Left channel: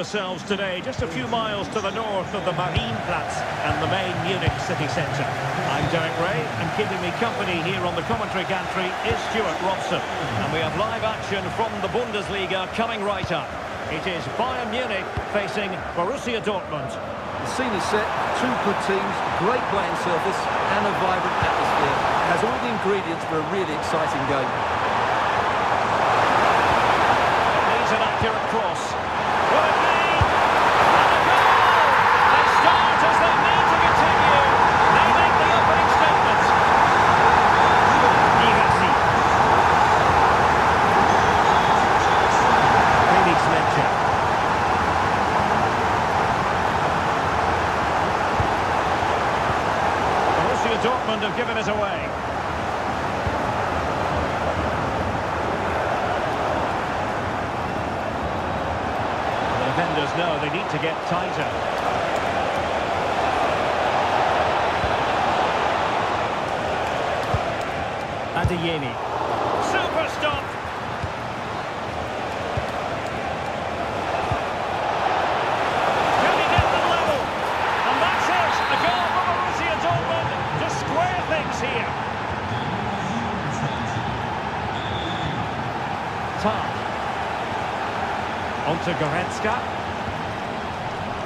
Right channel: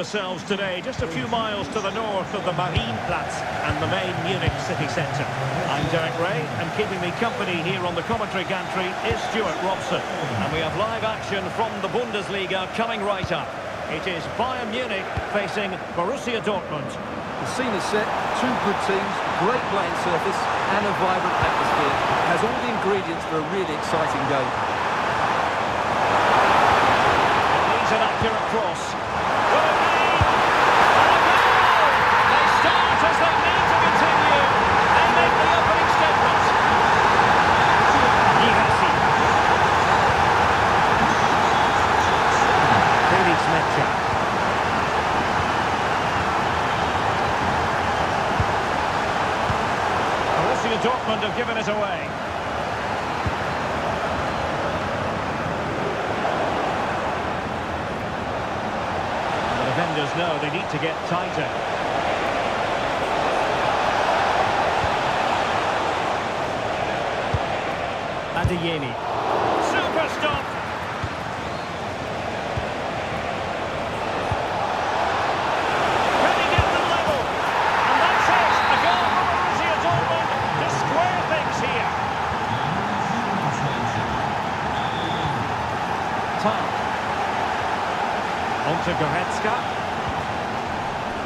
ourselves today, just a few miles to the north of the Marienplatz and the main Munich city centre. I'm Derek Ray, and keeping me company here on the commentary gantry is Stuart Robson. And we have live action from the Bundesliga coming right up. It is Bayern Munich facing Borussia Dortmund. The scene is set, two good teams, great playing surface and a vibrant atmosphere. It has all the ingredients for a really exciting game. It needs an accurate cross. Will it be? And a goal! They start as they mean to continue. They make the opening statement. Girassi. Felix Metscher. Borussia Dortmund have given it away. The defenders know they need to get tighter. Adeyemi. Super stop! Can he get them level? And that's it! A goal for Borussia Dortmund to square things here. Tarr. On to Goretzka.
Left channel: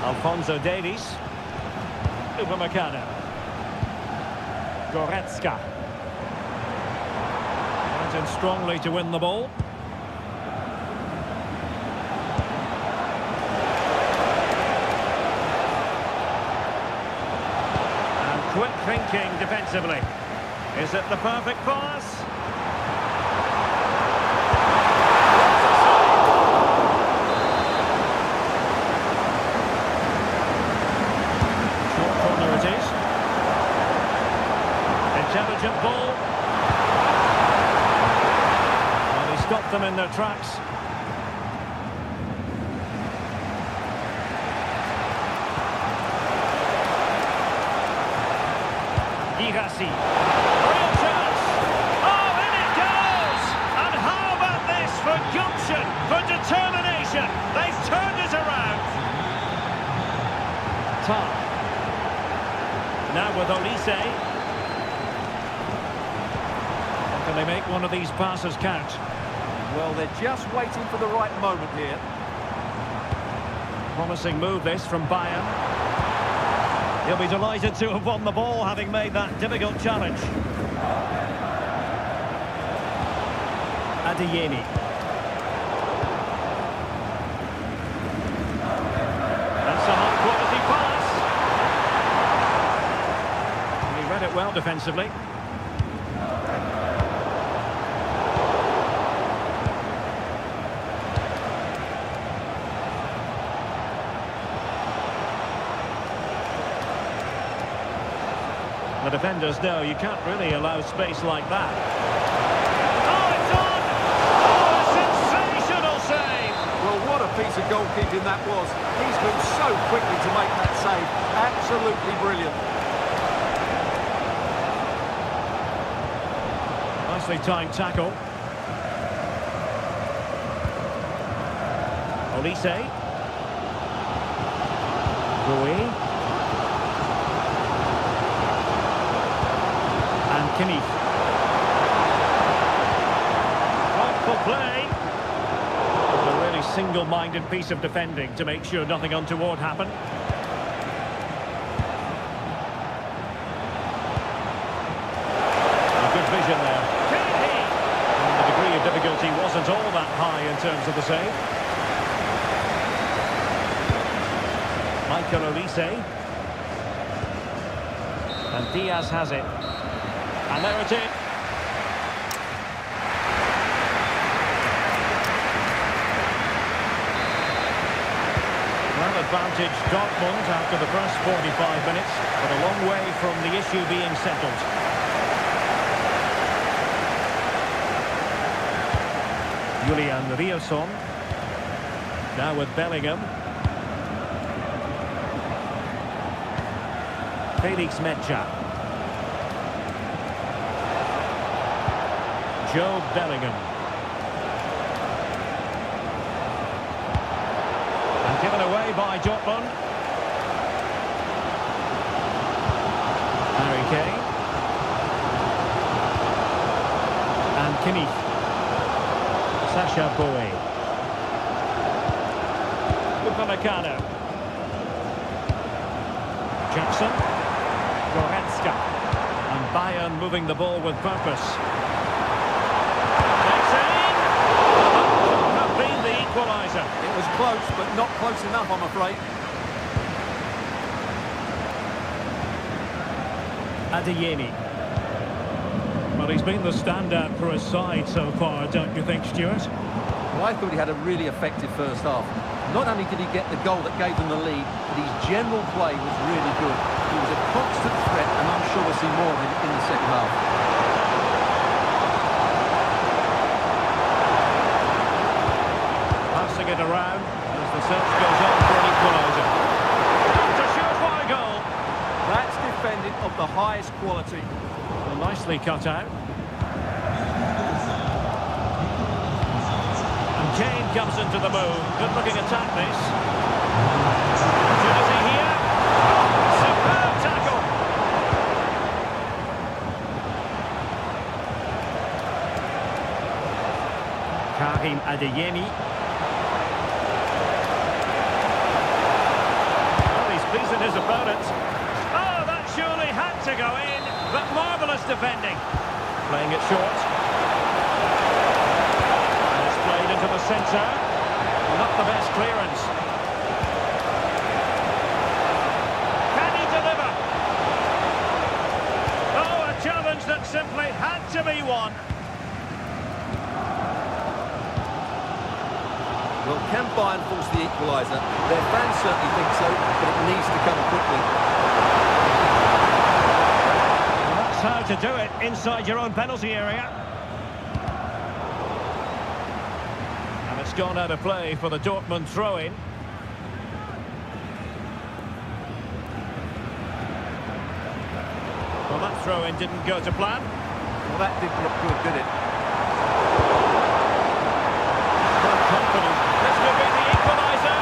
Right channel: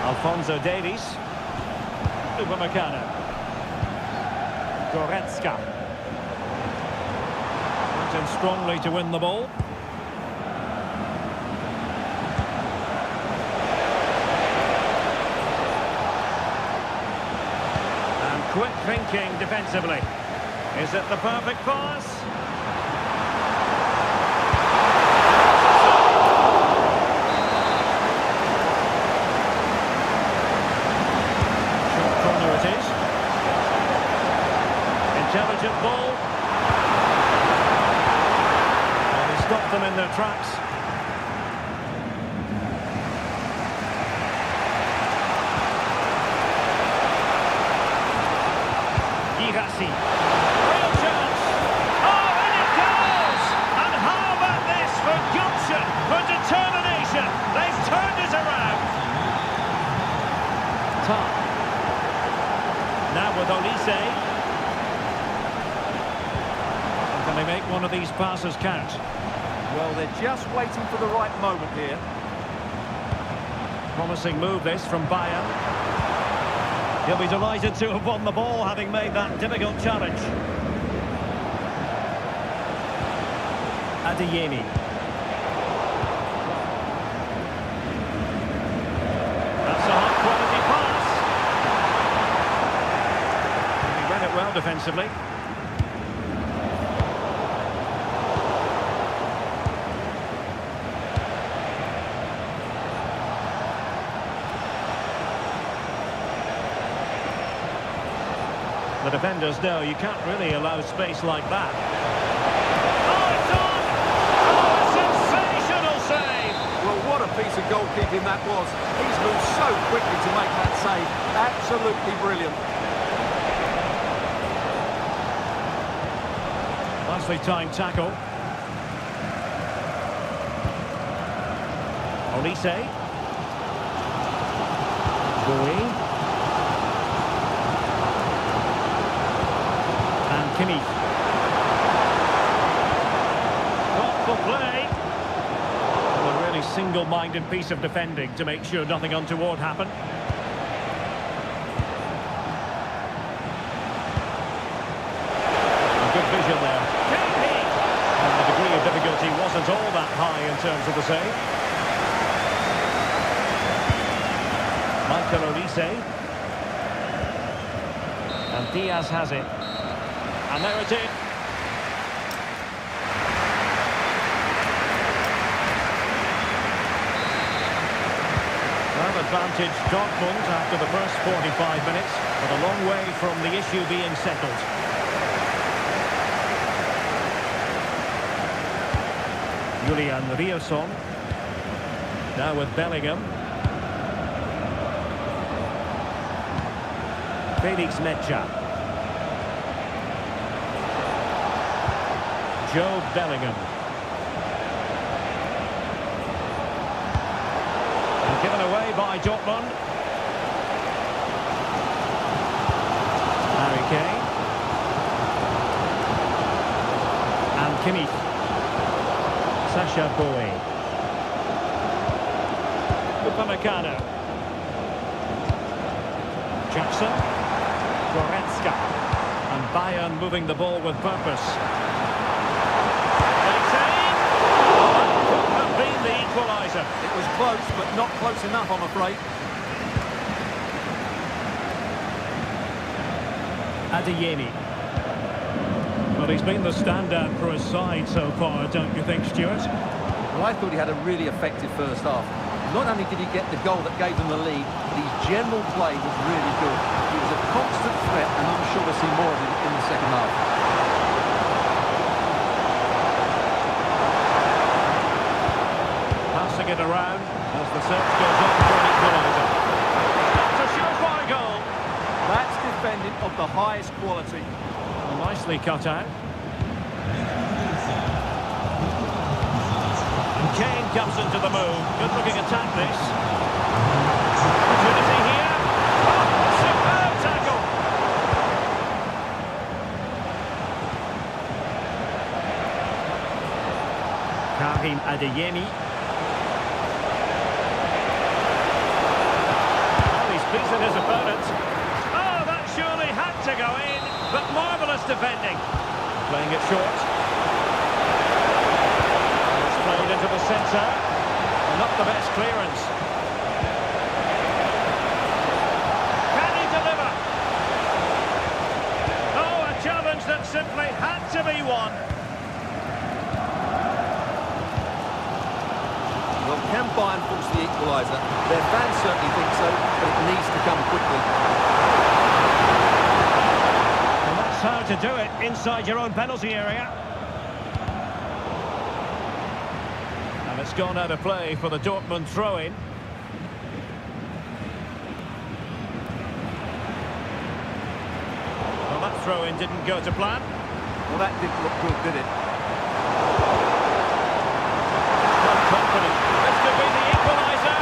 Alphonso Davies. Upamecano. Goretzka. Went in strongly to win the ball. And quick thinking defensively. Is it the perfect pass? Corner it is. Intelligent ball. And he stopped them in their tracks. Girassi. Real chance. Oh, in it goes! And how about this for gumption, for determination? They've turned it around. Tarr. Now with Olise. Can they make one of these passes count? Well, they're just waiting for the right moment here. Promising move this from Bayern. He'll be delighted to have won the ball, having made that difficult challenge. Adeyemi. That's a high-quality pass. Read it well defensively. The defenders know you can't really allow space like that. Oh, it's on! Oh, a sensational save! Well, what a piece of goalkeeping that was. He's moved so quickly to make that save. Absolutely brilliant. Nicely timed tackle. Olise. Bowie. And Kimmich. Thoughtful play. A really single-minded piece of defending to make sure nothing untoward happened. Good vision there. Can he? And the degree of difficulty wasn't all that high in terms of the save. Michael Olise. And Diaz has it. And there it is. Well, advantage Dortmund after the first 45 minutes, but a long way from the issue being settled. Julian Riosson. Now with Bellingham. Felix Metscher. Joe Bellingham. And Given away by Dortmund. Harry Kane. And Kimmich. Sasha Bowie. Upamecano. Jackson. Goretzka. And Bayern moving the ball with purpose. Takes aim. Well, that could have been the equaliser. It was close, but not close enough, I'm afraid. Adeyemi. Well, he's been the standout for his side so far, don't you think, Stuart? Well, I thought he had a really effective first half. Not only did he get the goal that gave them the lead, but his general play was really good. He was a constant threat, and I'm sure we'll see more of him in the second half. Passing it around as the search goes on for an equaliser. Not a surefire goal. That's defending of the highest quality. Well, nicely cut out. And Kane comes into the move. Good-looking attack, this. Opportunity here. Oh, superb tackle. Karim Adeyemi. Well, he's pleasing his opponent. Oh, that surely had to go in, but marvellous defending. Playing it short. And it's played into the centre. Not the best clearance. Can he deliver? Oh, a challenge that simply had to be won. Well, can Bayern force the equaliser? Their fans certainly think so, but it needs to come quickly. Well, that's how to do it, inside your own penalty area. And it's gone out of play for the Dortmund throw-in. Well, that throw-in didn't go to plan. Well, that didn't look good, did it? Not confident. This could be the equaliser.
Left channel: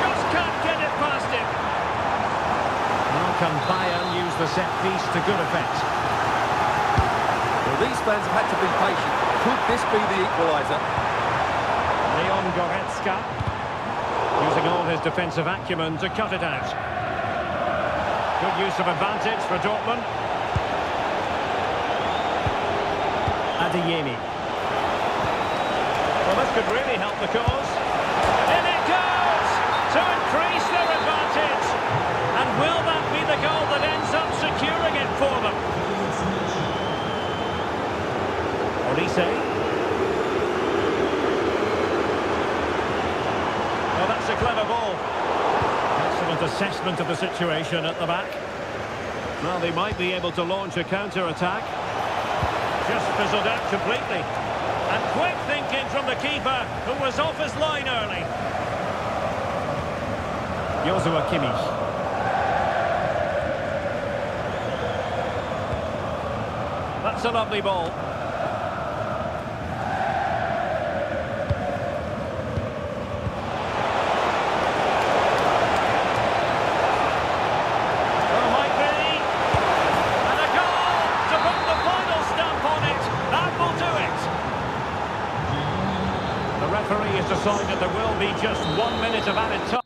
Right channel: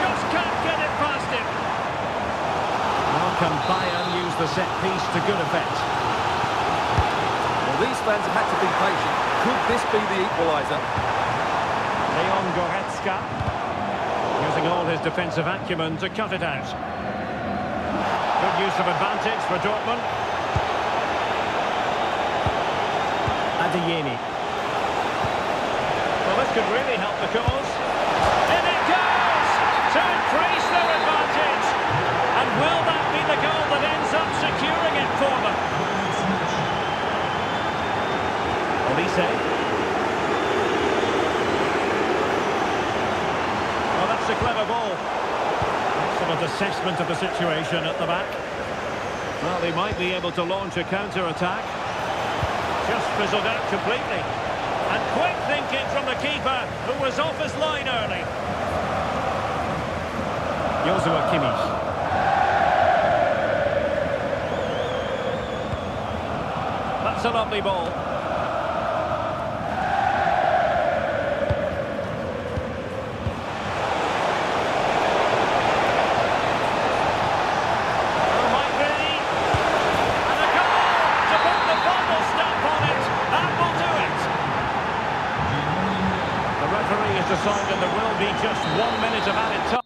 Just can't get it past him. Well, can Bayern use the set piece to good effect? Well, these fans have had to be patient. Could this be the equaliser? Leon Goretzka using all his defensive acumen to cut it out. Good use of advantage for Dortmund. Adeyemi. Well, this could really help the cause. In it goes! To increase their advantage. And will that be the goal that ends up securing it for them? Olise. Well, that's a clever ball. Excellent assessment of the situation at the back. Well, they might be able to launch a counter-attack. Just fizzled out completely. And quick thinking from the keeper, who was off his line early. Joshua Kimmich. That's a lovely ball. Oh, might be. And a goal to put the final stamp on it. That will do it. The referee has decided there will be just 1 minute of added time.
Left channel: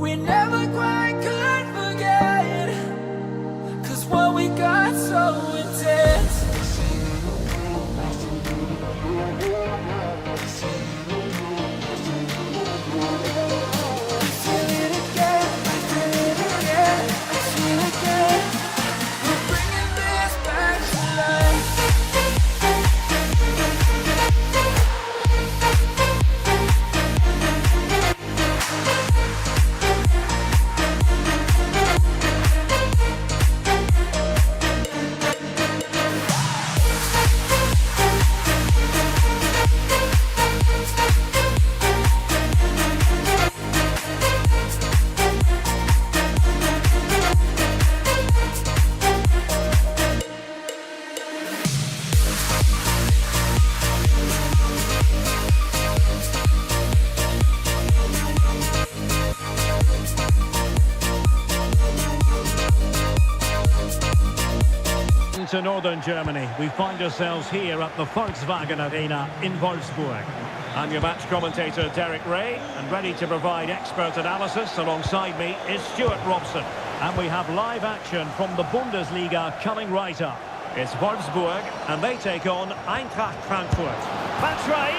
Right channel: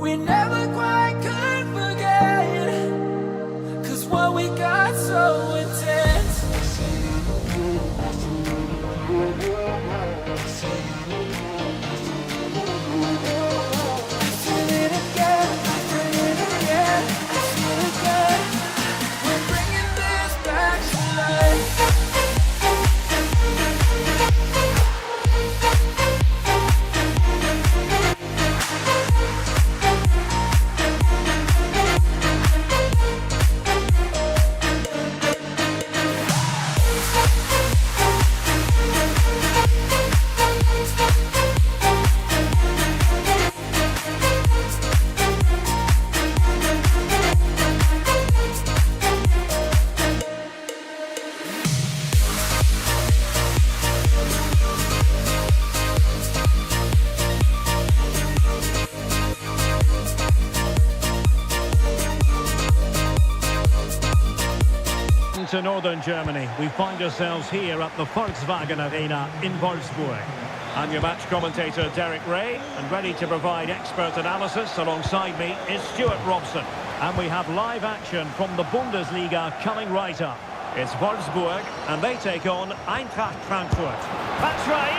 We never quite could forget, 'cause what we got so intense. I feel it again, I feel it again, I feel it again. We're bringing this back to life. To northern Germany, we find ourselves here at the Volkswagen Arena in Wolfsburg. I'm your match commentator Derek Ray, and ready to provide expert analysis alongside me is Stuart Robson. And we have live action from the Bundesliga coming right up. It's Wolfsburg, and they take on Eintracht Frankfurt. Batshuayi!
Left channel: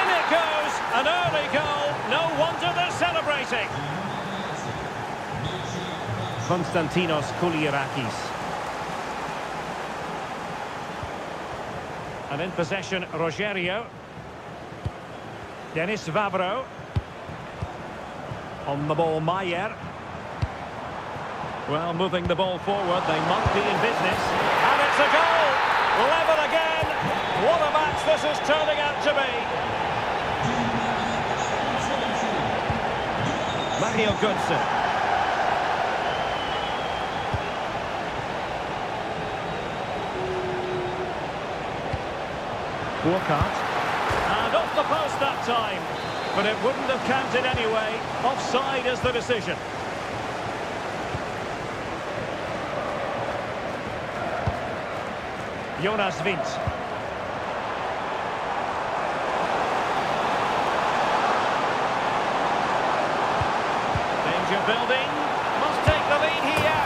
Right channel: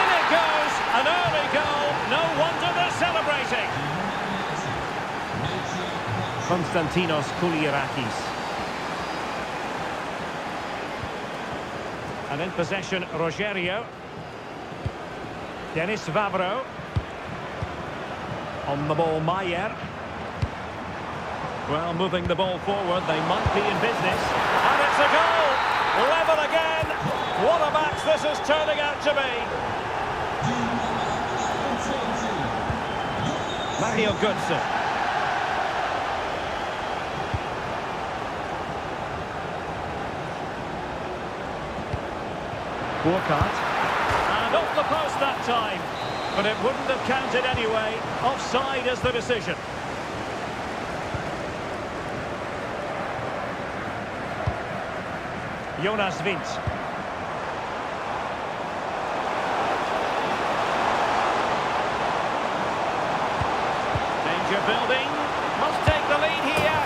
In it goes! An early goal! No wonder they're celebrating! Konstantinos Koulirakis. And in possession, Rogerio. Denis Vavro. On the ball, Maier. Well, moving the ball forward, they might be in business. And it's a goal! Level again! What a match this is turning out to be! Mario Götze. Burkhardt, and off the post that time, but it wouldn't have counted anyway. Offside is the decision. Jonas Wind. Danger building, must take the lead here,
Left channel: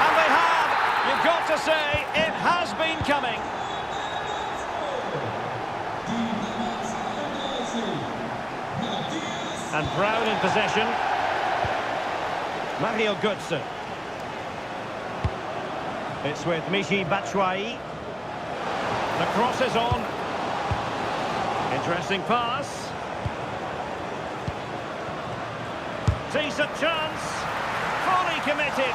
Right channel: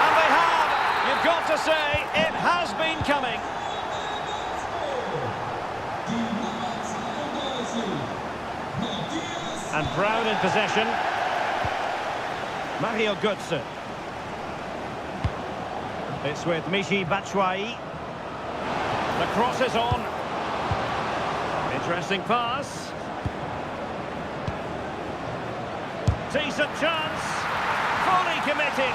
and they have. You've got to say, it has been coming. And Brown in possession. Mario Götze. It's with Michy Batshuayi. The cross is on. Interesting pass. Decent chance. Fully committed.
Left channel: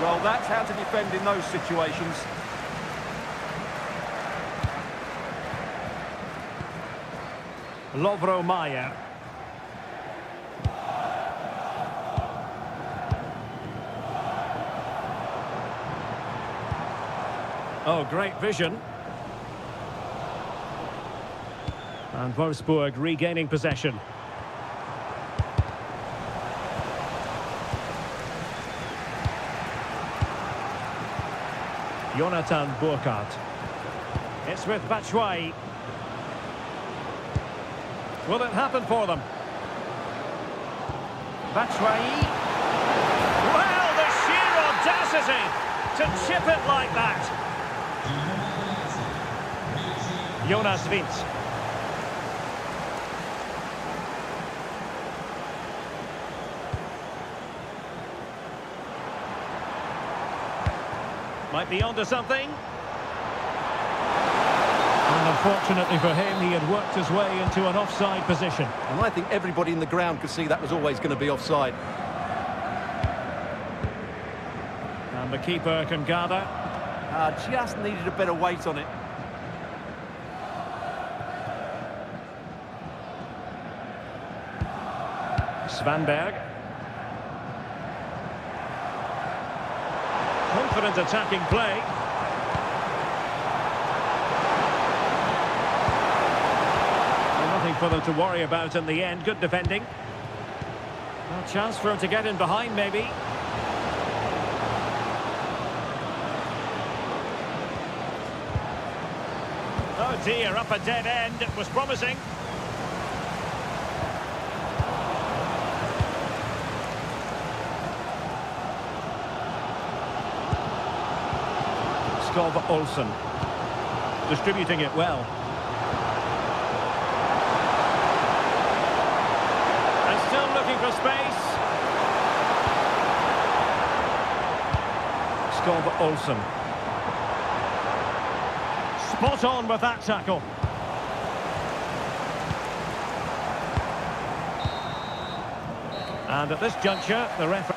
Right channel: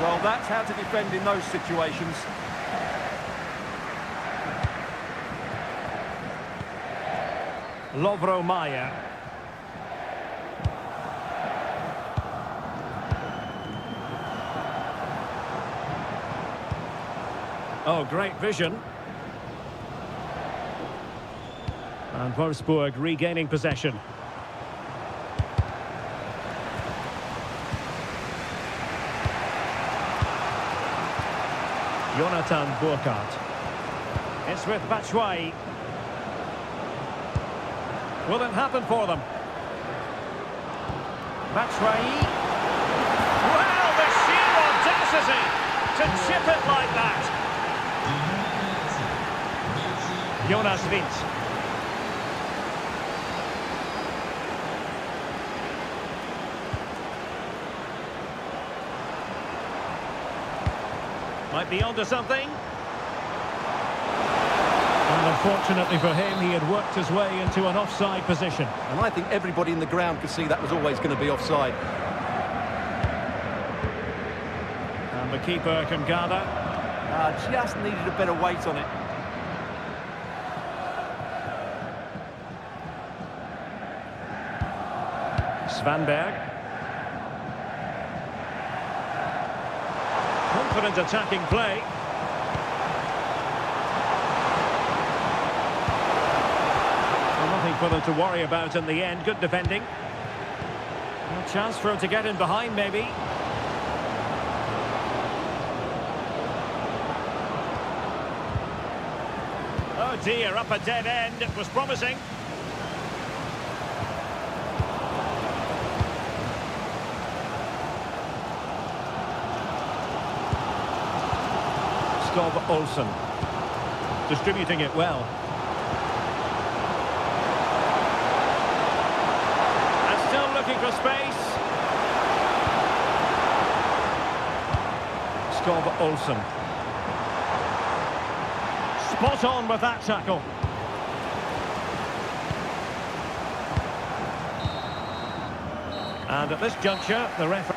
Well, that's how to defend in those situations. Lovro Maier. Oh, great vision. And Wolfsburg regaining possession. Jonathan Burkhardt. It's with Batshuayi. Will it happen for them? Batshuayi. Well, the sheer audacity to chip it like that. Jonas Wind. Might be onto something. And unfortunately for him, he had worked his way into an offside position. And I think everybody in the ground could see that was always going to be offside. And the keeper can gather. Just needed a better weight on it. Svanberg. Confident attacking play. Well, nothing for them to worry about in the end. Good defending. A chance for him to get in behind, maybe. Oh dear, up a dead end. It was promising. Skov Olsen. Distributing it well. And still looking for space. Skov Olsen. Spot on with that tackle. And at this juncture, the referee...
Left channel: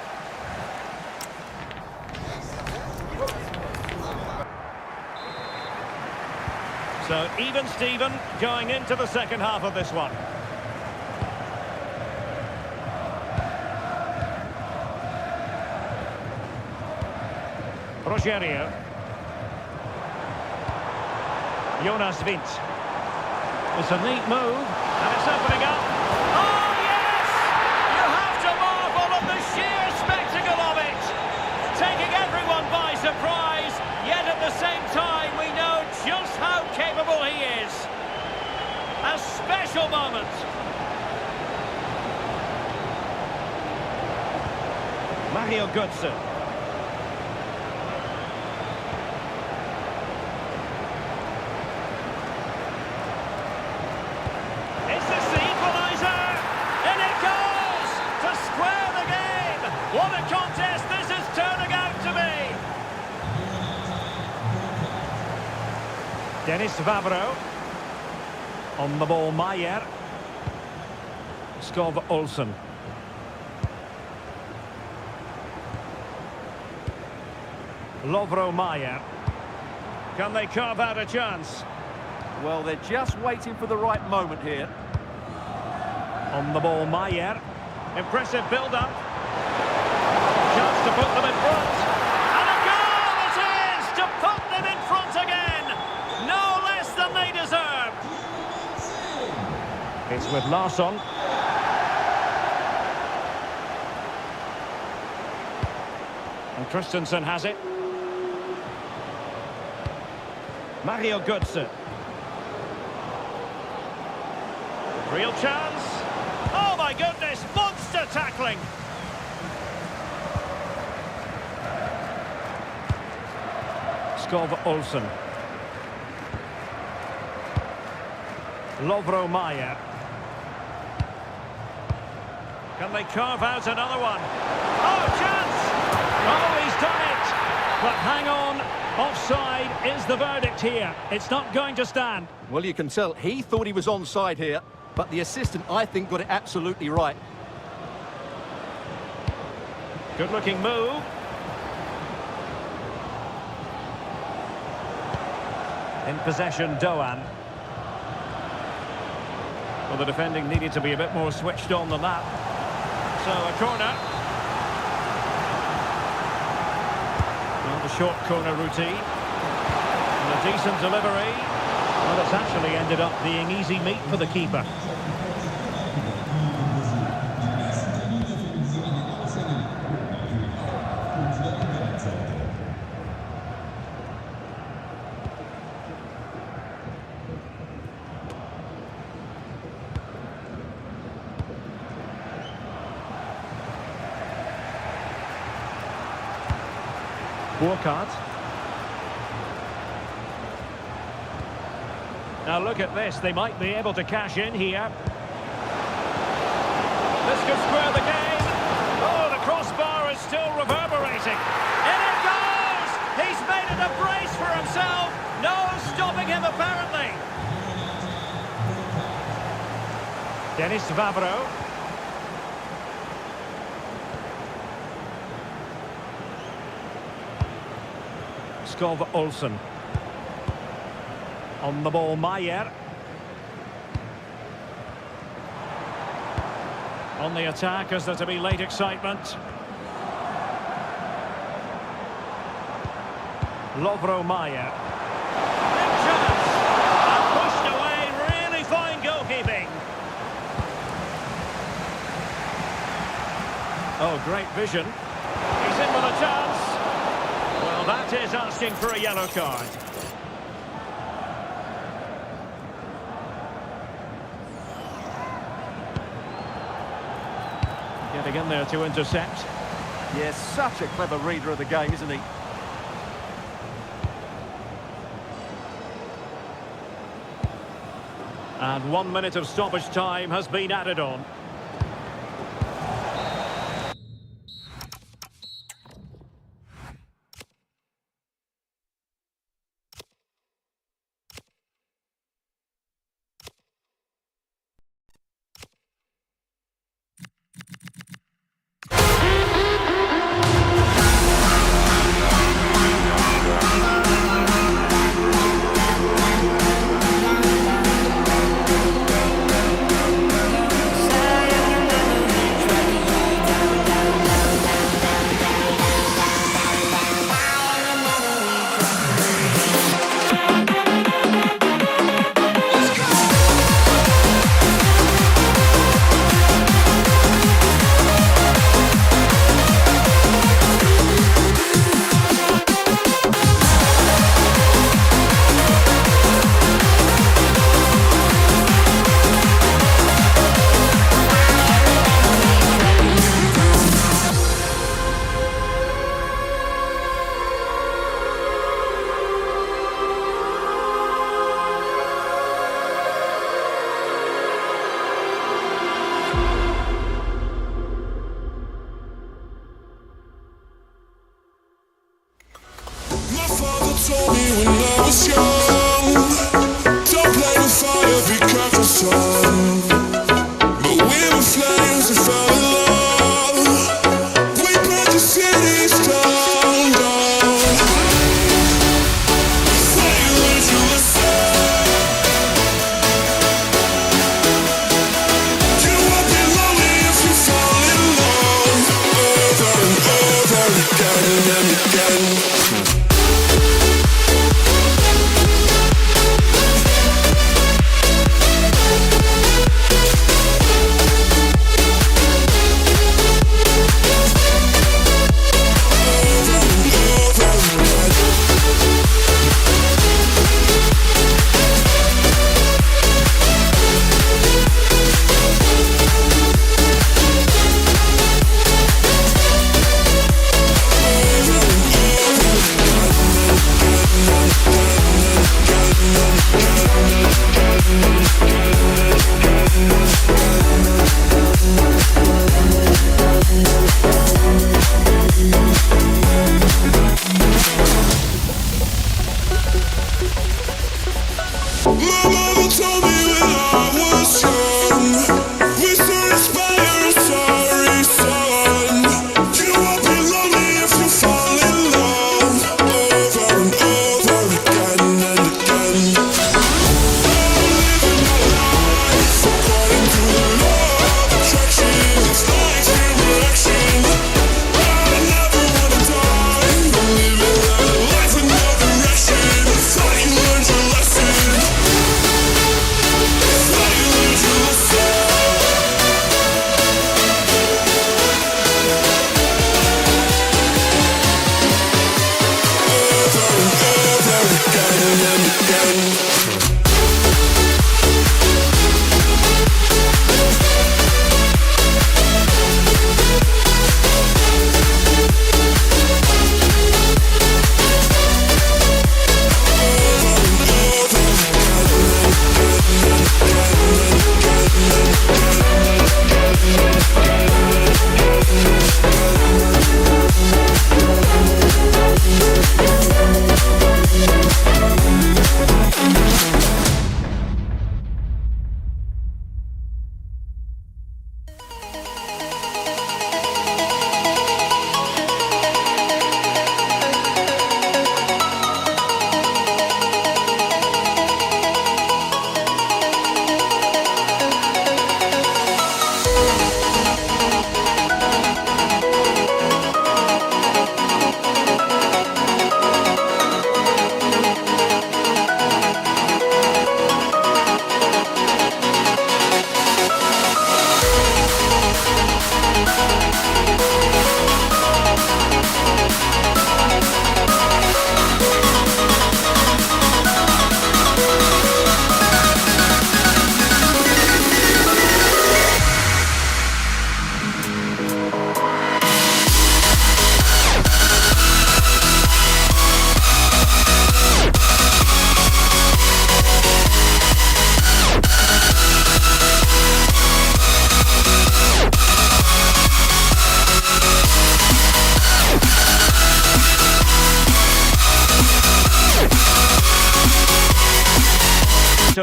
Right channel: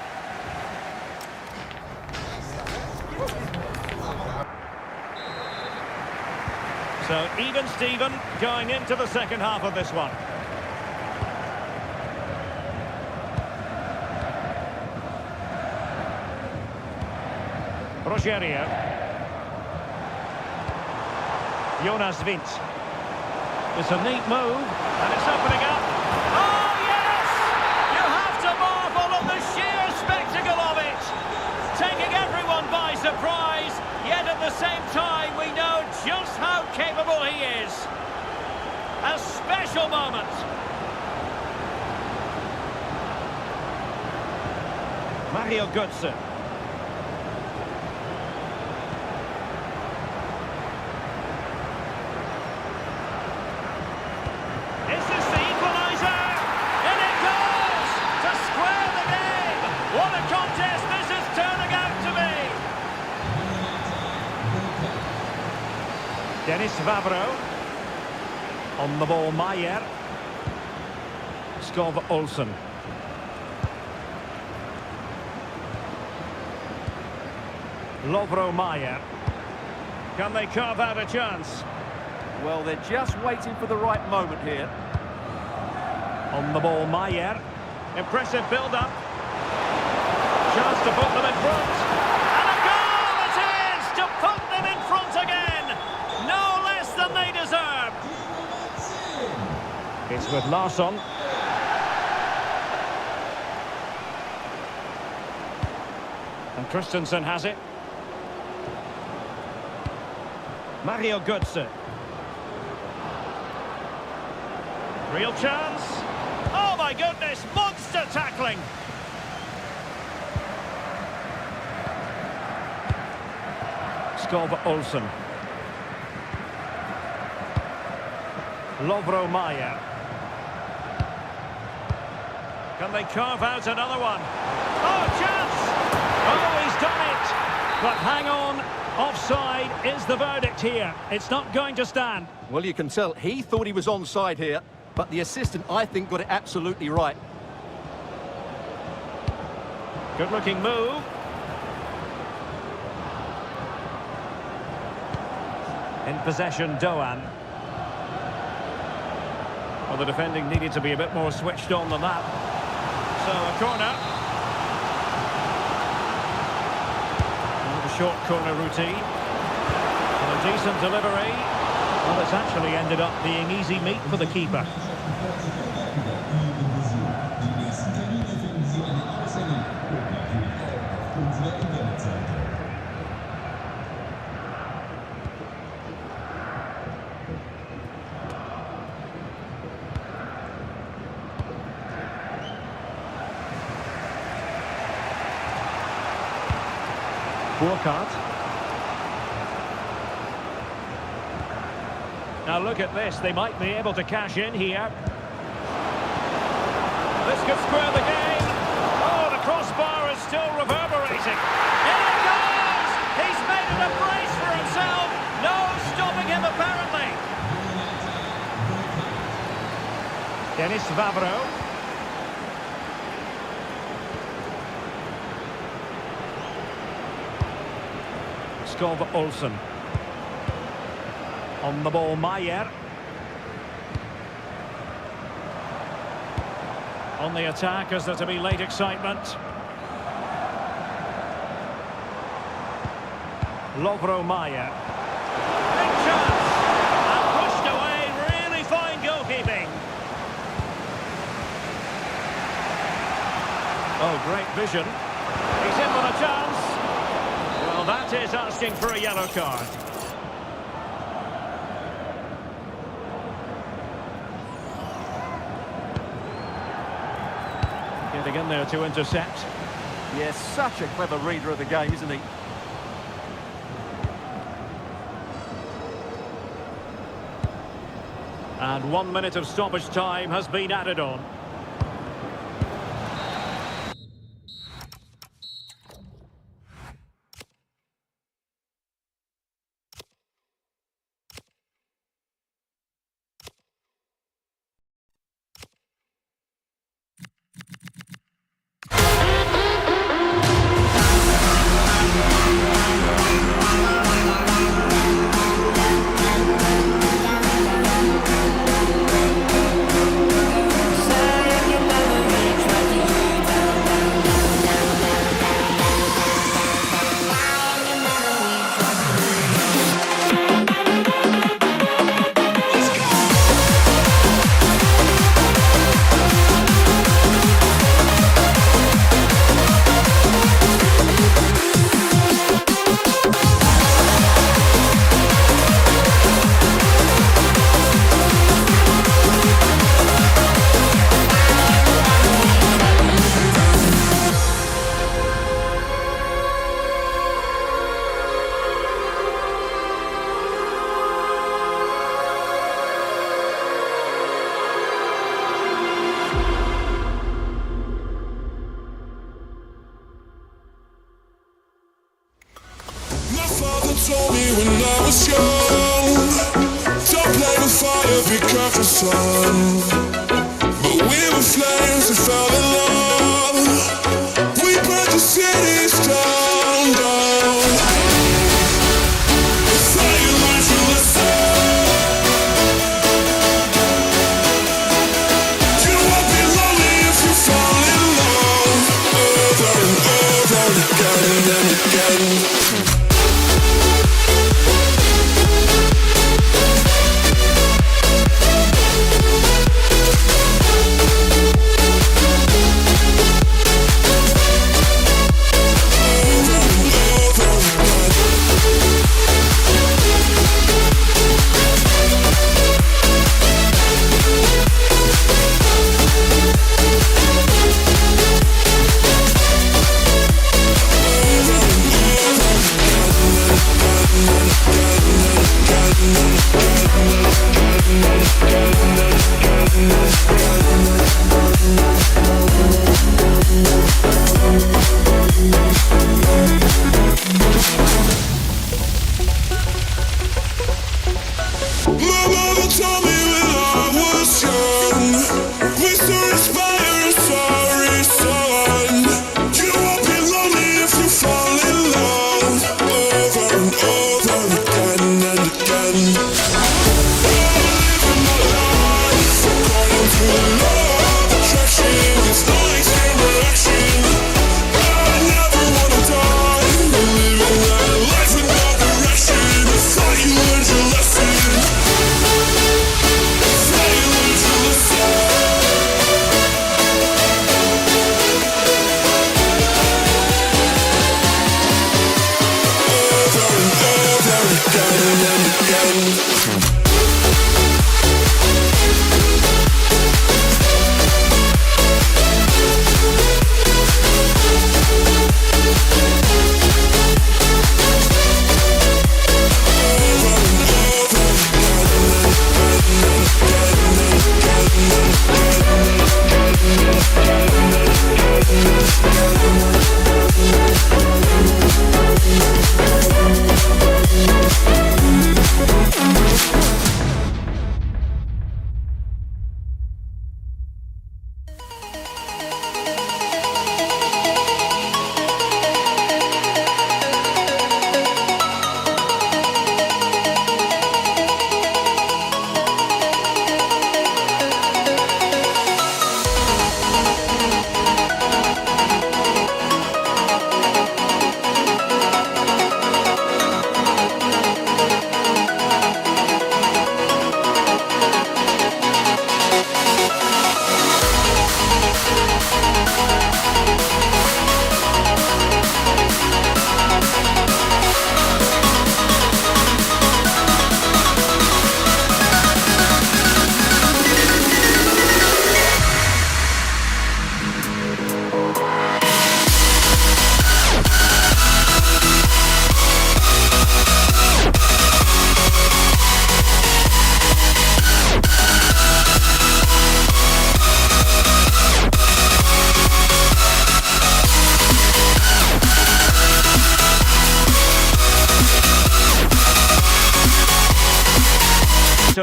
So even Steven going into the second half of this one. Rogerio. Jonas Vint. It's a neat move, and it's opening up. Oh, yes! You have to marvel at the sheer spectacle of it! Taking everyone by surprise, yet at the same time we know just how capable he is. A special moment. Mario Götze. Is this the equaliser? In it goes! To square the game! What a contest this is turning out to be! Dennis Vavro. On the ball, Maier. Skov Olsen. Lovro Maier. Can they carve out a chance? Well, they're just waiting for the right moment here. On the ball, Maier. Impressive build-up. Chance to put them in front. And a goal it is to put them in front again. No less than they deserve. It's with Larsson. And Christensen has it. Mario Götze. Real chance. Oh my goodness, monster tackling. Skov Olsen. Lovro Maier. Can they carve out another one? Oh, chance! Oh, he's done it! But hang on, offside is the verdict here. It's not going to stand. Well, you can tell he thought he was onside here, but the assistant, I think, got it absolutely right. Good-looking move. In possession, Doan. Well, the defending needed to be a bit more switched on than that. So, a corner. Well, the short corner routine. And a decent delivery. Well, it's actually ended up being easy meat for the keeper. Burkhardt. Now look at this, they might be able to cash in here. This could square the game. Oh, the crossbar is still reverberating. In it goes! He's made it a brace for himself. No stopping him, apparently. Dennis Vavro. Skov Olsen. On the ball, Maier. On the attack, is there to be late excitement? Lovro Maier. Big chance! And pushed away, really fine goalkeeping. Oh, great vision. He's in with a chance. Well, that is asking for a yellow card. Getting in there to intercept. Yes, such a clever reader of the game, isn't he? And 1 minute of stoppage time has been added on. My father told me when I was young, don't play with fire, be careful, son. But we were flames and fell in love. We burnt the cities down, down. Before you learned to listen, you won't be lonely if you fall in love. Over and over again and again. My mother told me when I was young, we still inspire, sorry son. You won't be lonely if you fall in love. Over and over again and again. I'm living my life according to the law of attraction. It's like camera action. I never wanna die. I'm living that life with no direction. I thought you learned your lesson. Again and again.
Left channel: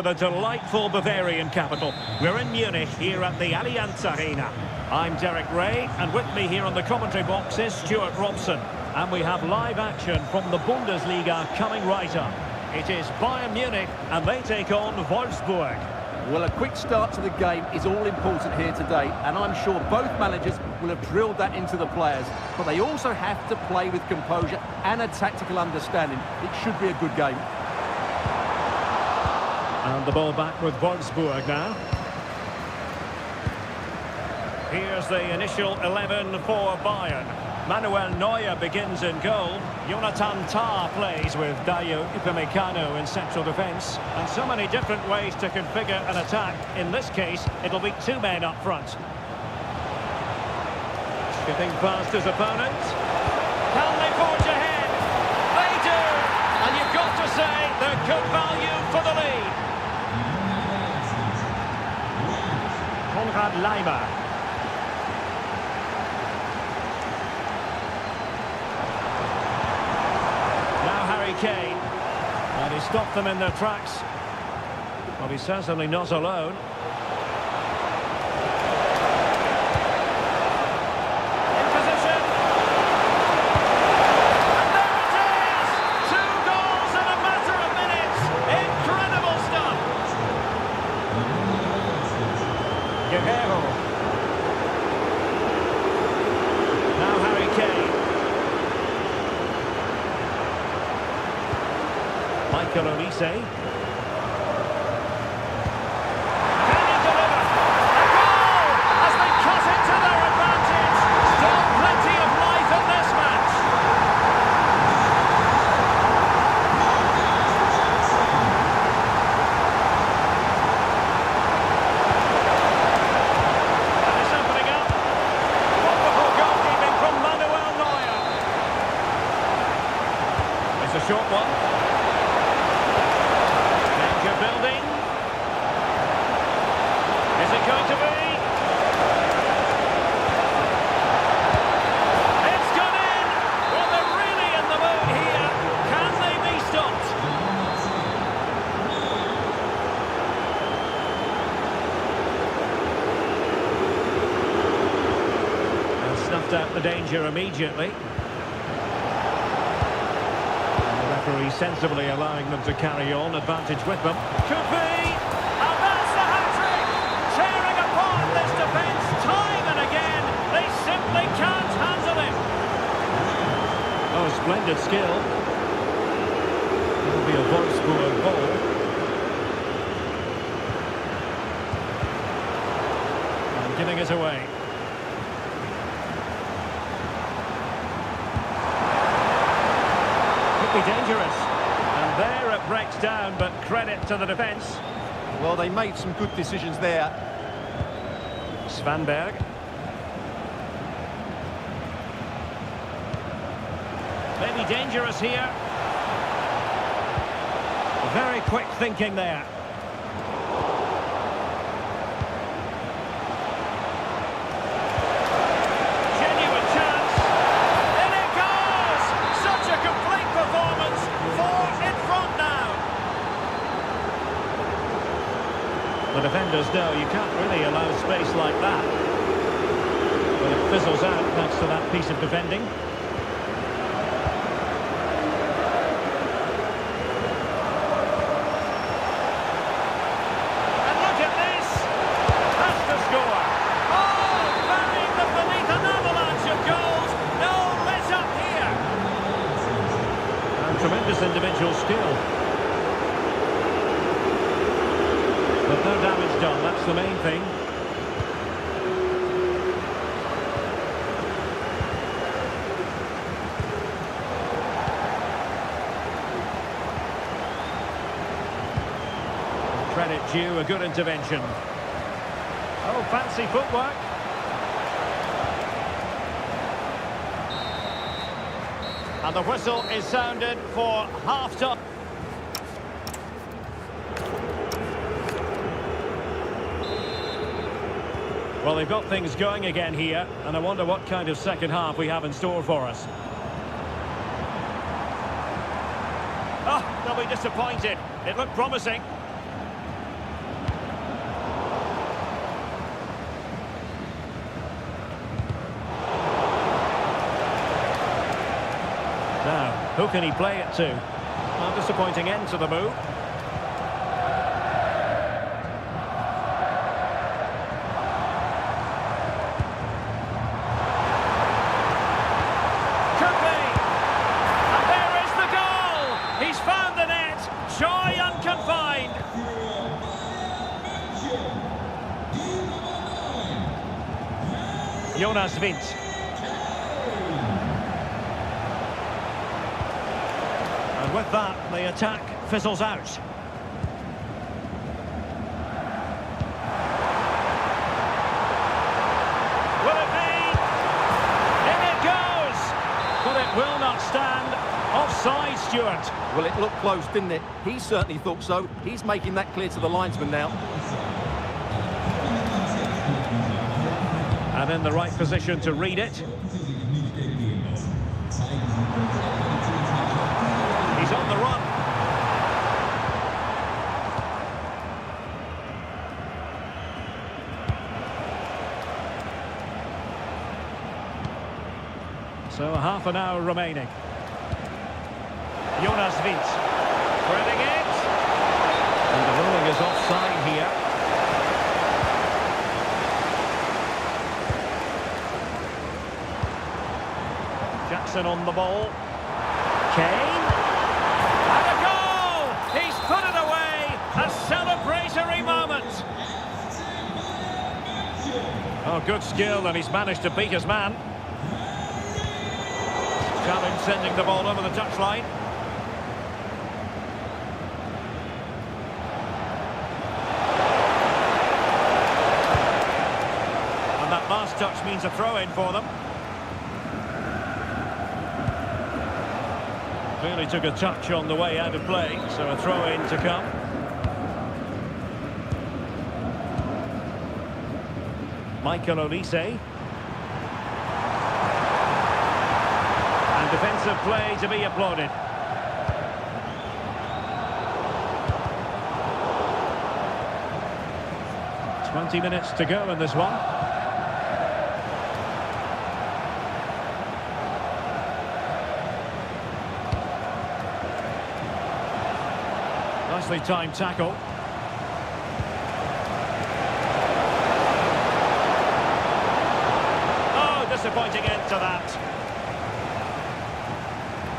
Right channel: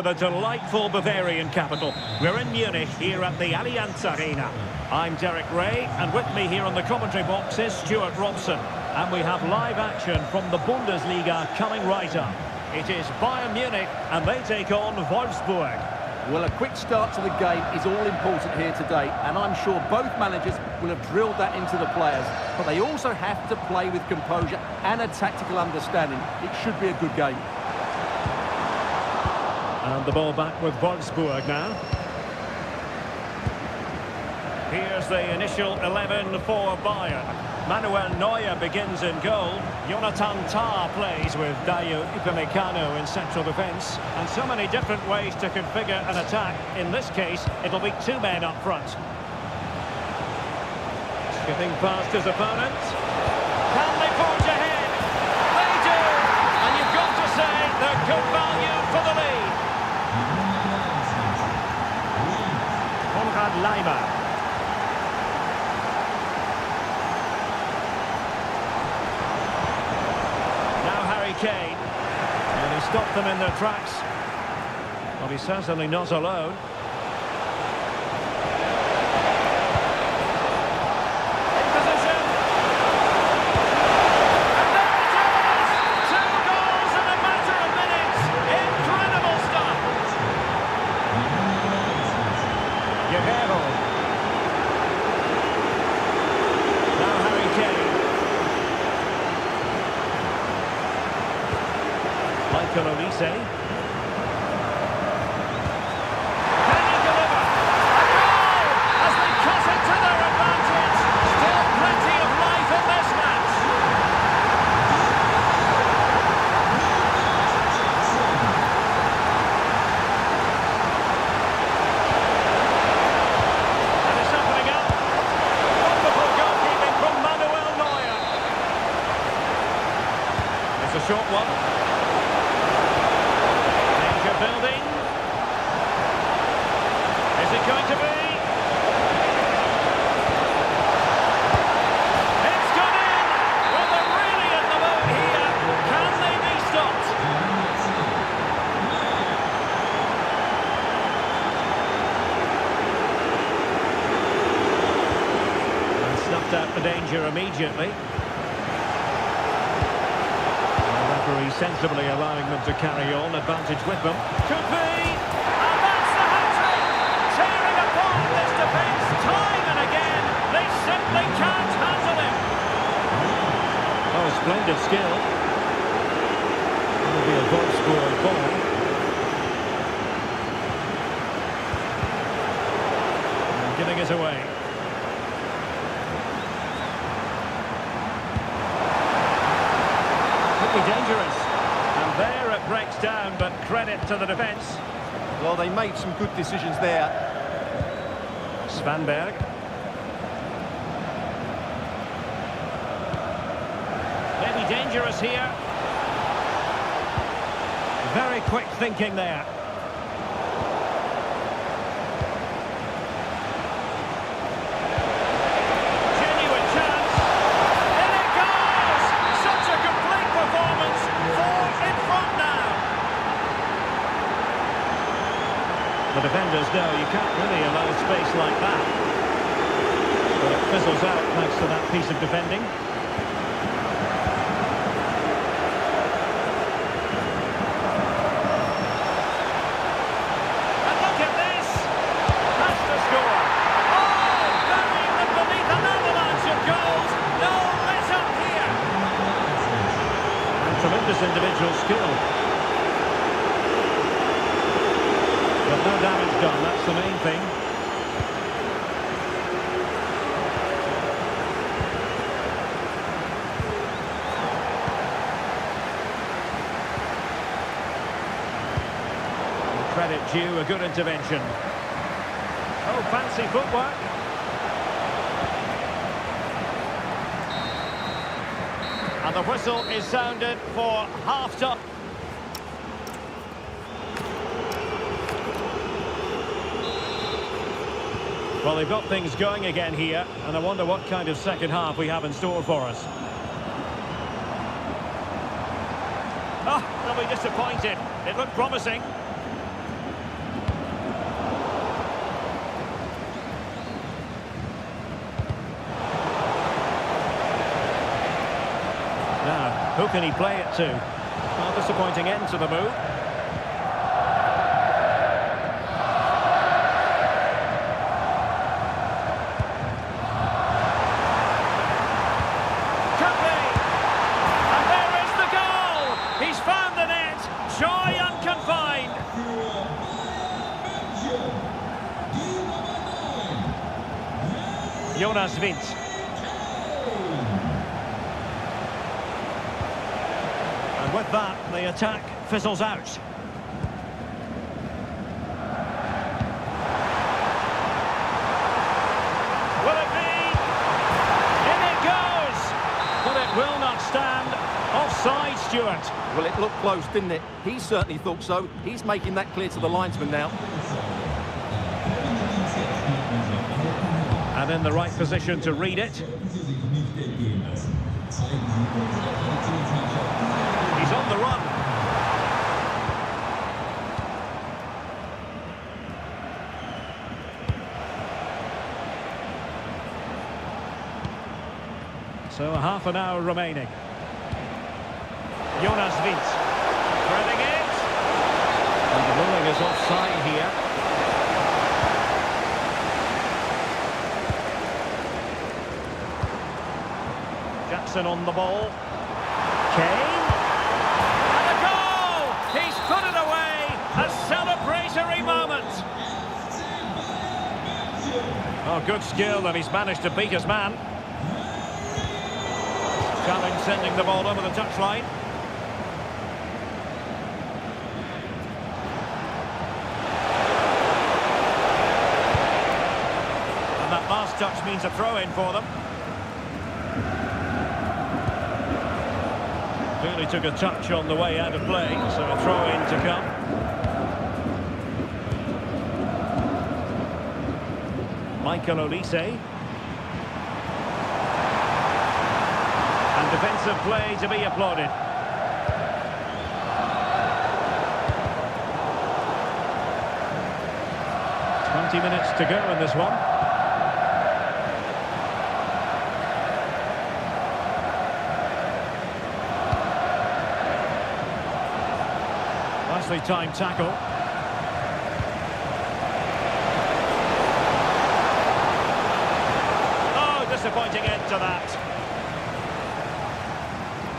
to the delightful Bavarian capital. We're in Munich here at the Allianz Arena. I'm Derek Ray, and with me here on the commentary box is Stuart Robson. And we have live action from the Bundesliga coming right up. It is Bayern Munich, and they take on Wolfsburg. Well, a quick start to the game is all important here today, and I'm sure both managers will have drilled that into the players, but they also have to play with composure and a tactical understanding. It should be a good game. And the ball back with Wolfsburg now. Here's the initial 11 for Bayern. Manuel Neuer begins in goal. Jonathan Tah plays with Dayo Upamecano in central defence. And so many different ways to configure an attack. In this case, it'll be two men up front. Skipping past his opponent. Can they forge ahead? They do! And you've got to say they're good value for the lead. Konrad Laimer. Kane, and he stopped them in their tracks. Well, he's certainly not alone. In position, and there it is! 2 goals in a matter of minutes. Incredible stuff. Guerrero. Now Harry Kane. Michael Olise. Can he deliver? A goal as they cut it to their advantage. Still plenty of life in this match. And it's opening up. Wonderful goalkeeping from Manuel Neuer. It's a short one. Building. Is it going to be? It's gone in! Well, they're really in the mood here. Can they be stopped? And snuffed out the danger immediately. Referee sensibly allowing them to carry on, advantage with them. Could be! And that's the hat-trick! Tearing apart this defence time and again. They simply can't handle him. Oh, splendid skill. It'll be a Wolfsburg ball. And giving it away. Be dangerous, and there it breaks down, but credit to the defence. Well, they made some good decisions there. Svanberg. Maybe dangerous here. Very quick thinking there. The defenders know you can't really allow space like that. But it fizzles out thanks to that piece of defending. And look at this! That's the score! Oh, burying them beneath an avalanche of goals! No let up here! And tremendous individual skill. But no damage done, that's the main thing. Credit due, a good intervention. Oh, fancy footwork. And the whistle is sounded for half-time. Well, they've got things going again here, and I wonder what kind of second half we have in store for us. Oh, they'll be disappointed. It looked promising. Now, who can he play it to? Well, disappointing end to the move. Could be! And there is the goal! He's found the net! Joy unconfined! Jonas Wind. And with that, the attack fizzles out. Will it be? In it goes! But it will not stand. Offside, Stuart. Well, it looked close, didn't it? He certainly thought so. He's making that clear to the linesman now. And in the right position to read it. He's on the run. So half an hour remaining. Jonas Wind threading it. And the ruling is offside here. Jackson on the ball. Kane. And a goal! He's put it away! A celebratory moment! Oh, good skill, and he's managed to beat his man. Challenge sending the ball over the touchline. And that last touch means a throw-in for them. Clearly took a touch on the way out of play, so a throw-in to come. Michael Olise. And defensive play to be applauded. "20 minutes to go in this one. Nicely timed tackle. Oh, disappointing end to that.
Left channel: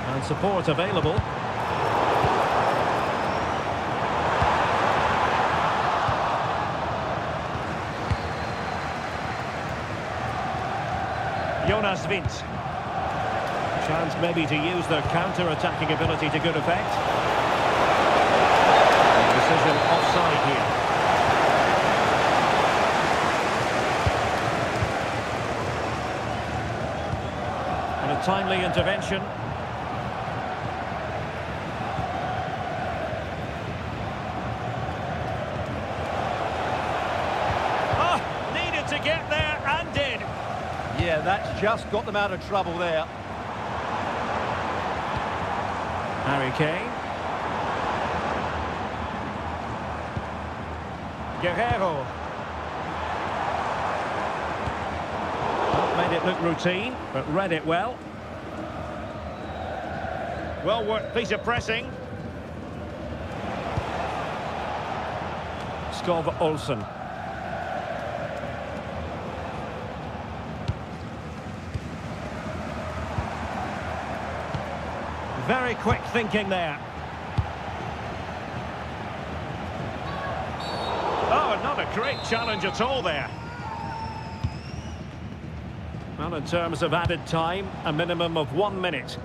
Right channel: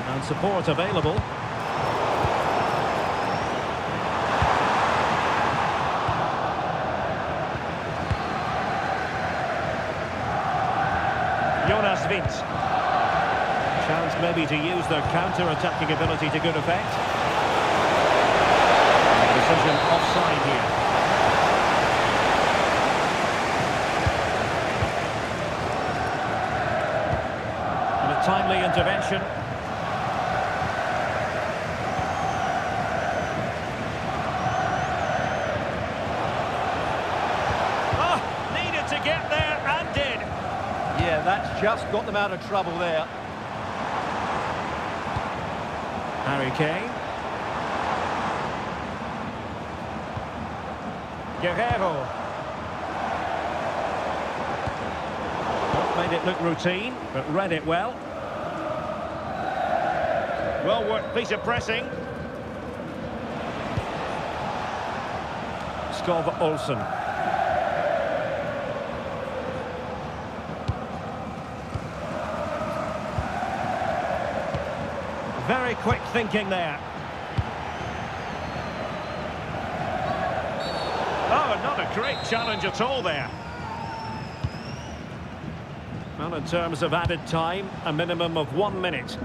And support available. Jonas Wind. Chance maybe to use their counter-attacking ability to good effect. Decision offside here. And a timely intervention. Oh, needed to get there and did. Yeah, that's just got them out of trouble there. Harry Kane. Guerrero. Not made it look routine, but read it well. Well worked piece of pressing. Skov Olsen. Very quick thinking there. Oh, not a great challenge at all there. Well, in terms of added time, a minimum of 1 minute.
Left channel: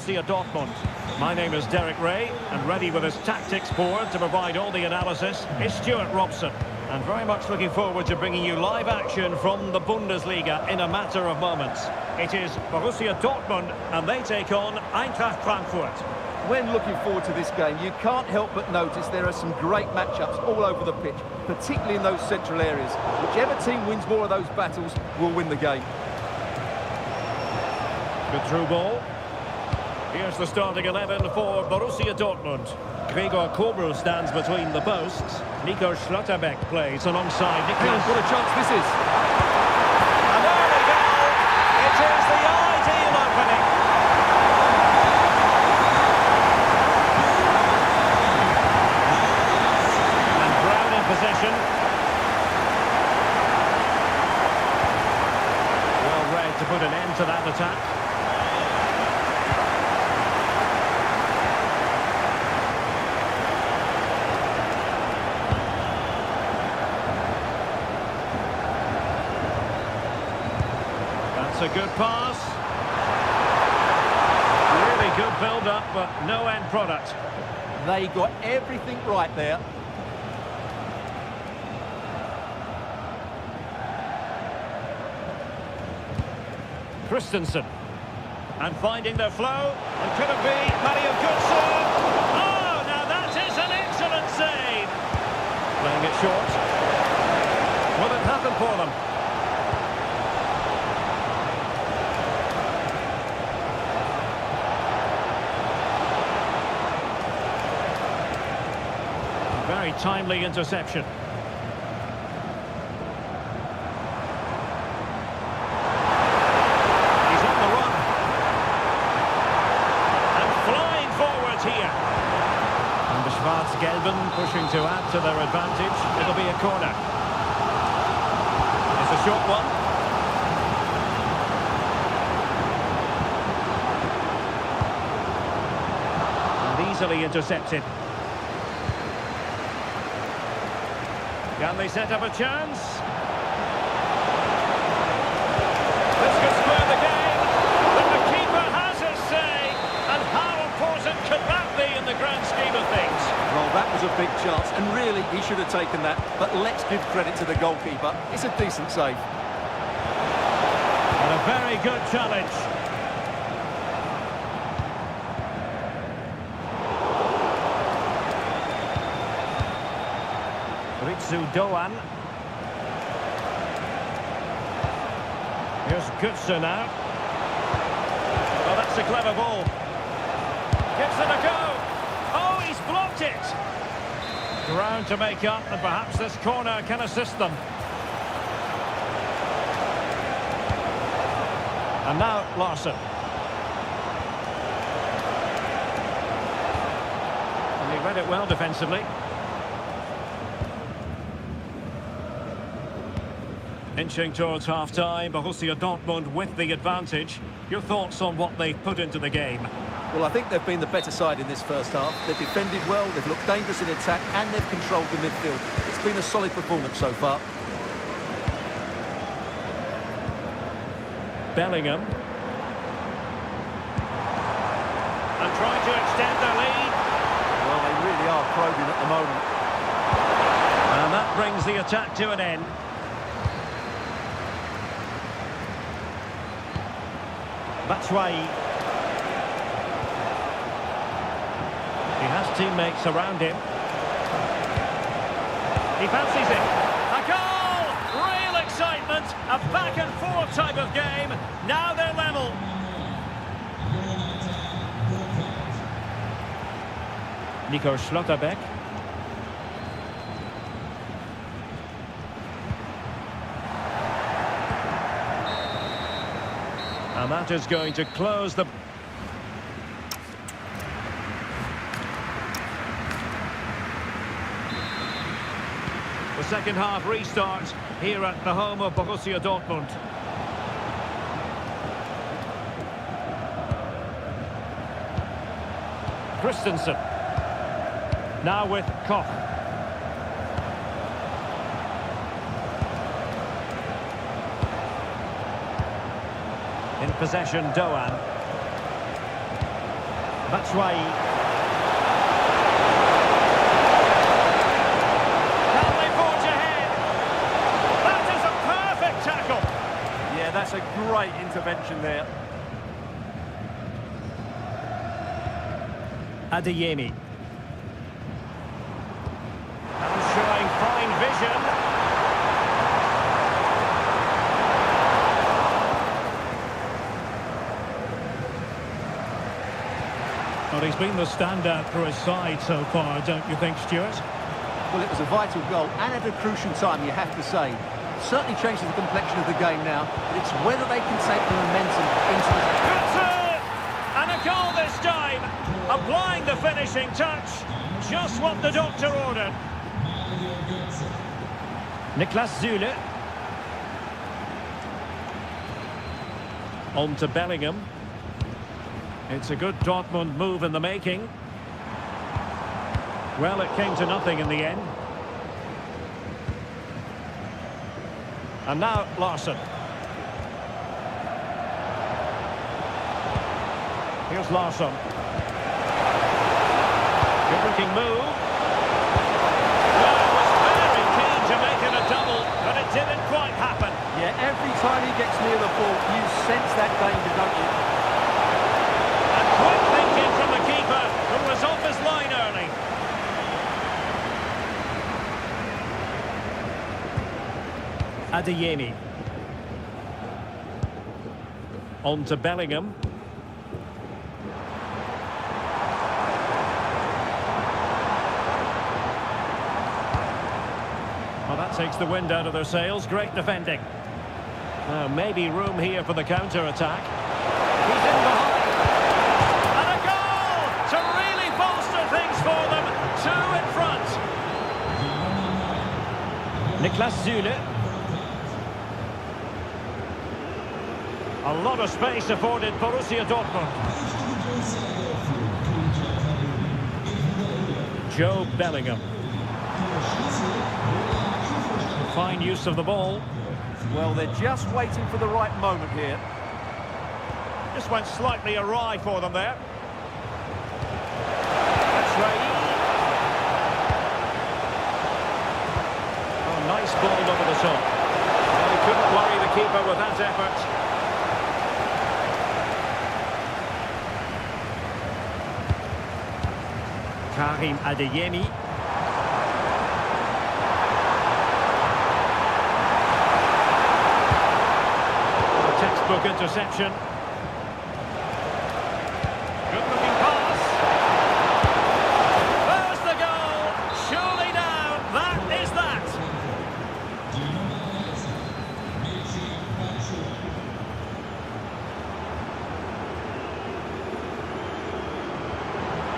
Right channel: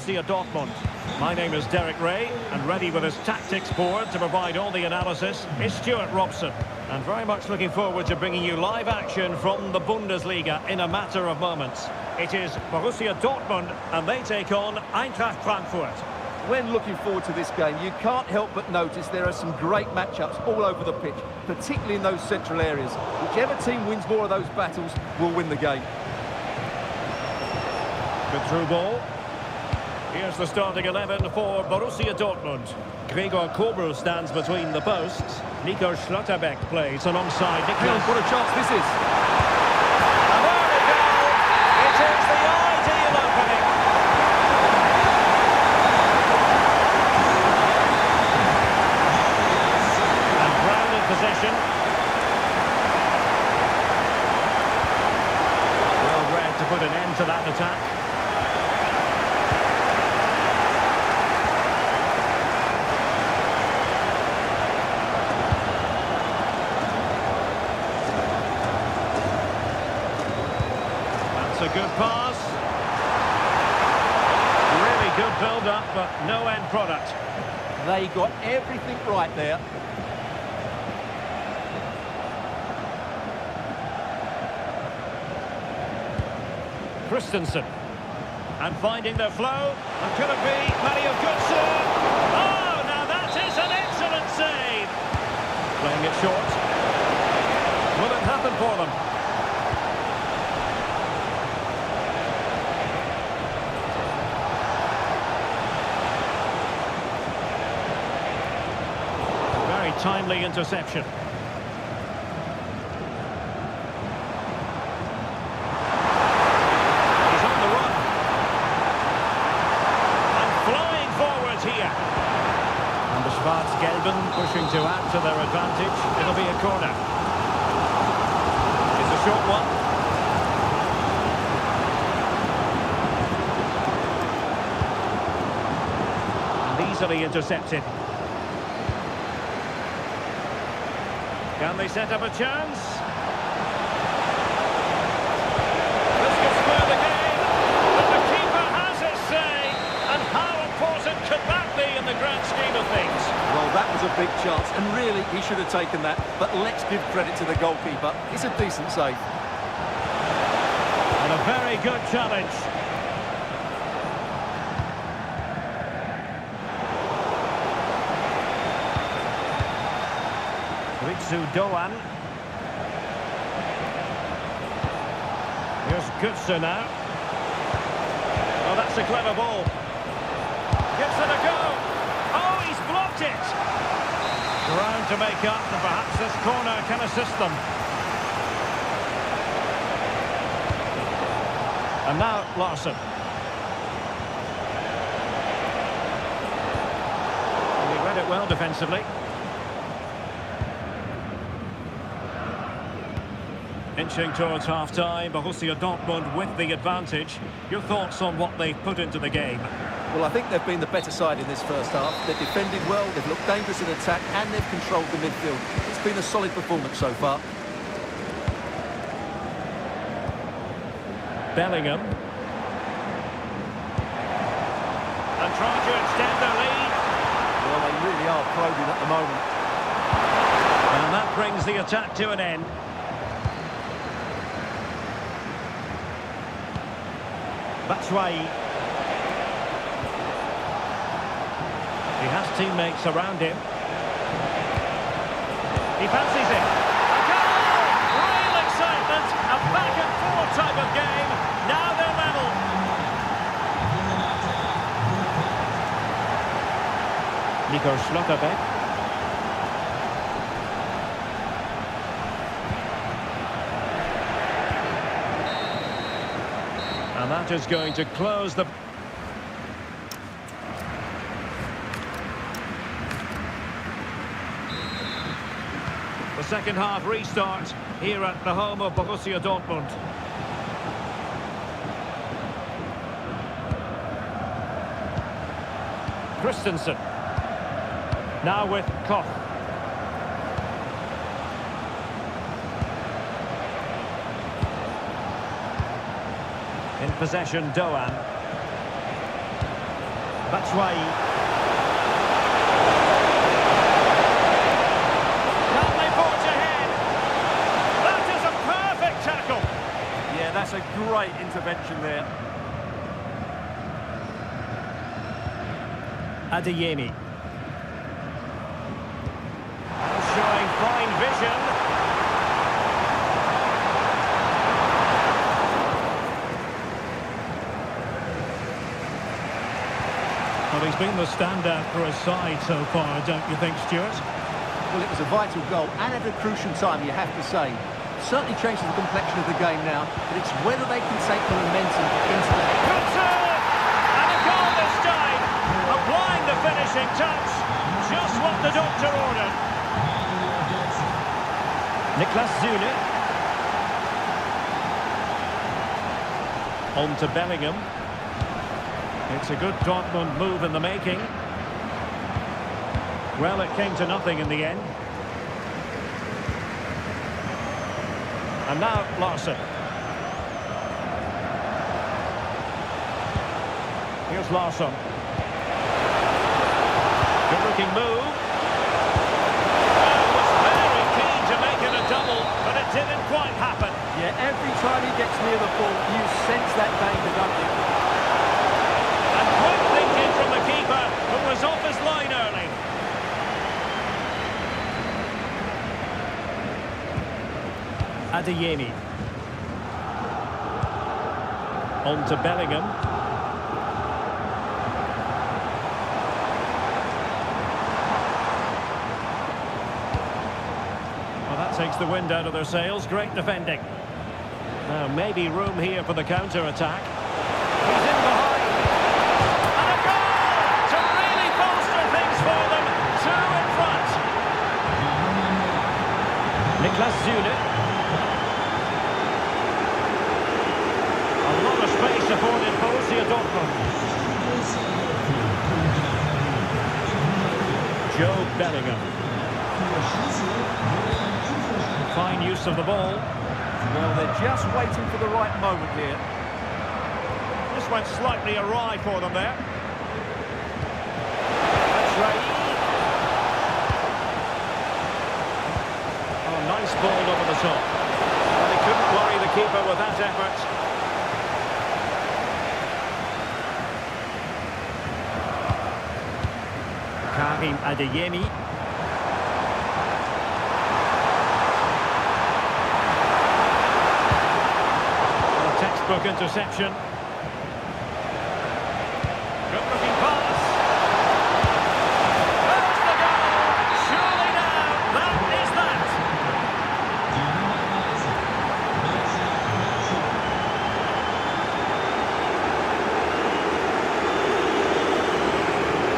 Borussia Dortmund. My name is Derek Ray, and ready with his tactics board to provide all the analysis is Stuart Robson. And very much looking forward to bringing you live action from the Bundesliga in a matter of moments. It is Borussia Dortmund, and they take on Eintracht Frankfurt. When looking forward to this game, you can't help but notice there are some great matchups all over the pitch, particularly in those central areas. Whichever team wins more of those battles will win the game. Good through ball. Here's the starting 11 for Borussia Dortmund. Gregor Kobel stands between the posts. Nico Schlotterbeck plays alongside Niklas. Hang on, what a chance this is. And there we go. It is the ideal opening. And Brown in possession. Well read to put an end to that attack. A good pass. Really good build-up, but no end product. They got everything right there. Christensen. And finding their flow. And could it be Mario Götze? Oh, now that is an excellent save. Playing it short. Will it happen for them? Very timely interception. He's on the run. And flying forwards here. And the Schwarz-Gelben pushing to add to their advantage. It'll be a corner. It's a short one. And easily intercepted. Can they set up a chance? This could spur the game, but the keeper has his say. And how important could that be in the grand scheme of things? Well, that was a big chance, and really, he should have taken that. But let's give credit to the goalkeeper. It's a decent save. And a very good challenge. Ritsu Doan. Here's Götze now. Oh, that's a clever ball. Gives it a go. Oh, he's blocked it. Ground to make up, and perhaps this corner can assist them. And now Larson. And he read it well defensively. Inching towards half-time, Borussia Dortmund with the advantage. Your thoughts on what they've put into the game? Well, I think they've been the better side in this first half. They've defended well, they've looked dangerous in attack, and they've controlled the midfield. It's been a solid performance so far. Bellingham. And trying to extend their lead. Well, they really are probing at the moment. And that brings the attack to an end. Batshuayi. He has teammates around him. He fancies it. A goal! Real excitement. A back-and-forth type of game. Now they're level. Nico Schlotterbeck. And that is going to close the... The second half restart here at the home of Borussia Dortmund. Christensen. Now with Koch. In possession, Doan. Batshuayi. Can they forge ahead? That is a perfect tackle. Yeah, that's a great intervention there. Adeyemi. And showing fine vision. Well, he's been the standout for his side so far, don't you think, Stuart? Well, it was a vital goal and at a crucial time, you have to say. Certainly changes the complexion of the game now, but it's whether they can take the momentum into the... Good serve! And a goal this time! Applying the finishing touch. Just what the doctor ordered. Niklas Süle. On to Bellingham. It's a good Dortmund move in the making. Well, it came to nothing in the end. And now Larsson. Here's Larsson. Good looking move. Well, was very keen to make it a double, but it didn't quite happen. Yeah, every time he gets near the ball, you sense that danger, don't you? And quick thinking from the keeper, who was off his line early. Adeyemi. On to Bellingham. Well, that takes the wind out of their sails. Great defending. Now, maybe room here for the counter-attack. He's in behind. And a goal to really bolster things for them. Two in front. Niklas Süle. A lot of space afforded Borussia Dortmund. Joe Bellingham. Fine use of the ball. Well, they're just waiting for the right moment here. This went slightly awry for them there. Batshuayi. Oh, nice ball over the top. Well, he couldn't worry the keeper with that effort. Karim Adeyemi. A textbook interception. Good looking pass. There's the goal. Surely now, that is that.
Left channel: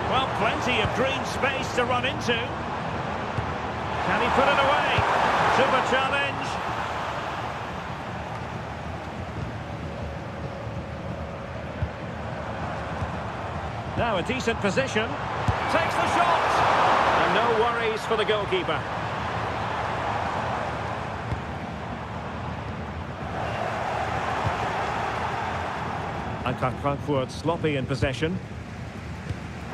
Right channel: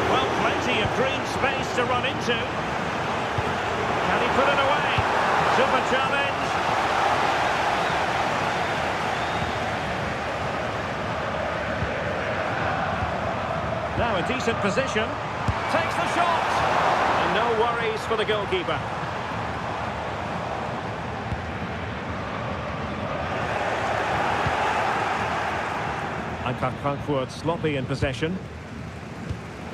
Well, plenty of green space to run into. Can he put it away? Super challenge. Now a decent position. Takes the shot. And no worries for the goalkeeper. Eintracht Frankfurt sloppy in possession.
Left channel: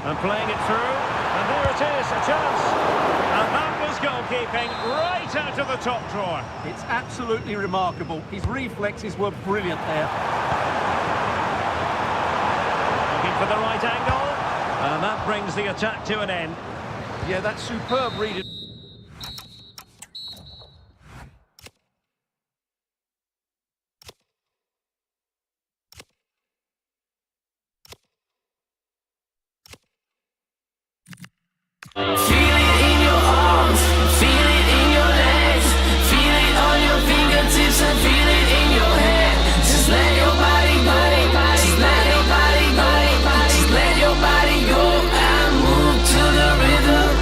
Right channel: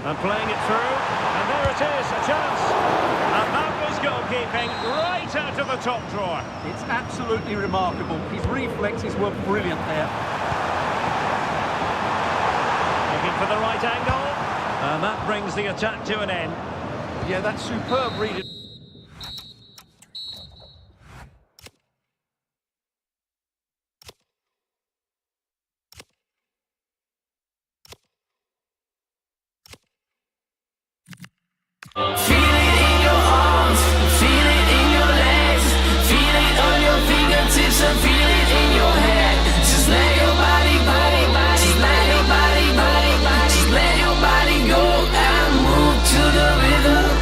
And playing it through, and there it is, a chance. And that was goalkeeping right out of the top drawer. It's absolutely remarkable. His reflexes were brilliant there. Looking for the right angle, and that brings the attack to an end. Yeah, that's superb reading. Feel it in your arms, feel it in your legs, feel it on your fingertips and feel it in your head. Just let your body go, just let your body go, just let your body go and move to the rhythm.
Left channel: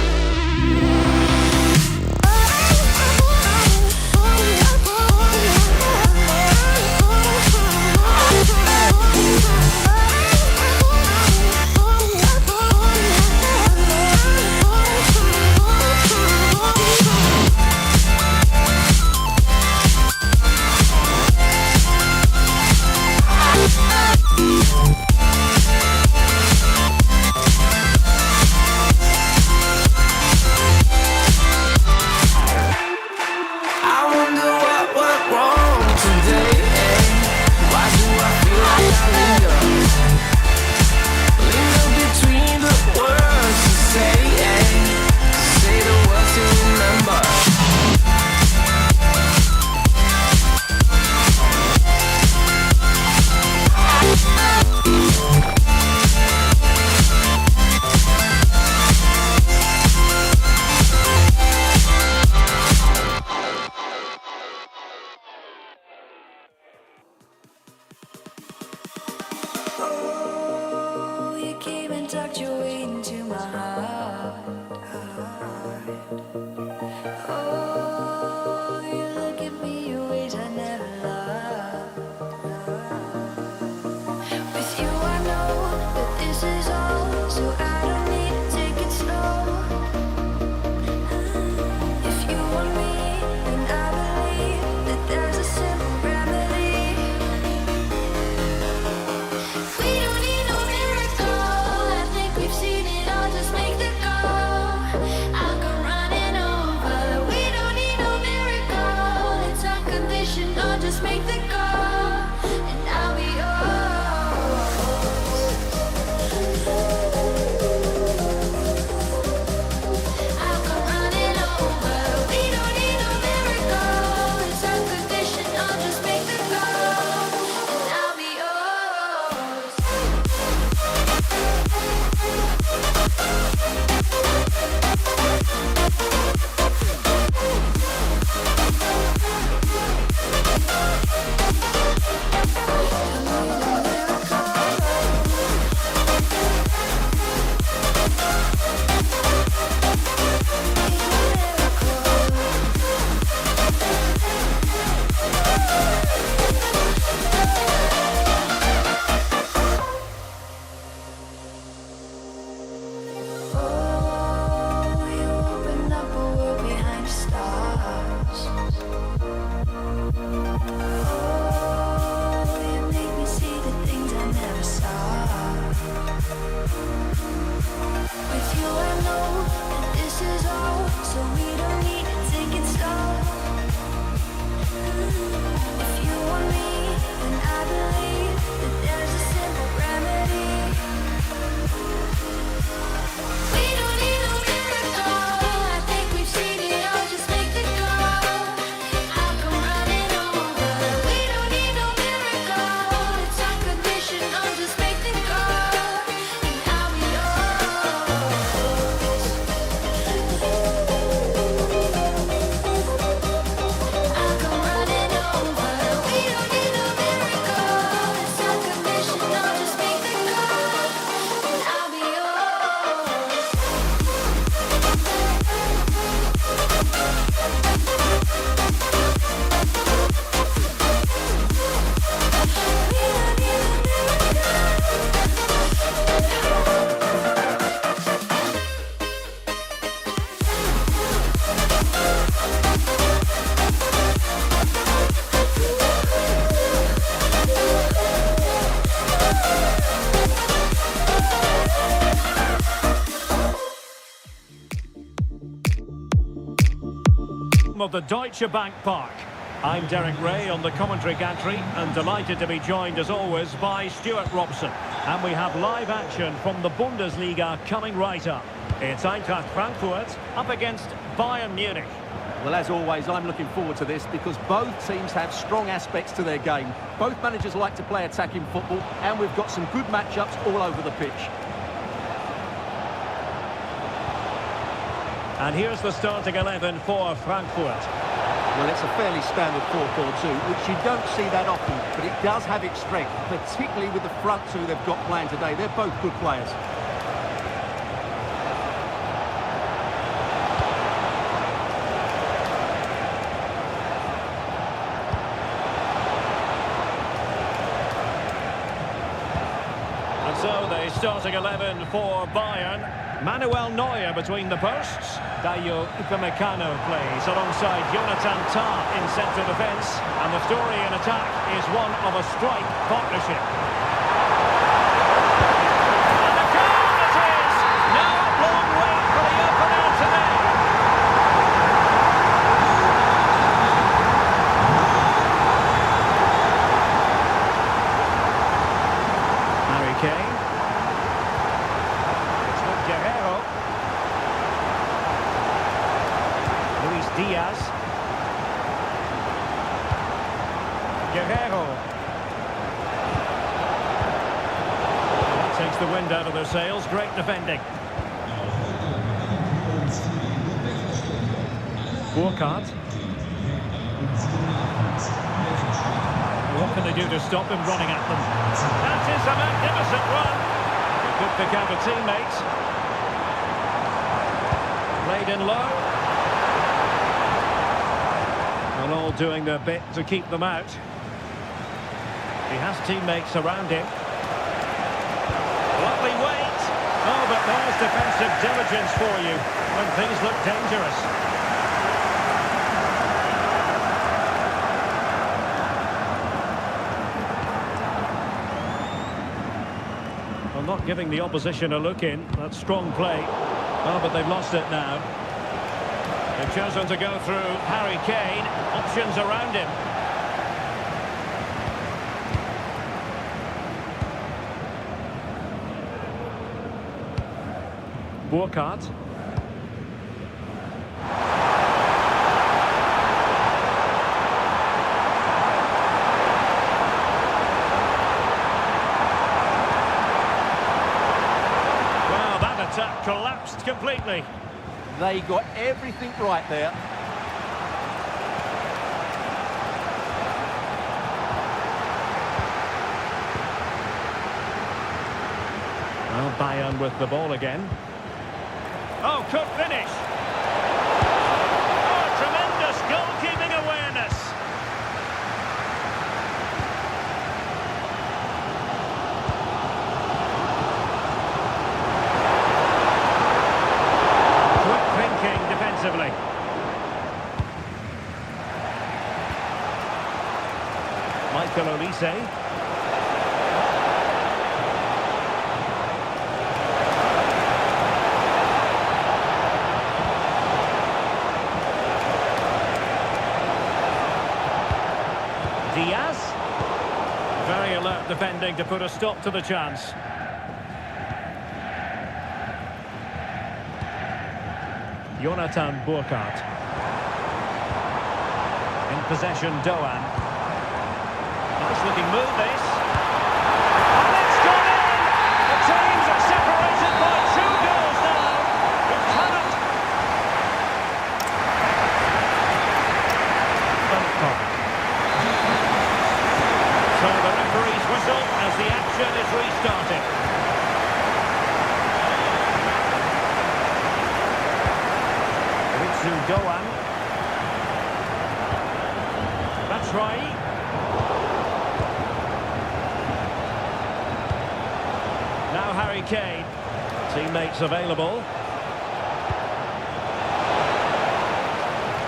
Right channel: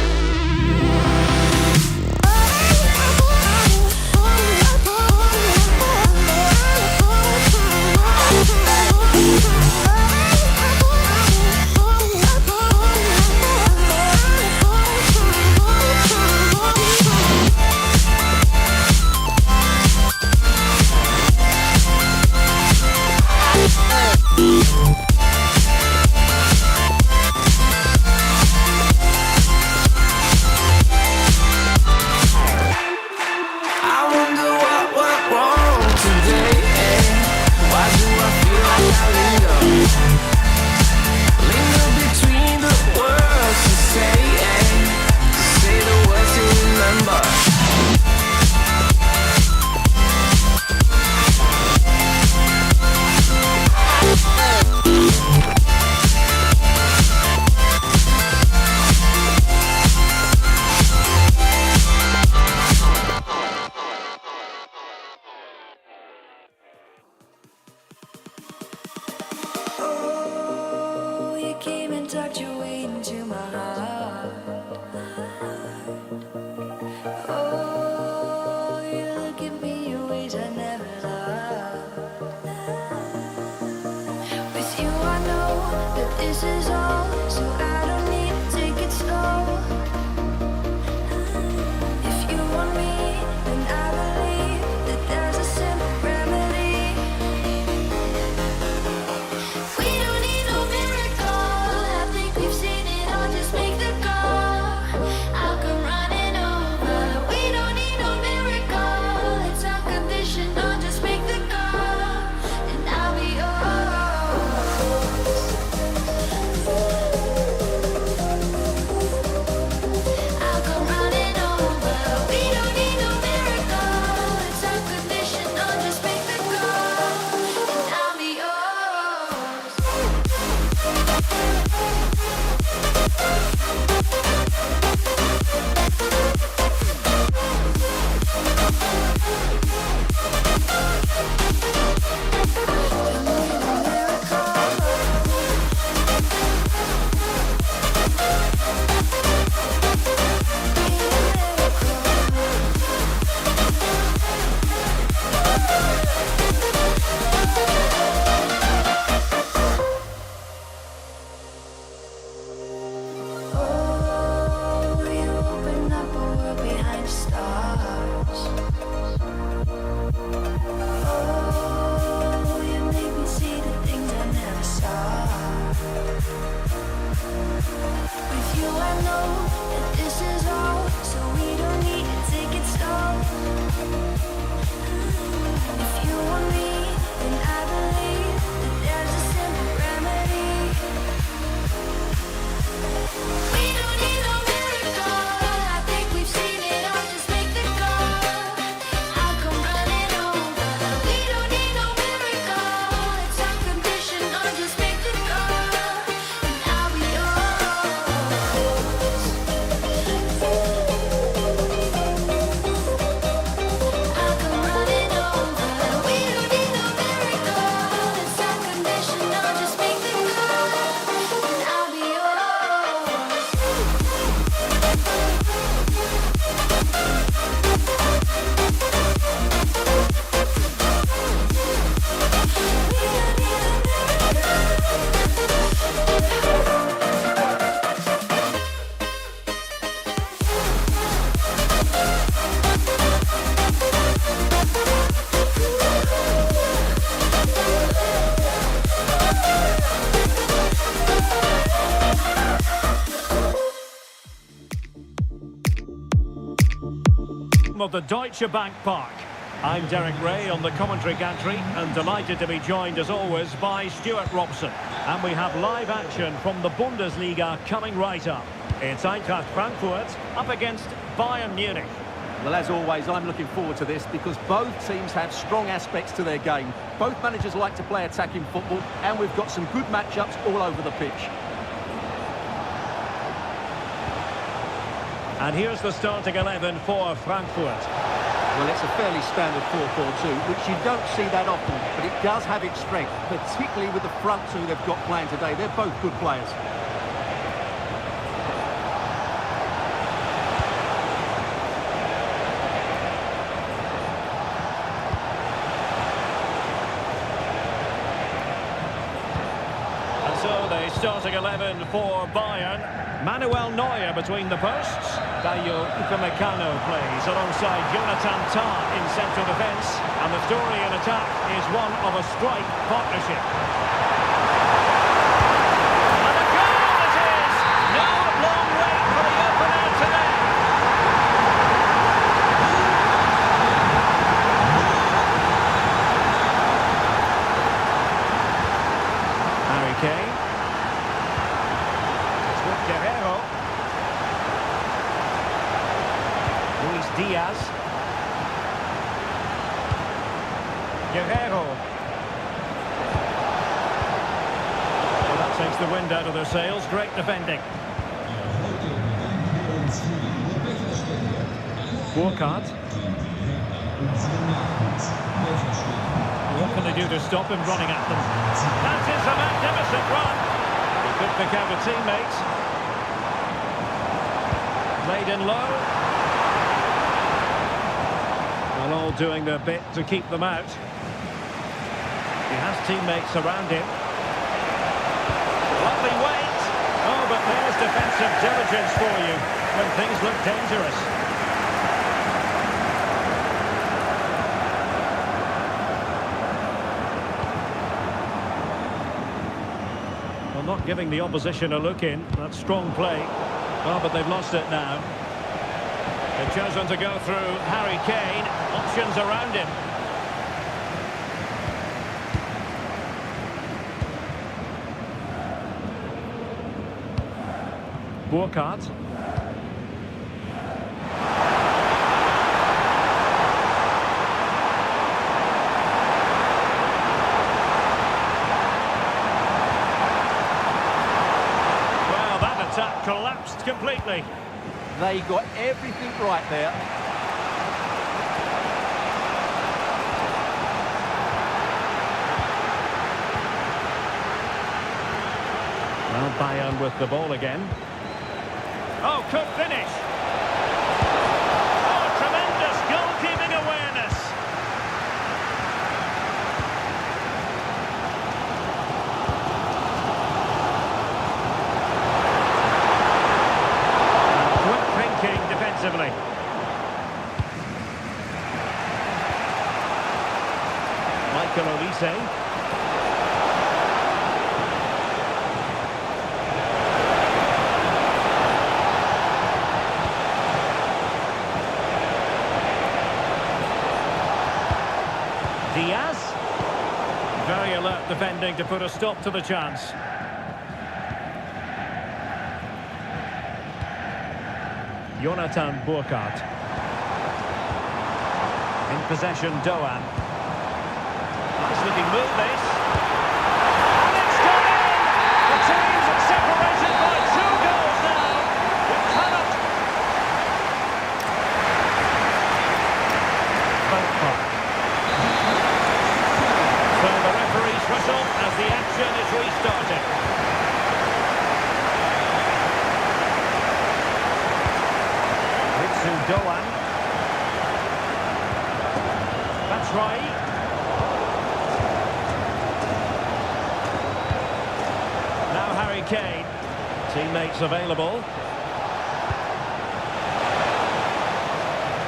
Oh, you look at me in ways I never loved. With you I know that this is all, so I don't need to take it slow. If you want me, then I believe that there's a simple remedy. We don't need no miracle, I think we've seen it all, just make the call. I'll come running over. We don't need no miracle, it's unconditional, just make the call, and I'll be yours. I'll come running over. We don't need no miracle, it's unconditional, just make the call, and I'll be yours. Don't need a miracle. Need a Oh, you open up a world behind the stars. Oh, you make me see the things I never saw. With you I know that this is all, so we don't need to take it slow. If you want me, then I believe that there's a simple remedy. We don't need no miracle, I think we've seen it all, just make the call. I'll come running over. We don't need no miracle, it's unconditional, just make the call, and I'll be yours. I'll come running over. We don't need no miracle, it's unconditional, just make the call, and I'll be yours. We don't need a Of the Deutsche Bank Park. I'm Derek Ray on the commentary gantry and delighted to be joined as always by Stuart Robson. And we have live action from the Bundesliga coming right up. It's Eintracht Frankfurt up against Bayern Munich. Well, as always, I'm looking forward to this because both teams have strong aspects to their game. Both managers like to play attacking football, and we've got some good matchups all over the pitch. And here's the starting 11 for Frankfurt. Well, it's a fairly standard 4-4-2, which you don't see that often, but it does have its strength, particularly with the front two they've got playing today. They're both good players. And so the starting 11 for Bayern. Manuel Neuer between the posts. Dayo Upamecano plays alongside Jonathan Tah in central defence. And the story in attack is one of a strike partnership. And a goal it is! No long wait for the opener today. Harry Kane. It's with Guerrero. Luis Diaz. Guerrero. Well, that takes the wind out of their sails. Great defending. Burkhardt. What can they do to stop him running at them? That is a magnificent run. He could pick out a teammate. Played in low. And all doing their bit to keep them out. He has teammates around him. Lovely weight. Oh, but there's defensive diligence for you when things look dangerous. Well, not giving the opposition a look in. That's strong play. Oh, but they've lost it now. They've chosen to go through Harry Kane. Options around him. Burkhardt. Well, that attack collapsed completely. They got everything right there. Well, Bayern with the ball again. Oh, could finish. Oh, tremendous goalkeeping awareness. Quick thinking defensively. Michael Olise. Diaz. Very alert defending to put a stop to the chance. Jonathan Burkhardt. In possession, Doan. Nice looking move this. And it's gone in! The teams are separated by 2 goals now. It cannot... So the referee's whistle as the action is restarted. Ritsu Doan. Batshuayi. Now Harry Kane. Teammates available.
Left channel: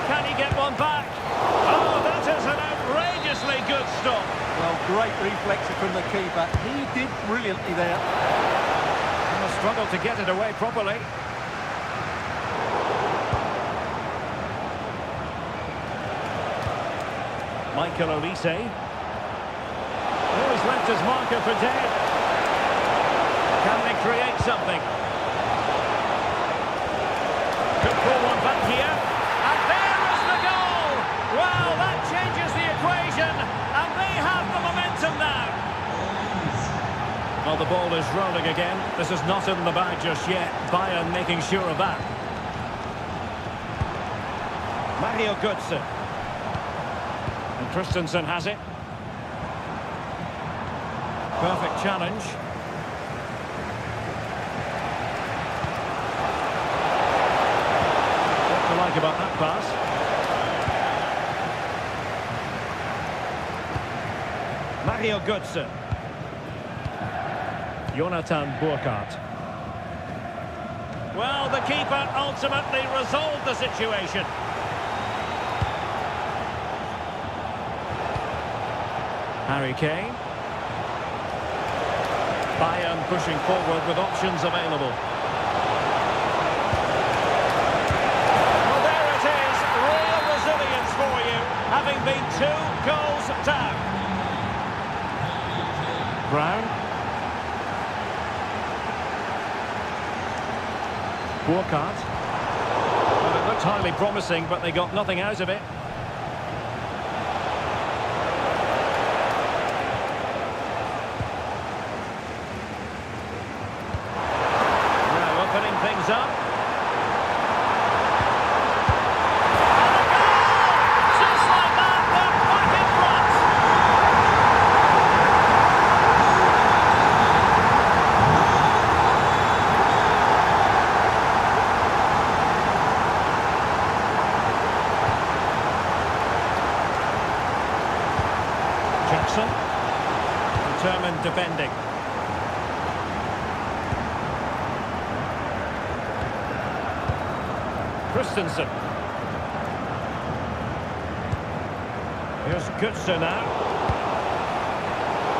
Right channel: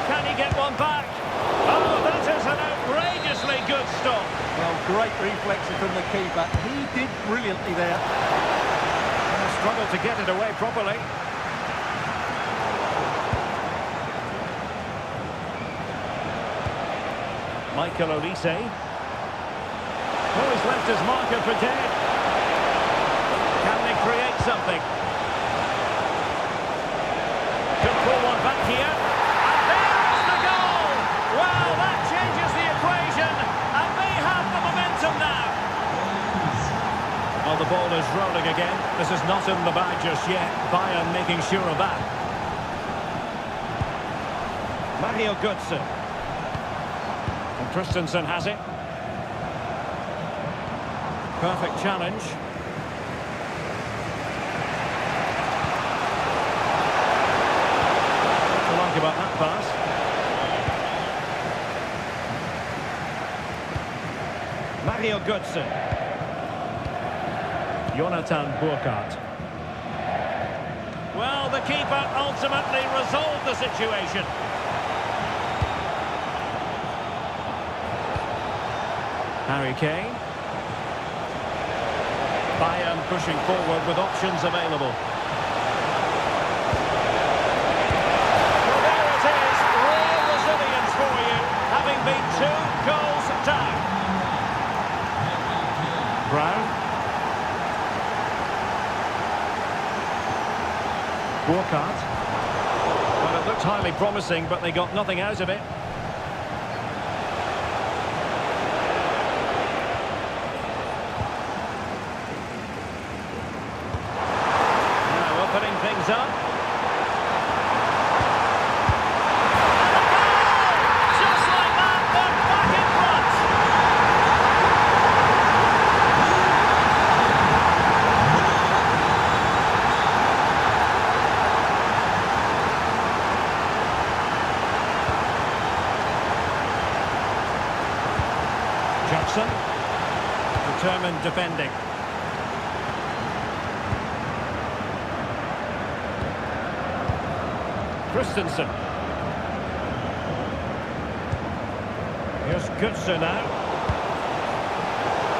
Can he get one back? Oh, that is an outrageously good stop. Well, great reflexes from the keeper. He did brilliantly there. And a struggle to get it away properly. Michael Olise. Oh, he's left his marker for dead. Can they create something? Could pull one back here. And there is the goal! Well, that changes the equation. And they have the momentum now. Well, the ball is rolling again. This is not in the bag just yet. Bayern making sure of that. Mario Götze. And Christensen has it. Perfect challenge. What do you like about that pass? Mario Götze. Jonathan Burkhardt. Well, the keeper ultimately resolved the situation. Harry Kane. Bayern pushing forward with options available. Well, there it is. Real resilience for you, having been 2 goals down. Brown. Burkhardt. Well, it looked highly promising, but they got nothing out of it. Opening things up. And a goal! Just like that, they're back in front. Wilson. Determined defending. Christensen. Here's Götze now.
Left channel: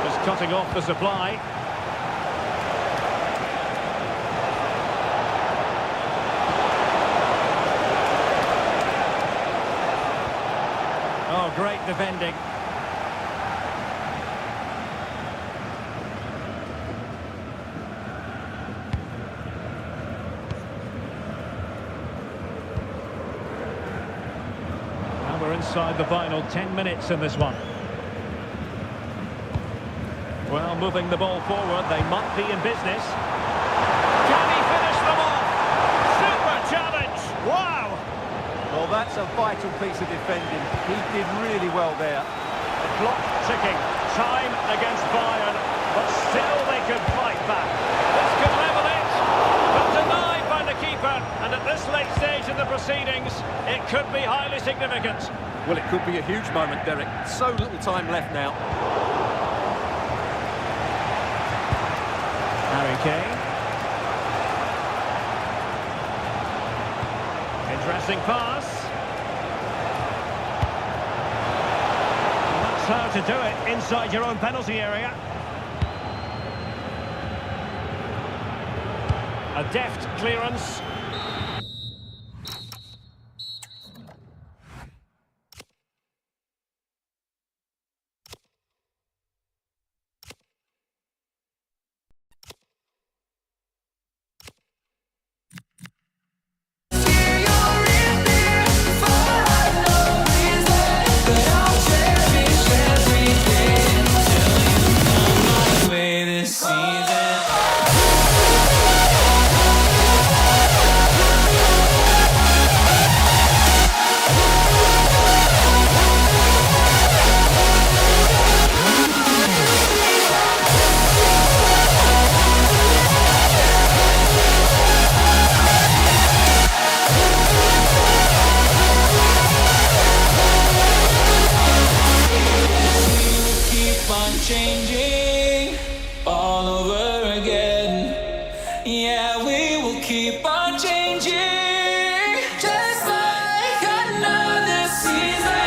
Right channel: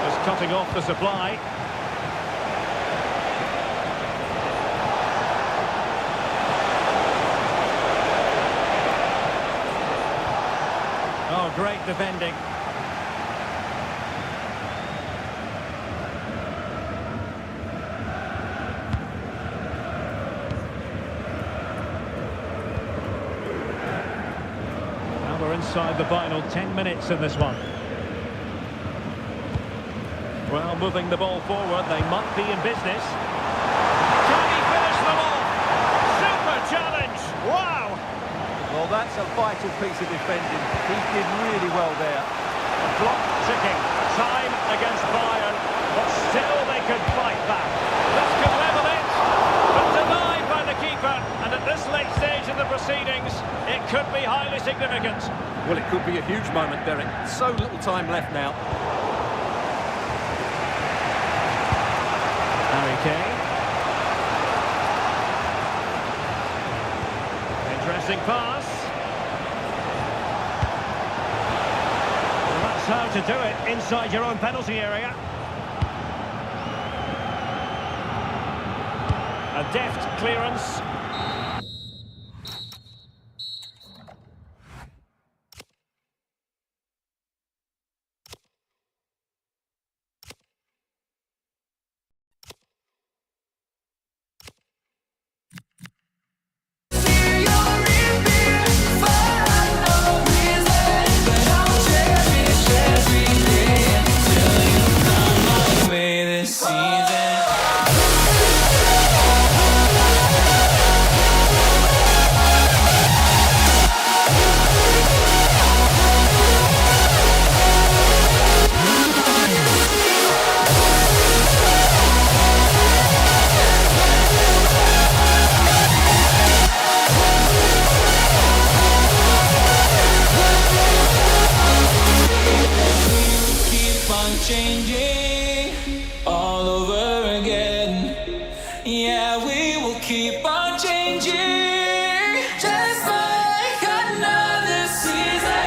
Just cutting off the supply. Oh, great defending. Now we're inside the final 10 minutes in this one. Well, moving the ball forward, they might be in business. Can he finish them off? Super challenge! Wow! Well, that's a vital piece of defending. He did really well there. The clock ticking. Time against Bayern, but still they could fight back. This could level it, but denied by the keeper. And at this late stage in the proceedings, it could be highly significant. Well, it could be a huge moment, Derek. So little time left now. Harry Kane. Interesting pass. Well, that's how to do it inside your own penalty area. A deft clearance. Changing all over again. Yeah, we will keep on changing, just like another season.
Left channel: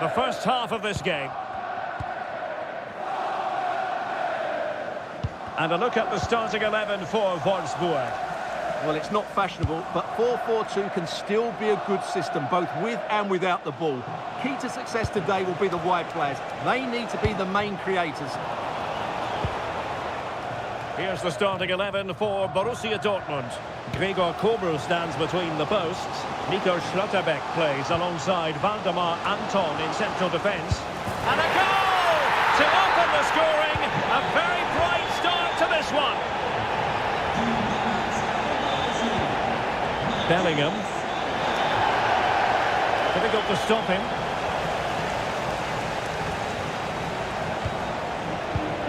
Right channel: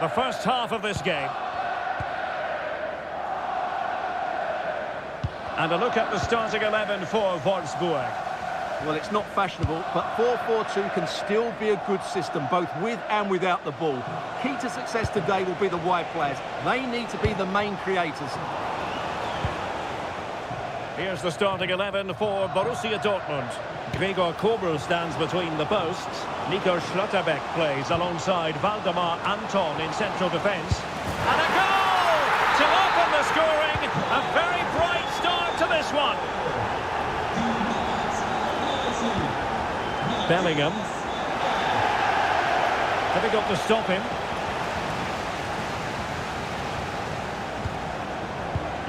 the first half of this game. And a look at the starting 11 for Wolfsburg. Well, it's not fashionable, but 4-4-2 can still be a good system, both with and without the ball. Key to success today will be the wide players. They need to be the main creators. Here's the starting 11 for Borussia Dortmund. Gregor Kobel stands between the posts. Nico Schlotterbeck plays alongside Valdemar Anton in central defence. And a goal to open the scoring. A very bright start to this one. Bellingham. Difficult to stop him.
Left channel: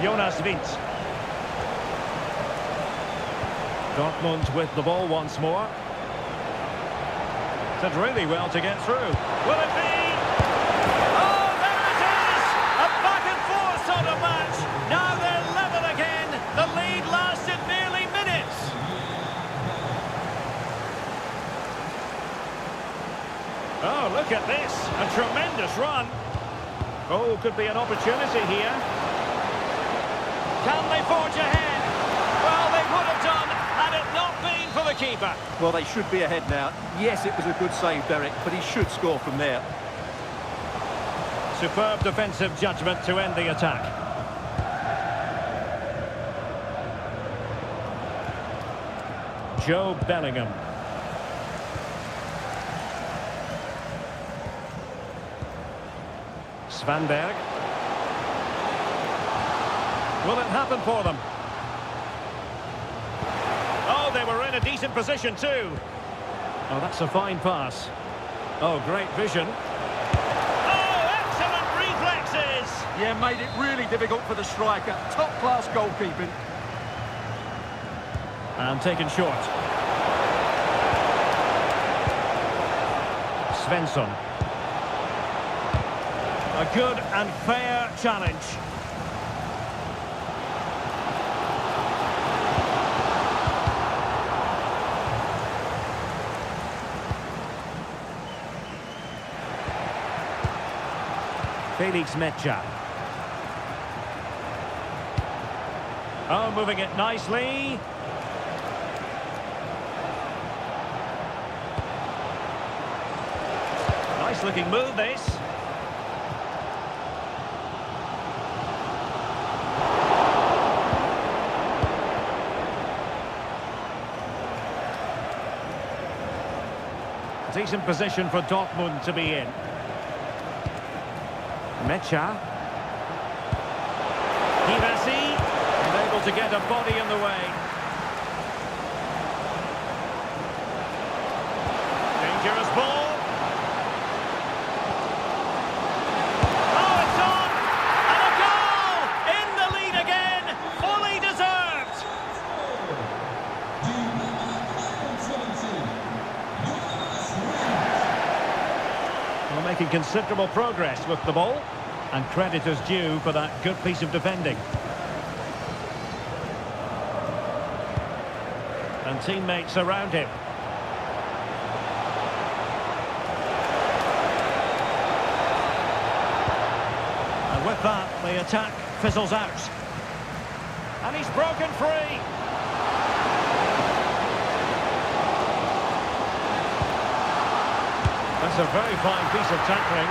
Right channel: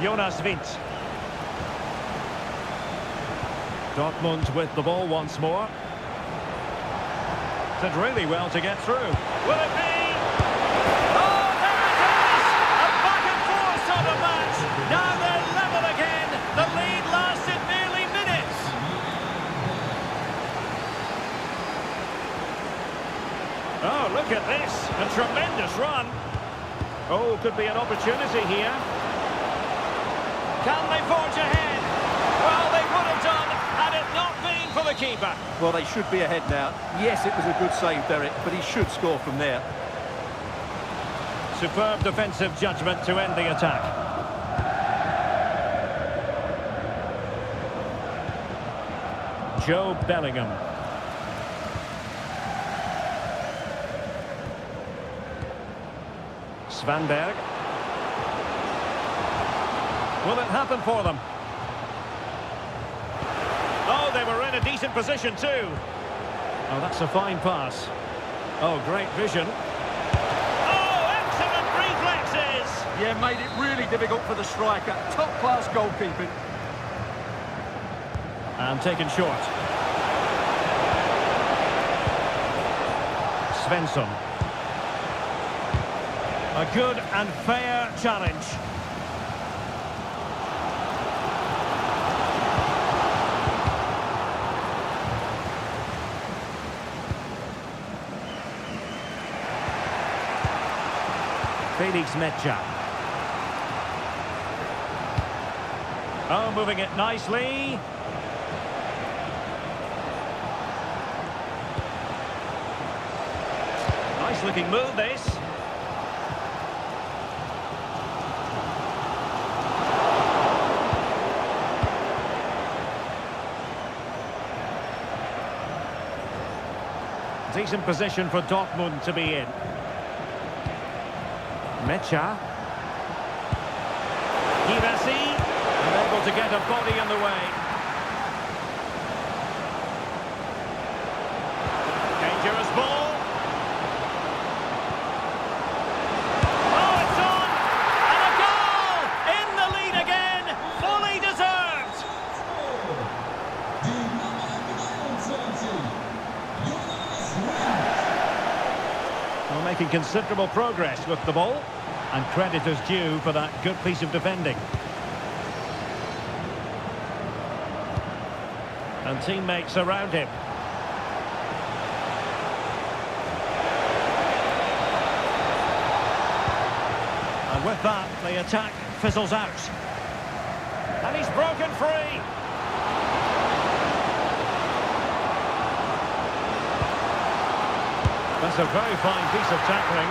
Jonas Wind. Dortmund with the ball once more. Did really well to get through. Will it be? Oh, there it is! A back and forth sort of match. Now they're level again. The lead lasted nearly minutes. Oh, look at this. A tremendous run. Oh, could be an opportunity here. Can they forge ahead? Well, they would have done had it not been for the keeper. Well, they should be ahead now. Yes, it was a good save, Derek, but he should score from there. Superb defensive judgment to end the attack. Joe Bellingham. Svanberg. Will it happen for them? Oh, they were in a decent position too. Oh, that's a fine pass. Oh, great vision. Oh, excellent reflexes! Yeah, made it really difficult for the striker. Top-class goalkeeping. And taken short. Svensson. A good and fair challenge. Felix Mecha. Oh, moving it nicely. Nice looking move, this. Decent position for Dortmund to be in. Mecha. Givasi, unable to get a body in the way. Dangerous ball. Oh, it's on! And a goal! In the lead again! Fully deserved! Well, making considerable progress with the ball. And credit is due for that good piece of defending. And teammates around him. And with that, the attack fizzles out. And he's broken free. That's a very fine piece of tackling.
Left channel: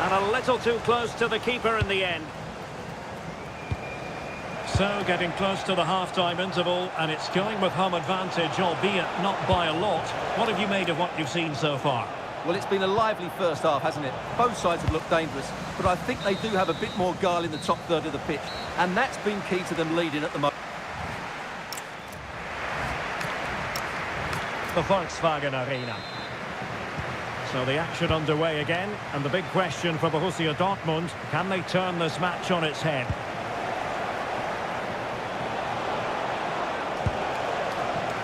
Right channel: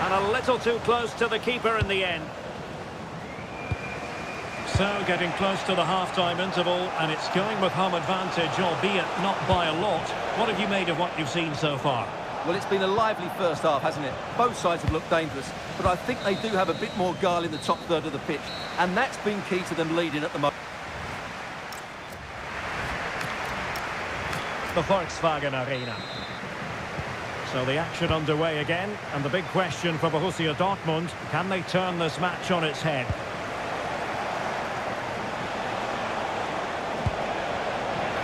And a little too close to the keeper in the end. So, getting close to the half-time interval, and it's going with home advantage, albeit not by a lot. What have you made of what you've seen so far? Well, it's been a lively first half, hasn't it? Both sides have looked dangerous, but I think they do have a bit more guile in the top third of the pitch, and that's been key to them leading at the moment. The Volkswagen Arena. So the action underway again, and the big question for Borussia Dortmund, can they turn this match on its head?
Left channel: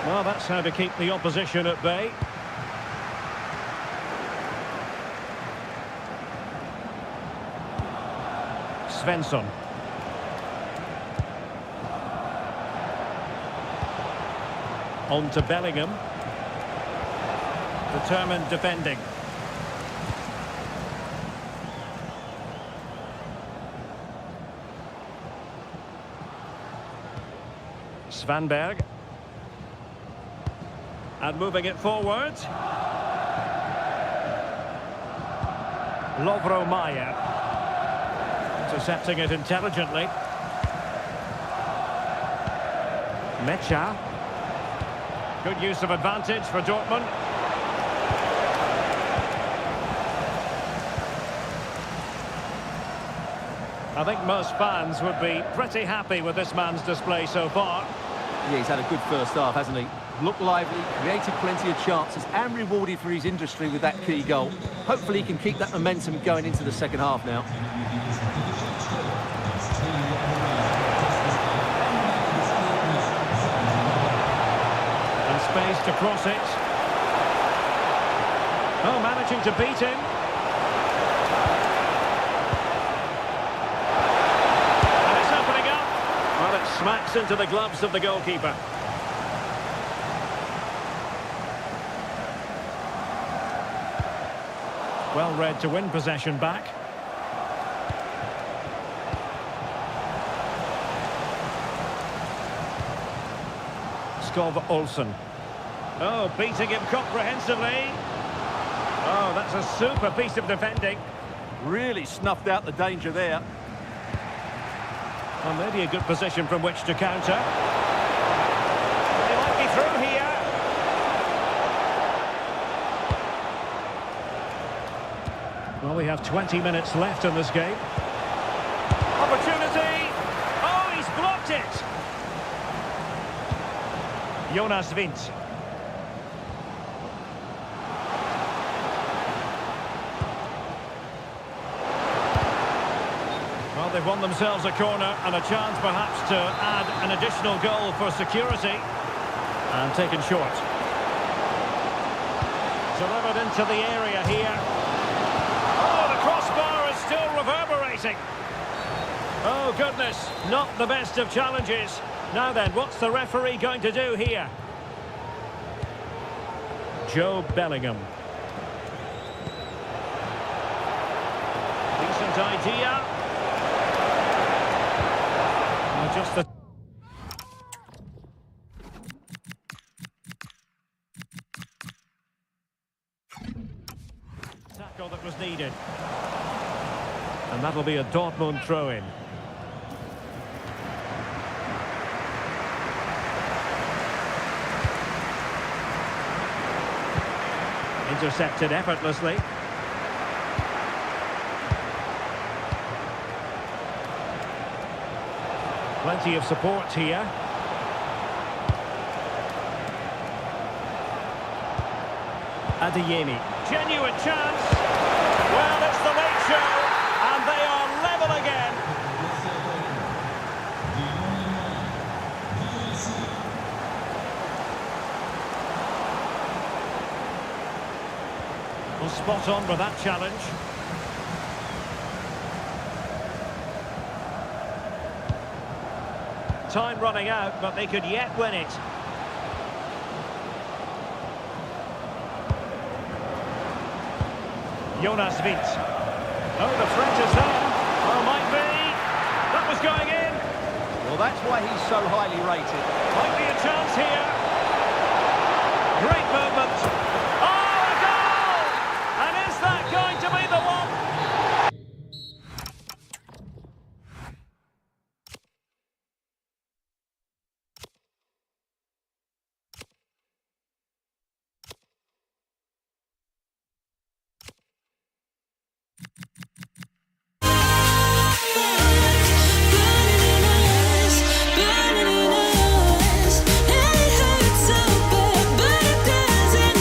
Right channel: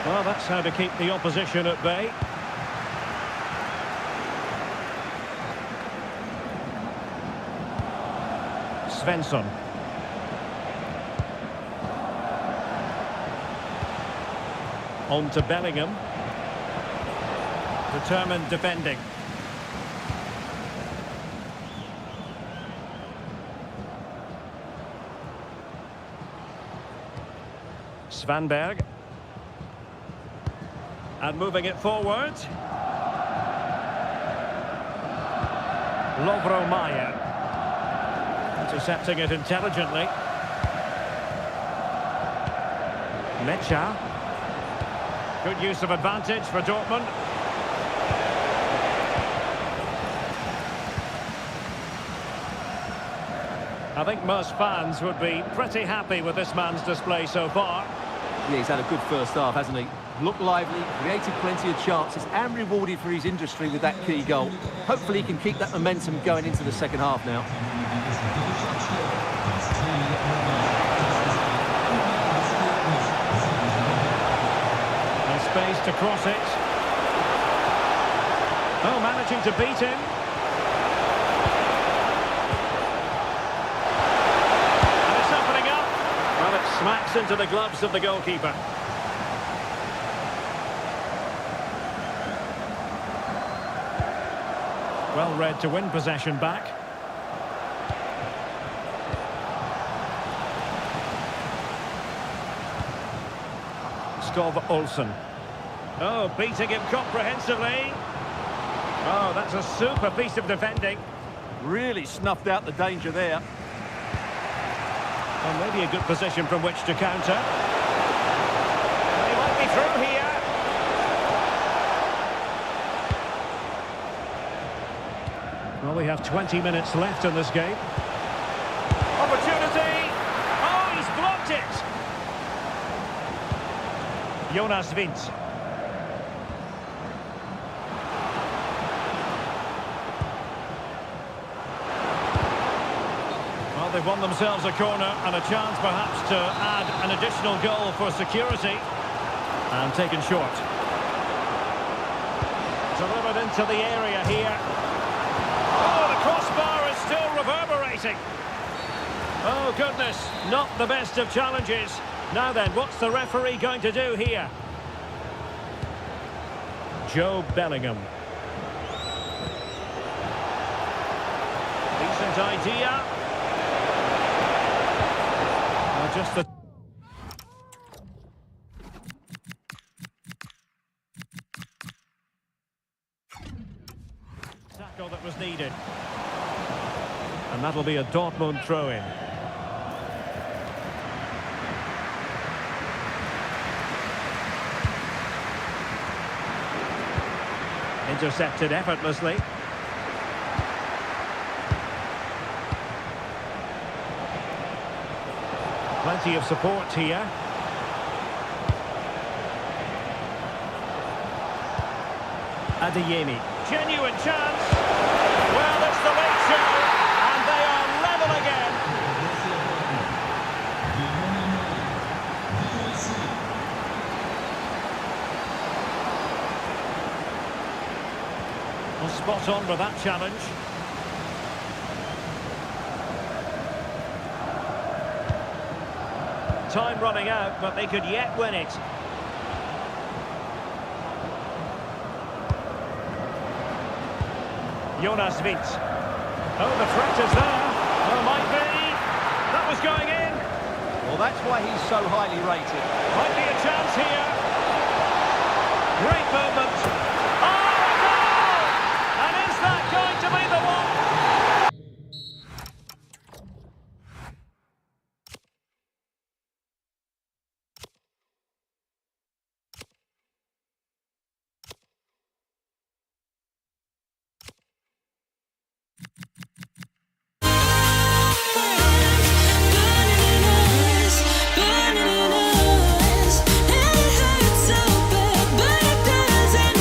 Well, that's how to keep the opposition at bay. Svensson. On to Bellingham. Determined defending. Svanberg. And moving it forward. Lovro Mayer. Intercepting it intelligently. Mecha. Good use of advantage for Dortmund. I think most fans would be pretty happy with this man's display so far. Yeah, he's had a good first half, hasn't he? Looked lively, created plenty of chances and rewarded for his industry with that key goal. Hopefully he can keep that momentum going into the second half now. And space to cross it. Oh, managing to beat him. And it's opening up. Well, it smacks into the gloves of the goalkeeper. Well read to win possession back. Skov Olsen. Oh, beating him comprehensively. Oh, that's a super piece of defending. Really snuffed out the danger there. Well, maybe a good position from which to counter. Well, he might be through here. Well, we have 20 minutes left in this game. Opportunity! Oh, he's blocked it! Jonas Wind. Well, they've won themselves a corner and a chance perhaps to add an additional goal for security. And taken short. Delivered into the area here. Oh, the crossbar is still reverberating. Oh, goodness, not the best of challenges. Now then, what's the referee going to do here? Joe Bellingham. Decent idea. Now just the... tackle that was needed. And that'll be a Dortmund throw-in. Intercepted effortlessly. Plenty of support here. Adeyemi. Genuine chance. Well, it's the late show, and they are level again. Well, spot on with that challenge. Time running out, but they could yet win it. Jonas Wind. Oh, the threat is there. Well, might be. That was going in. Well, that's why he's so highly rated. Might be a chance here. Great movement. Oh, a goal! And is that going to be the one? Burning in us, and it hurts so bad, but it doesn't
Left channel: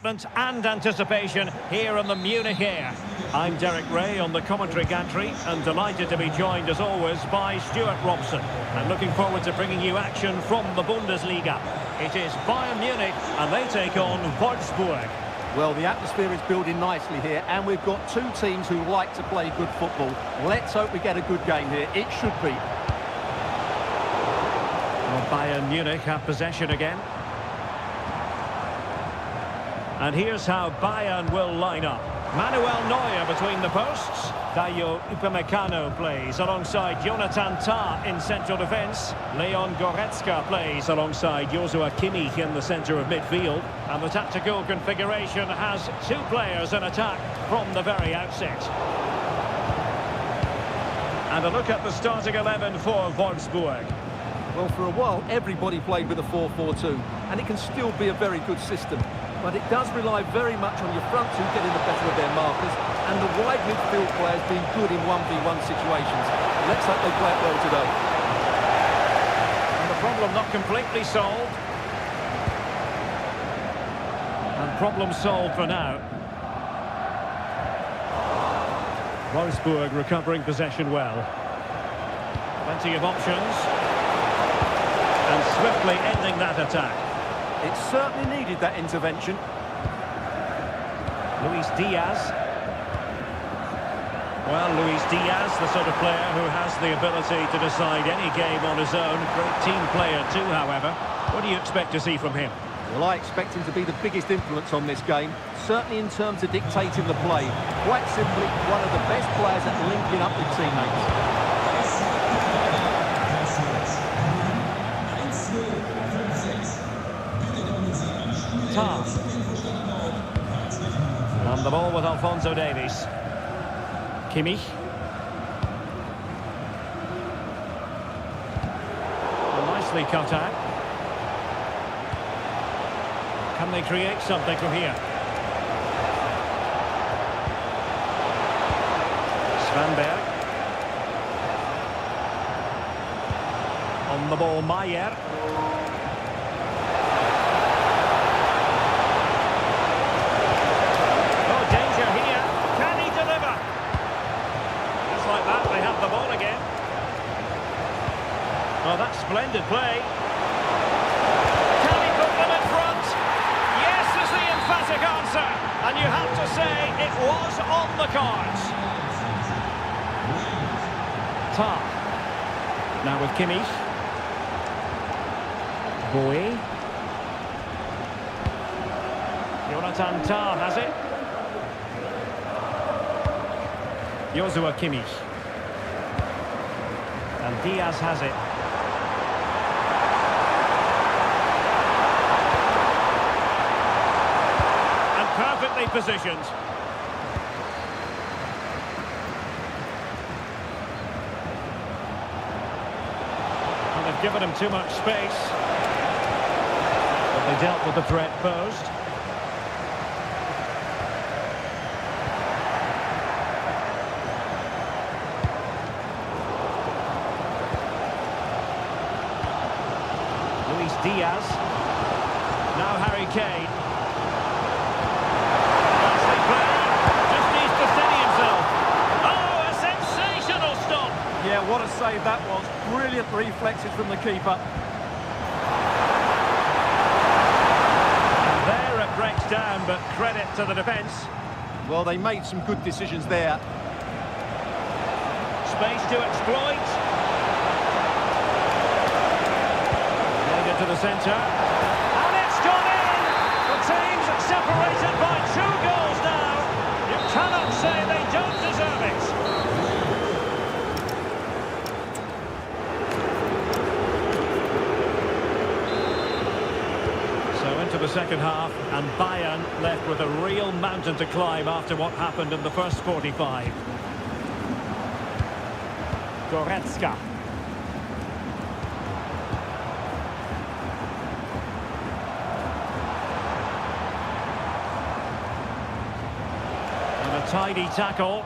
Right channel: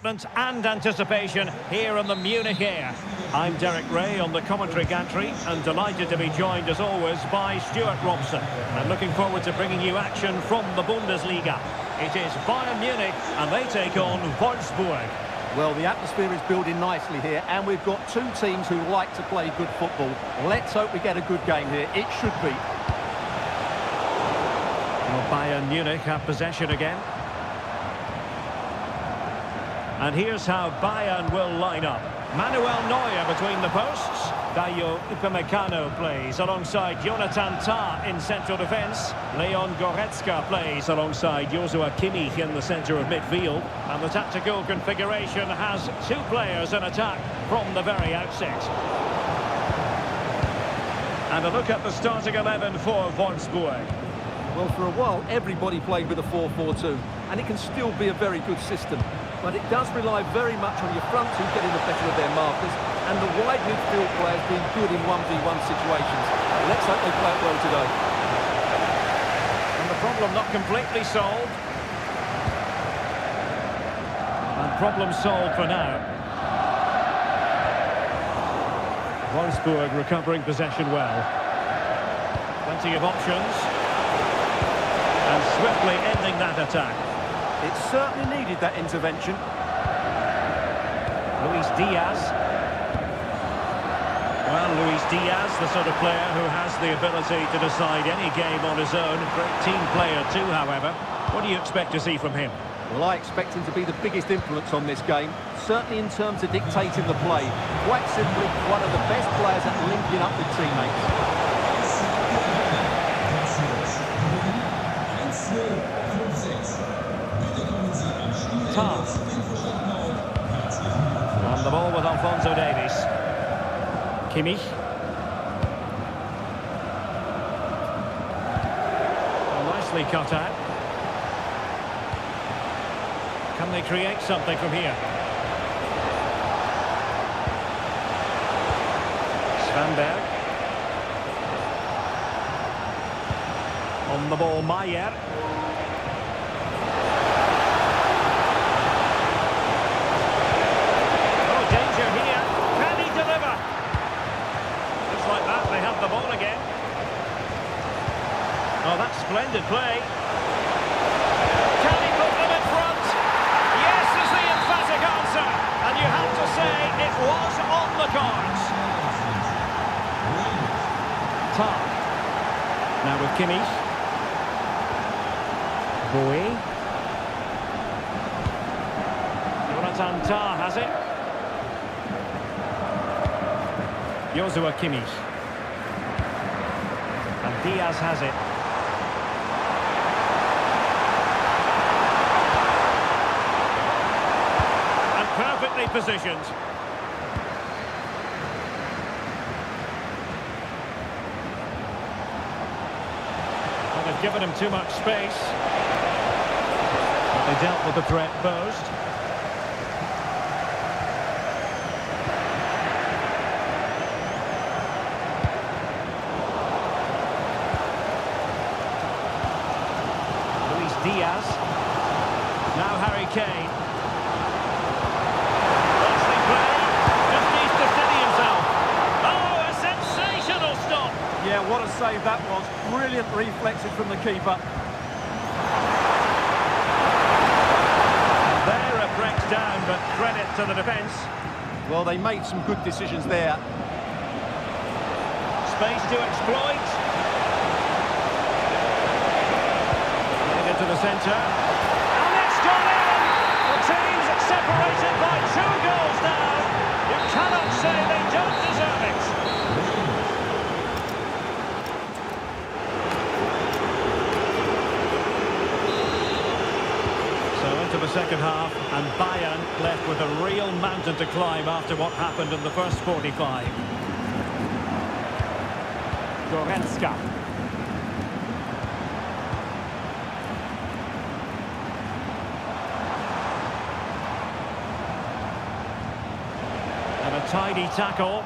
excitement and anticipation here in the Munich air. I'm Derek Ray on the commentary gantry and delighted to be joined as always by Stuart Robson. And looking forward to bringing you action from the Bundesliga. It is Bayern Munich and they take on Wolfsburg. Well, the atmosphere is building nicely here, and we've got two teams who like to play good football. Let's hope we get a good game here. It should be. Well, Bayern Munich have possession again. And here's how Bayern will line up. Manuel Neuer between the posts. Dayo Upamecano plays alongside Jonathan Tah in central defence. Leon Goretzka plays alongside Joshua Kimmich in the centre of midfield. And the tactical configuration has two players in attack from the very outset. And a look at the starting 11 for Wolfsburg. Well, for a while, everybody played with a 4-4-2, and it can still be a very good system. But it does rely very much on your front two getting the better of their markers, and the wide midfield players being good in 1v1 situations. Let's hope they play it well today. And the problem not completely solved. And problem solved for now. Wolfsburg recovering possession well. Plenty of options. And swiftly ending that attack. It certainly needed that intervention. Luis Diaz. Well, Luis Diaz, the sort of player who has the ability to decide any game on his own. Great team player too, however. What do you expect to see from him? Well, I expect him to be the biggest influence on this game, certainly in terms of dictating the play. Quite simply, one of the best players at linking up with teammates. Tah. On the ball with Alphonso Davies. Kimmich. Well, nicely cut out. Can they create something from here? Svanberg. On the ball, Maier. Danger here. Can he deliver? Just like that, they have the ball again. Oh, that's splendid play. Can he put them in front? Yes is the emphatic answer. And you have to say it was on the cards. Tah. Now with Kimmich. Bowie. Jonathan Tah has it. Joshua Kimmich. And Diaz has it. And perfectly positioned. And they've given him too much space. But they dealt with the threat posed. Luis Diaz. Now Harry Kane. Nicely played. Just needs to steady himself. Oh, a sensational stop. Yeah, what a save that was. Brilliant reflexes from the keeper. And there it breaks down, but credit to the defence. Well, they made some good decisions there. Space to exploit. To the centre, and it's gone in! The team's separated by 2 goals now. You cannot say they don't deserve it. So into the second half, and Bayern left with a real mountain to climb after what happened in the first 45. Goretzka. And a tidy tackle.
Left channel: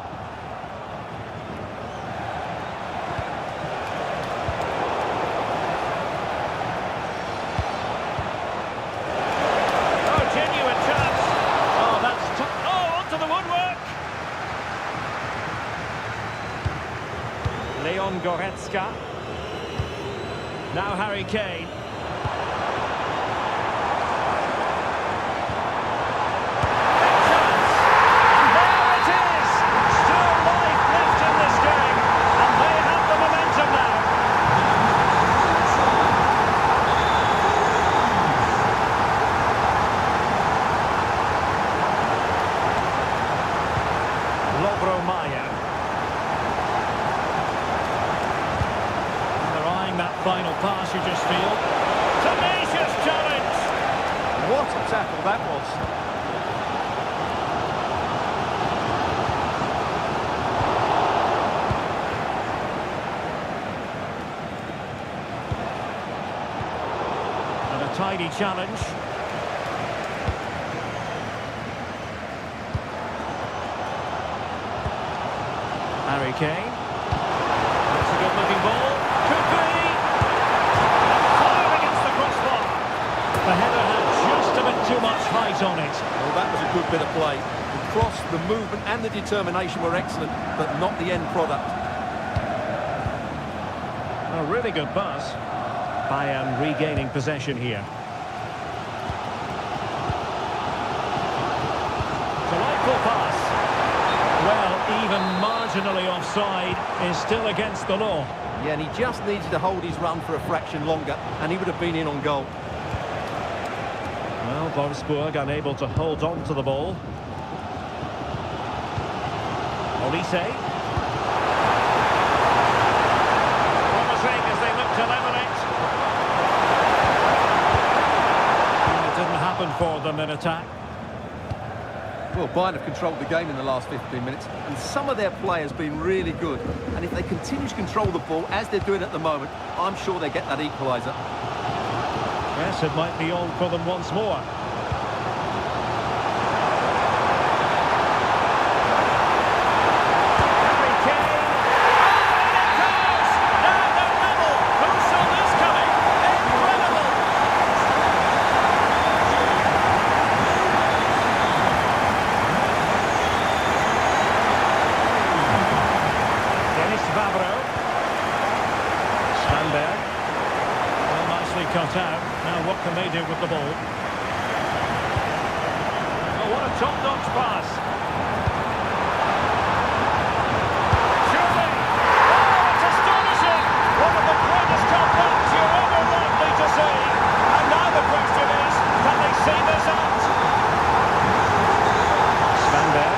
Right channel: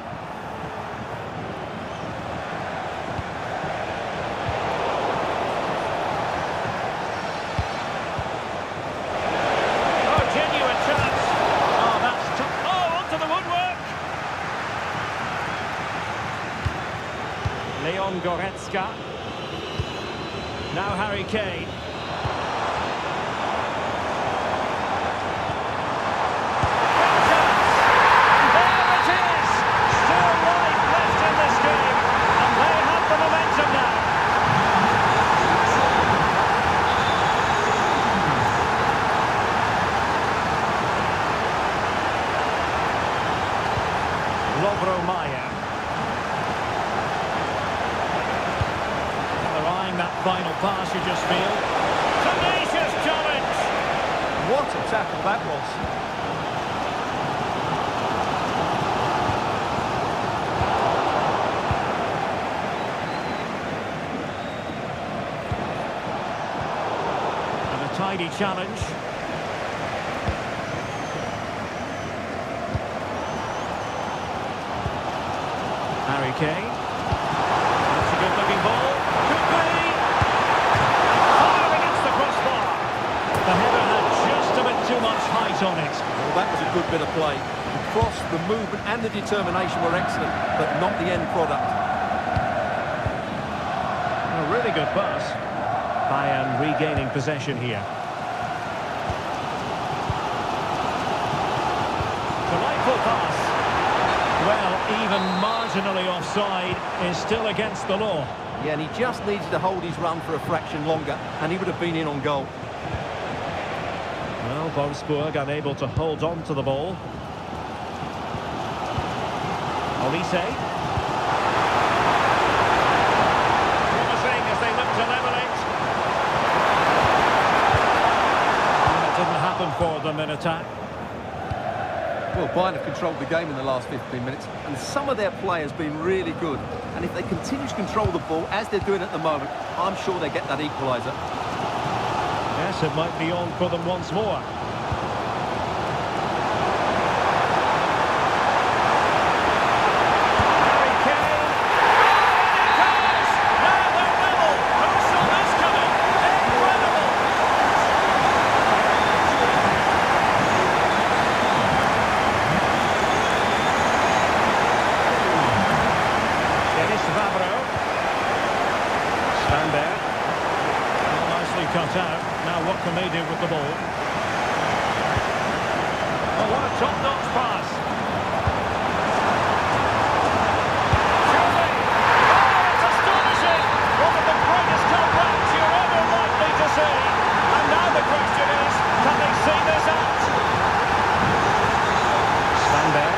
Oh, genuine chance. Leon Goretzka. Now Harry Kane. Big chance. And there it is. Still life left in this game. And they have the momentum now. Lovro Mayer. They're eyeing that final pass, you just feel. Tenacious challenge! What a tackle that was. And a tidy challenge. Harry Kane. That's a good-looking ball. Could be. Fired against the crossbar. The header had just a bit too much height on it. Well, that was a good bit of play. The cross, the movement and the determination were excellent, but not the end product. A really good pass. Bayern regaining possession here. Delightful pass. Well, even marginally offside is still against the law. Yeah, and he just needed to hold his run for a fraction longer, and he would have been in on goal. Well, Wolfsburg unable to hold on to the ball. Olise. Promising as they look to level it. And it didn't happen for them in attack. Well, Bayern have controlled the game in the last 15 minutes, and some of their players have been really good. And if they continue to control the ball, as they're doing at the moment, I'm sure they get that equaliser. Yes, it might be on for them once more. Harry Kane. Oh, and it goes! Now they're level. Who saw this coming? Incredible! Dennis Vavro. Svanberg. Well, nicely cut out. Now what can they do with the ball? Oh, what a top-notch pass. Surely. Oh, it's astonishing. One of the greatest comebacks you're ever likely to see. And now the question is, can they see this out? Svanberg.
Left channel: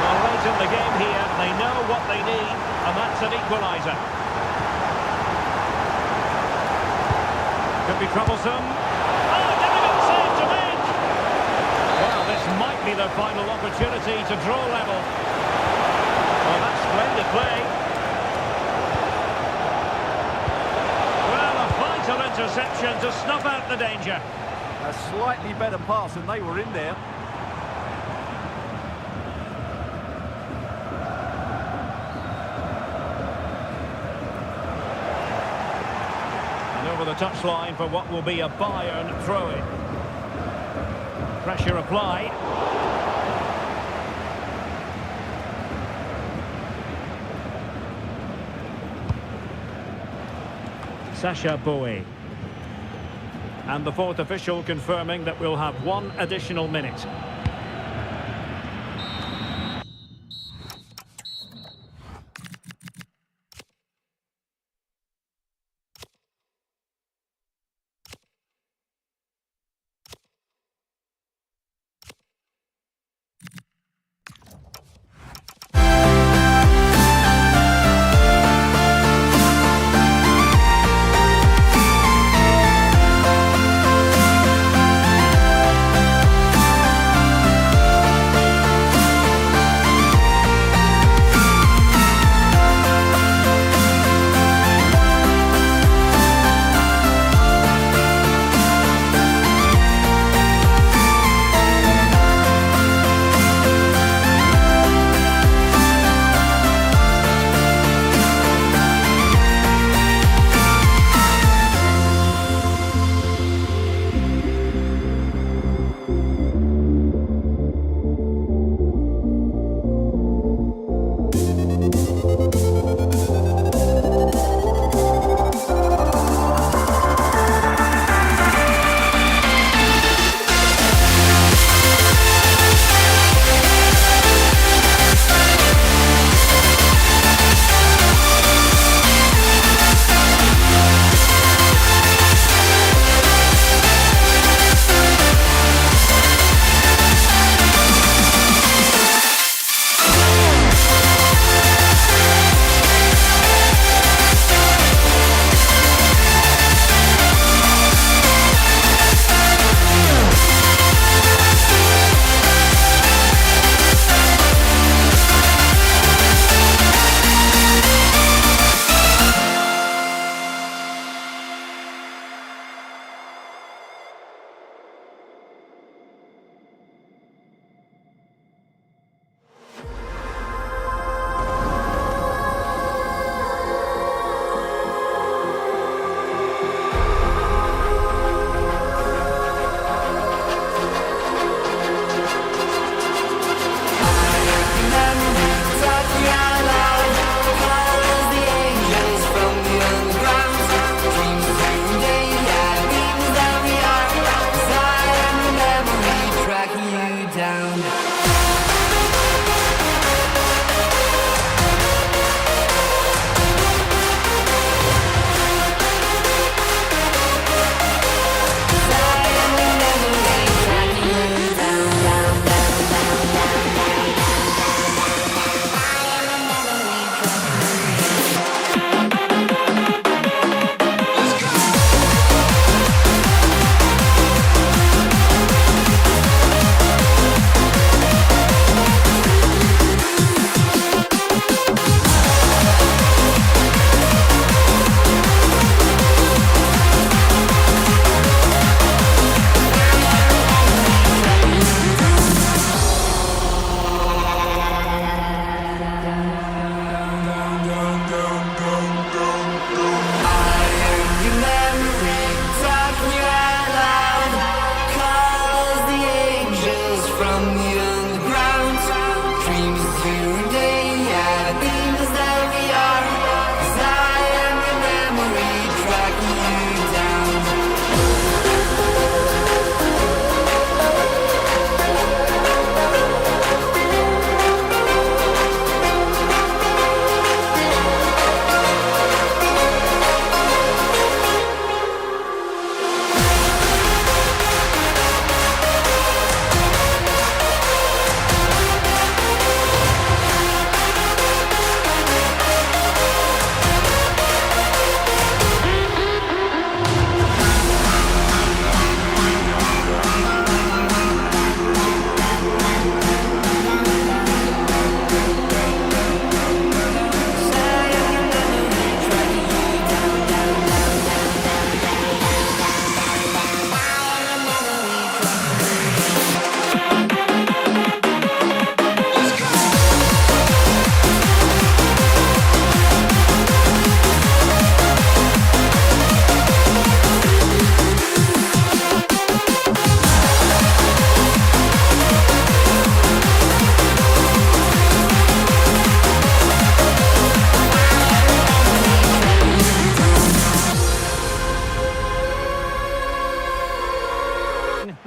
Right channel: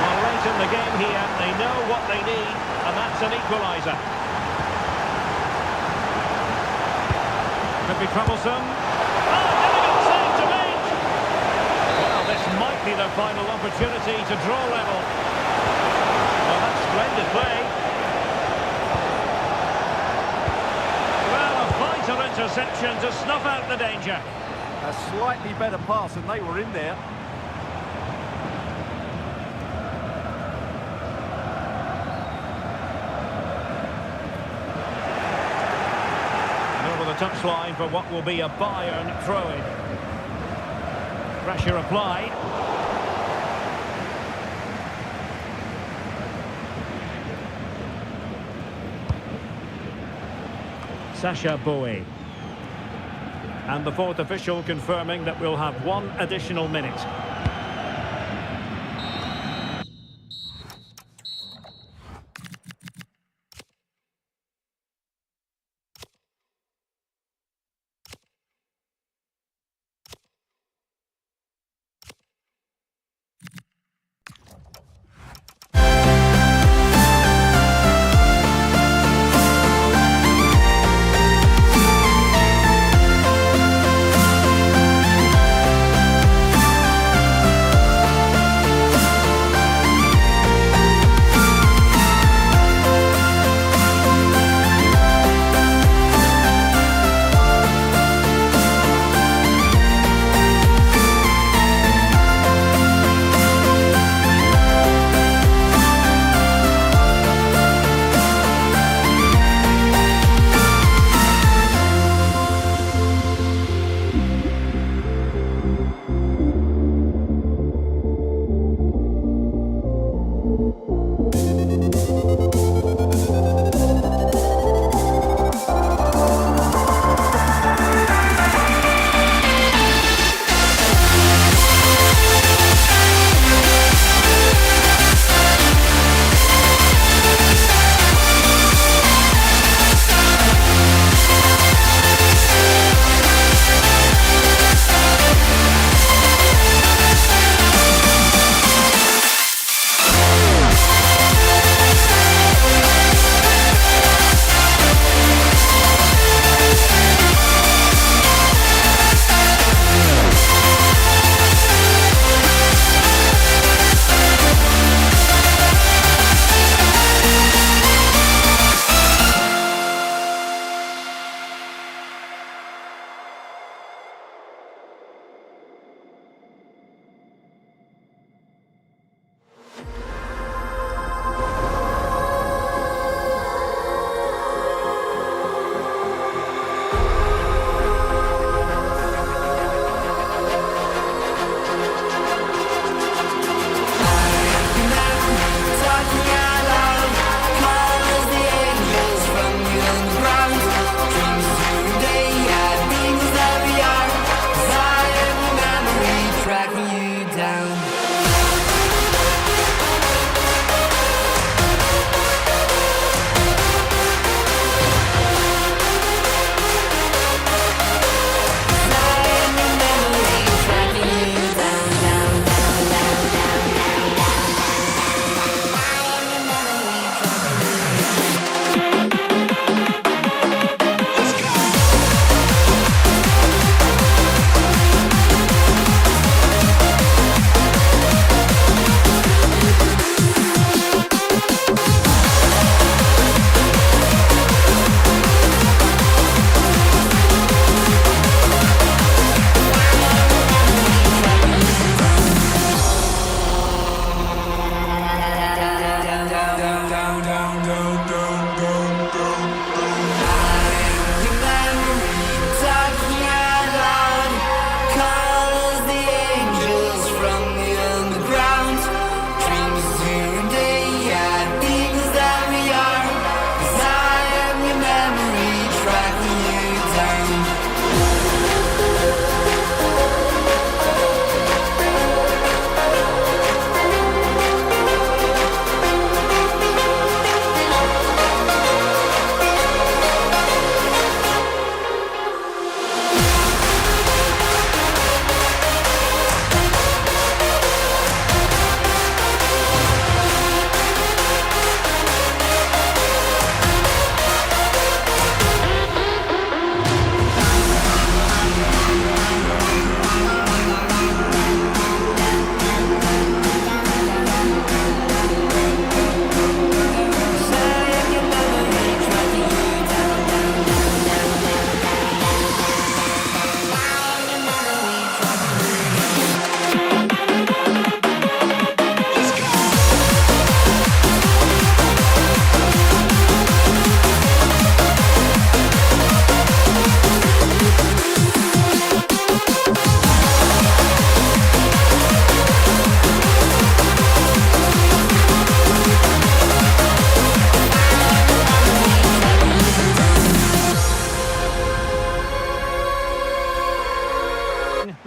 Well, late in the game here, they know what they need, and that's an equaliser. Could be troublesome. Oh, difficult save to make. Well, this might be their final opportunity to draw level. Well, that's splendid play. Well, a vital interception to snuff out the danger. A slightly better pass, and they were in there. And over the touchline for what will be a Bayern throw-in. Pressure applied. Sasha Bowie. And the fourth official confirming that we'll have one additional minute.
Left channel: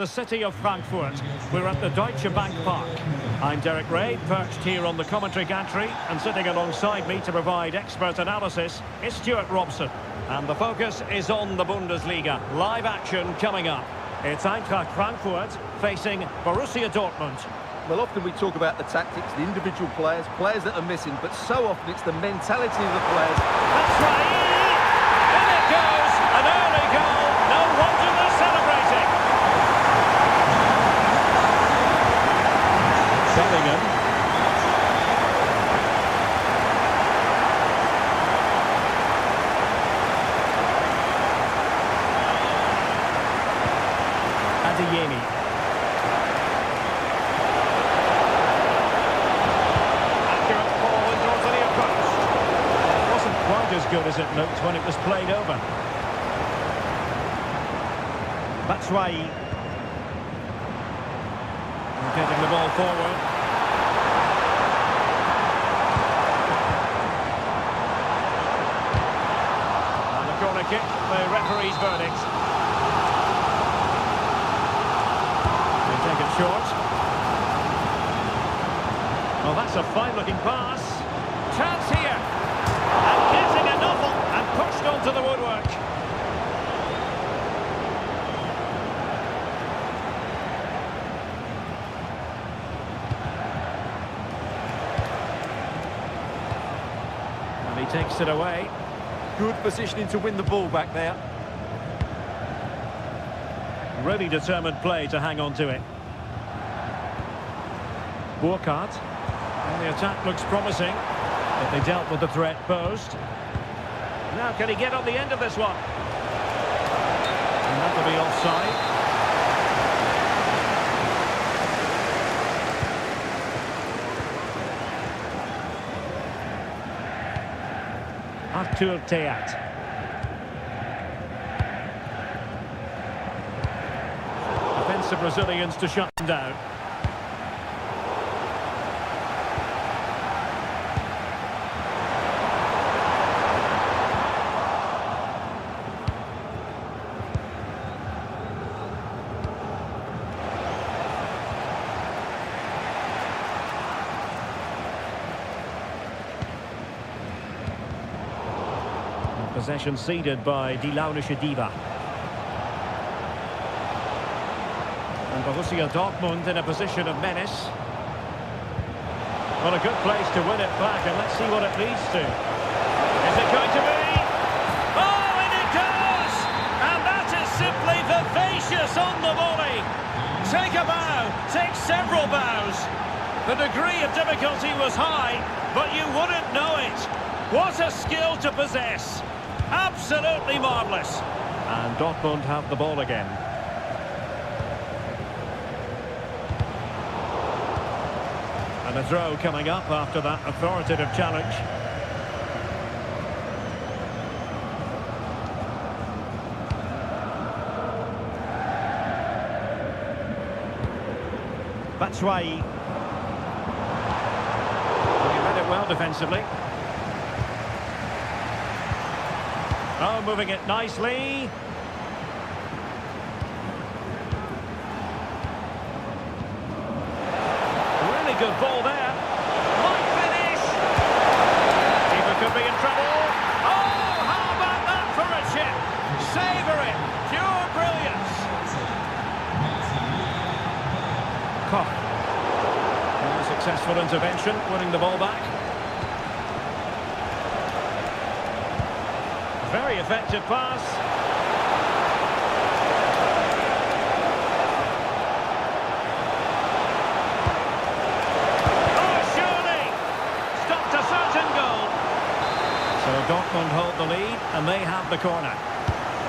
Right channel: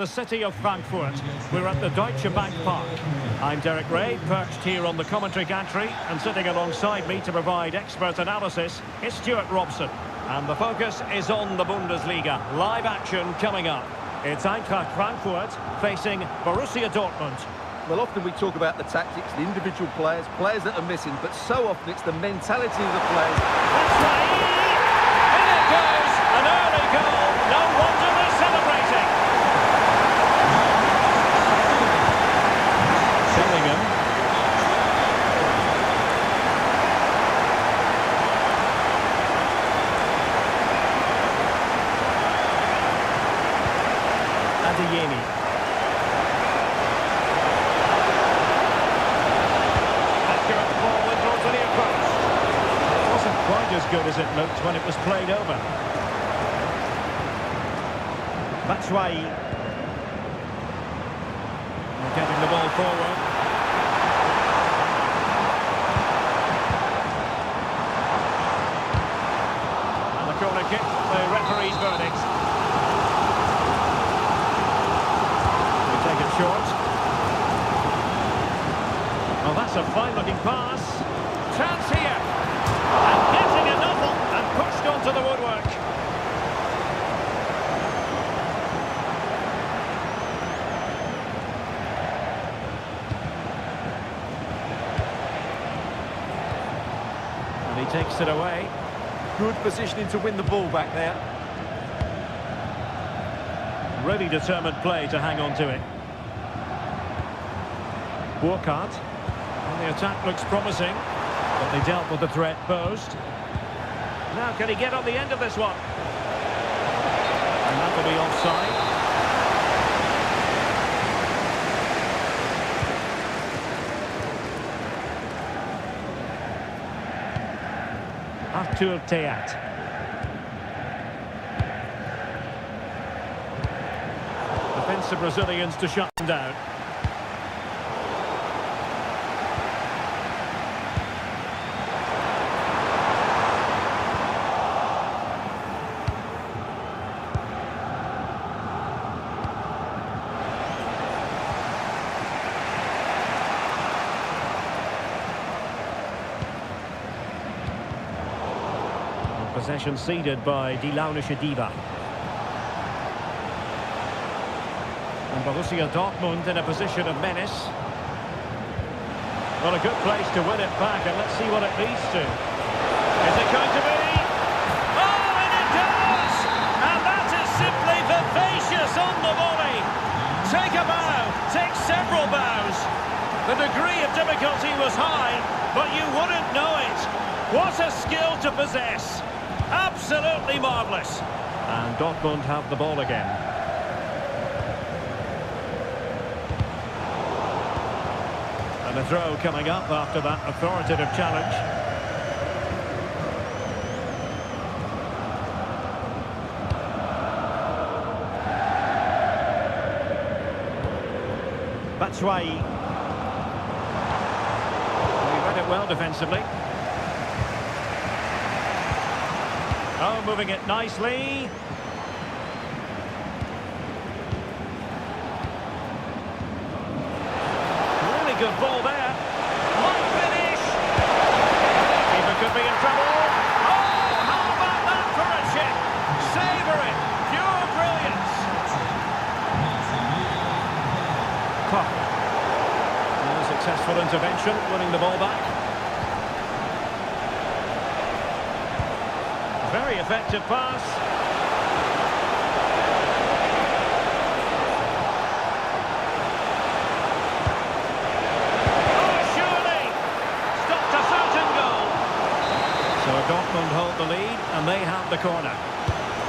the city of Frankfurt. We're at the Deutsche Bank Park. I'm Derek Ray, perched here on the commentary gantry, and sitting alongside me to provide expert analysis is Stuart Robson. And the focus is on the Bundesliga. Live action coming up. It's Eintracht Frankfurt facing Borussia Dortmund. Well, often we talk about the tactics, the individual players that are missing, but so often it's the mentality of the players. That's right. In it goes. An early goal. No wonder they're celebrating. Bellingham. Adeyemi. Accurate ball in towards the near post. It wasn't quite as good as it looked when it was played over. Batshuayi. Getting the ball forward. And the corner kick, the referee's verdict. Take it short. Well, that's a fine-looking pass. Chance here. And getting a novel and pushed onto the woodwork. And he takes it away. Good positioning to win the ball back there. Really determined play to hang on to it. Burkhardt. And the attack looks promising, but they dealt with the threat posed. Now can he get on the end of this one? And that'll be offside. Arthur Theat. Defensive Brazilians to shut them down. Possession ceded by Die Launische Diva. And Borussia Dortmund in a position of menace. Well, a good place to win it back, and let's see what it leads to. Is it going to be? Oh, and it does! And that is simply vivacious on the volley. Take a bow, take several bows. The degree of difficulty was high, but you wouldn't know it. What a skill to possess. Absolutely marvellous. And Dortmund have the ball again. And a throw coming up after that authoritative challenge. Batshuayi. Well, he read it well defensively. Oh, moving it nicely. Really good ball there. Might finish. Keeper could be in trouble. Oh, how about that for a chip? Savour it. Pure brilliance. Koch. A successful intervention, winning the ball back. Very effective pass. Oh, surely! Stopped a certain goal. So Dortmund hold the lead, and they have the corner.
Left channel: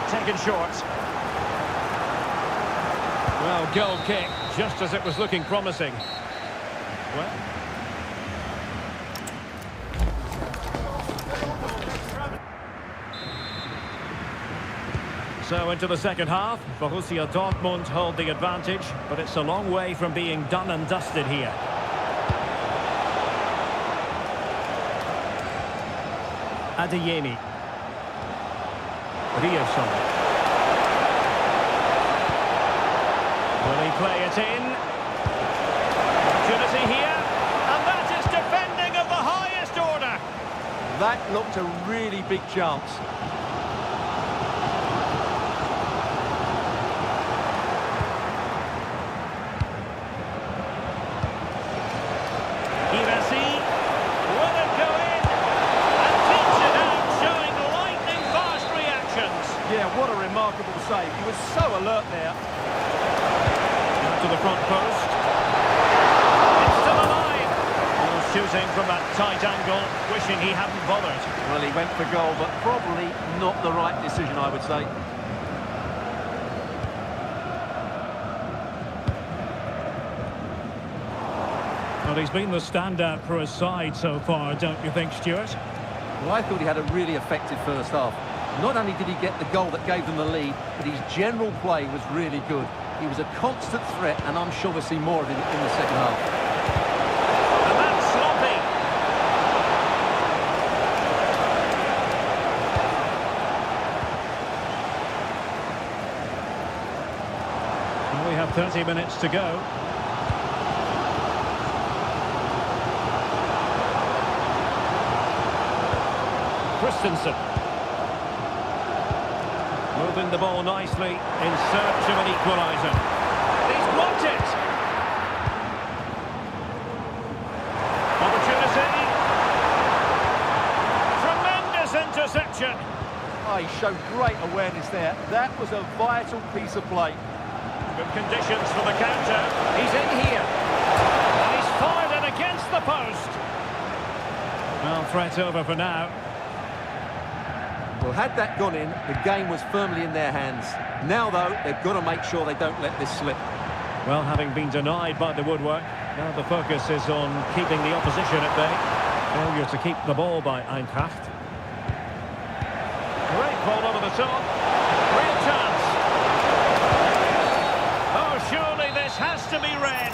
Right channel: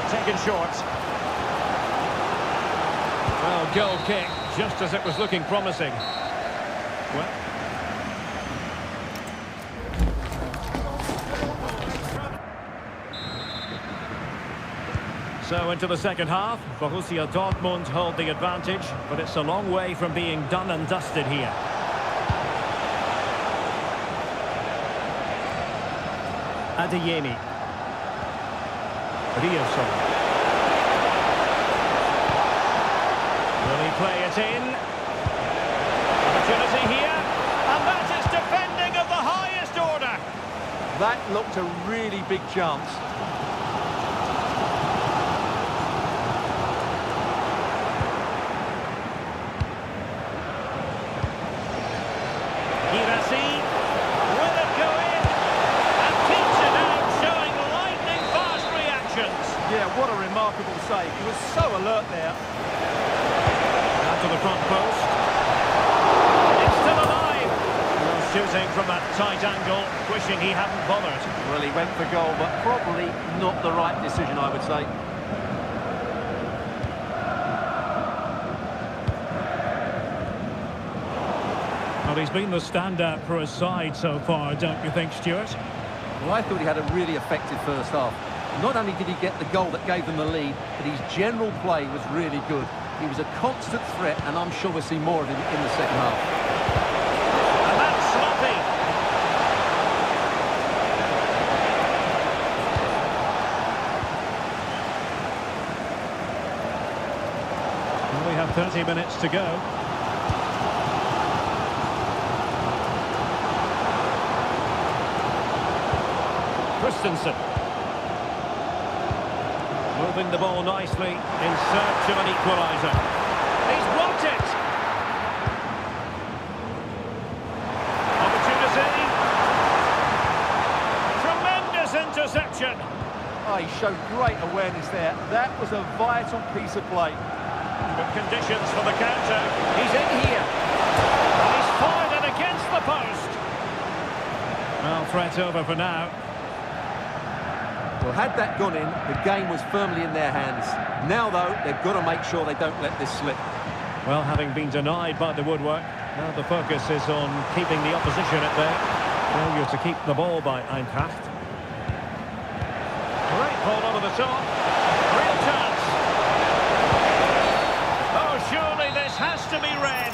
Taken short. Well, goal kick, just as it was looking promising. Well... So into the second half, Borussia Dortmund hold the advantage, but it's a long way from being done and dusted here. Adeyemi. Riosson. Will he play it in? Opportunity here, and that is defending of the highest order. That looked a really big chance. Girassi, will it go in? And keeps it out, showing lightning-fast reactions. Yeah, what a remarkable save. He was so alert there. Out to the front post. It's still alive. Well, shooting from that tight angle, wishing he hadn't bothered. Well, he went for goal, but probably not the right decision, I would say. Well, he's been the standout for his side so far, don't you think, Stuart? Well, I thought he had a really effective first half. Not only did he get the goal that gave them the lead, but his general play was really good. He was a constant threat, and I'm sure we'll see more of him in the second half. And that's sloppy. Well, we have 30 minutes to go. Christensen. Moving the ball nicely in search of an equaliser. He's blocked it. Opportunity. Tremendous interception. Oh, he showed great awareness there. That was a vital piece of play. Good conditions for the counter. He's in here. And he's fired it against the post. Well, threat over for now. Well, had that gone in, the game was firmly in their hands. Now, though, they've got to make sure they don't let this slip. Well, having been denied by the woodwork, now the focus is on keeping the opposition at bay. Failure to keep the ball by Eintracht. Great ball over the top. Real chance. Oh, surely this has to be red.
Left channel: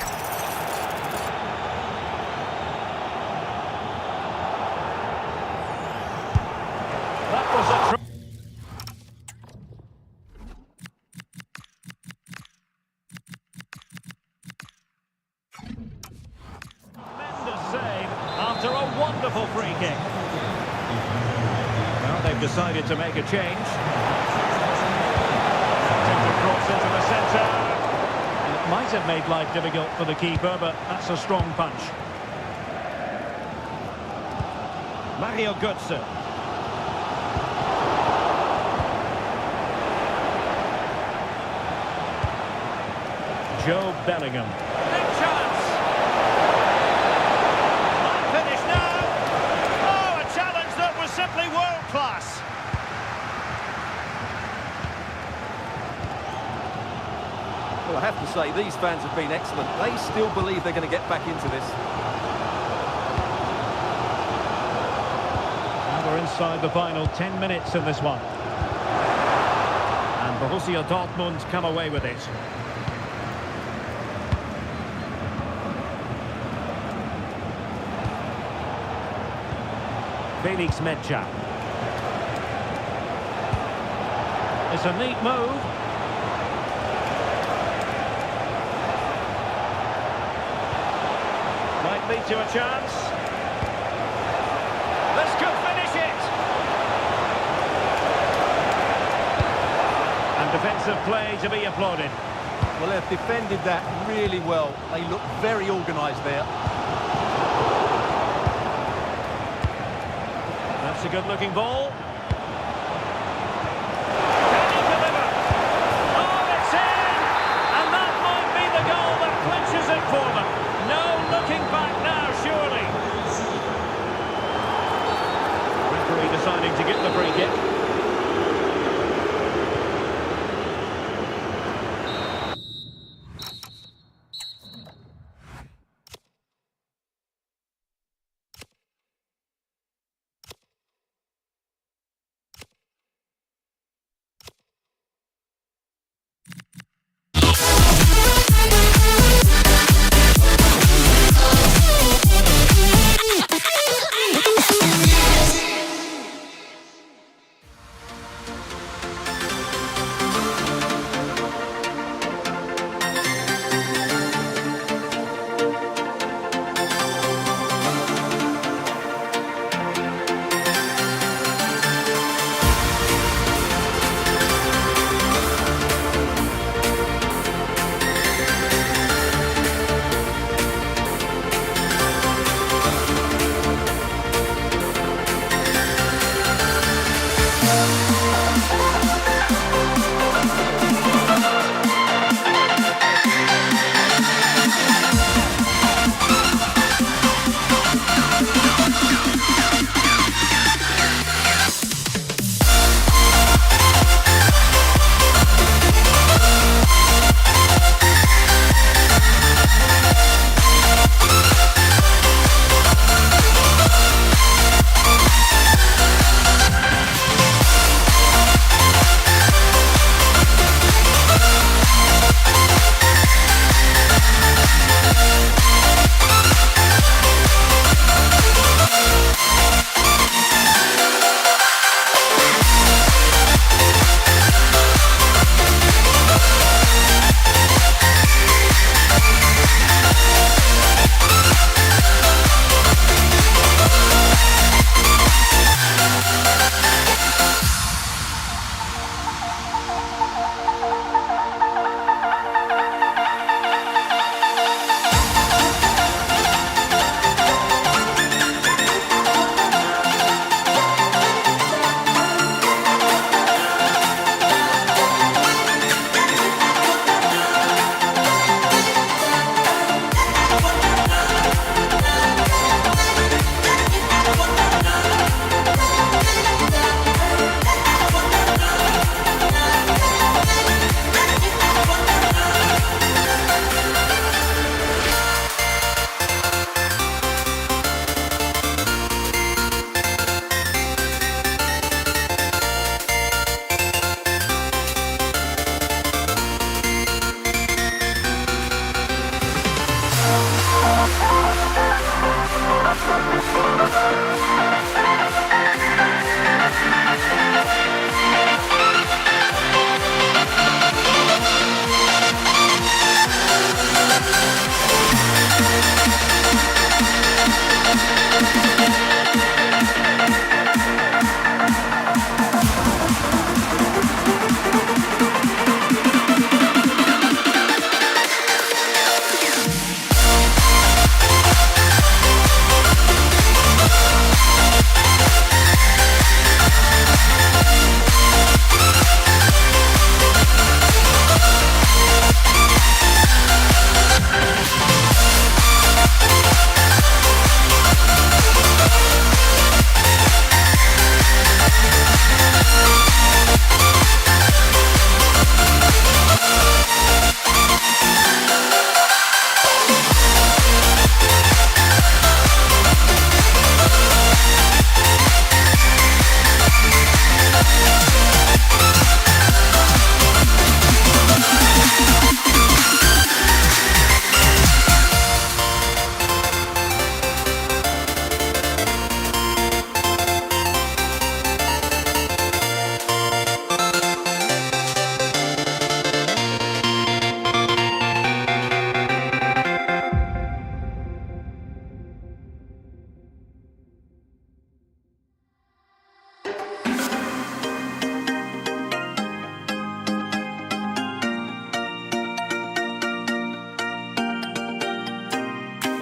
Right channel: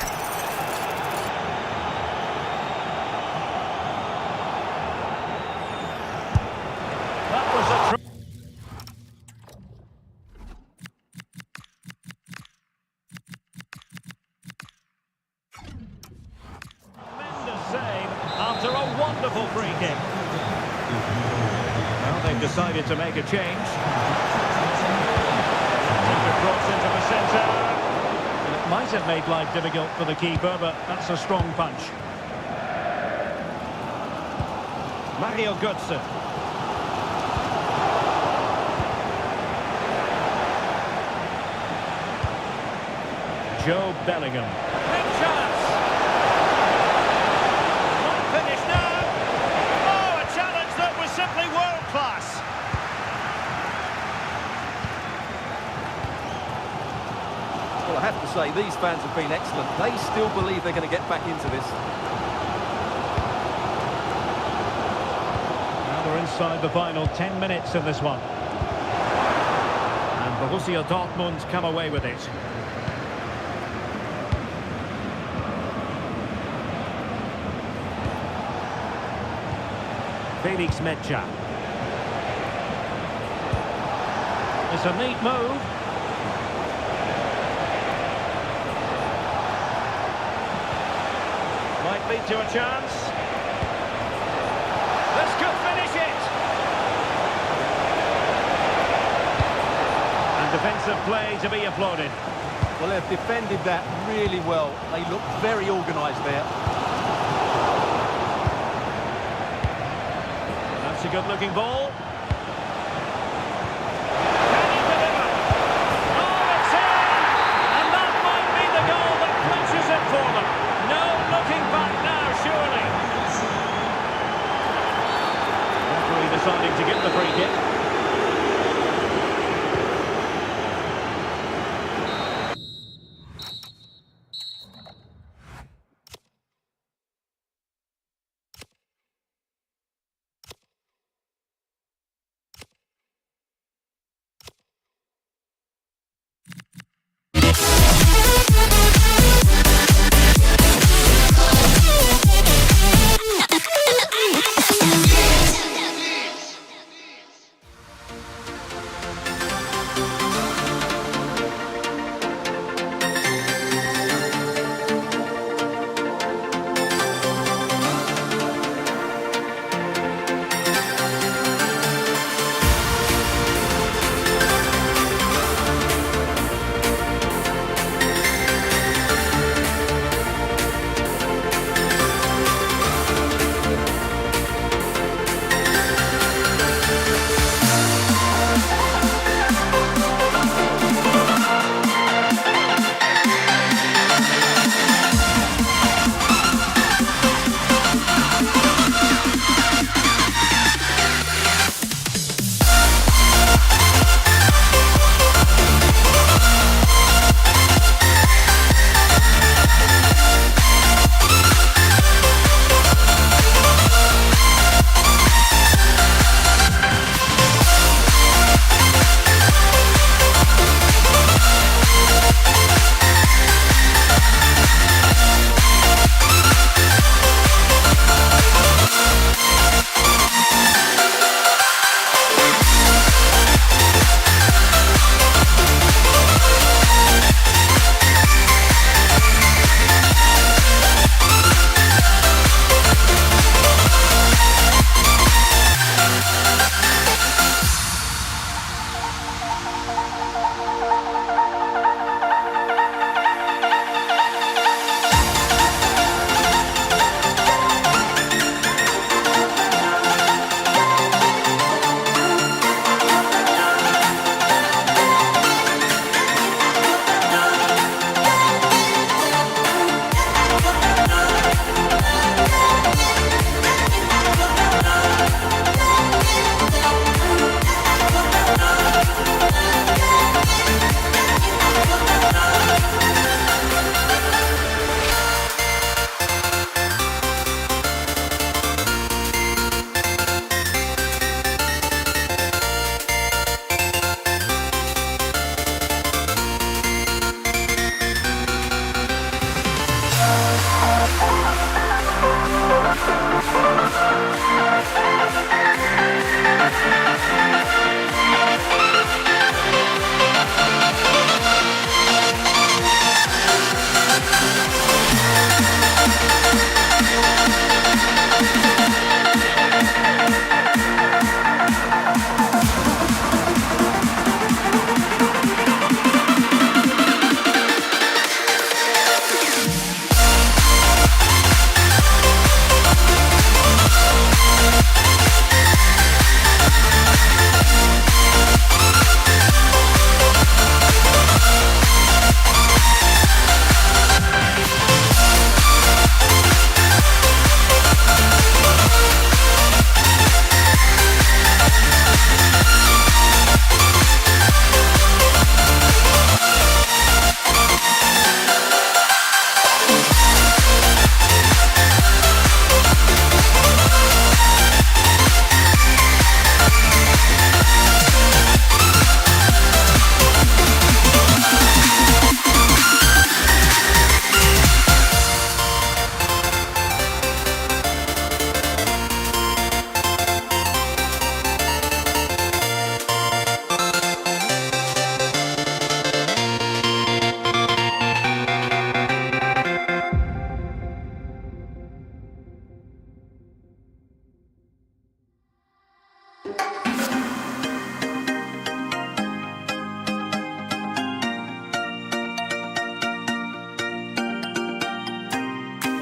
That was a tremendous save after a wonderful free kick. Well, they've decided to make a change. Takes a cross into the centre. And it might have made life difficult for the keeper, but that's a strong punch. Mario Götze. Joe Bellingham. Big chance! Might finish now! Oh, a challenge that was simply world-class! Well, I have to say, these fans have been excellent. They still believe they're going to get back into this. Now we're inside the final 10 minutes in this one. And Borussia Dortmund come away with it. Felix Mecha. It's a neat move. Might lead to a chance. This could finish it. And defensive play to be applauded. Well, they've defended that really well. They look very organised there. That's a good-looking ball. Can he deliver? Oh, it's in! And that might be the goal that clinches it for them. No looking back now, surely. Referee deciding to give the free kick.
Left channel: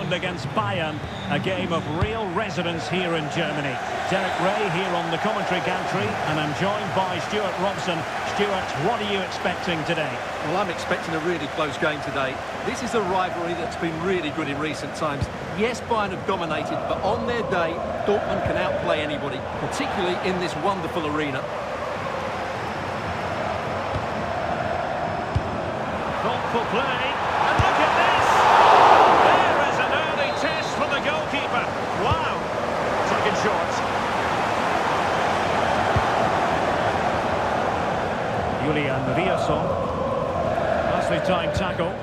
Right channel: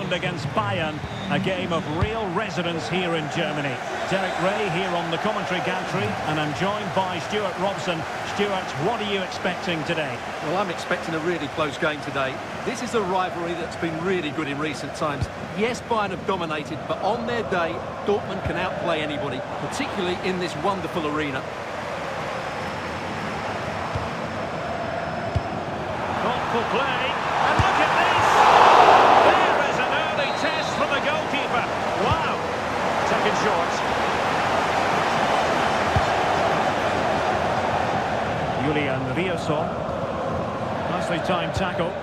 Dortmund against Bayern, a game of real resonance here in Germany. Derek Ray here on the commentary gantry, and I'm joined by Stuart Robson. Stuart, what are you expecting today? Well, I'm expecting a really close game today. This is a rivalry that's been really good in recent times. Yes, Bayern have dominated, but on their day, Dortmund can outplay anybody, particularly in this wonderful arena. Thoughtful play, and look at this! There is an early test for the goalkeeper. Wow! Taken short. Julian Riasson. Nicely timed tackle.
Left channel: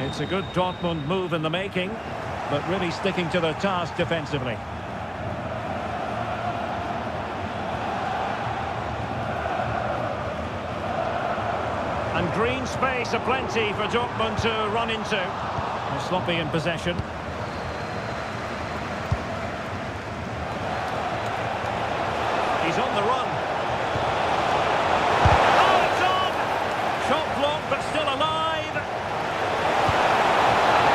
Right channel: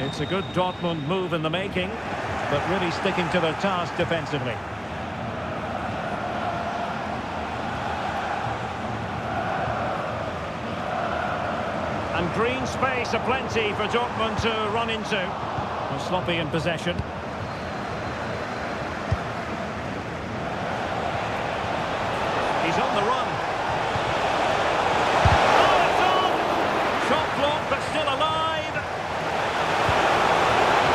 It's a good Dortmund move in the making, but really sticking to their task defensively. And green space aplenty for Dortmund to run into. They're sloppy in possession. He's on the run. Oh, it's on! Shot blocked, but still alive.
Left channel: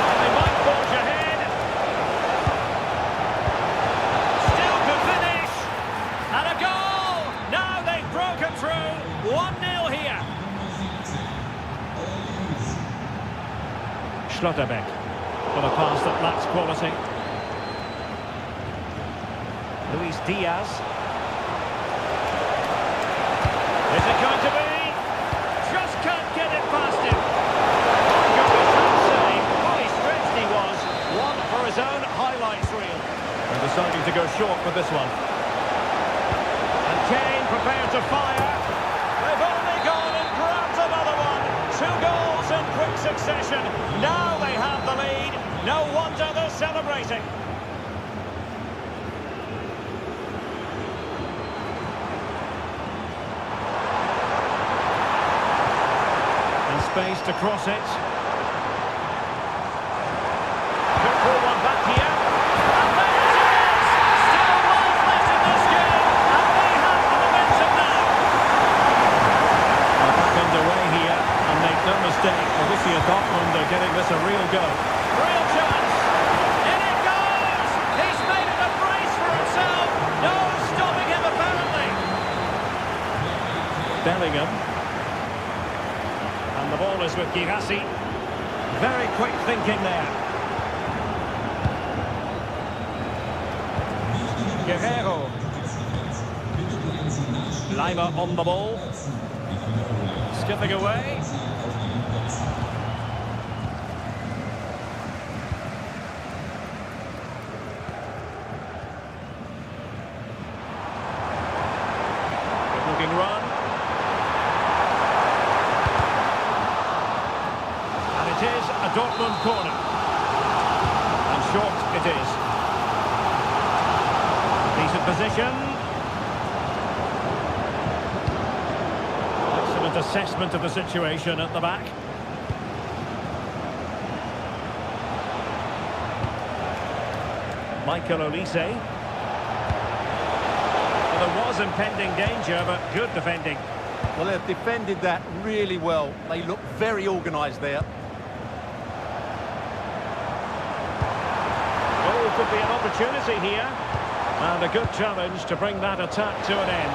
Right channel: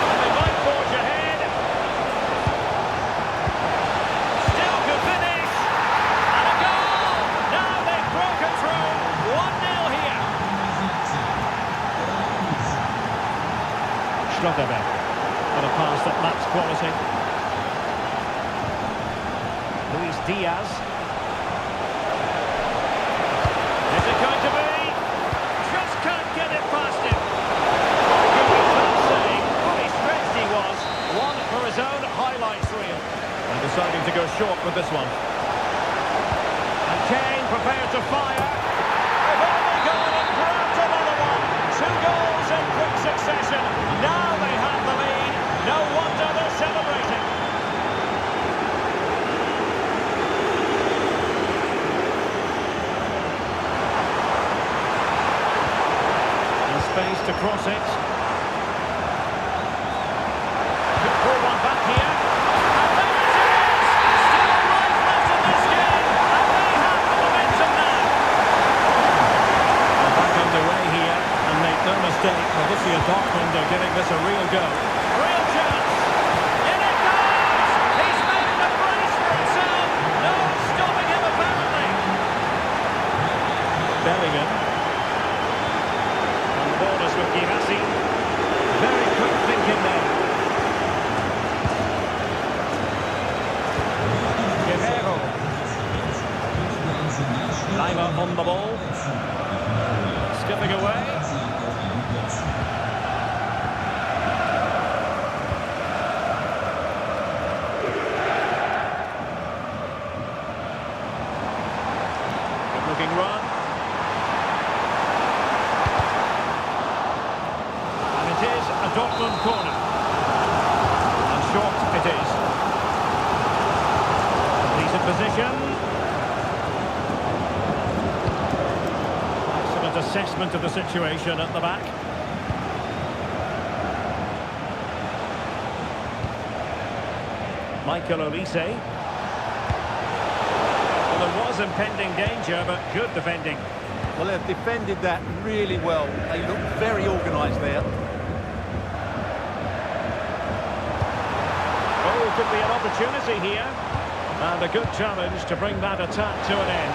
And they might forge ahead. Still could finish. And a goal! Now they've broken through. 1-0 here. Schlotterbeck for a pass that lacks quality. Luis Diaz. Is it going to be? Just can't get it past him. My goodness, that save. Fully stretched he was. One for his own highlights reel. And deciding to go short with this one. And Kane prepared to fire. They've only gone and grabbed another one. 2 goals in quick succession. Now they have the lead. No wonder they're celebrating. And space to cross it. Could pull one back here. And there it is! Still life left in this game. And they have the momentum now. We're back underway here. And make no mistake, Borussia Dortmund are getting this a real go. Real chance! In it goes! He's made it a brace for himself! No stopping him, apparently! Bellingham. And the ball is with Girassi. Very quick thinking there. Guerrero. Lima on the ball. Skipping away. Good looking run. And it is a Dortmund corner. And short it is. Decent position. Assessment of the situation at the back. Michael Olise. Well, there was impending danger, but good defending. Well, they've defended that really well. They look very organised there. Oh, could be an opportunity here. And a good challenge to bring that attack to an end.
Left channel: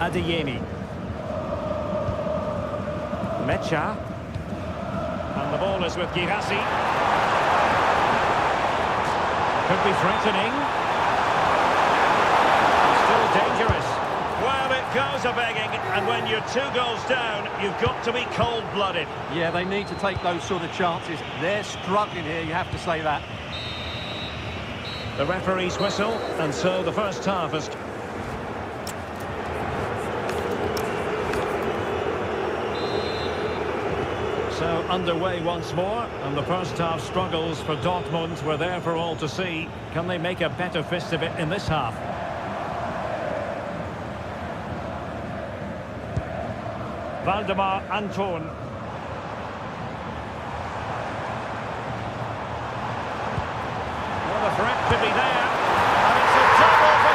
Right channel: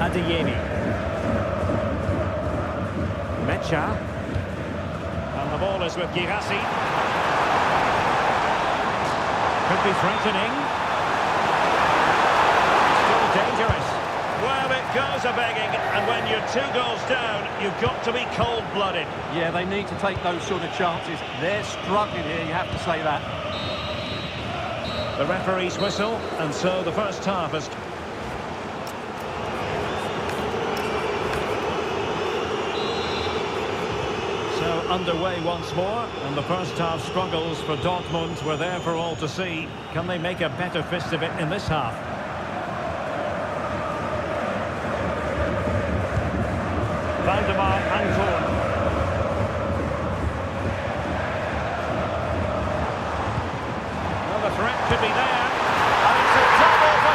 Adeyemi. Mecha. And the ball is with Girassi. Could be threatening. Still dangerous. Well, it goes a-begging, and when you're 2 goals down, you've got to be cold-blooded. Yeah, they need to take those sort of chances. They're struggling here, you have to say that. The referee's whistle, and so the first half is... So underway once more, and the first half struggles for Dortmund were there for all to see. Can they make a better fist of it in this half? Valdemar Anton. Well, the threat could be there, and it's a double for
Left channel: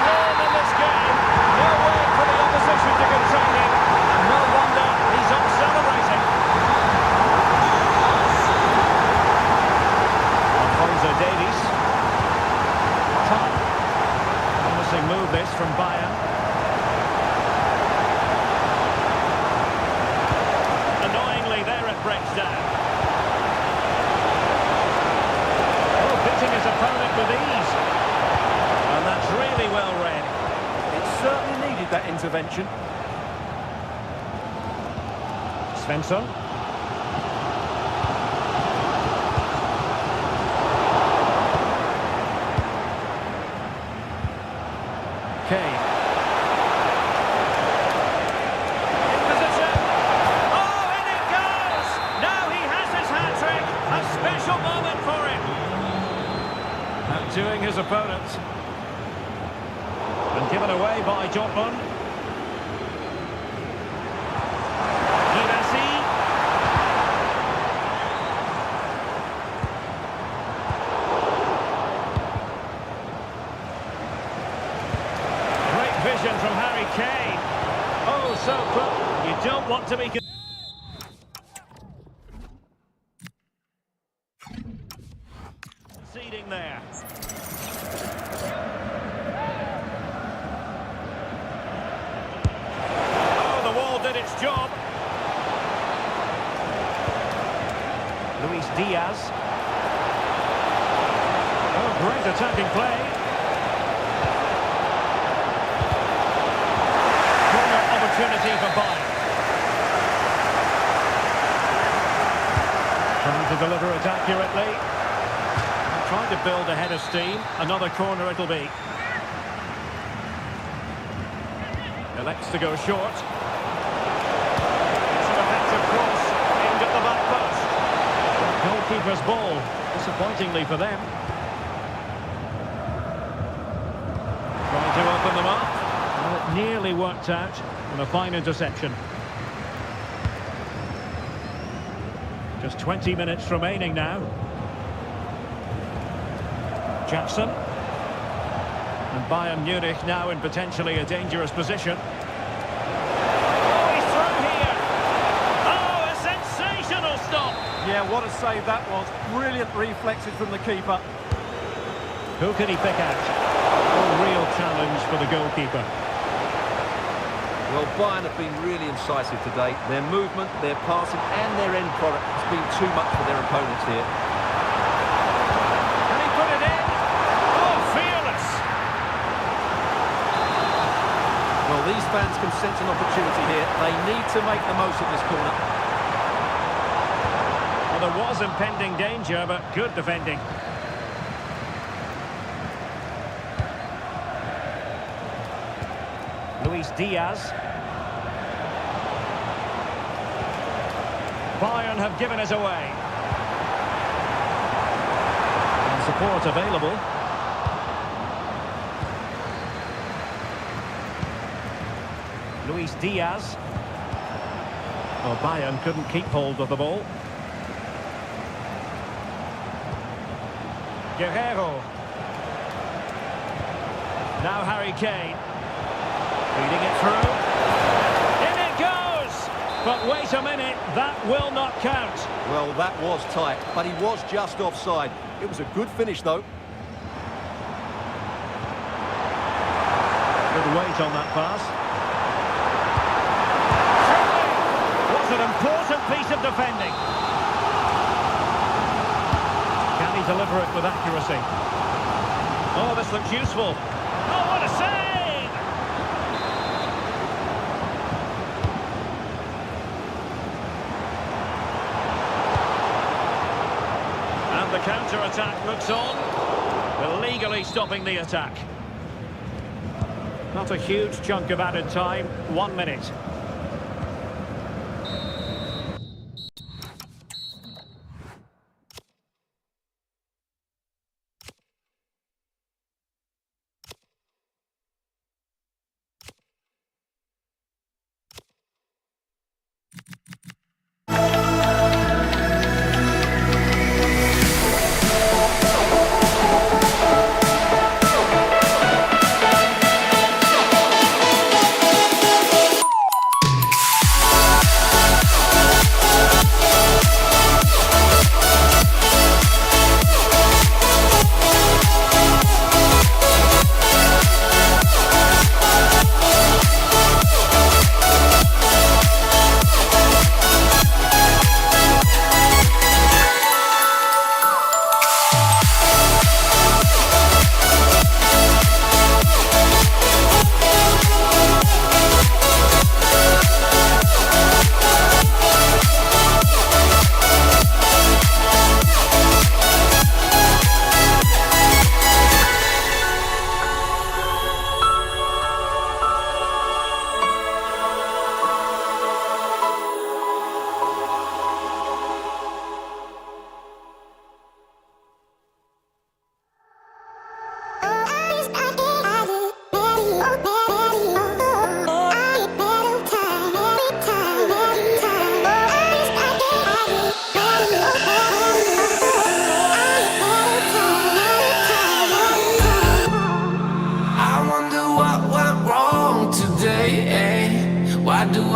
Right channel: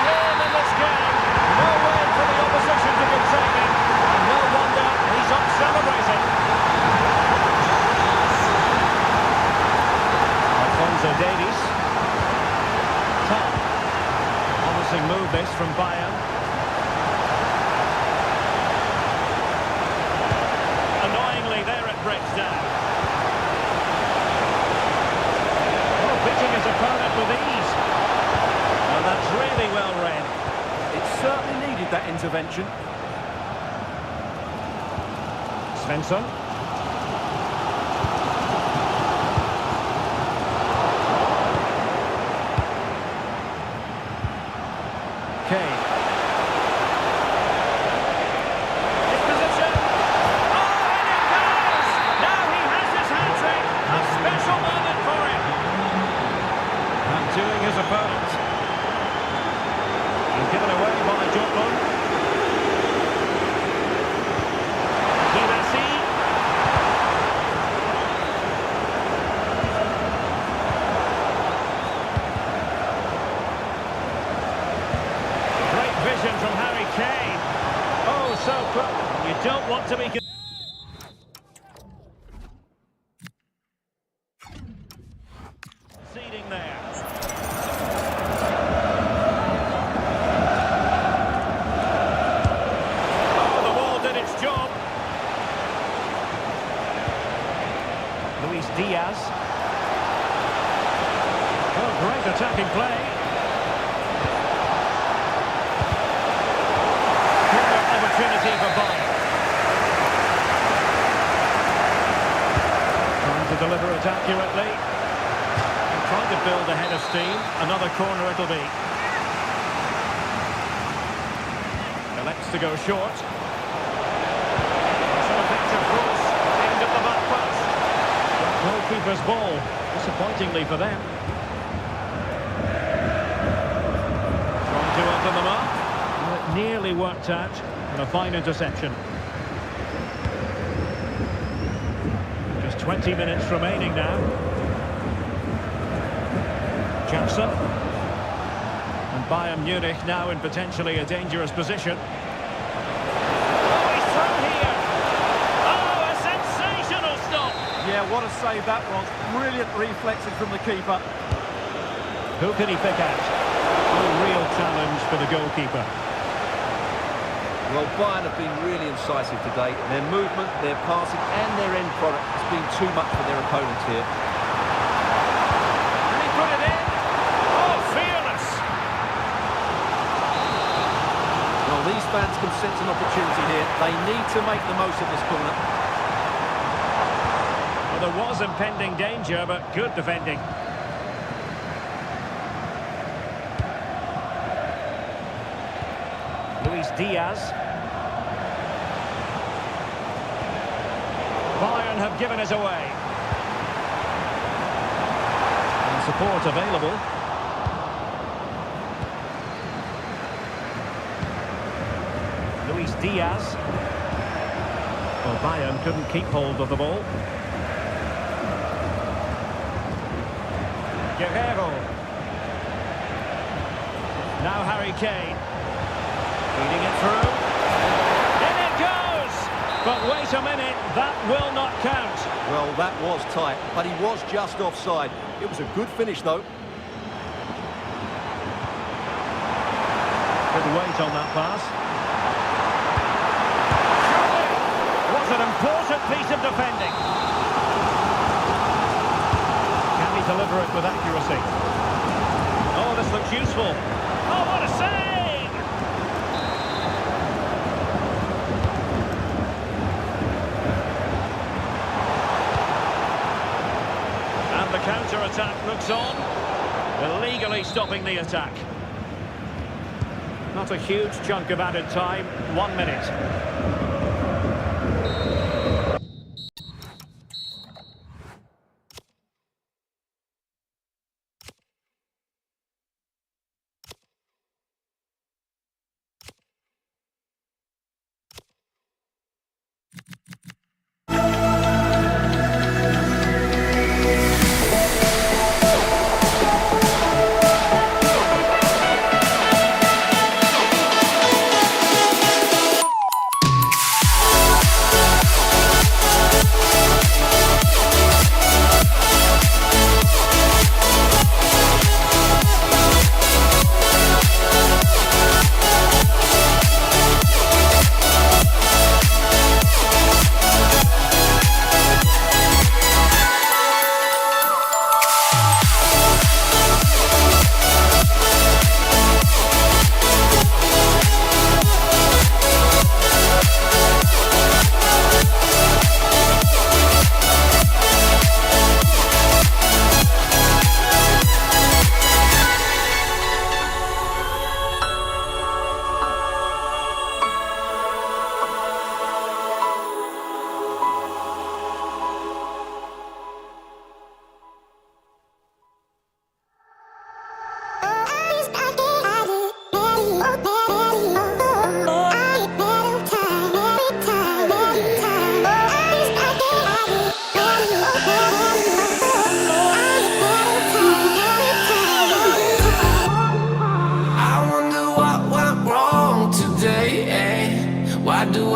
in this game. No way for the opposition to contain him. And no wonder he's up celebrating. Alphonso Davies. Top. Promising move this from Bayern. Annoyingly, there it breaks down. Oh, beating his opponent with ease. And that's really well read. It certainly needed that intervention. Svensson. Kane. In position. Oh, and it goes! Now he has his hat-trick. A special moment for him. Outdoing his opponent. And given away by Dortmund. Kibasi. Great vision from Harry Kane. Oh, so quick. You don't want to be... conceding there. Did its job. Luis Diaz. Oh, great attacking play. Corner opportunity for Bayern. Trying to deliver it accurately. And trying to build a head of steam. Another corner it'll be. Elects to go short. Effective cross aimed at the back post. Goalkeeper's ball, disappointingly for them. Trying to open them up. Well, it nearly worked out, and a fine interception. Just 20 minutes remaining now. Jackson. And Bayern Munich now in potentially a dangerous position. Yeah, what a save that was. Brilliant reflexes from the keeper. Who can he pick out? A real challenge for the goalkeeper. Well, Bayern have been really incisive today. Their movement, their passing and their end product has been too much for their opponents here. Can he put it in? Oh, fearless! Well, these fans can sense an opportunity here. They need to make the most of this corner. There was impending danger, but good defending. Luis Diaz. Bayern have given it away. And support available. Luis Diaz. Well, Bayern couldn't keep hold of the ball. Guerrero. Now Harry Kane. Feeding it through. In it goes! But wait a minute, that will not count. Well, that was tight, but he was just offside. It was a good finish, though. Good weight on that pass. Surely was an important piece of defending. Can he deliver it with accuracy? Oh, this looks useful. Oh, what a save! And the counter-attack looks on, illegally stopping the attack. Not a huge chunk of added time, 1 minute.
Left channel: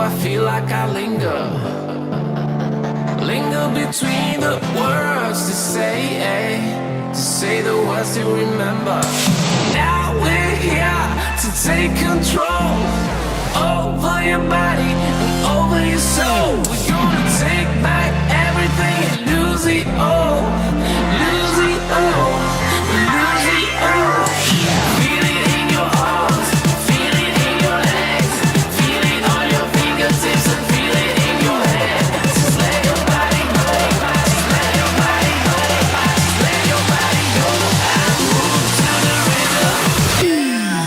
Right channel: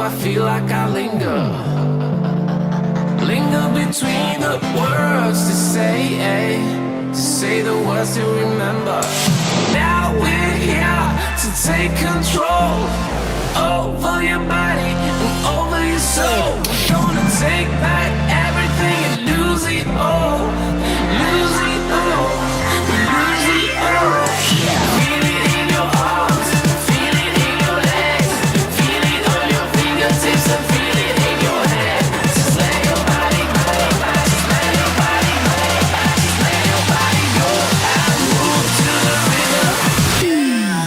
I feel like I linger. Linger between the words to say the words to remember. Now we're here to take control over your body and over your soul. We're gonna take back everything and lose it all. Lose it all. We lose it all. Feel it in your arms, feel it in your legs, feel it on your fingertips and feel it in your head. Just let your body go, just let your body go, just let your body go and move to the rhythm. Yeah.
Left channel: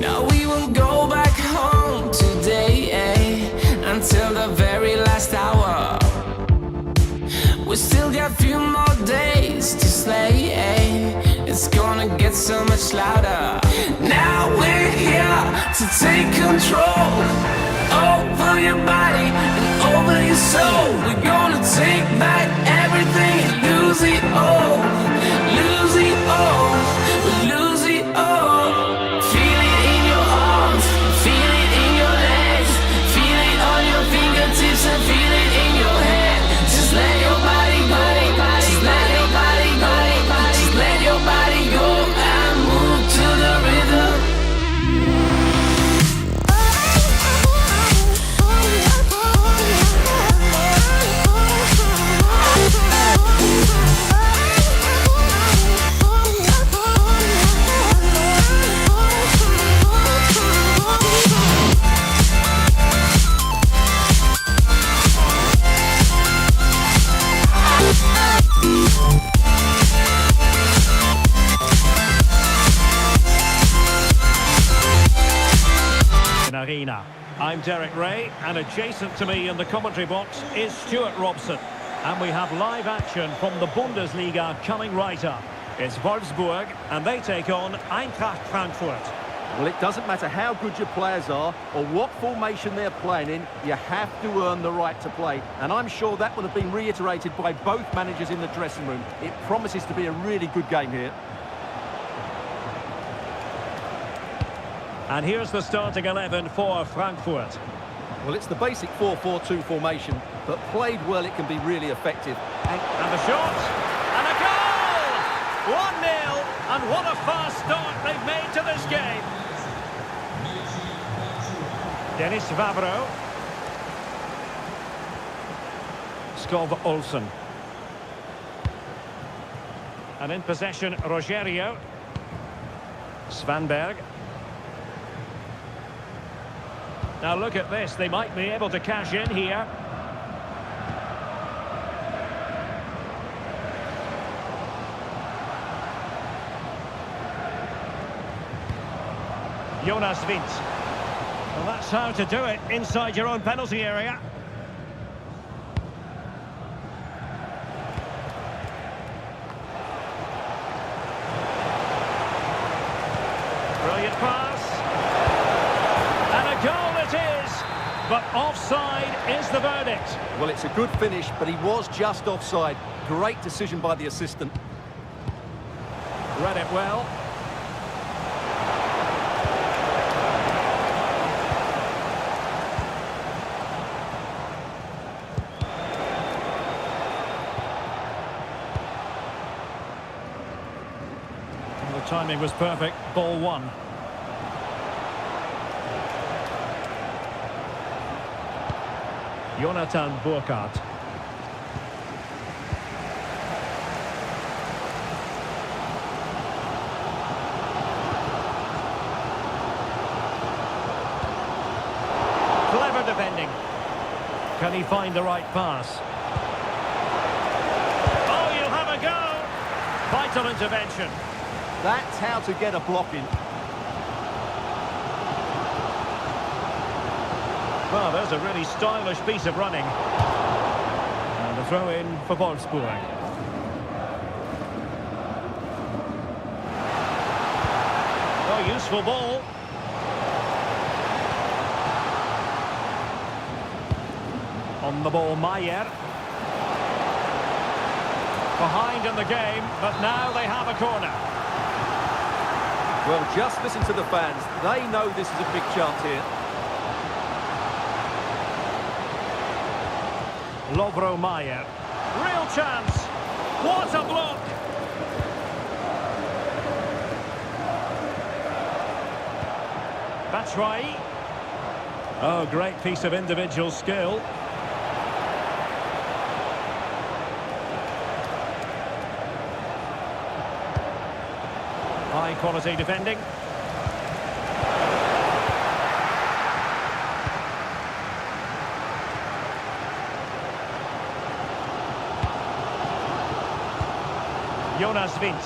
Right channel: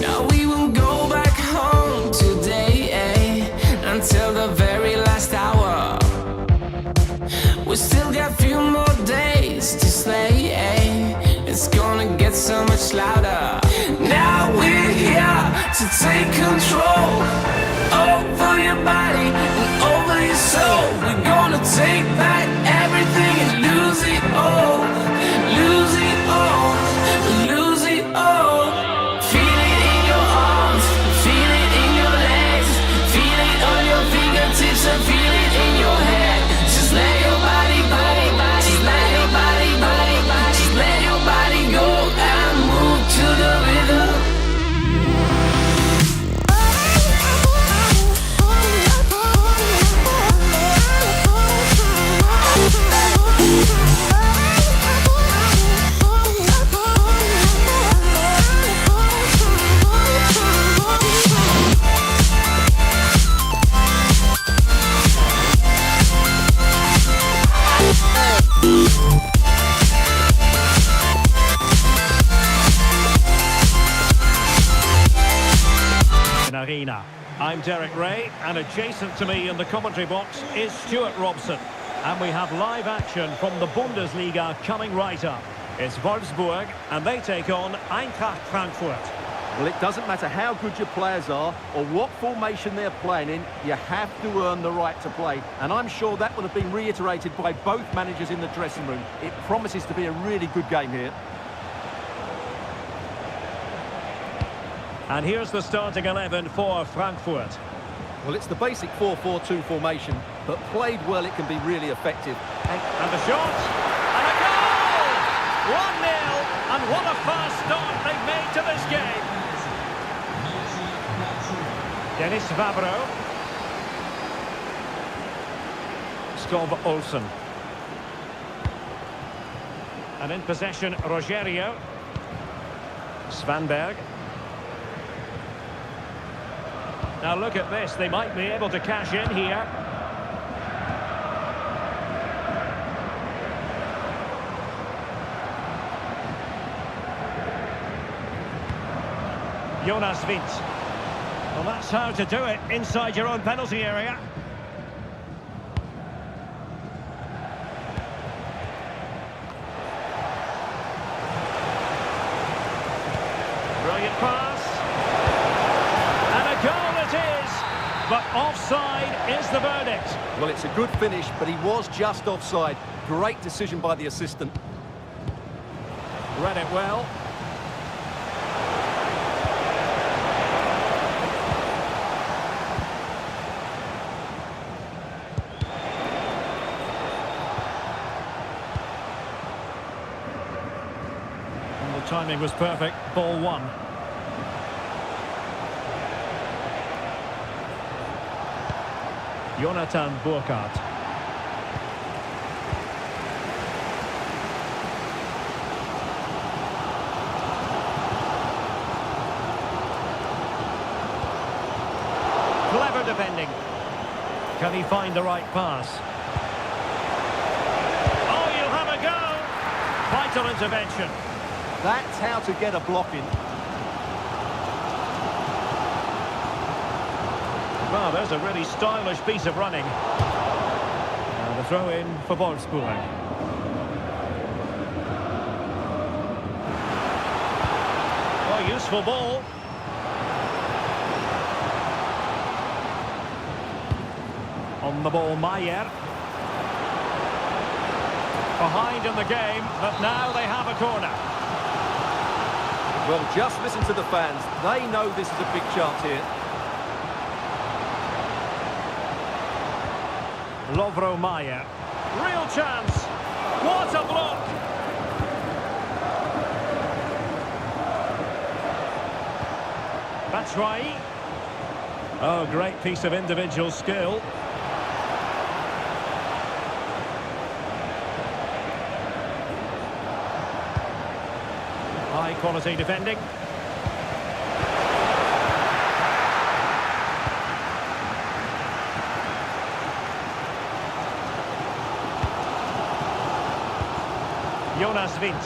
Now we won't go back home today, until the very last hour. We still got a few more days to slay, It's gonna get so much louder. Now we're here to take control over your body and over your soul. We're gonna take back everything and lose it all. Lose it all. Lose it all. Feel it in your arms, feel it in your legs, feel it on your fingertips and feel it in your head. Just let your body go, just let your body go, just let your body go and move to the rhythm. Arena. I'm Derek Ray, and adjacent to me in the commentary box is Stuart Robson. And we have live action from the Bundesliga coming right up. It's Wolfsburg, and they take on Eintracht Frankfurt. Well, it doesn't matter how good your players are or what formation they're playing in, you have to earn the right to play. And I'm sure that will have been reiterated by both managers in the dressing room. It promises to be a really good game here. And here's the starting 11 for Frankfurt. Well, it's the basic 4-4-2 formation, but played well, it can be really effective. And the shot, and a goal! 1-0, and what a fast start they've made to this game. Dennis Vavro. Skov Olsen. And in possession, Rogerio. Svanberg. Now look at this, they might be able to cash in here. Jonas Wind. Well, that's how to do it inside your own penalty area. Brilliant pass. And a goal it is, but offside is the verdict. Well, it's a good finish, but he was just offside. Great decision by the assistant. Read it well. And the timing was perfect. Ball one. Jonathan Burkhardt. Clever defending. Can he find the right pass? Oh, you Vital intervention. That's how to get a block in. Well, there's a really stylish piece of running. And a throw in for Wolfsburg. Oh, useful ball. On the ball, Maier. Behind in the game, but now they have a corner. Well, just listen to the fans. They know this is a big chance here. Lovro Maier. Real chance. What a block. Batshuayi. Oh, great piece of individual skill. High quality defending. Jonas Vint.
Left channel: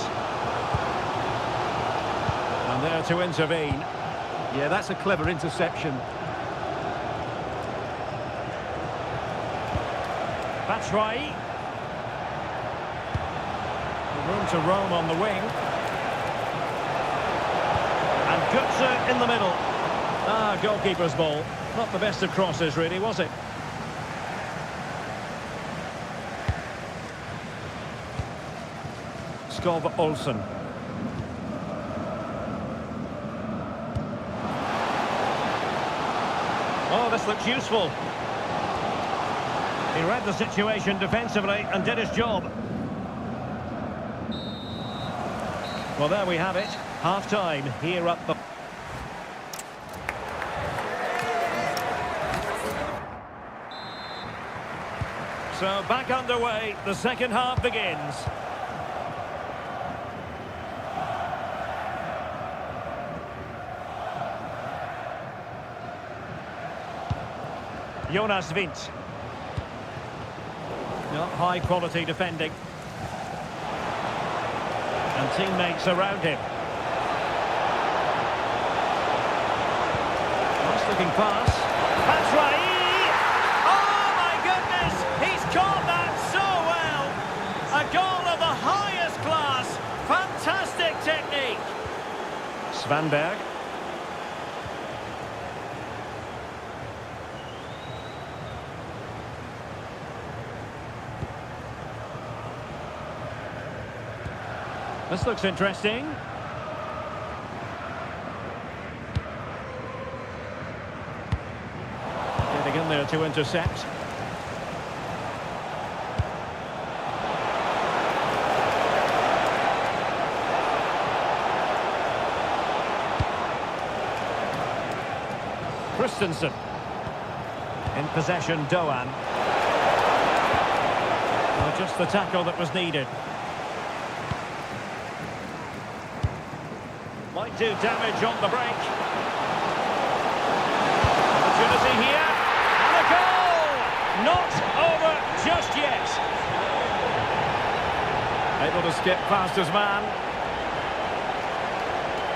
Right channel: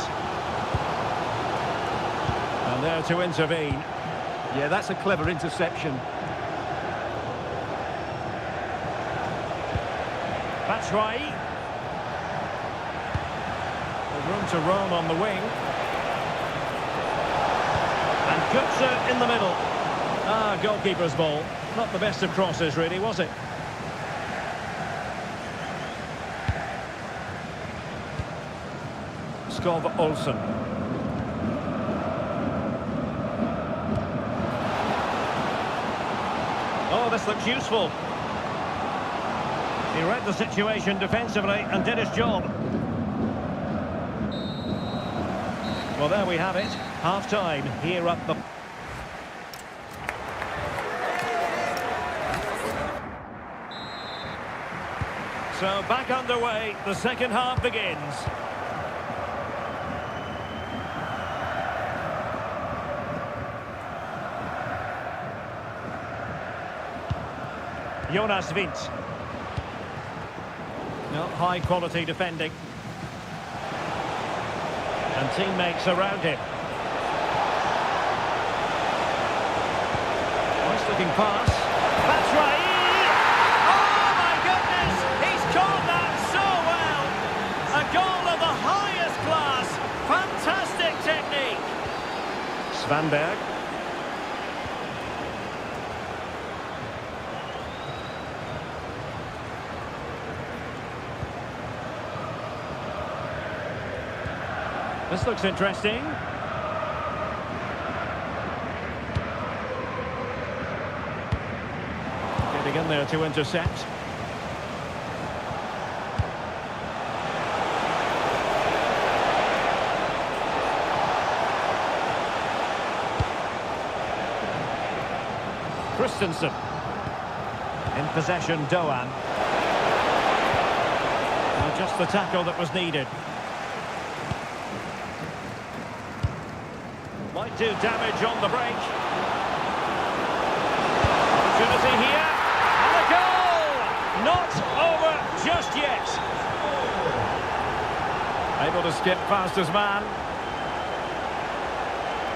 And there to intervene. Yeah, that's a clever interception. Batshuayi. Room to roam on the wing. And Götze in the middle. Ah, goalkeeper's ball. Not the best of crosses, really, was it? Skov Olsen. Oh, this looks useful. He read the situation defensively and did his job. Well, there we have it. Half-time here at the... So back underway, the second half begins. Jonas Vint. No, high quality defending. And teammates around him. Nice looking pass. Batshuayi! Oh my goodness! He's caught that so well! A goal of the highest class! Fantastic technique! Svanberg. This looks interesting. Getting in there to intercept. Christensen. In possession, Doan. Well, just the tackle that was needed. Might do damage on the break. Opportunity here. And a goal! Not over just yet. Able to skip past his man.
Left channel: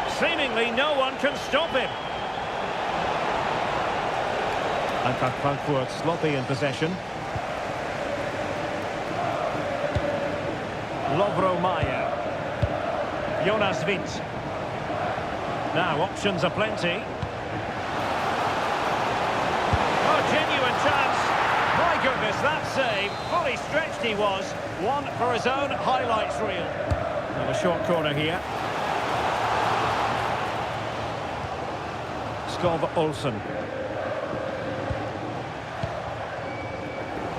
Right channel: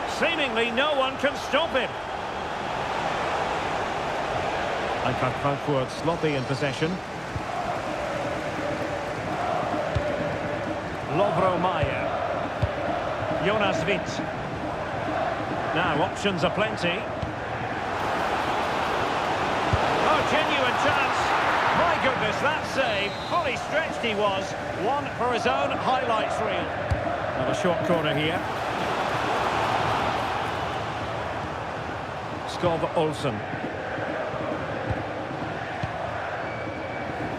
Seemingly no one can stop him. Eintracht Frankfurt sloppy in possession. Lovro Maier. Jonas Vint. Now, options are plenty. Oh, genuine chance. My goodness, that save. Fully stretched he was. One for his own highlights reel. Now, a short corner here. Skov Olsen.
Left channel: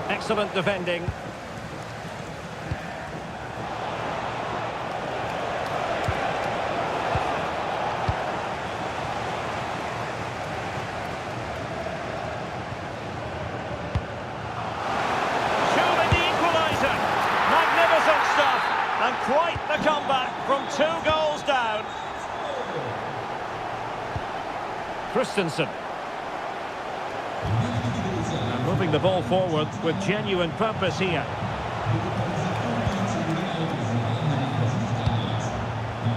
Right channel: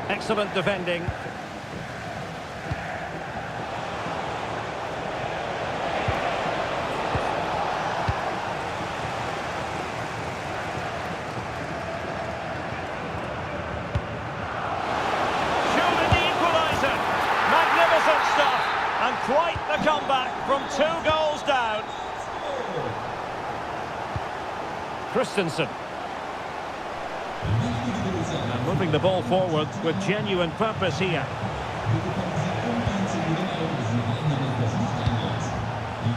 Excellent defending. Magnificent stuff, and quite the comeback from 2 goals down. Christensen. And moving the ball forward with genuine purpose here.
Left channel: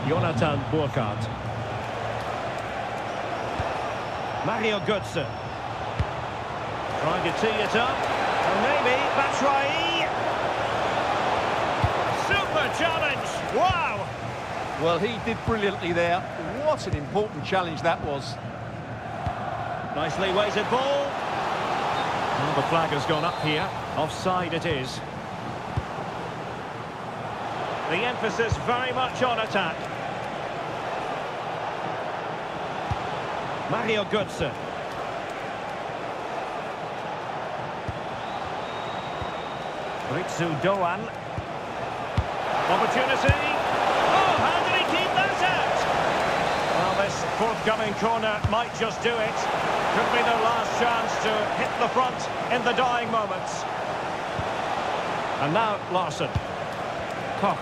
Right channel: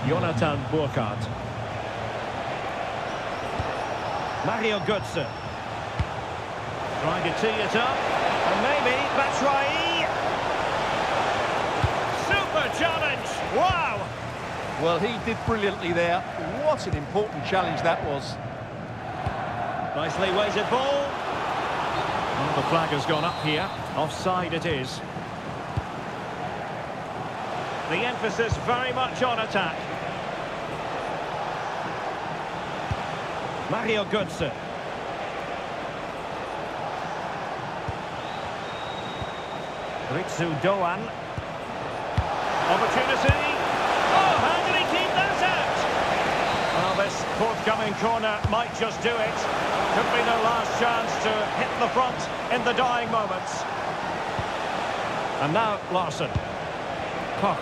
Jonathan Burkhardt. Mario Götze. Trying to tee it up. And maybe Batshuayi. Super challenge. Wow. Well, he did brilliantly there. What an important challenge that was. Nicely weighted ball. Well, the flag has gone up here. Offside it is. The emphasis very much on attack. Mario Götze. Ritsu Doan. Opportunity. Oh, how did he keep that out? Well, this forthcoming corner might just do it. Could be their last chance to hit the front in the dying moments. And now Larson. Koch.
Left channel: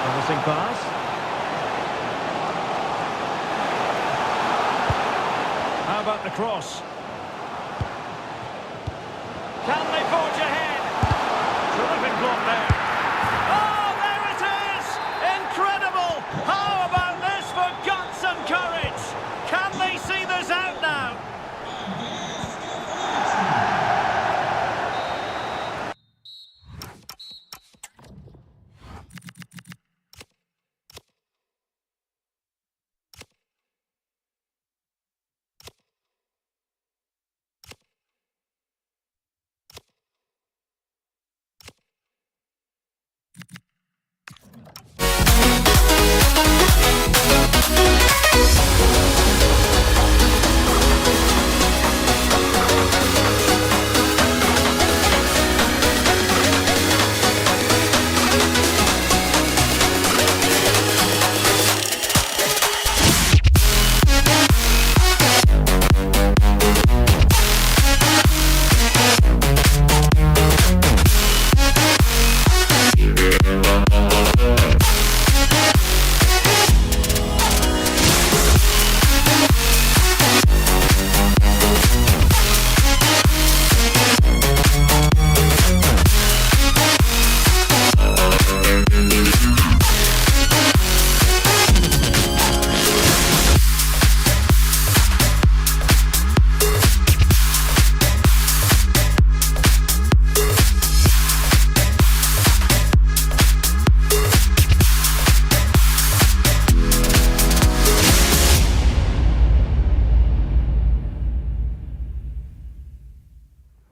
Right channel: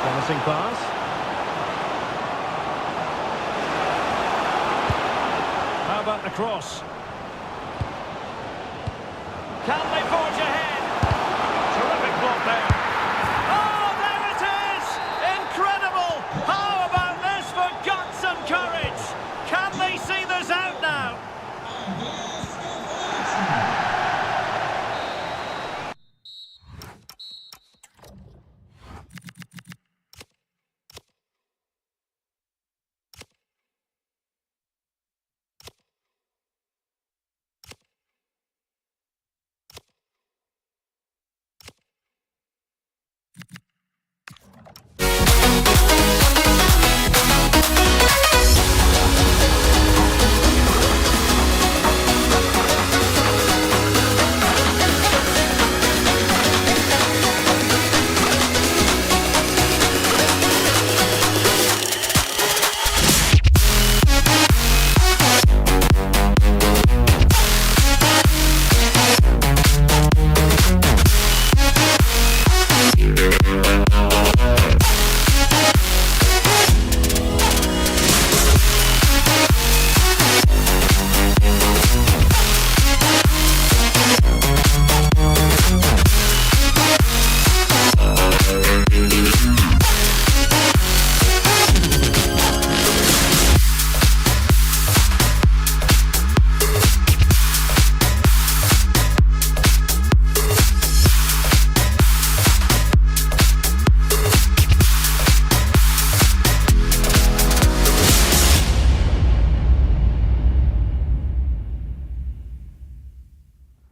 Promising pass. How about the cross? Can they forge ahead? Terrific block there. Oh, there it is! Incredible! How about this for guts and courage? Can they see this out now?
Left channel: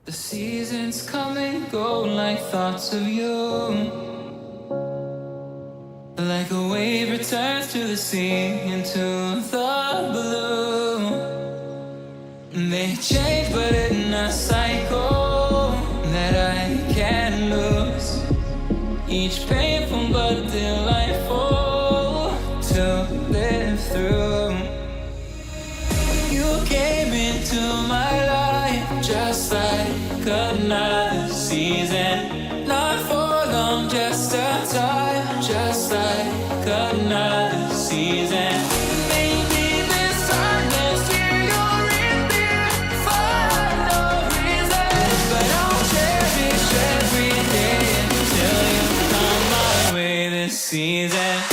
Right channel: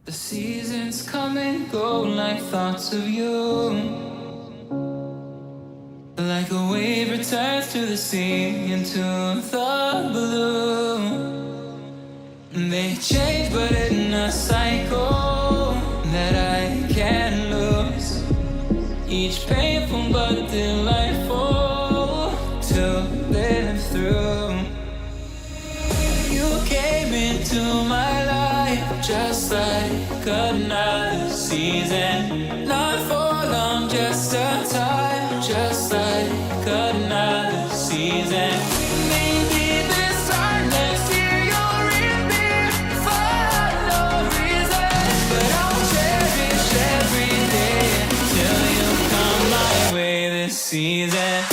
The seasons come and go like thoughts of you. Like a wave returns to the sea into the blue. They change but in a cycle that I can't lose. Each painful but delightful to live through. You came into my life just like another season. Not for long, just a time, just like another season. Maybe this time next year you'll reappear for no reason. But I'll cherish every day until you come my way this season.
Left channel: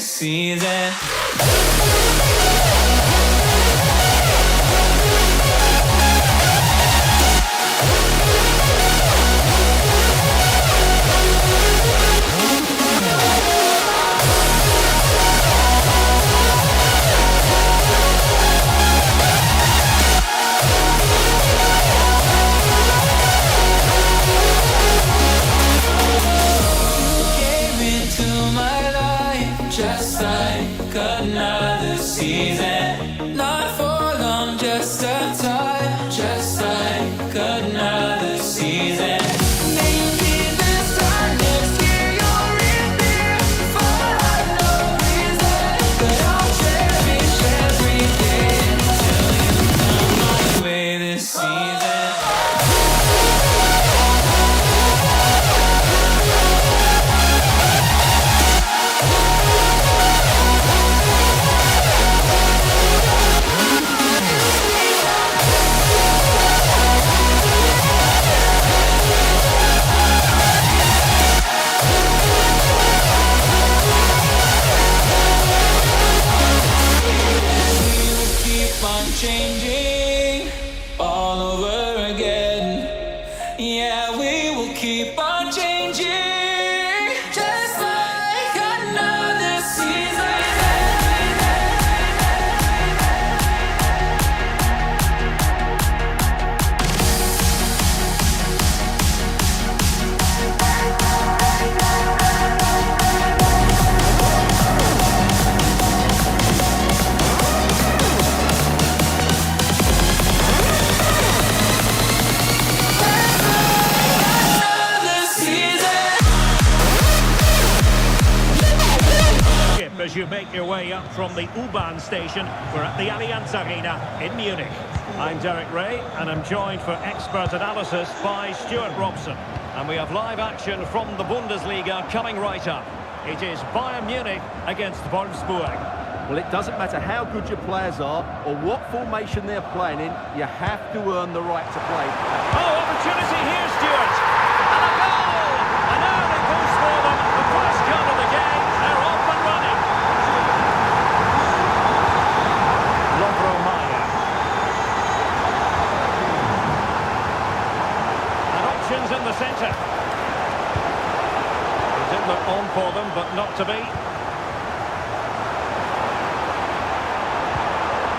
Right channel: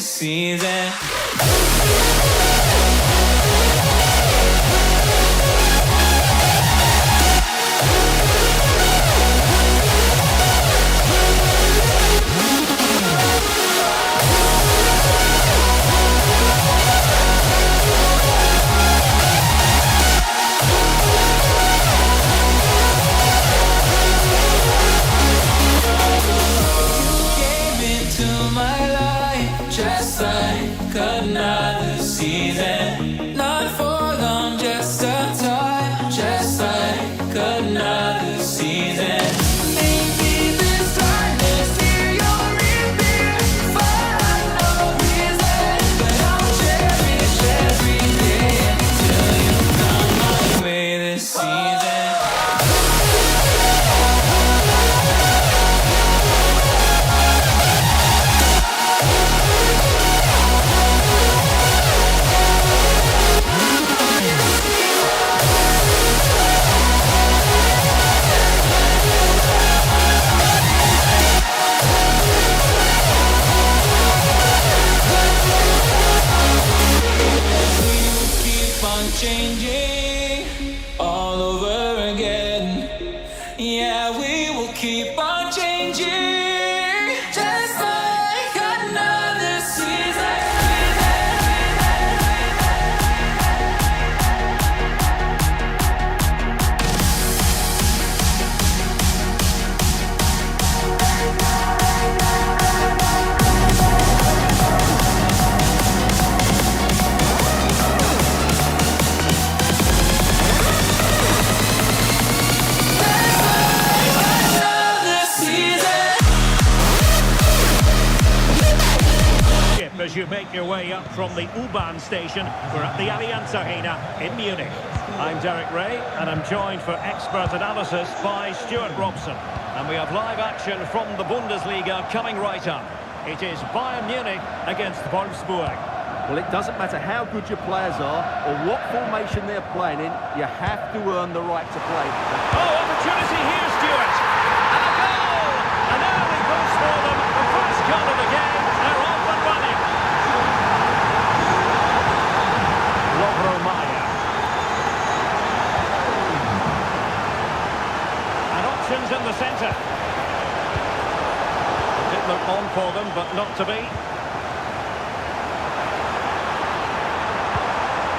Season. another season. Not for long, just a time. Just like another season. Maybe this time next year you'll reappear for no reason. But I'll cherish every day until you come my way this season. Changing all over again. Yeah, we will keep on changing, just like another season. As you make your way up from the U-Bahn station, we're at the Allianz Arena in Munich. I'm Derek Ray, and I'm joined for expert analysis by Stuart Robson. And we have live action from the Bundesliga coming right up. It is Bayern Munich against Wolfsburg. Well, it doesn't matter how good your players are or what formation they're playing in, you have to earn the right to play. Oh, opportunity here, Stuart! And a goal! An early boost for them, the first goal of the game. They're off and running. Maya. And options in the centre. It did look on for them, but not to be.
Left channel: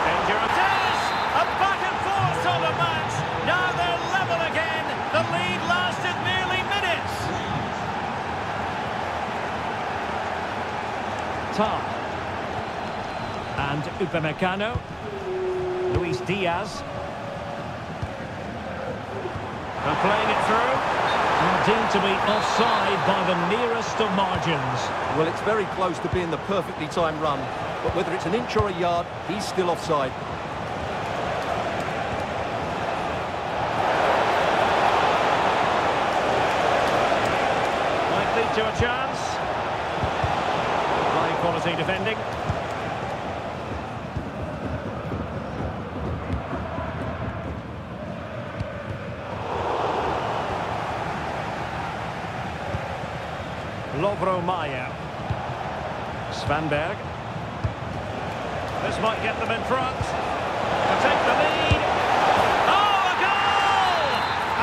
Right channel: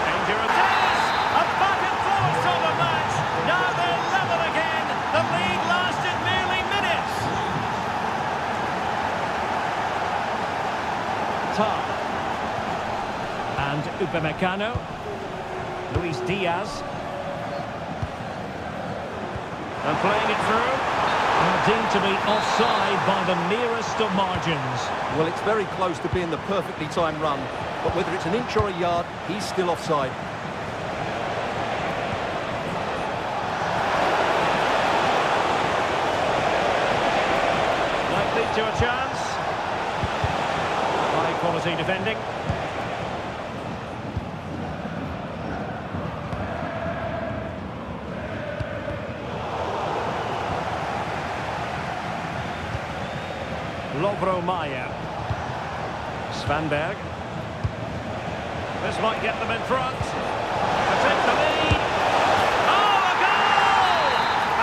Danger it is! A back and forth on the match. Now they're level again. The lead lasted merely minutes. Tar. And Upamecano. Luis Diaz. And playing it through. And deemed to be offside by the nearest of margins. Well, it's very close to being the perfectly timed run, but whether it's an inch or a yard, he's still offside. Might lead to a chance. High quality defending. Maya. Svanberg. This might get them in front. To take the lead. Oh, a goal!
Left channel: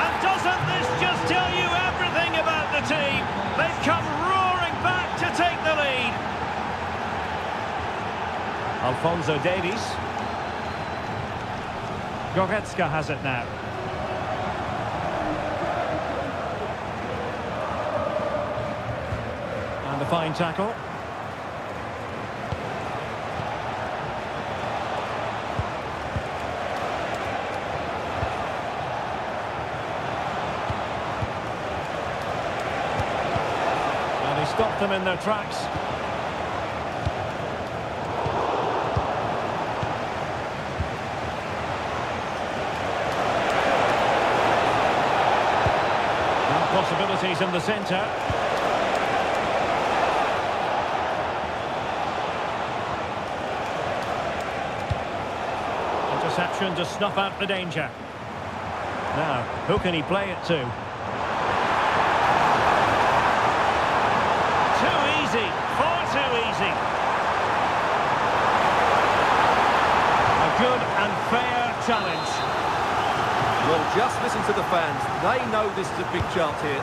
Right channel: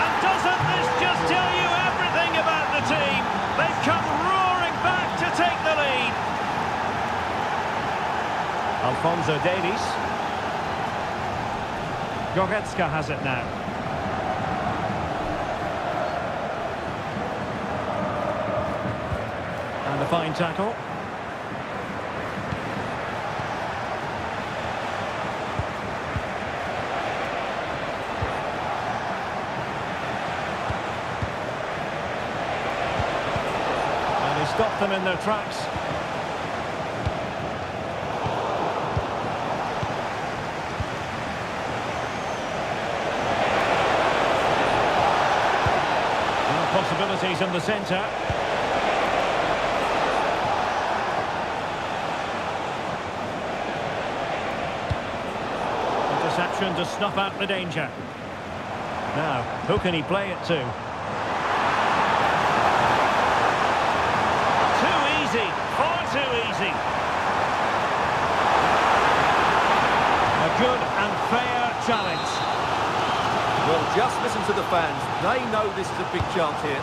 And doesn't this just tell you everything about the team? They've come roaring back to take the lead. Alphonso Davies. Goretzka has it now. And a fine tackle. And he stopped them in their tracks. Now possibilities in the centre. Interception to snuff out the danger. Now, who can he play it to? Too easy, far too easy. A good and fair challenge. Well, just listen to the fans. They know this is a big chance here.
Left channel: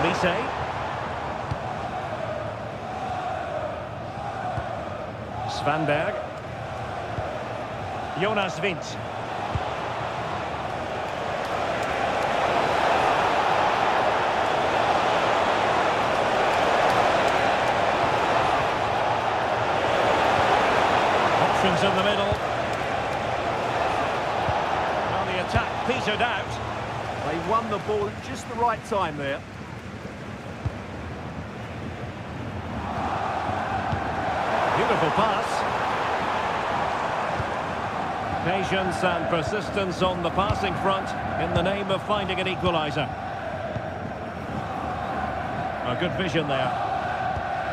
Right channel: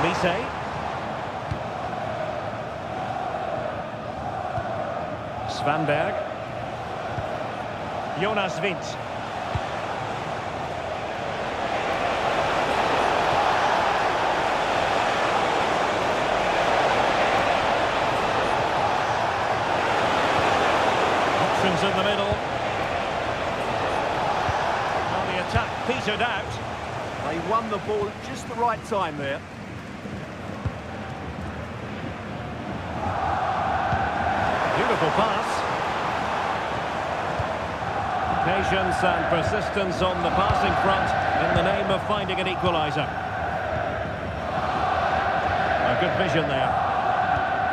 Olise. Svanberg. Jonas Wind. Options in the middle. Well, the attack petered out. They won the ball at just the right time there. Beautiful pass. Patience and persistence on the passing front in the name of finding an equaliser. A good vision there.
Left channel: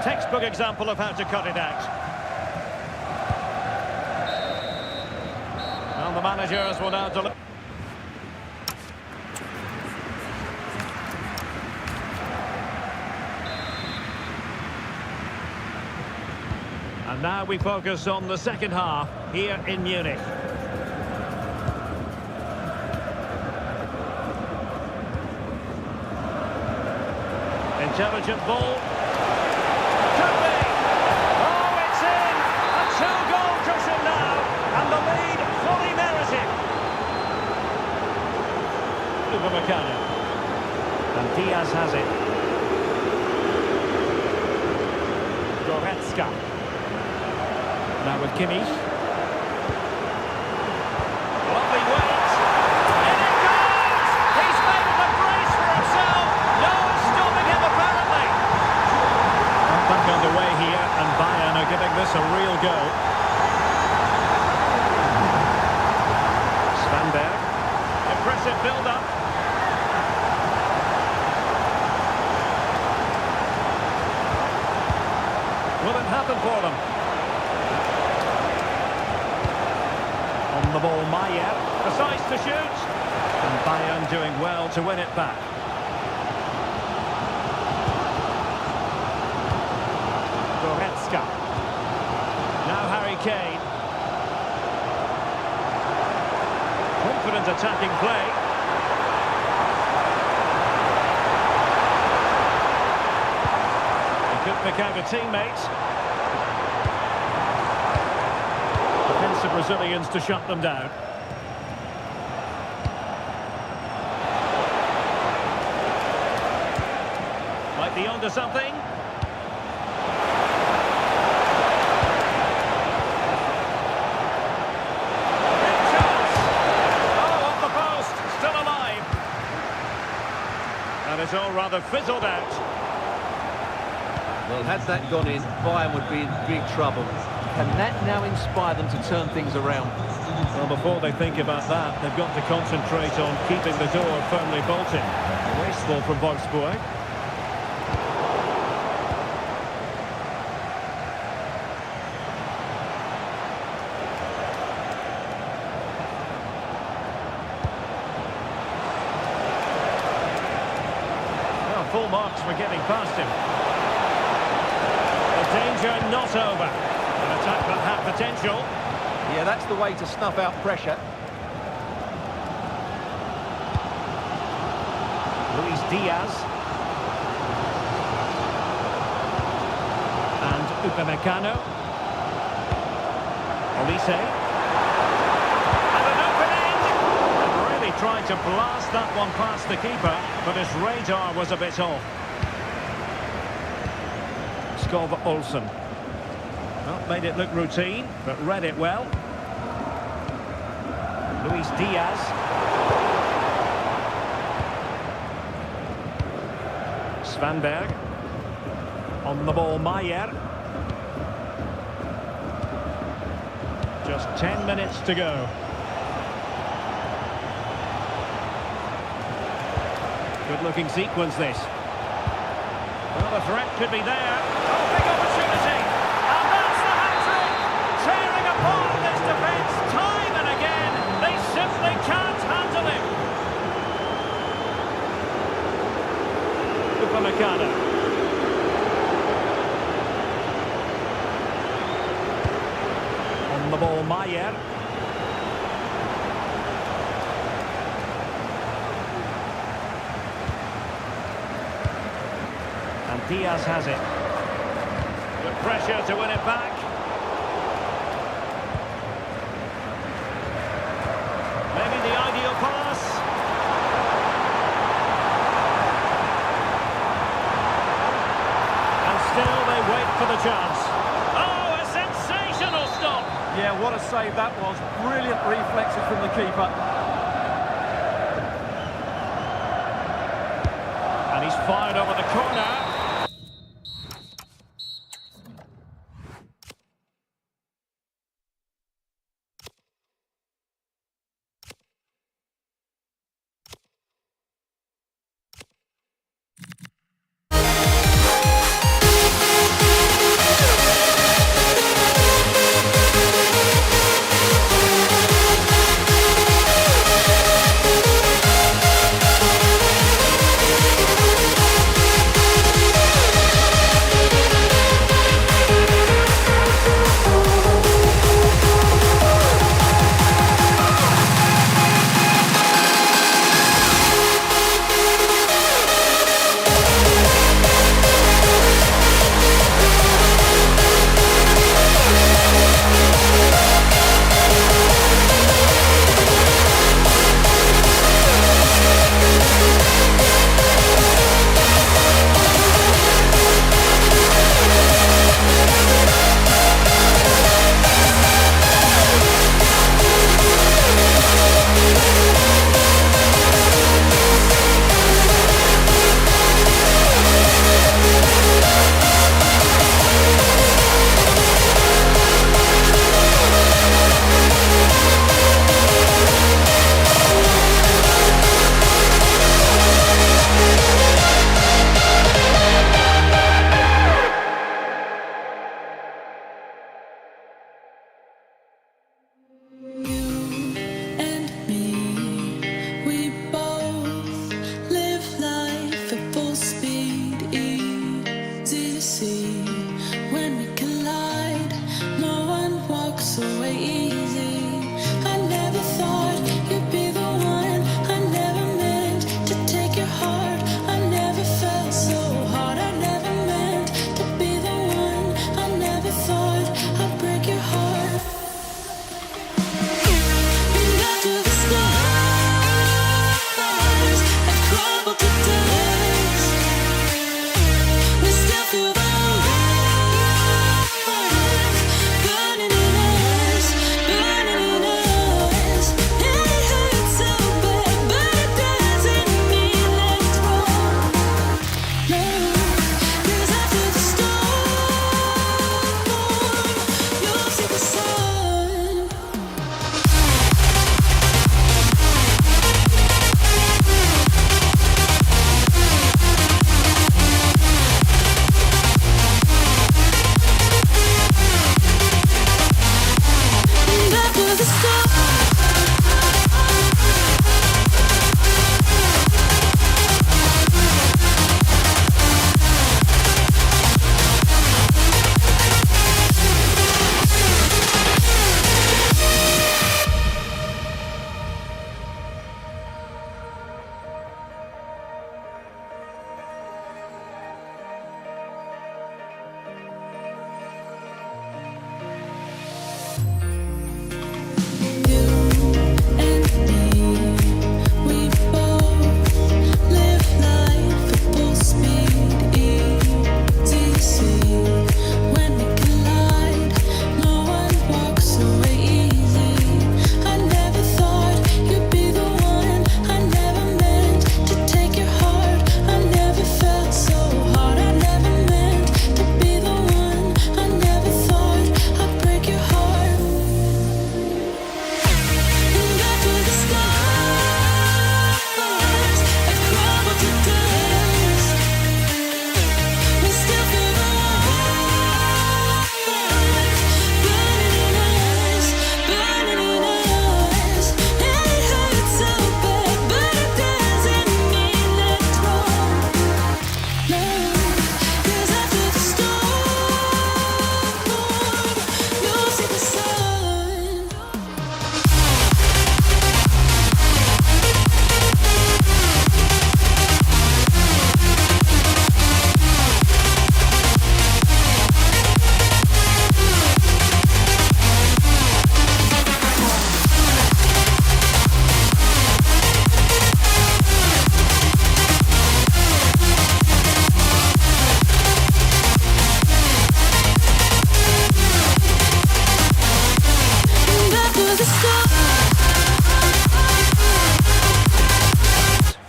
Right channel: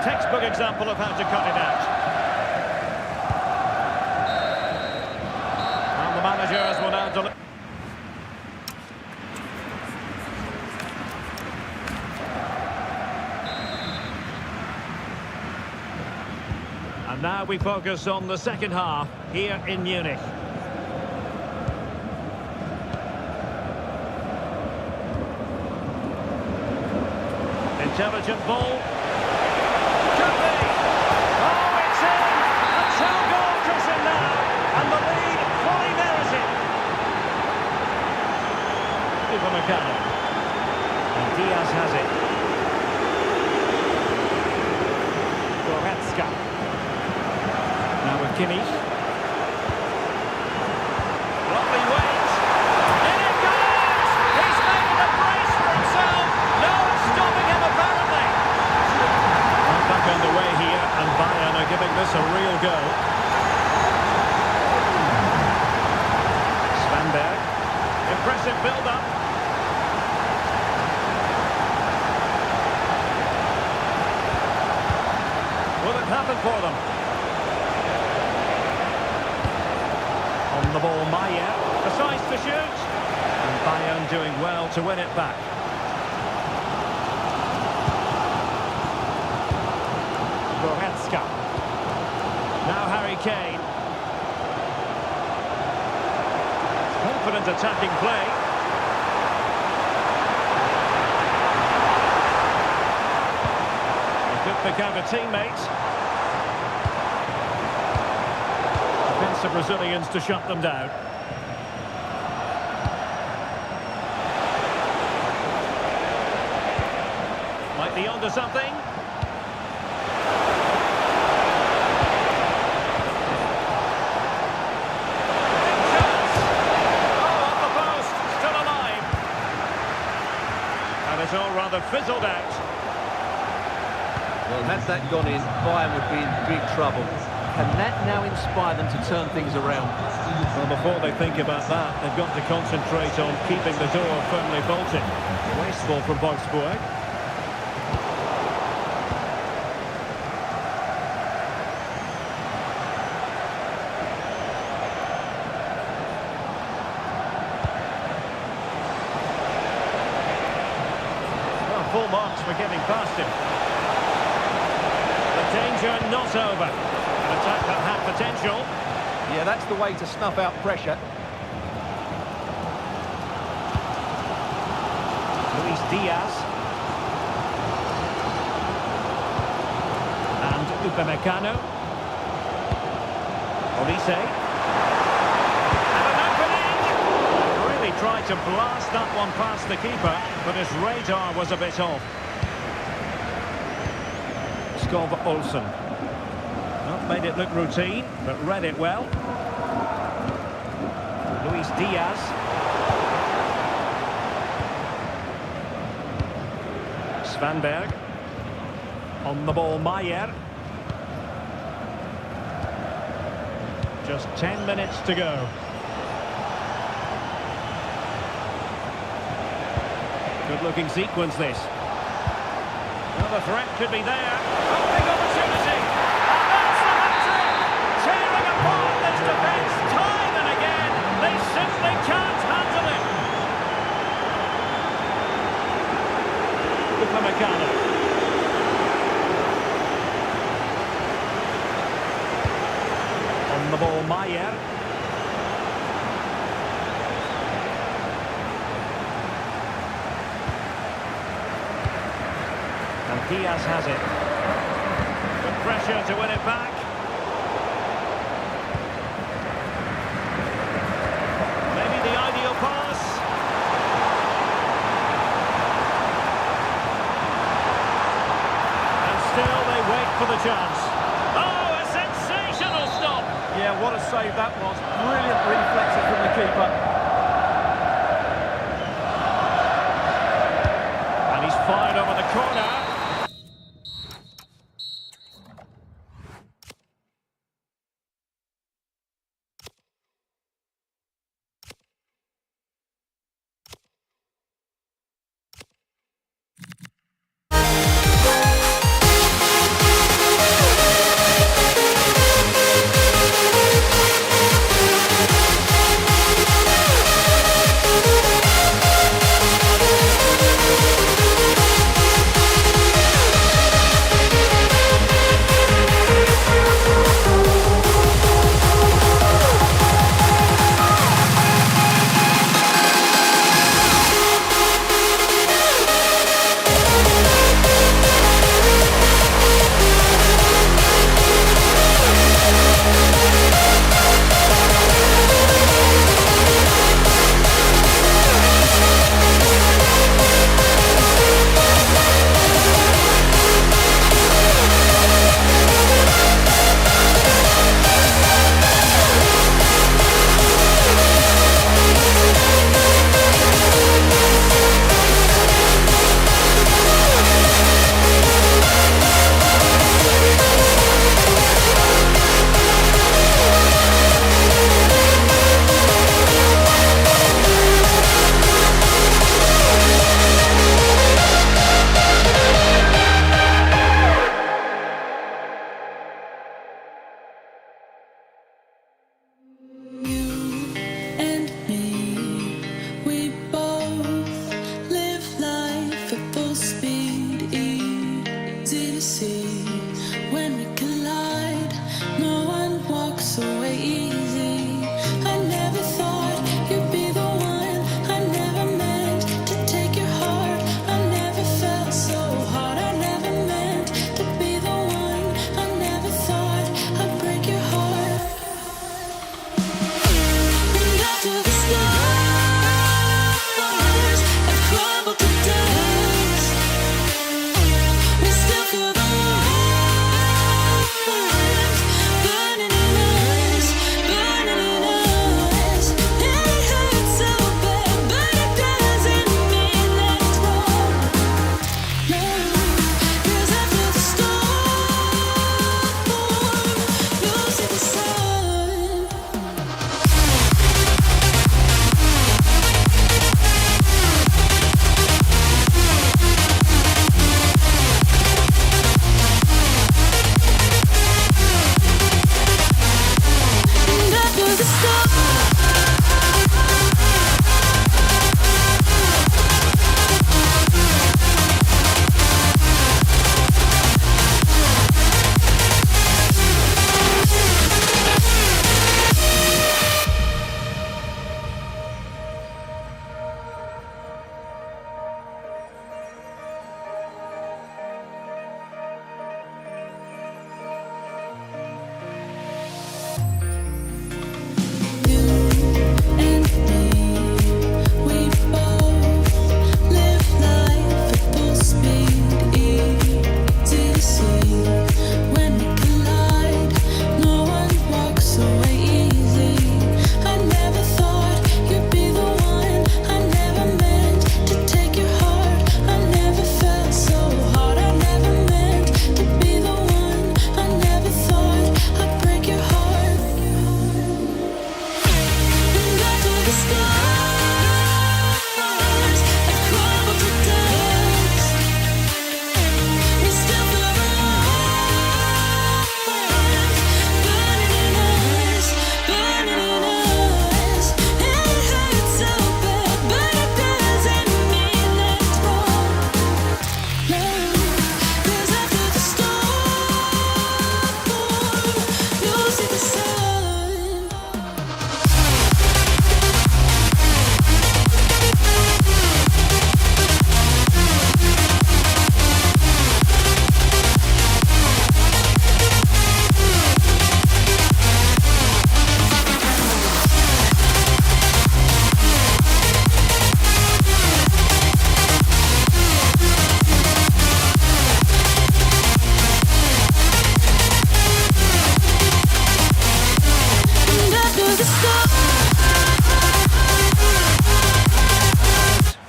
Textbook example of how to cut it out. And the managers will now deliver. And now we focus on the second half here in Munich. Intelligent ball. Could be. Oh, it's in. A two-goal cushion now. And the lead fully merited. Upamecano. And Diaz has it. Goretzka. Now with Kimmich. Lovely weight. In it goes! He's made it a brace for himself. No one's stopping him apparently. Well, back underway here, and Bayern are giving this a real go. Svanberg. Impressive build-up. Will it happen for them? On the ball, Maier, decides to shoot. And Bayern doing well to win it back. Goretzka. Now Harry Kane. Confident attacking play. He could pick out a teammate. Defensive Brazilians to shut them down. Might be onto something. Big chance. Oh, off the post. Still alive. And it's all rather fizzled out. Well, had that gone in, Bayern would be in big trouble. Can that now inspire them to turn things around? Well, before they think about that, they've got to concentrate on keeping the door firmly bolted. Wasteful from Wolfsburg. Well, full marks for getting past him. The danger not over. An attack that had potential. Yeah, that's the way to snuff out pressure. Luis Diaz. And Upamecano. Olise. And an opening! And really tried to blast that one past the keeper, but his radar was a bit off. Skov Olsen. Well, made it look routine, but read it well. Luis Diaz. Svanberg. On the ball, Maier. Just 10 minutes to go. Good-looking sequence, this. Well, the threat could be there. Oh, big opportunity! Tearing apart this defence time and again. They simply can't handle him. Upamecano. On the ball, Maier. And Diaz has it. Good pressure to win it back. Maybe the ideal pass. And still they wait for the chance. Oh, a sensation! Sensational stop. Yeah, what a save that was. Brilliant reflexes from the keeper. And he's fired over the corner.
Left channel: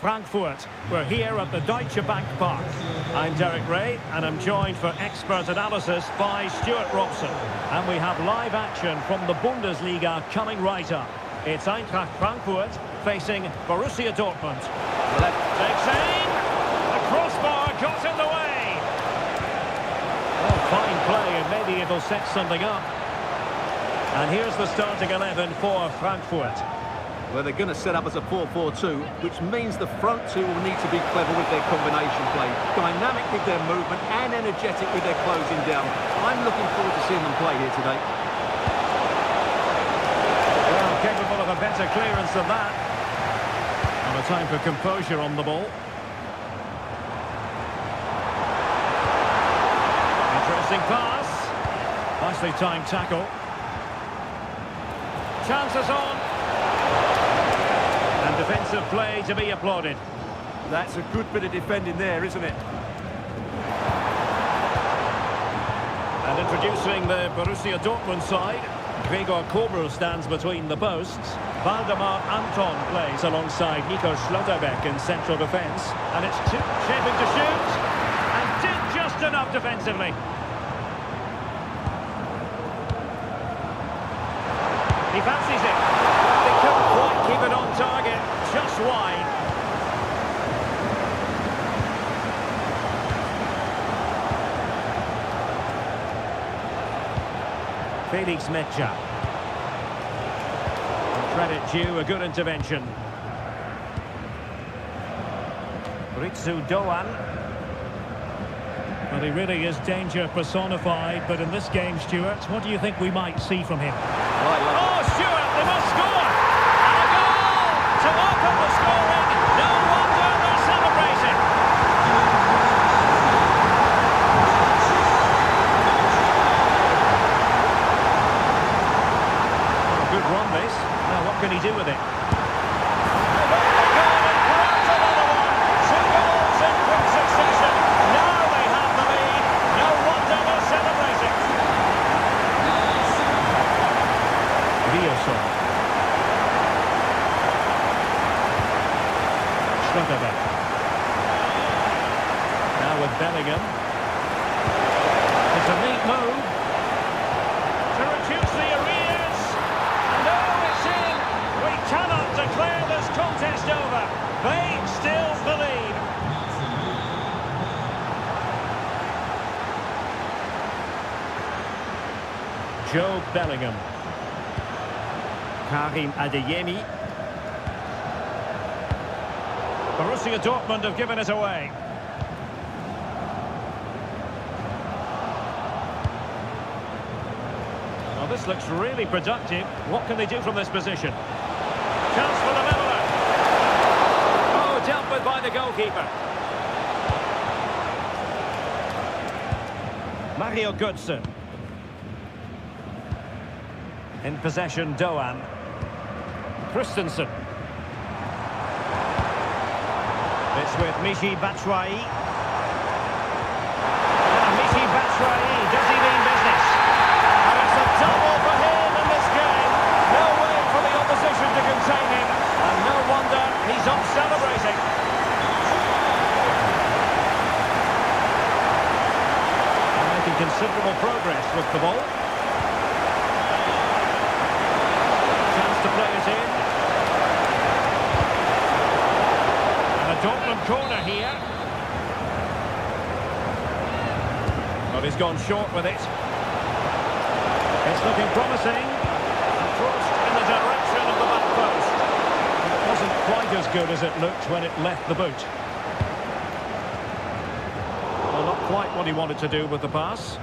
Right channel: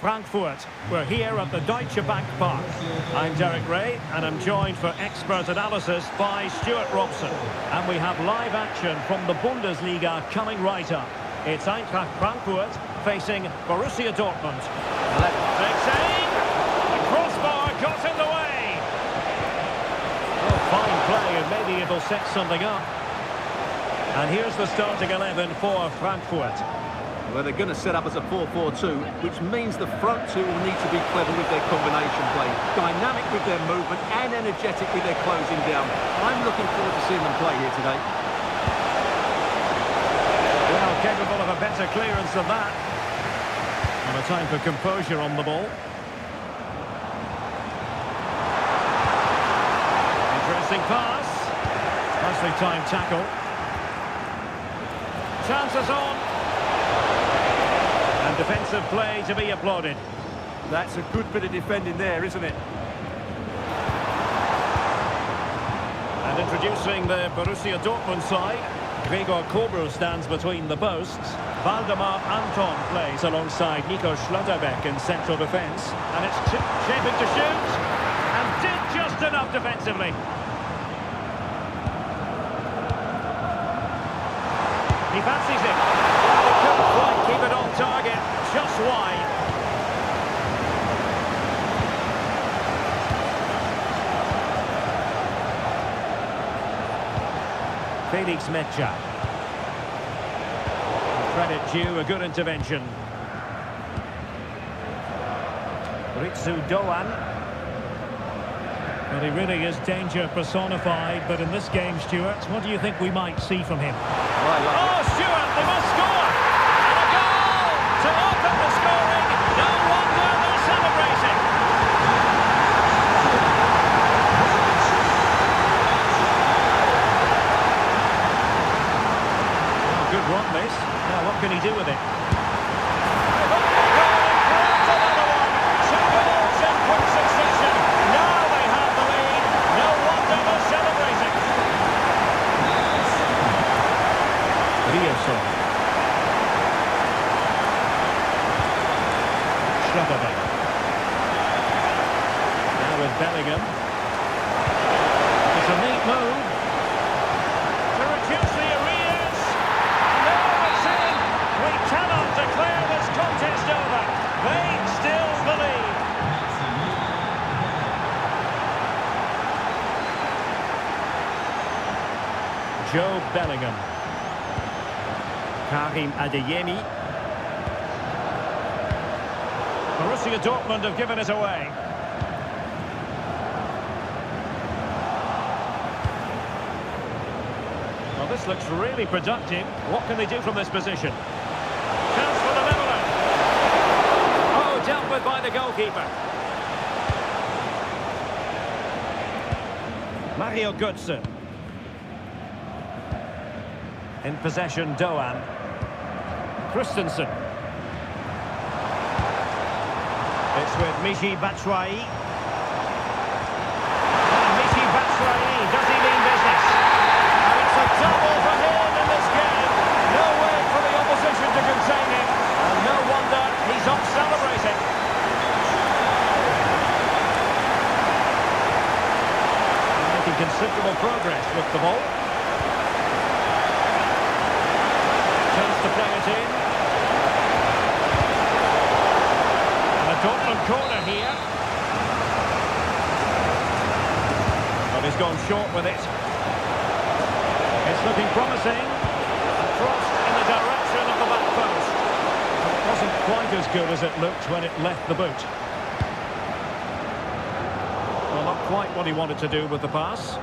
Frankfurt. We're here at the Deutsche Bank Park. I'm Derek Ray, and I'm joined for expert analysis by Stuart Robson. And we have live action from the Bundesliga coming right up. It's Eintracht Frankfurt facing Borussia Dortmund. Left. Takes aim. The crossbar got in the way. Oh, fine play, and maybe it'll set something up. And here's the starting 11 for Frankfurt. Well, they're going to set up as a 4-4-2, which means the front two will need to be clever with their combination play, dynamic with their movement and energetic with their closing down. I'm looking forward to seeing them play here today. Well, capable of a better clearance than that. And a time for composure on the ball. Interesting pass. Nicely timed tackle. Chances on. And defensive play to be applauded. That's a good bit of defending there, isn't it? And introducing the Borussia Dortmund side, Gregor Kobel stands between the posts. Waldemar Anton plays alongside Nico Schlotterbeck in central defence. And it's shaping to shoot. And did just enough defensively. He fancies it. Well, he couldn't quite keep it on target. Just wide. Felix Mecha. Credit due, a good intervention. Ritsu Doan. Well, he really is danger personified, but in this game, Stuart, what do you think we might see from him? Well, Oh, Stuart, they must score! And a goal to open the scoring. No wonder they're celebrating. Oh, good run this. Now, what can he do with it? They've only gone and grabbed another one. 2 goals in quick succession. Now they have the lead. No wonder they're celebrating. Rioson. Schlotterbeck. Now with Bellingham. It's a neat move to reduce the arrears. And oh, it's in. We cannot declare this contest over. They still believe. Joe Bellingham. Karim Adeyemi. Borussia Dortmund have given it away. Well, this looks really productive. What can they do from this position? Chance for the leveller. Oh, dealt with by the goalkeeper. Mario Götze. In possession, Doan. Christensen. It's with Michy Batshuayi. And Michy Batshuayi, does he mean business? And it's a double for him in this game. No way for the opposition to contain him. And no wonder he's off celebrating. And making considerable progress with the ball. Chance to play it in. And a Dortmund corner here. But he's gone short with it. It's looking promising. And crossed in the direction of the back post. But it wasn't quite as good as it looked when it left the boot. Well, not quite what he wanted to do with the pass.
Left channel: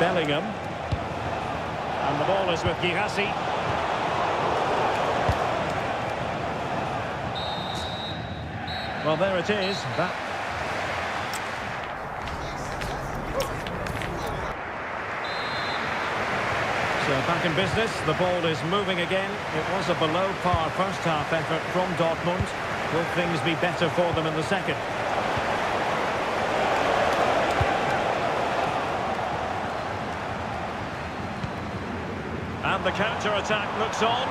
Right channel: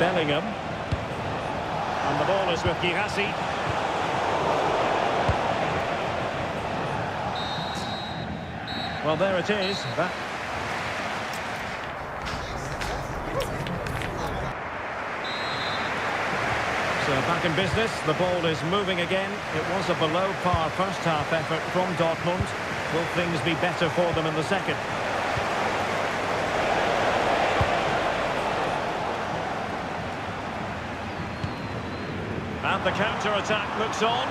Bellingham. And the ball is with Girassi. Well, there it is. So back in business. The ball is moving again. It was a below-par first-half effort from Dortmund. Will things be better for them in the second? And the counter-attack looks on.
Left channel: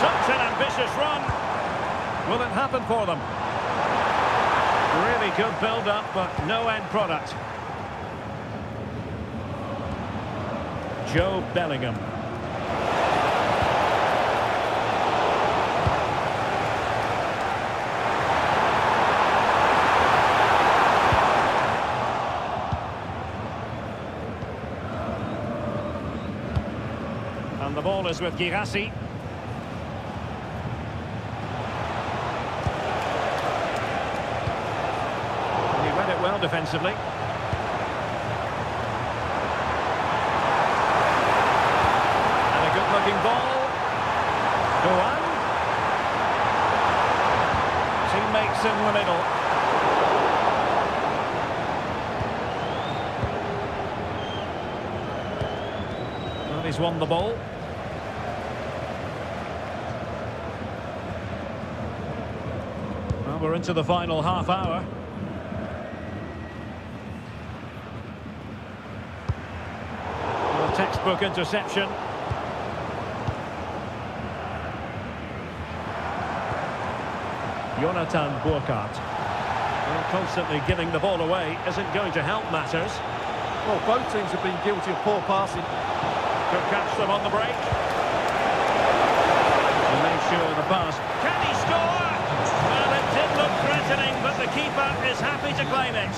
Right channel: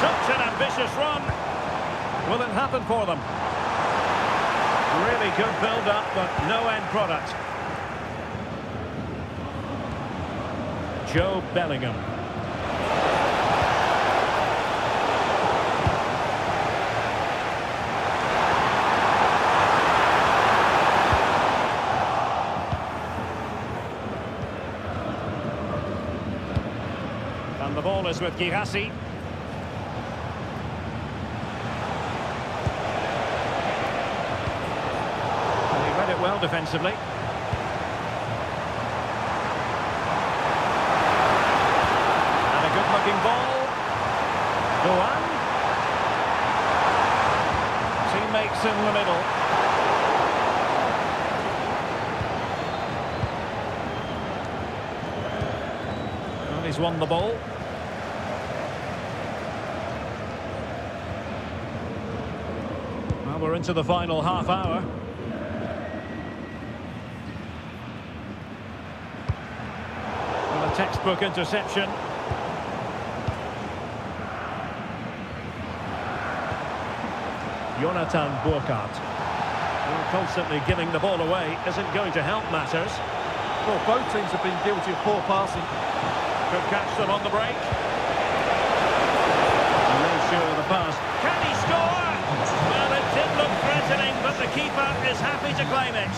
Such an ambitious run. Will it happen for them? Really good build-up, but no end product. Joe Bellingham. And the ball is with Girassi. And he read it well defensively. And a good-looking ball. Go on. Teammates in the middle. Well, he's won the ball. Well, we're into the final half hour. Well, a textbook interception. Jonathan Burkhardt. Well, constantly giving the ball away isn't going to help matters. Well, both teams have been guilty of poor passing. Could catch them on the break. And made sure the pass. Can he score? Well, it did look threatening, but the keeper is happy to claim it.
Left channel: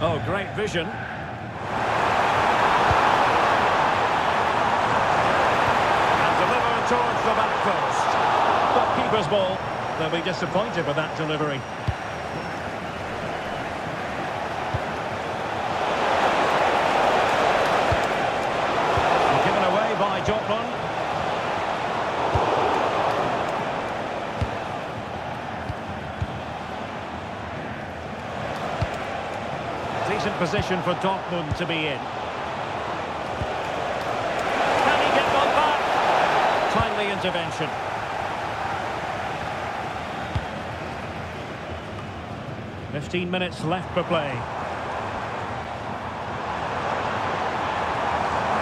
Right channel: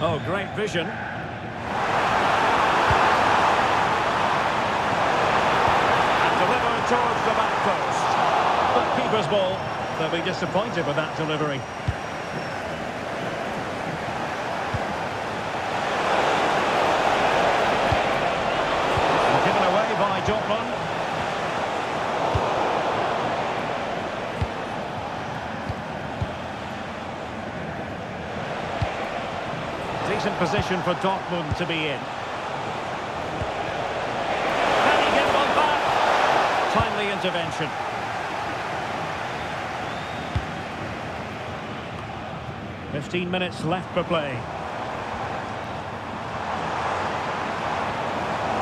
Oh, great vision. And delivered towards the back post. But keeper's ball. They'll be disappointed with that delivery. Given away by Dortmund. Decent position for Dortmund to be in. Can he get one back? Timely intervention. "15 minutes left for play.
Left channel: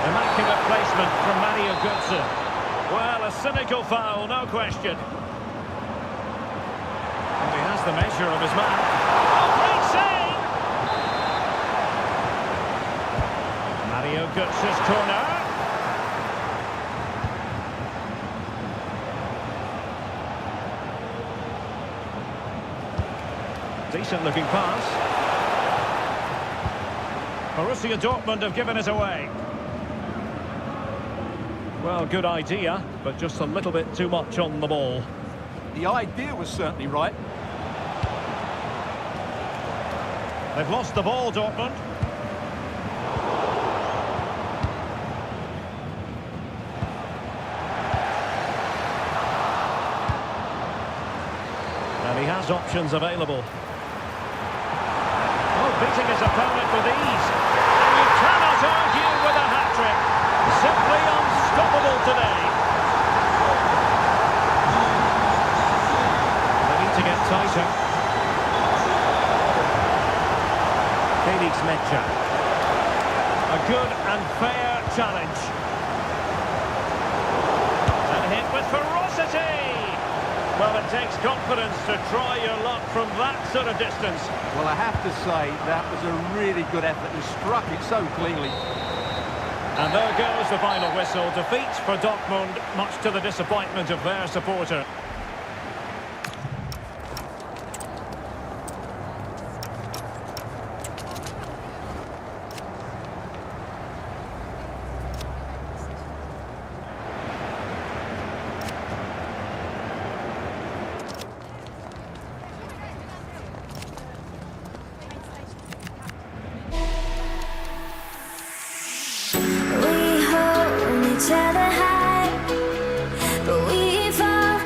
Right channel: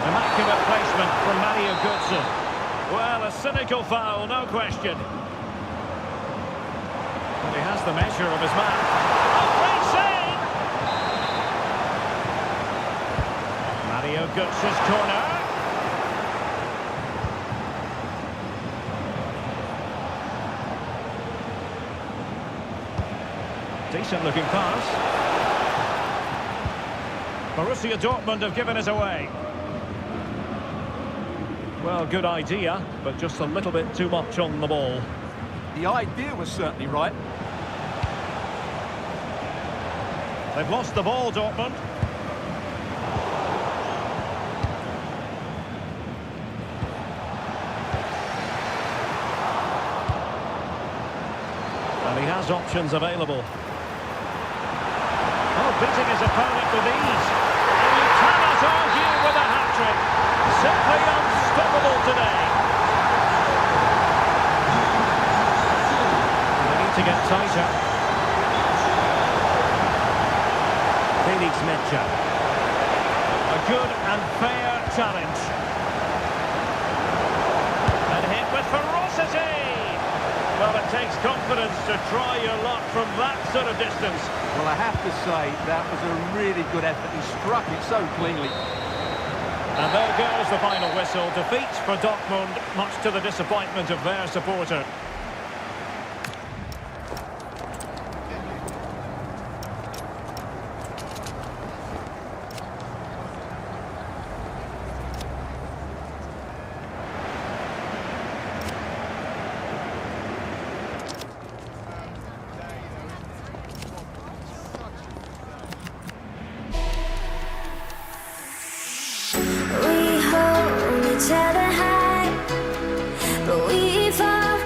Immaculate placement from Mario Götze. Well, a cynical foul, no question. And he has the measure of his man. Oh, great save! Mario Götze's corner. Decent looking pass. Borussia Dortmund have given it away. Well, good idea, but just a little bit too much on the ball. The idea was certainly right. They've lost the ball, Dortmund. And he has options available. Oh, beating his opponent with ease. And you cannot argue with a hat-trick. Simply unstoppable today. They need to get tighter. Felix Mecha. A good and fair challenge. And hit with ferocity. Well, it takes confidence to try your luck from that sort of distance. Well, I have to say, that was a really good effort. He struck it so cleanly. And there goes the final whistle. Defeat for Dortmund, much to the disappointment of their supporter. Each other high, but we fall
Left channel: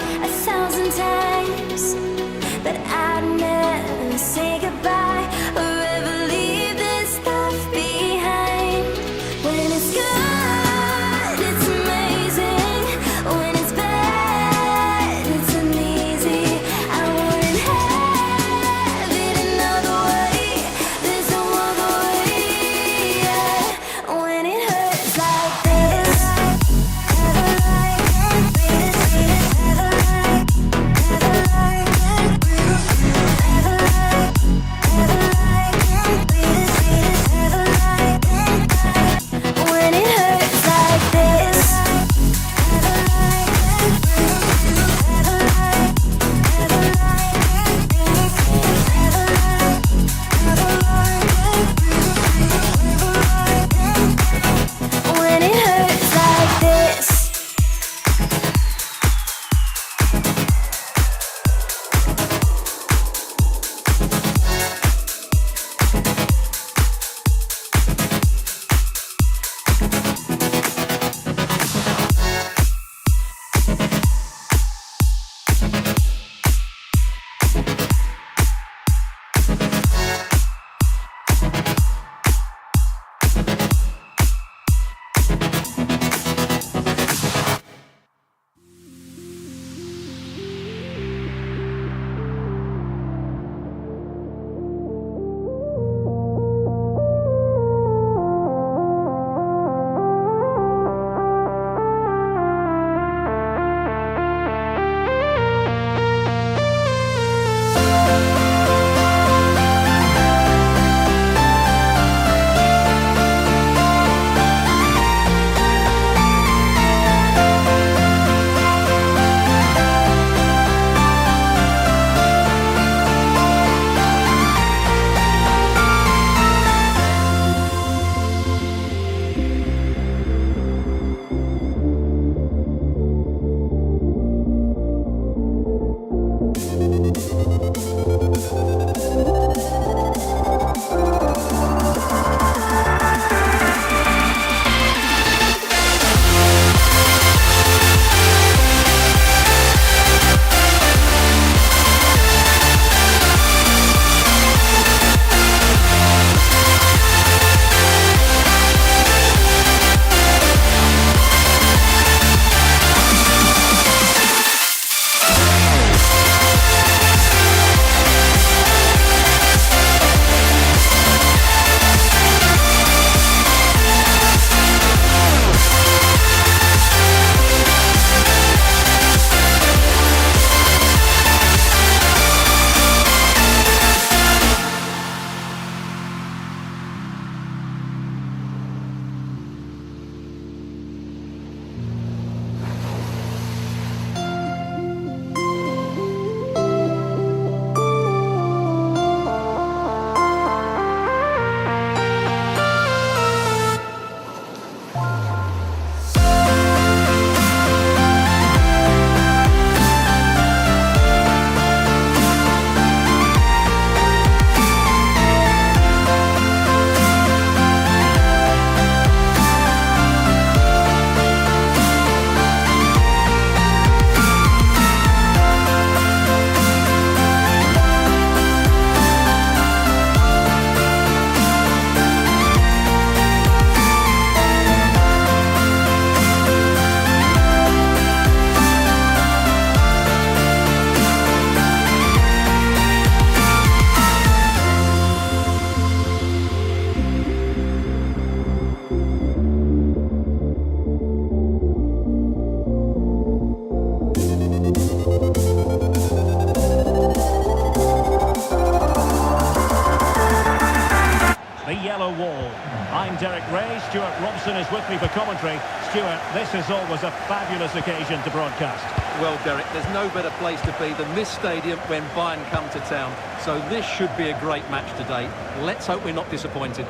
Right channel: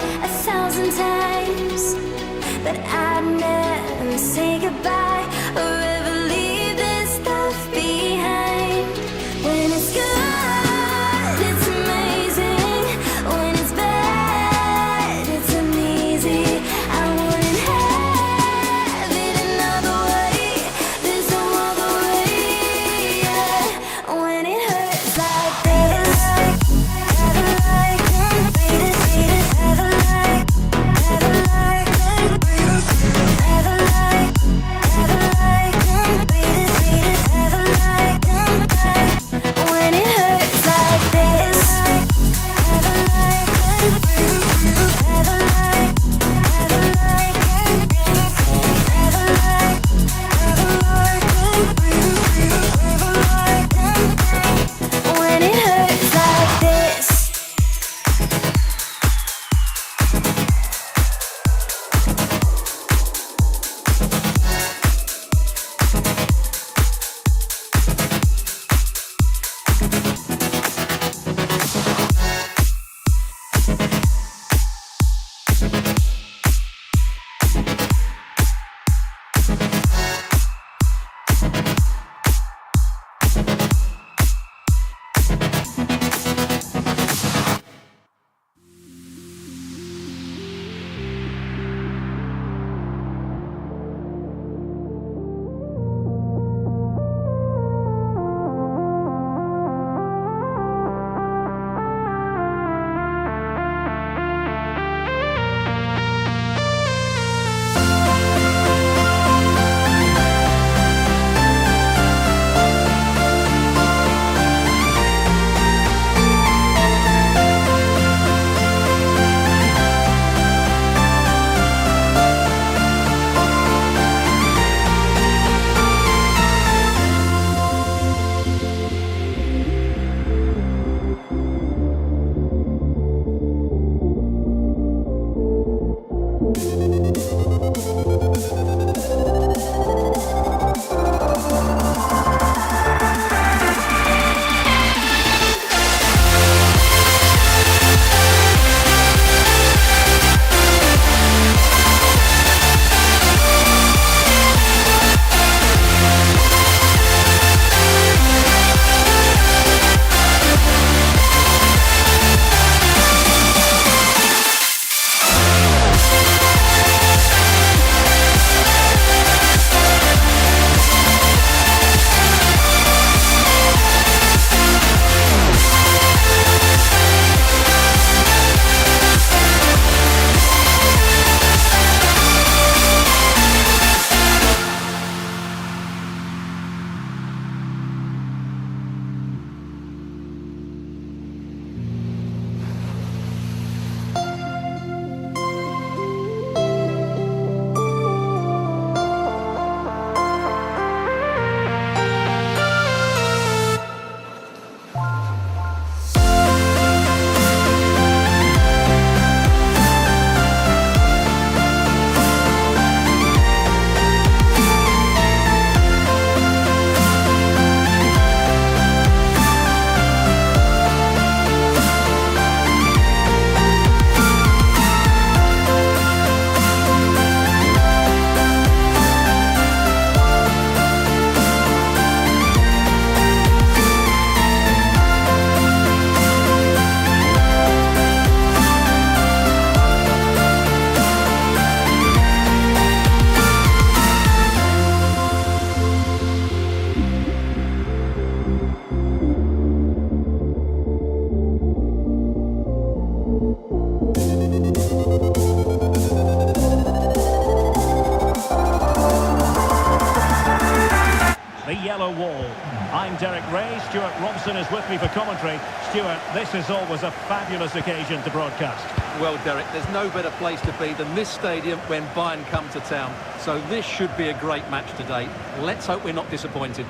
the yellow wall. I'm Derek Ray, Stuart Robson is with me for commentary. Stuart, this is always a fabulous occasion to broadcast. Well, Derek, there's no better place to be than this stadium when Bayern come to town. So this should be a great match today. Let's hope we're not disappointed.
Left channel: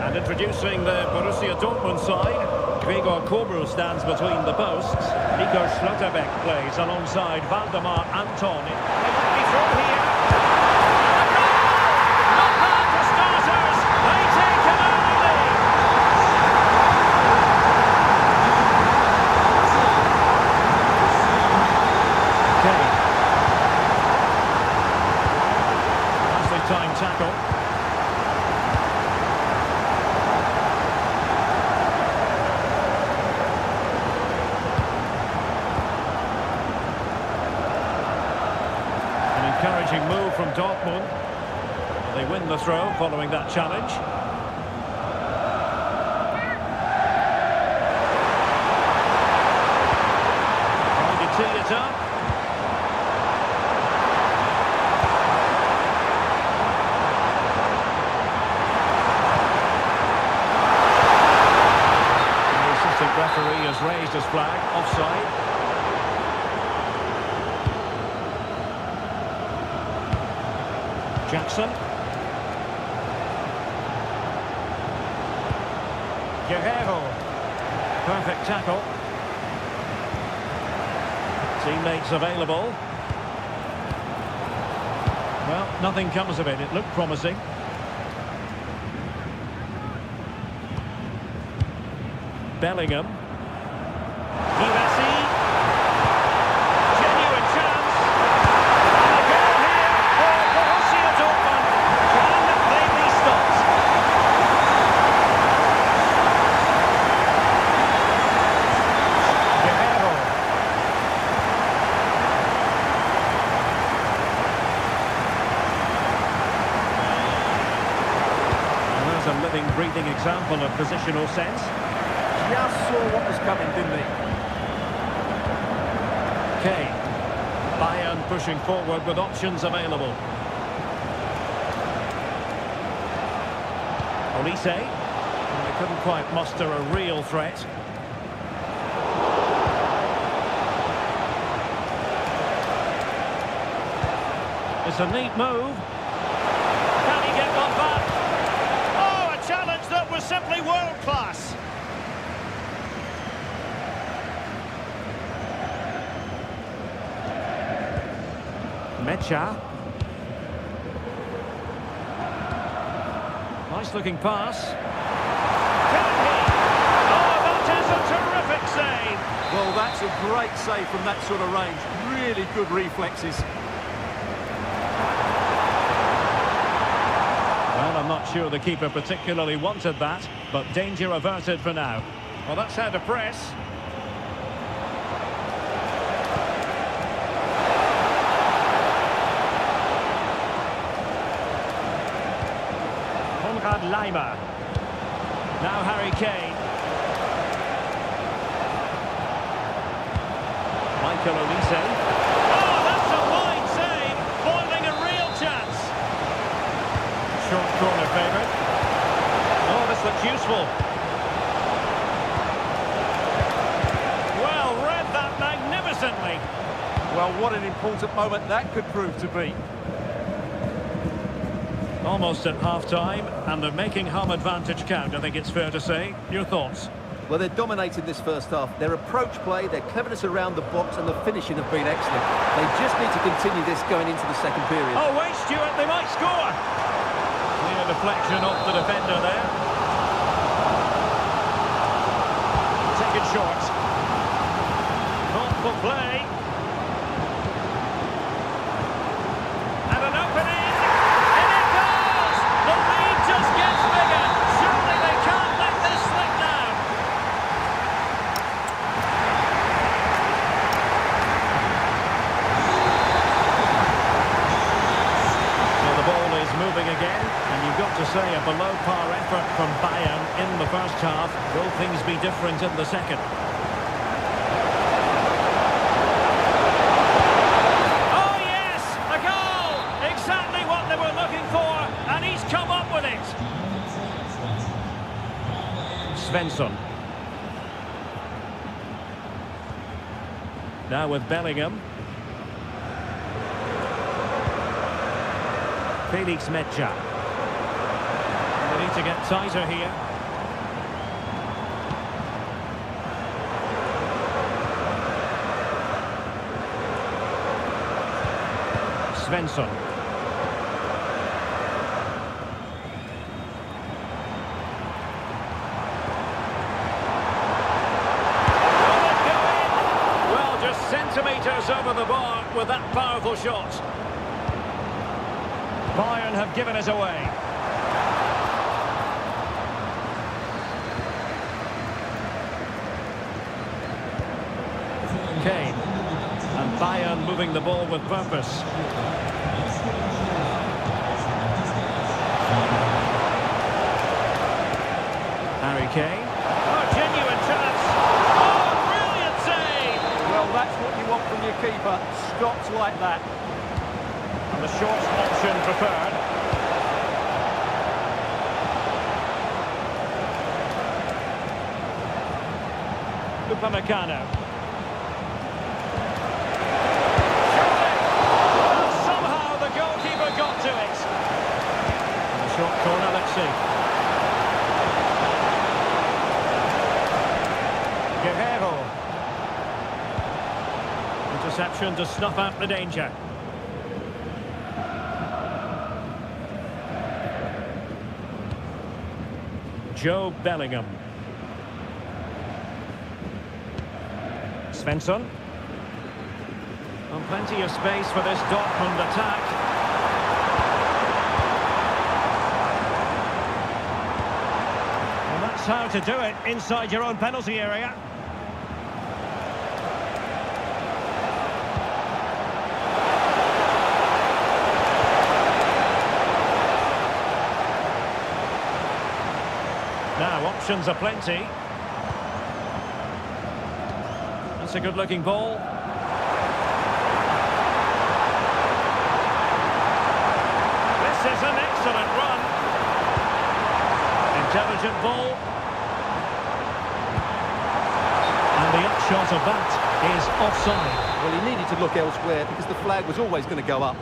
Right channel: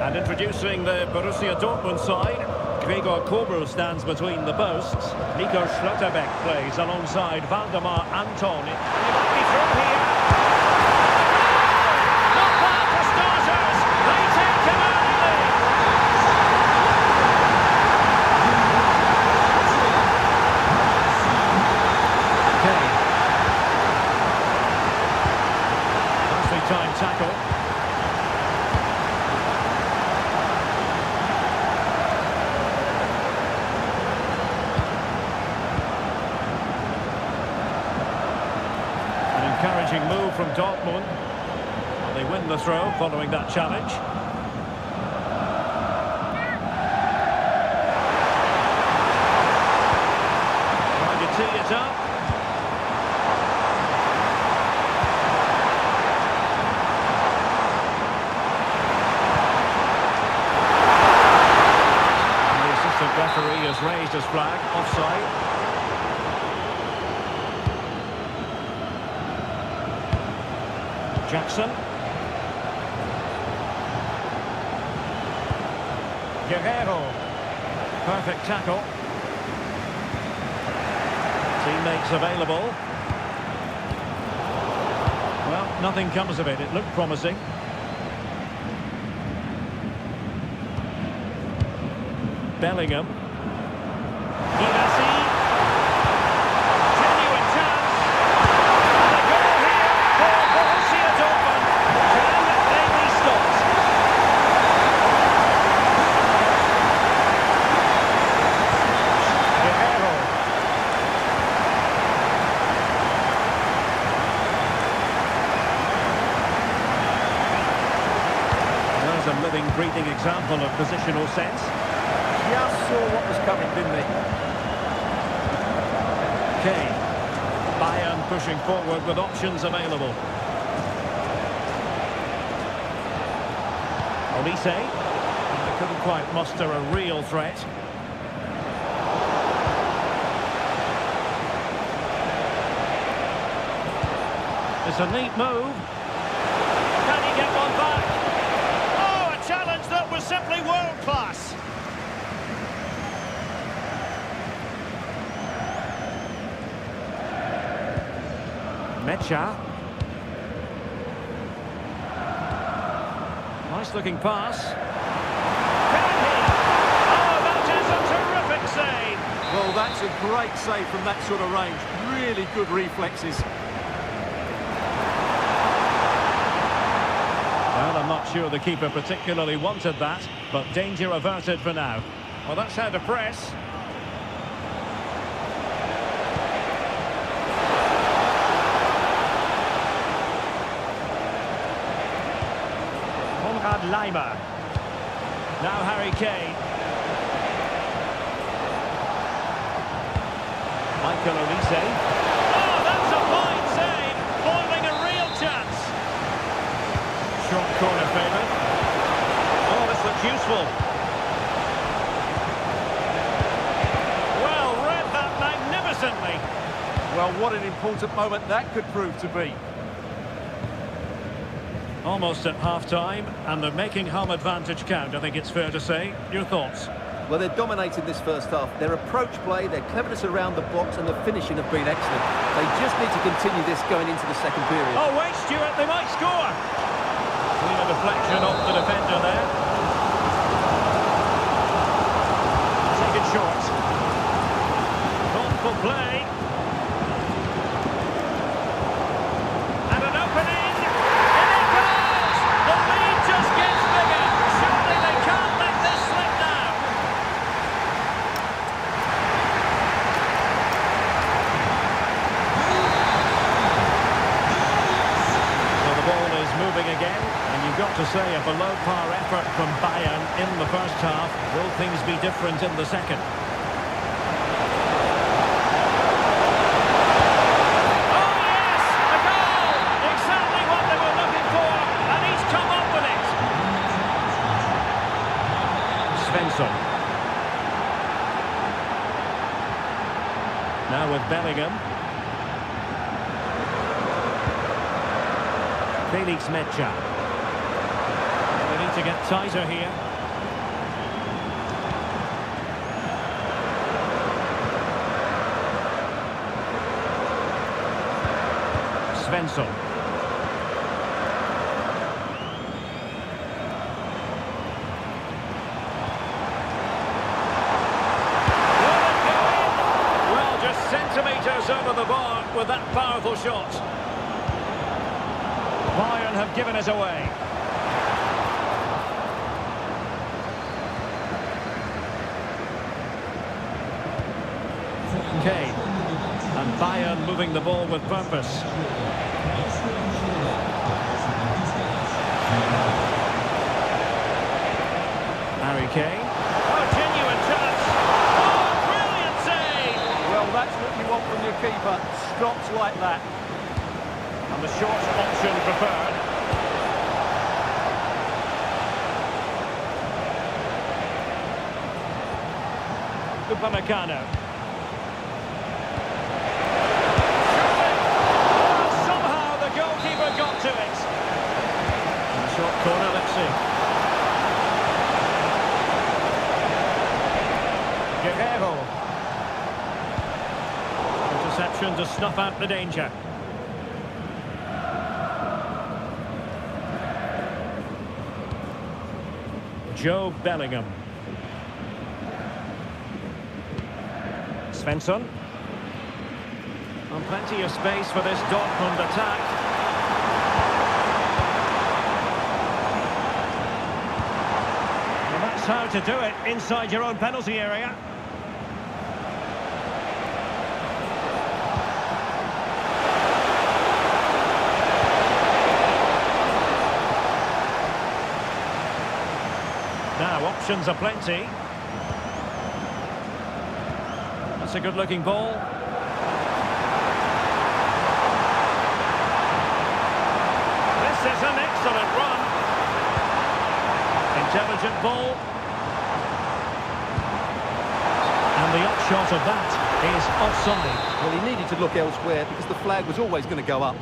And introducing the Borussia Dortmund side, Gregor Kobel stands between the posts. Nico Schlotterbeck plays alongside Valdemar Anton. He might be through here. A goal! Not bad for starters. They take an early lead. Kane. Nicely timed tackle. Encouraging move from Dortmund. Well, they win the throw following that challenge. Trying to tee it up. And the assistant referee has raised his flag, offside. Jackson. Guerrero. Perfect tackle. Teammates available. Well, nothing comes of it. It looked promising. Bellingham. Givasi. Genuine chance. And a goal here for Borussia Dortmund. Can they be stopped? Guerrero. Well, there's a living, breathing example of positional sense. Just saw what was coming, didn't he? Kane. Bayern pushing forward with options available. Olise. They couldn't quite muster a real threat. It's a neat move. Can he get one back? Oh, a challenge that was simply world class. Mecha. Nice looking pass. Can he? Oh, that is a terrific save. Well, that's a great save from that sort of range. Really good reflexes. Well, I'm not sure the keeper particularly wanted that, but danger averted for now. Well, that's how to press. Konrad Laimer. Now Harry Kane. Michael Olise. Oh, that's a fine save. Foiling a real chance. Short corner favourite. Oh, this looks useful. Well, read that magnificently. Well, what an important moment that could prove to be. Almost at half-time, and they're making home advantage count, I think it's fair to say. Your thoughts? Well, they're dominating this first half. Their approach play, their cleverness around the box and the finishing have been excellent. They just need to continue this going into the second period. Oh, wait, Stuart, they might score. Clear deflection off the defender there. Taken short. Thoughtful play. And an opening. In it goes! The lead just gets bigger. Surely they can't let this slip now. So the ball is moving again, and you've got to say a below-par effort from Bayern in the first half. Will things be different in the second? Oh yes, a goal! Exactly what they were looking for. Svensson. Now with Bellingham. Felix Mecha. They need to get tighter here. Svensson. Will it go in? Well, just centimetres over the bar with that powerful shot. Bayern have given it away. Kane. And Bayern moving the ball with purpose. Harry Kane. Oh, genuine chance. Oh, brilliant save. Well, that's what you want from your keeper. Stops like that. And the short option preferred. Upamecano. Well, somehow the goalkeeper got to it. And the short corner, let's see. Guerrero. Interception to snuff out the danger. Joe Bellingham. Svensson. And plenty of space for this Dortmund attack. Well, that's how to do it inside your own penalty area. Now, options are plenty. That's a good-looking ball. This is an excellent run. Intelligent ball. And the upshot of that is offside. Well, he needed to look elsewhere because the flag was always going to go up.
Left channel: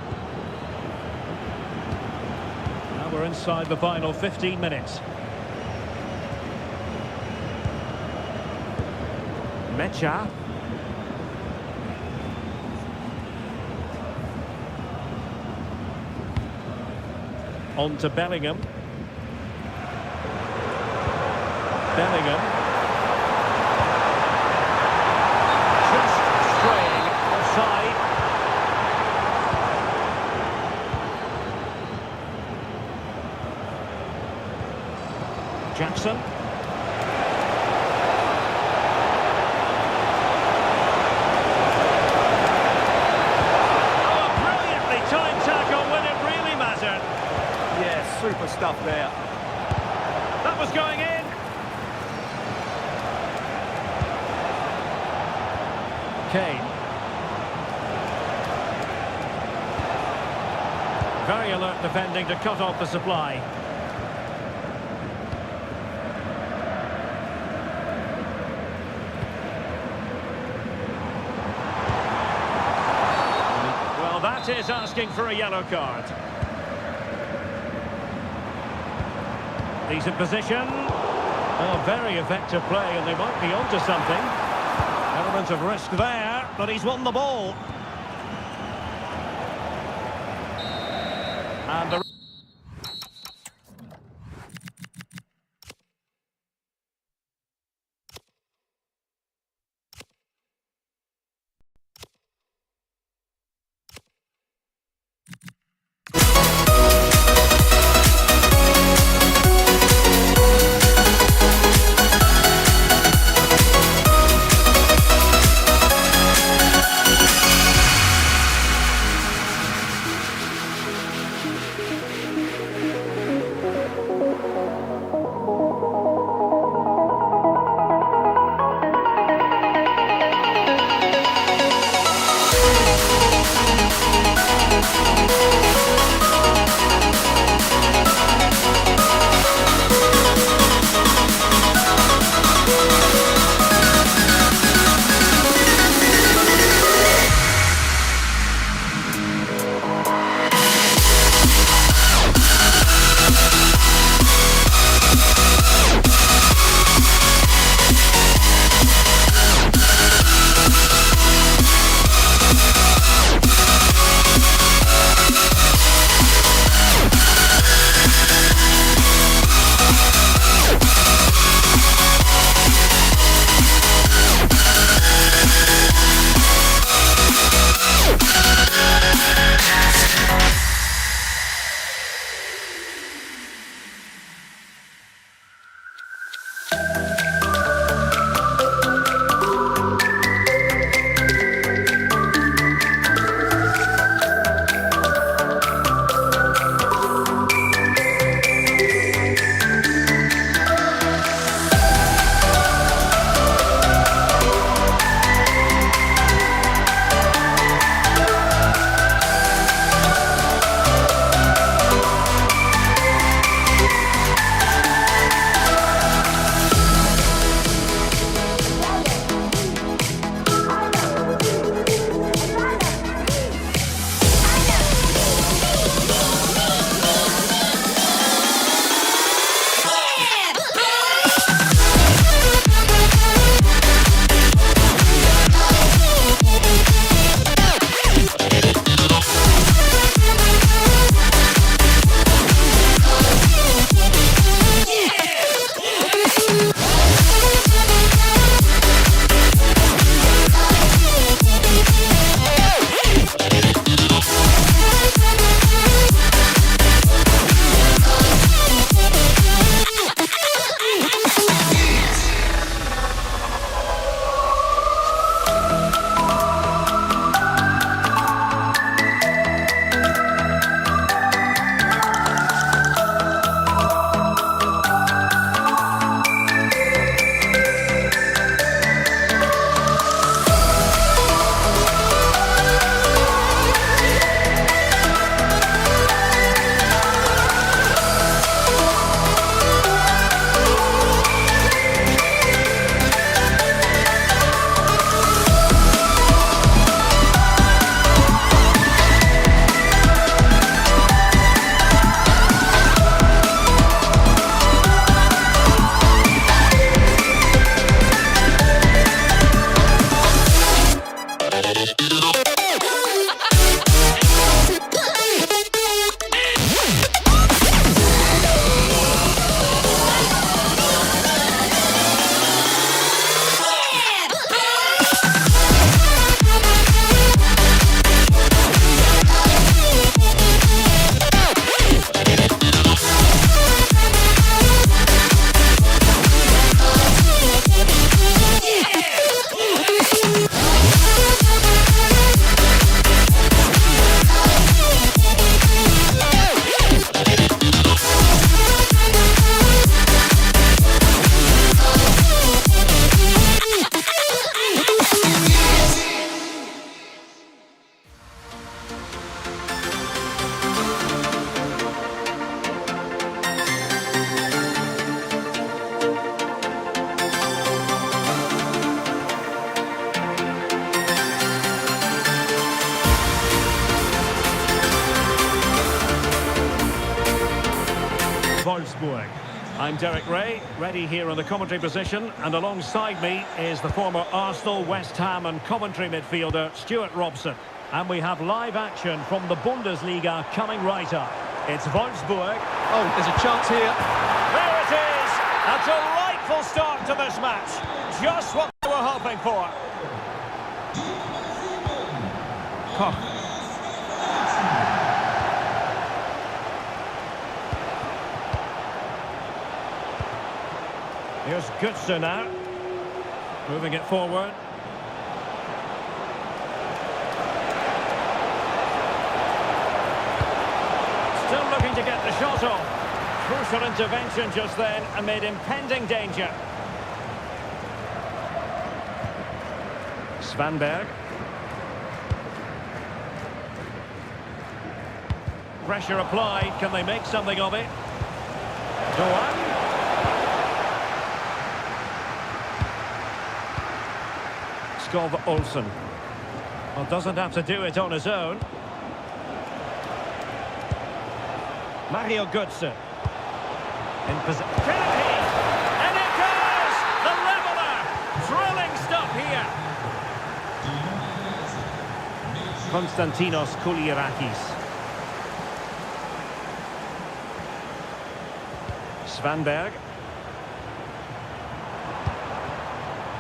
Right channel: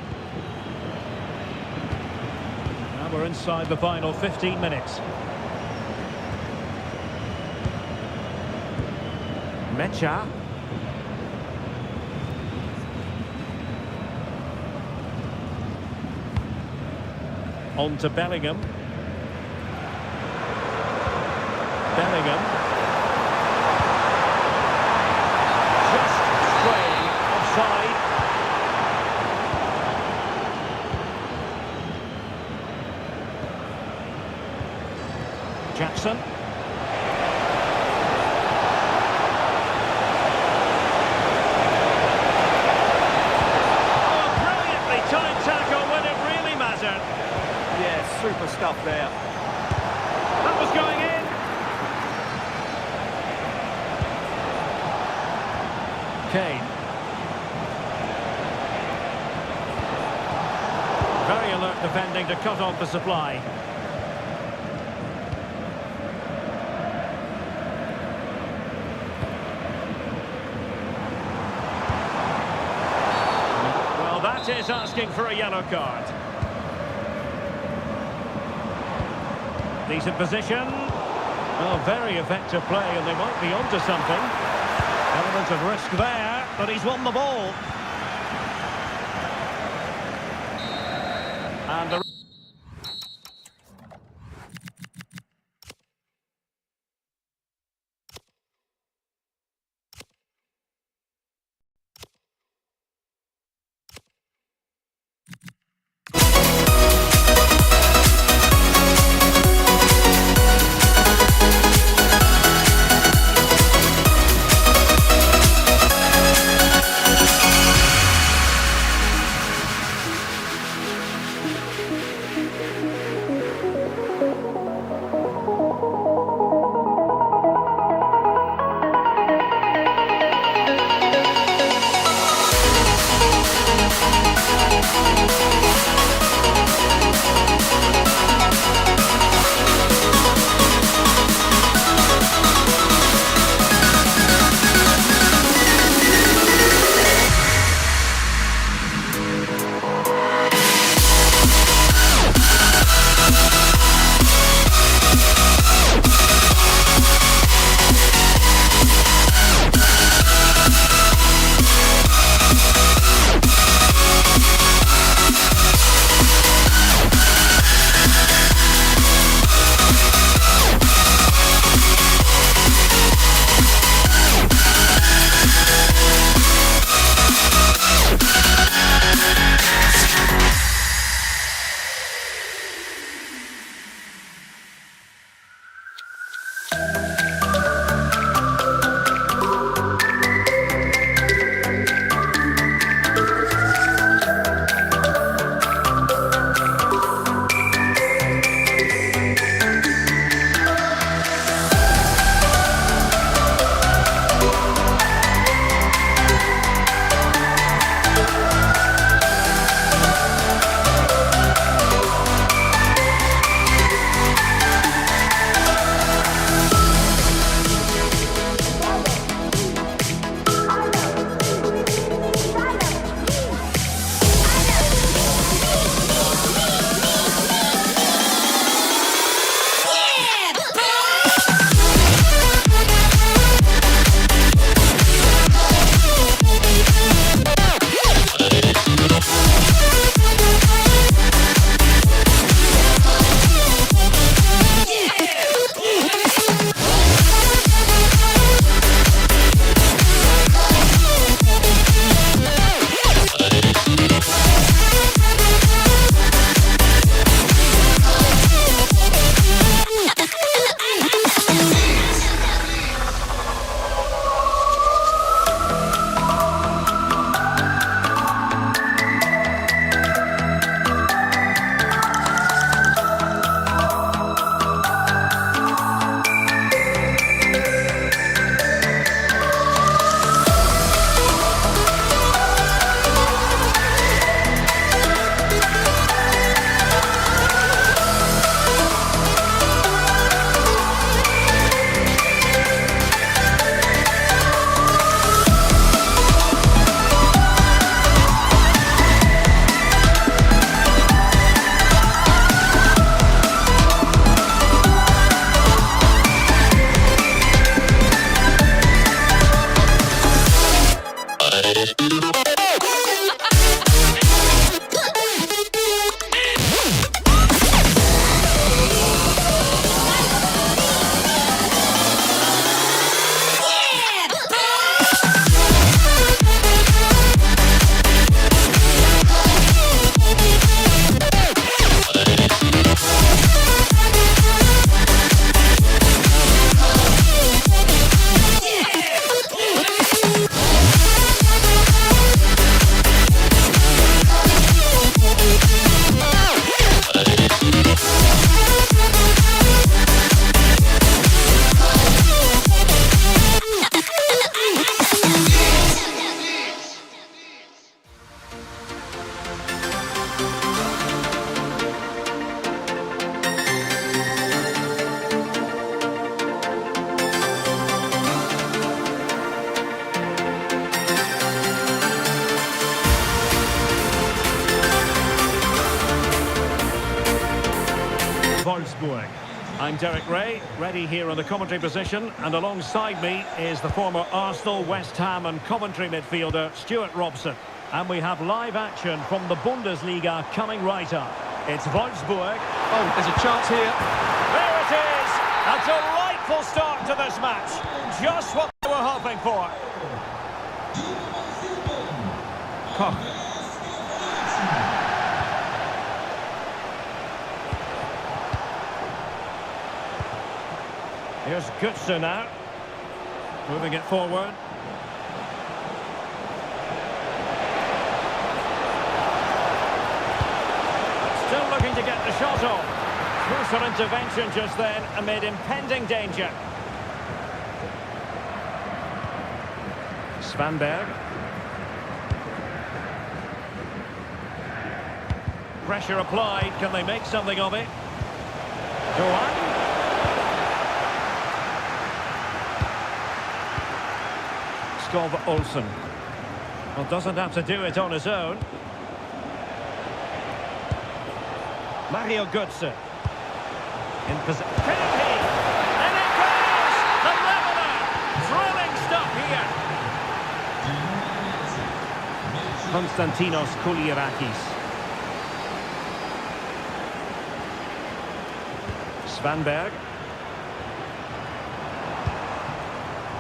Now we're inside the final 15 minutes. Mecha. On to Bellingham. Bellingham. Just straying offside. Jackson. Time tackle when it really mattered. Yeah, super stuff there. That was going in. Kane. Very alert defending to cut off the supply. Well, that is asking for a yellow card. Decent position. Oh, very effective play, and they might be onto something. Element of risk there, but he's won the ball. And the Wolfsburg. I'm Derek Ray, ready here in the commentary position, and alongside me is the former Arsenal, West Ham and Coventry midfielder Stuart Robson. And we have live action from the Bundesliga coming right up. It's Wolfsburg. Oh, there's a chance here. There it is! A delightful start to this match. Just what they were hoping for. Koch. Here's Götze now. Moving it forward. Still looking to get the shot off. Crucial intervention just then amid impending danger. Svanberg. Pressure applied. Can they make something of it? Doan. Skov Olsen. Well, doesn't have to do it on his own. Mario Götze. In position. Can he? And it goes! The leveller! Thrilling stuff here. Konstantinos Koulirakis. Svanberg.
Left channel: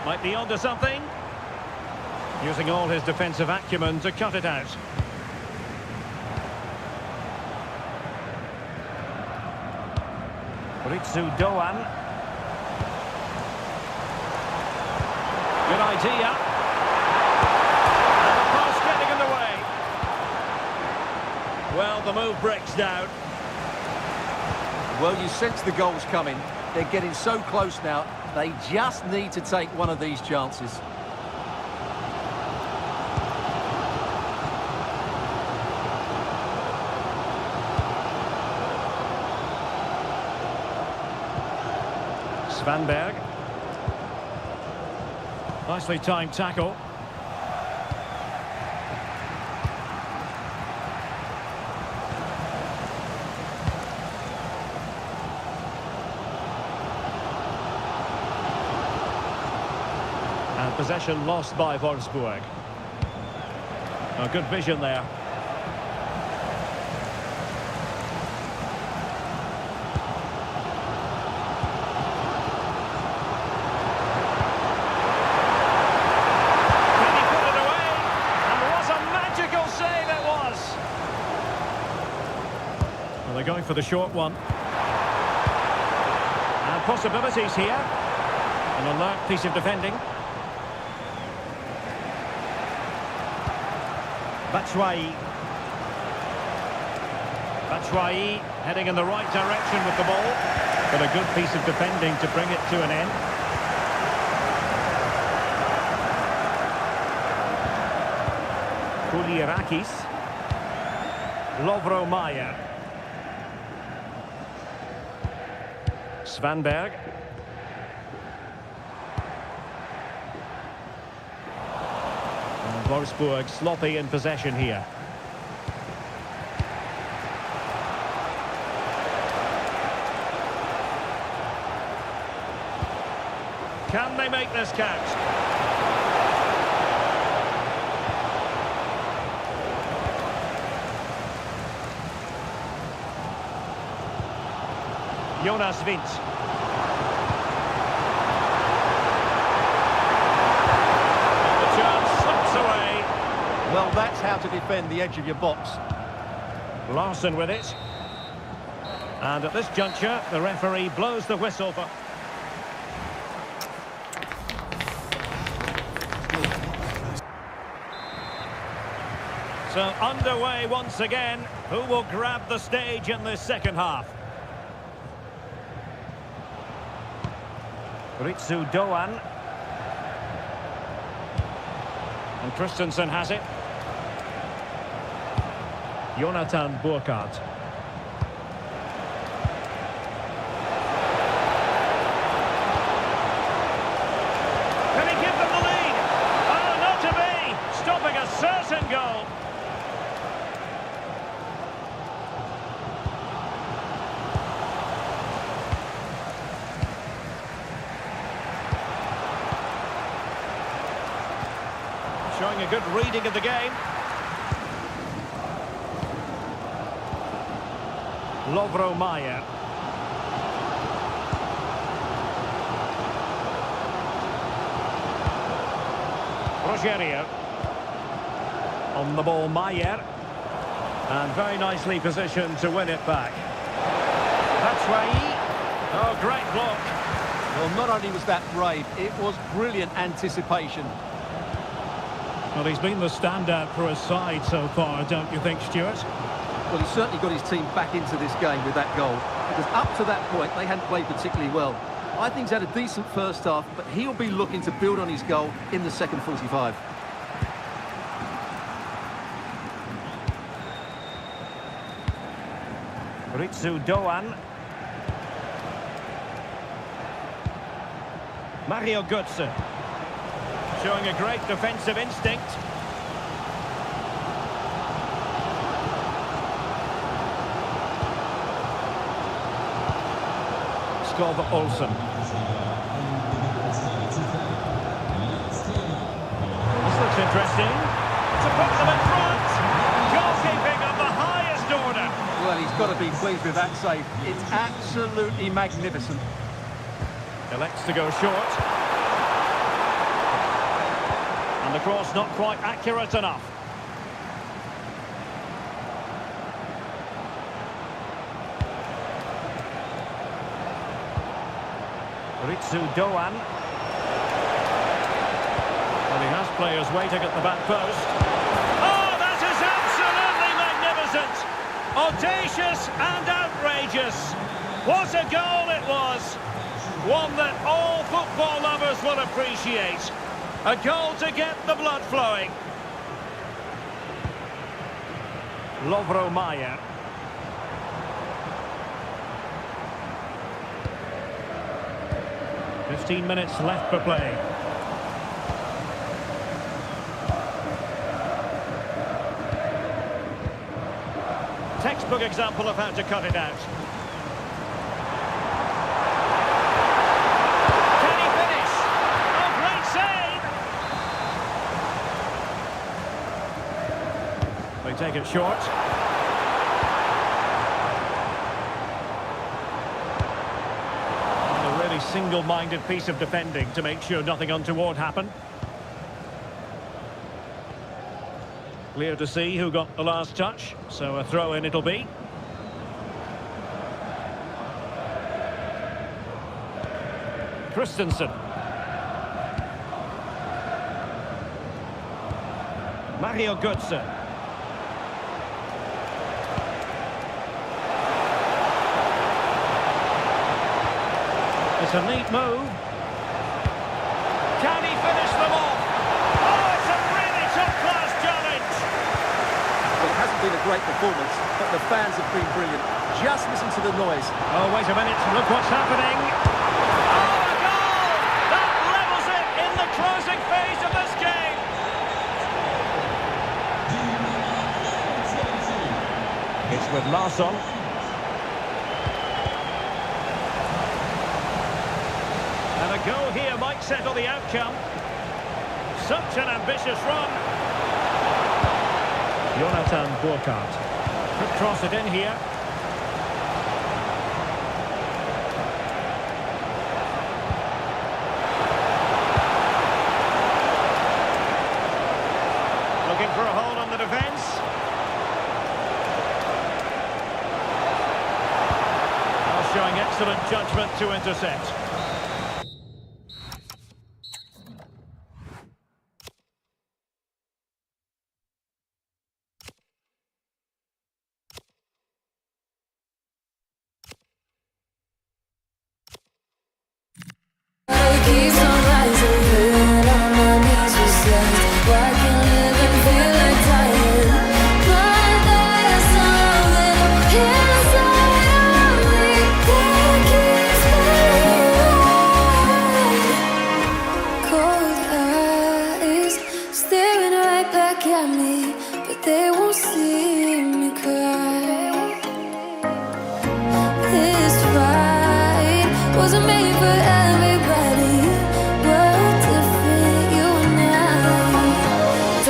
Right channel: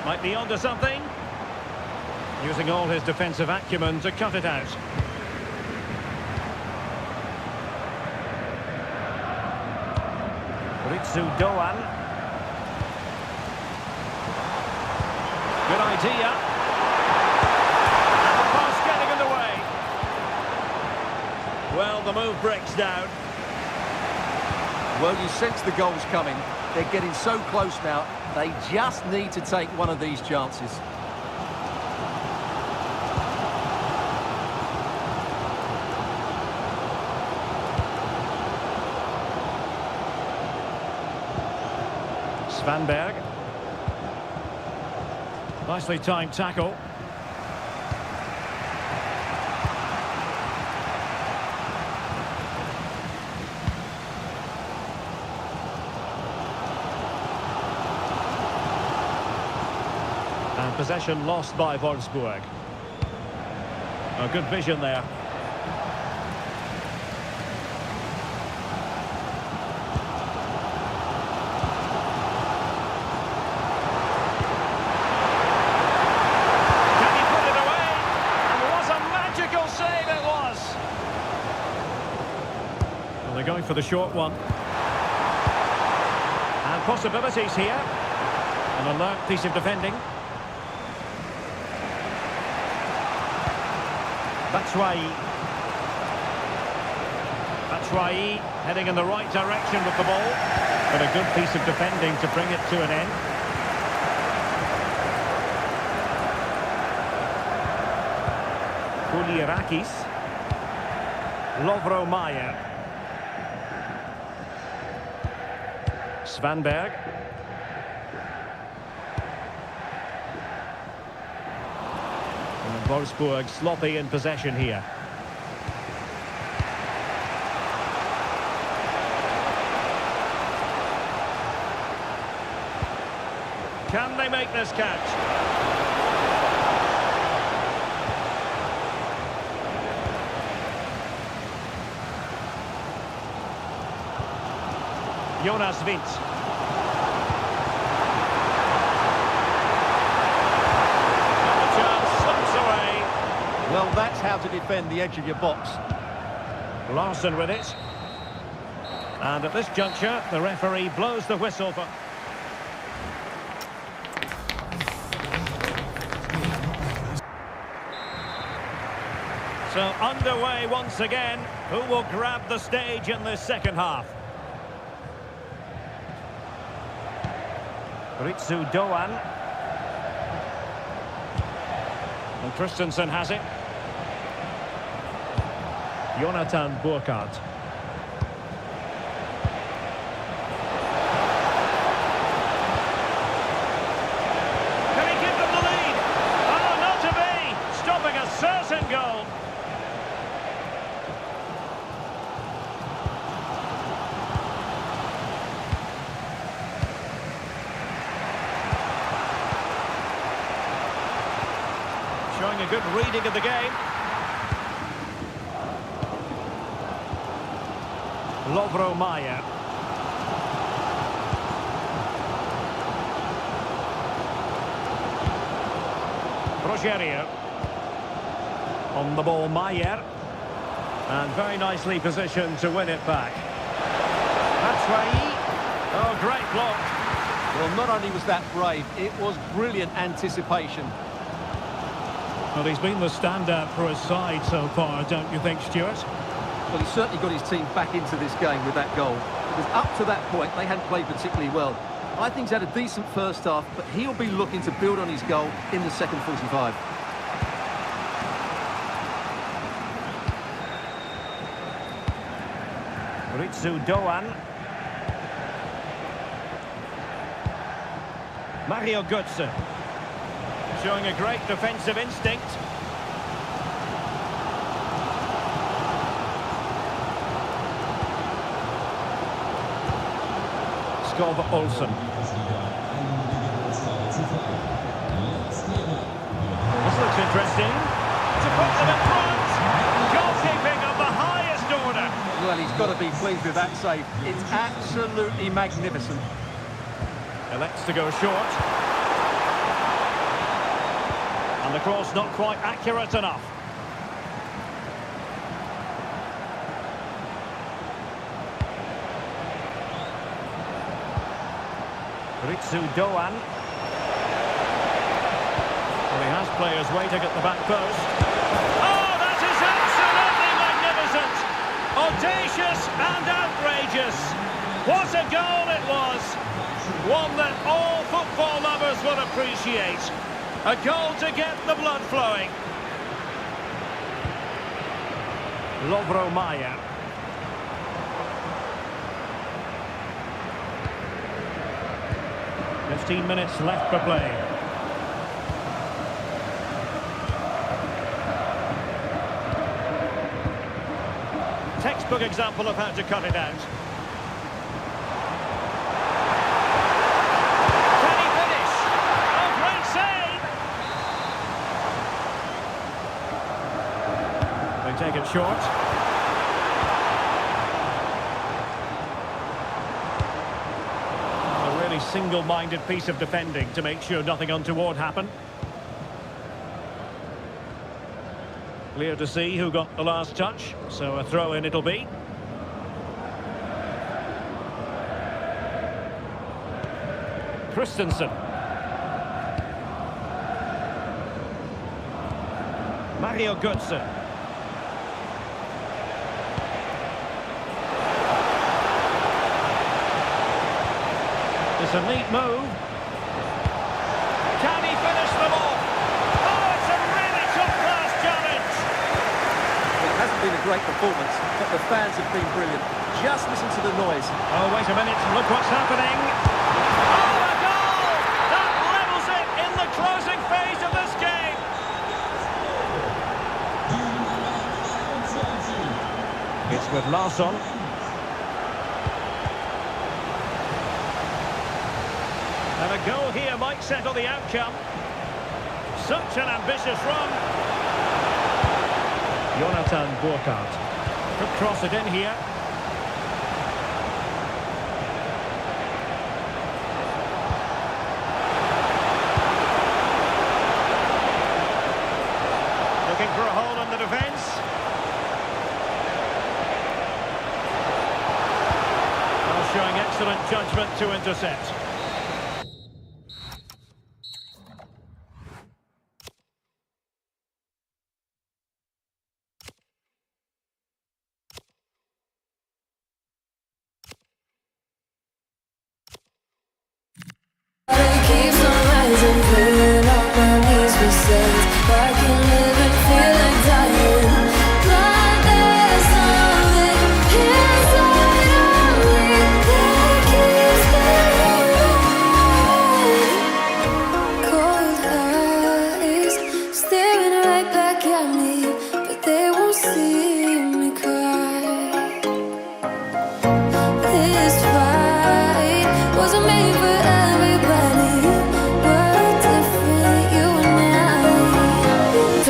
Might be onto something. Using all his defensive acumen to cut it out. Ritsu Doan. Good idea. And the post getting in the way. Well, the move breaks down. Well, you sense the goals coming. They're getting so close now. They just need to take one of these chances. Svanberg. Nicely timed tackle. And possession lost by Wolfsburg. A good vision there. They're going for the short one. And possibilities here. An alert piece of defending. Batshuayi. Batshuayi heading in the right direction with the ball. But a good piece of defending to bring it to an end. Koulirakis. Lovro Mayer. Svanberg. And Wolfsburg sloppy in possession here. Can they make this count? Jonas Wind. And the chance slips away. Well, that's how to defend the edge of your box. Larson with it. And at this juncture, the referee blows the whistle for... So underway once again. Who will grab the stage in this second half? Ritsu Doan. And Christensen has it. Jonathan Burkhardt. Can he give them the lead? Oh, not to be! Stopping a certain goal. Showing a good reading of the game. Lovro Mayer. Rogerio. On the ball, Mayer. And very nicely positioned to win it back. Batshuayi. Oh, great block. Well, not only was that brave, it was brilliant anticipation. Well, he's been the standout for his side so far, don't you think, Stuart? Well, he certainly got his team back into this game with that goal. Because up to that point, they hadn't played particularly well. I think he's had a decent first half, but he'll be looking to build on his goal in the second 45. Ritsu Doan. Mario Götze. Showing a great defensive instinct. Skov Olsen. This looks interesting. To put them in front. Goalkeeping of the highest order. Well, he's got to be pleased with that save. It's absolutely magnificent. Elects to go short. And the cross not quite accurate enough. Ritsu Doan. Well, he has players waiting at the back post. Oh, that is absolutely magnificent! Audacious and outrageous. What a goal it was! One that all football lovers will appreciate. A goal to get the blood flowing. Lovro Mayer. "15 minutes left for play. Textbook example of how to cut it out. Can he finish? Oh, great save! They take it short. A really single-minded piece of defending to make sure nothing untoward happened. Clear to see who got the last touch, so a throw-in it'll be. Christensen. Mario Götze. It's a neat move. Can he finish them off? Oh, it's a really top-class challenge. Well, it hasn't been a great performance, but the fans have been brilliant. Just listen to the noise. Oh, wait a minute. Look what's happening. Oh, a goal! That levels it in the closing phase of this game. It's with Larsson. And a goal here might settle the outcome. Such an ambitious run. Jonathan Burkhardt could cross it in here. Looking for a hole in the defence. Now showing excellent judgment to intercept. But it keeps on rising, playing on my knees with sense. Why can't live and feel like dying? But there's something inside of me that keeps me alive. Cold eyes staring right back at me, but they won't see me cry. This fight wasn't made for everybody. We're different, you and I.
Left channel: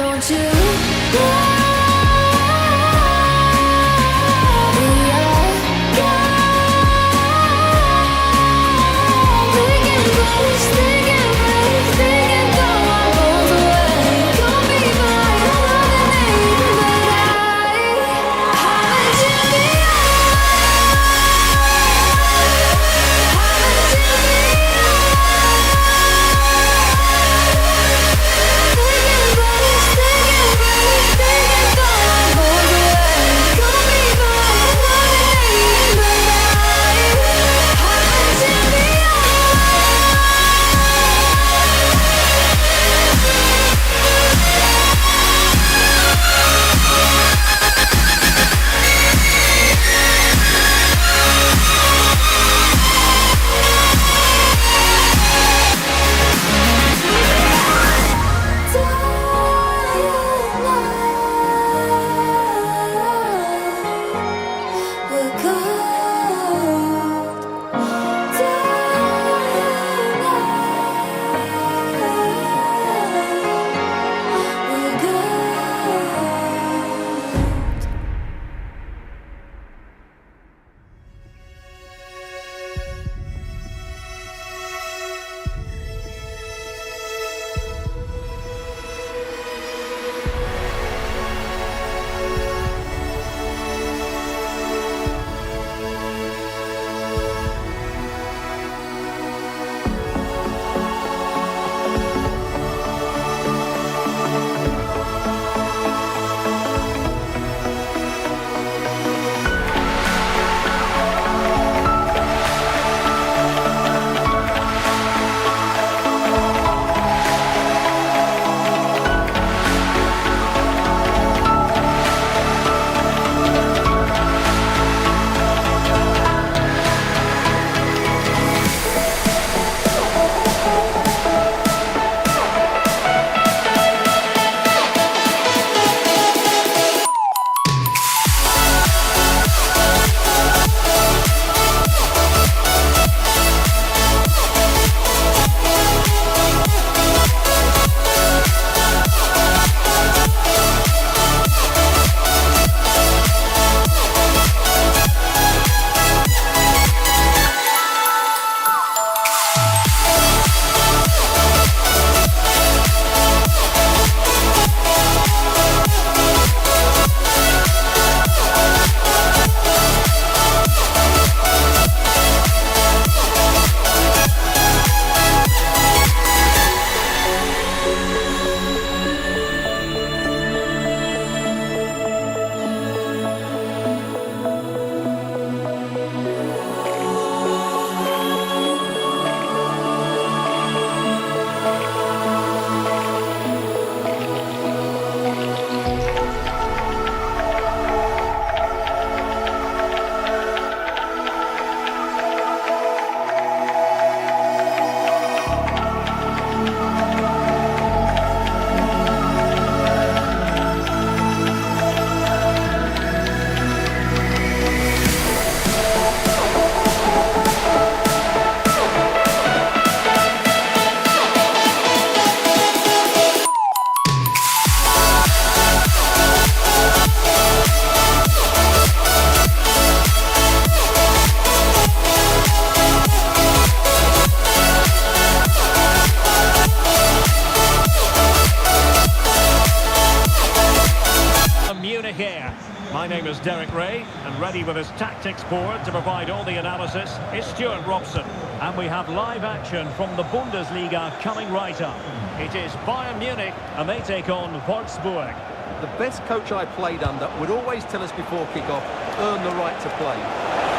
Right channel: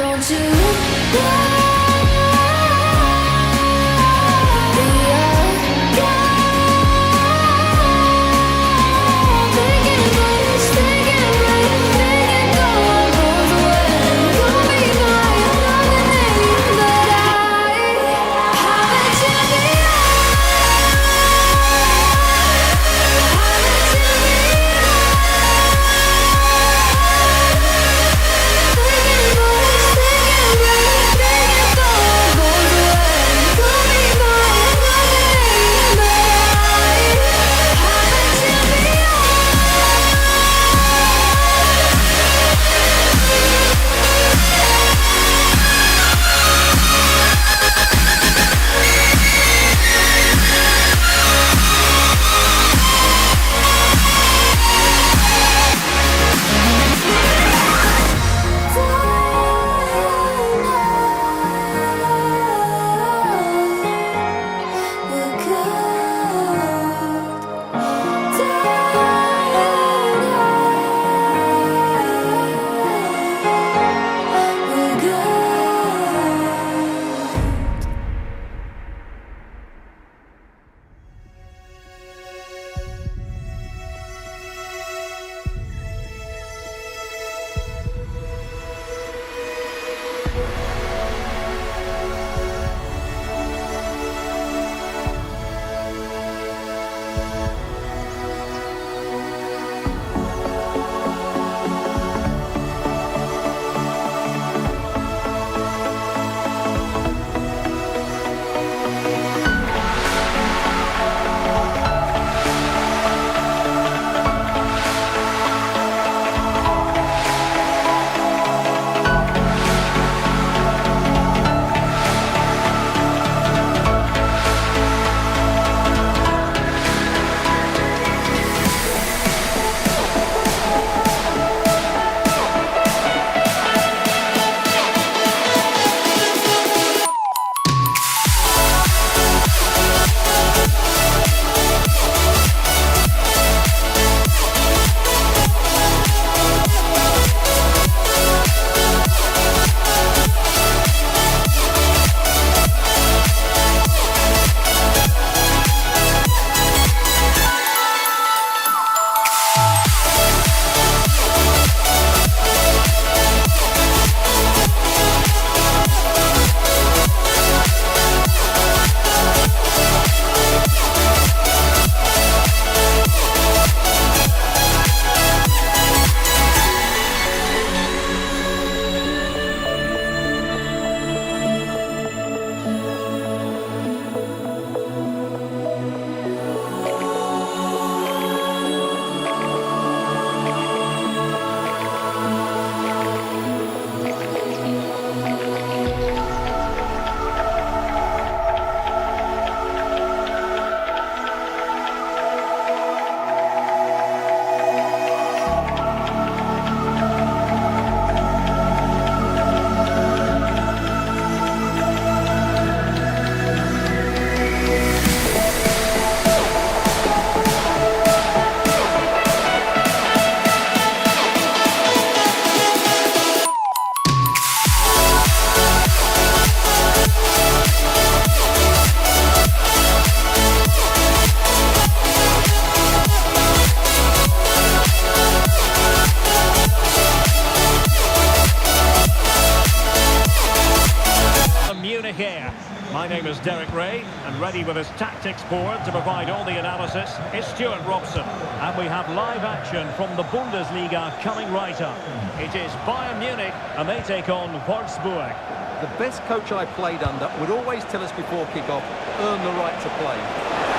name is Derek Ray, and ready with his tactics board to provide all the analysis is Stuart Robson. And we have live action from the Bundesliga coming right up. It is Bayern Munich, and they take on Wolfsburg. The best coach I played under would always tell us before kick-off, earn the right to play.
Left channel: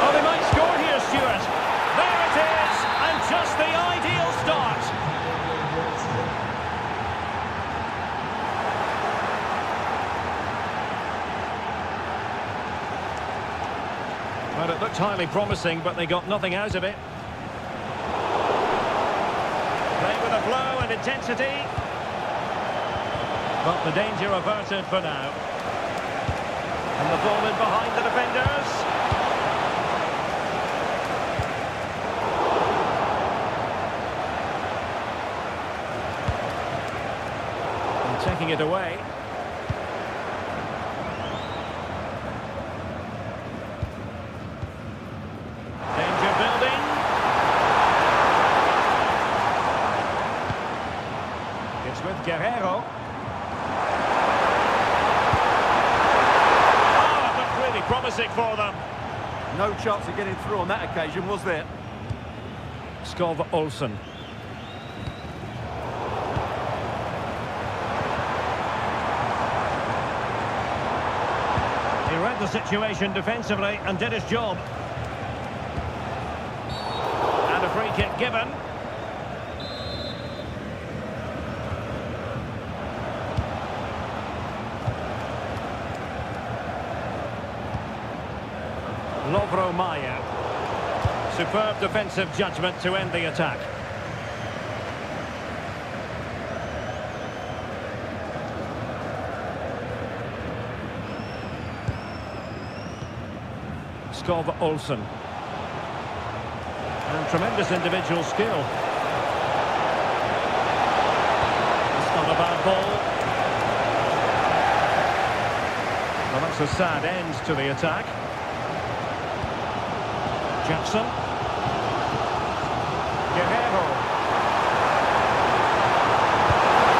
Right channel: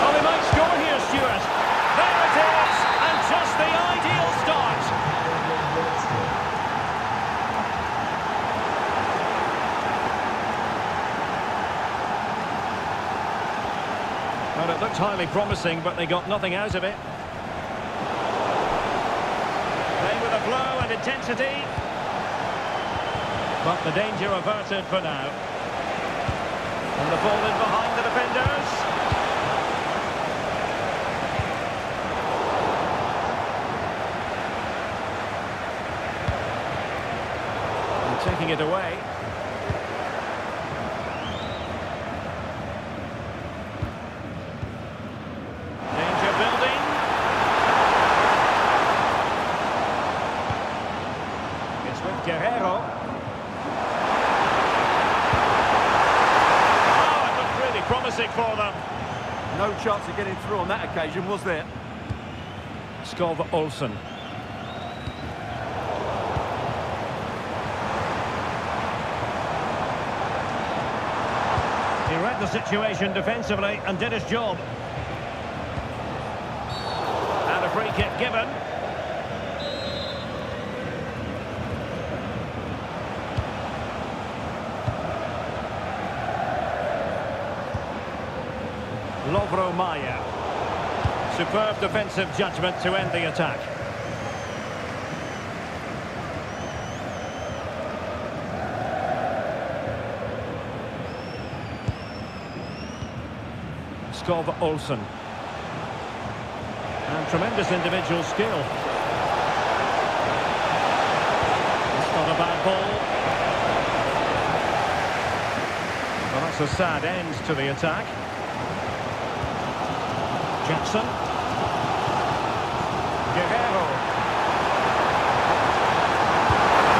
Oh, they might score here, Stuart. There it is, and just the ideal start. Well, it looked highly promising, but they got nothing out of it. Play with a flow and intensity. But the danger averted for now. And the ball in behind the defenders. And taking it away. Danger building. It's with Guerrero. Oh, it looked really promising for them. No chance of getting through on that occasion, was there? Skov Olsen. He read the situation defensively and did his job. And a free kick given. Lovro Mayer. Superb defensive judgment to end the attack. Skov Olsen. And tremendous individual skill. It's not a bad ball. Well, that's a sad end to the attack. Jackson. Guerrero.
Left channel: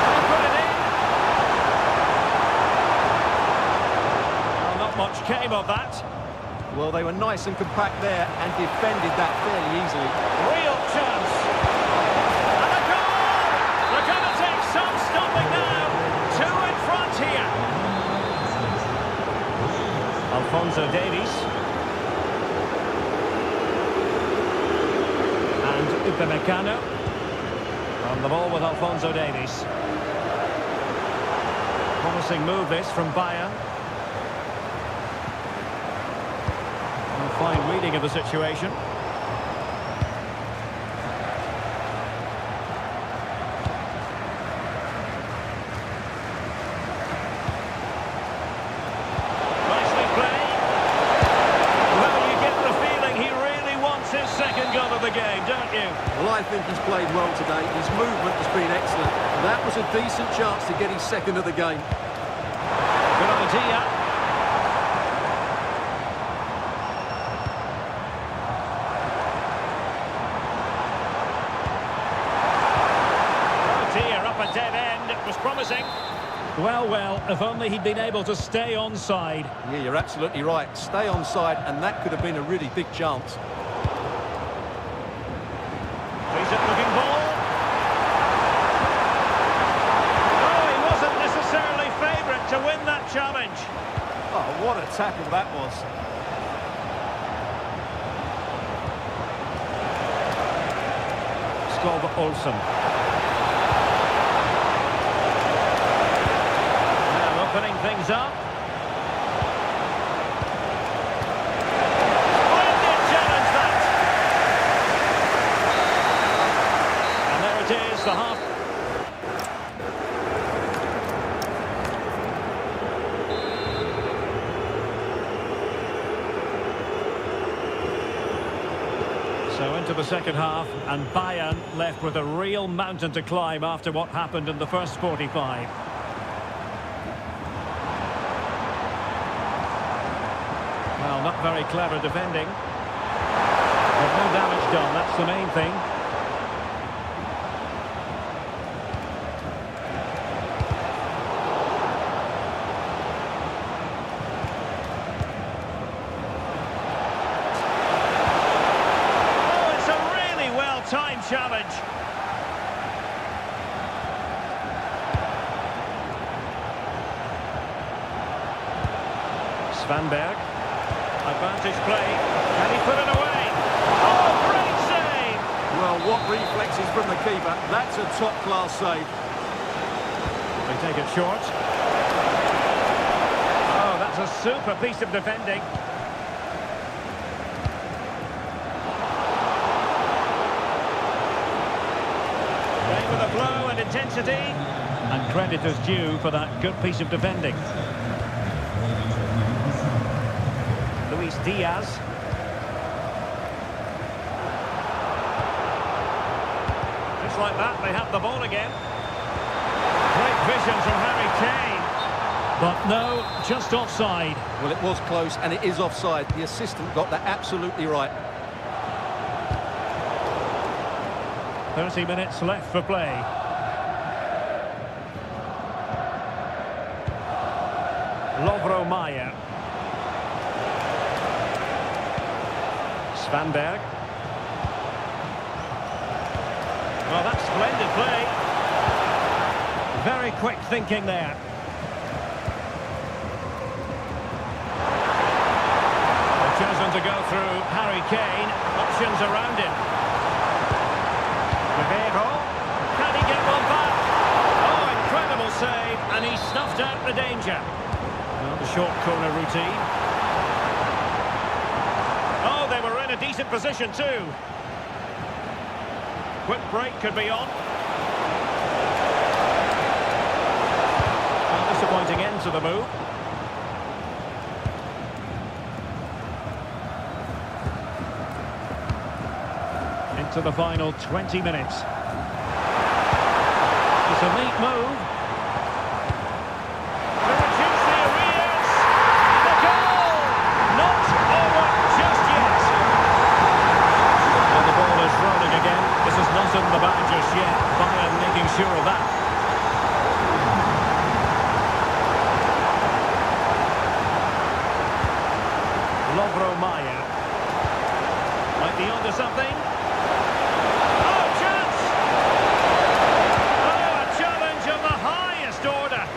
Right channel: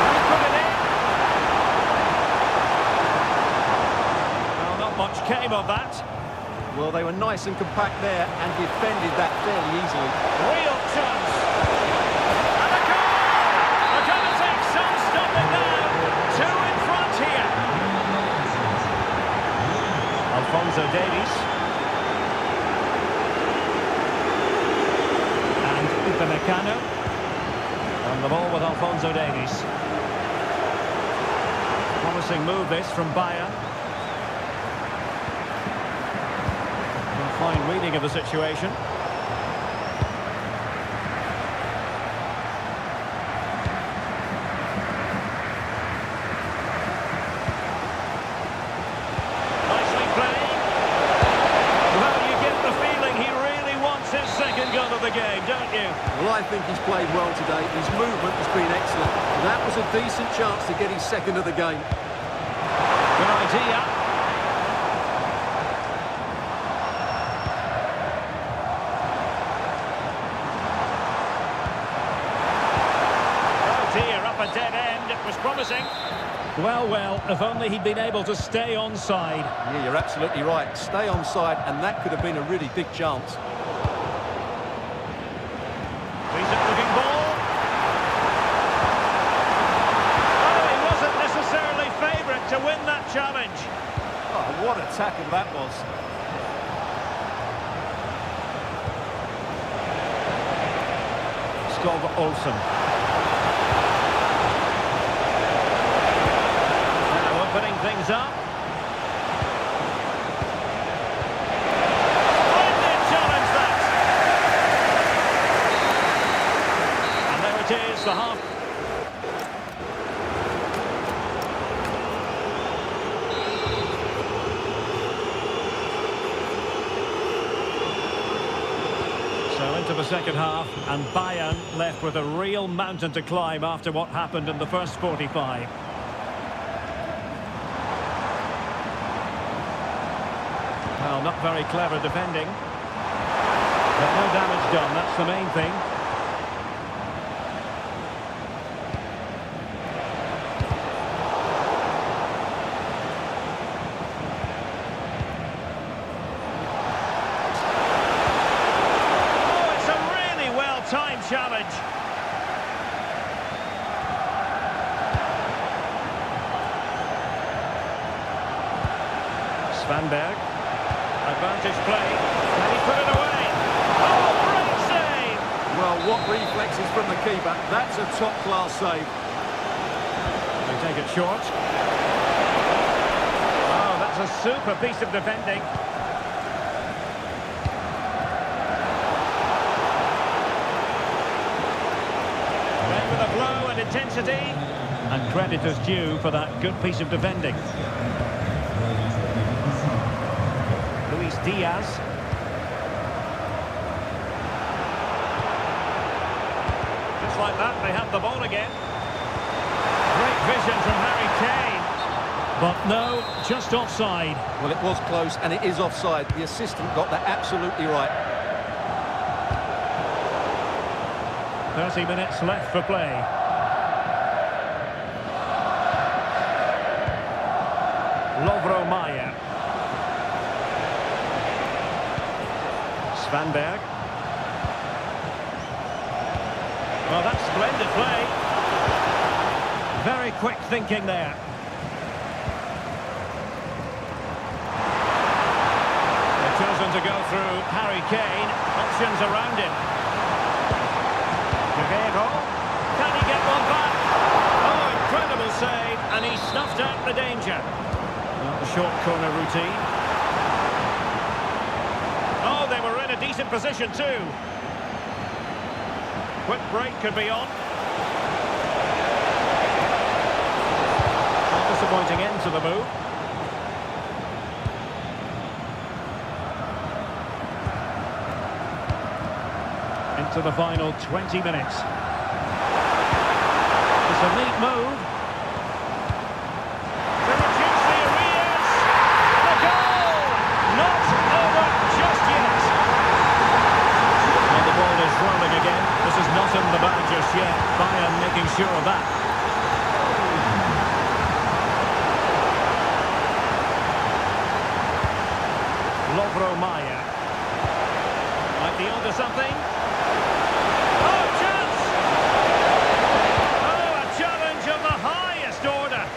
And he put it in. Well, not much came of that. Well, they were nice and compact there and defended that fairly easily. Real chance. And a goal! They're going to take some stopping now. Two in front here. Alphonso Davies. And Upamecano. On the ball with Alphonso Davies. Promising move this from Bayern. A fine reading of the situation. Nicely played. Well, you get the feeling he really wants his second goal of the game, don't you? Well, I think he's played well today. His movement has been excellent. That was a decent chance to get his second of the game. Good idea. Oh dear, up a dead end. It was promising. Well, well, if only he'd been able to stay onside. Yeah, you're absolutely right. Stay onside, and that could have been a really big chance. Decent-looking ball. Oh, he wasn't necessarily favourite to win that challenge. Oh, what a tackle that was. Skov Olsen. Now opening things up. Splendid challenge that. And there it is, the half. So into the second half, and Bayern left with a real mountain to climb after what happened in the first 45. Well, not very clever defending. But no damage done, that's the main thing. time challenge. Svanberg. Advantage play. Can he put it away? Oh, great save! Well, what reflexes from the keeper. That's a top-class save. They take it short. Oh, that's a super piece of defending. Playing with a flow and intensity. And credit is due for that good piece of defending. Luis Diaz. Just like that, they have the ball again. Great vision from Harry Kane. But no, just offside. Well, it was close, and it is offside. The assistant got that absolutely right. 30 minutes left for play. Lovro Mayer. Svanberg. Well, that's splendid play. Very quick thinking there. They've chosen to go through Harry Kane. Options around him. Rivero. Can he get one back? Oh, incredible save. And he snuffed out the danger. Well, the short corner routine. Oh, they were in a decent position too. Quick break could be on. Well, disappointing end to the move. Into the final 20 minutes. It's a neat move. To reduce the arrears. And a goal! Not over just yet. Well, the ball is rolling again. This is not in the bag just yet. Bayern making sure of that. Lovro Mayer. Might be onto something. Oh, chance! Oh, a challenge of the highest order.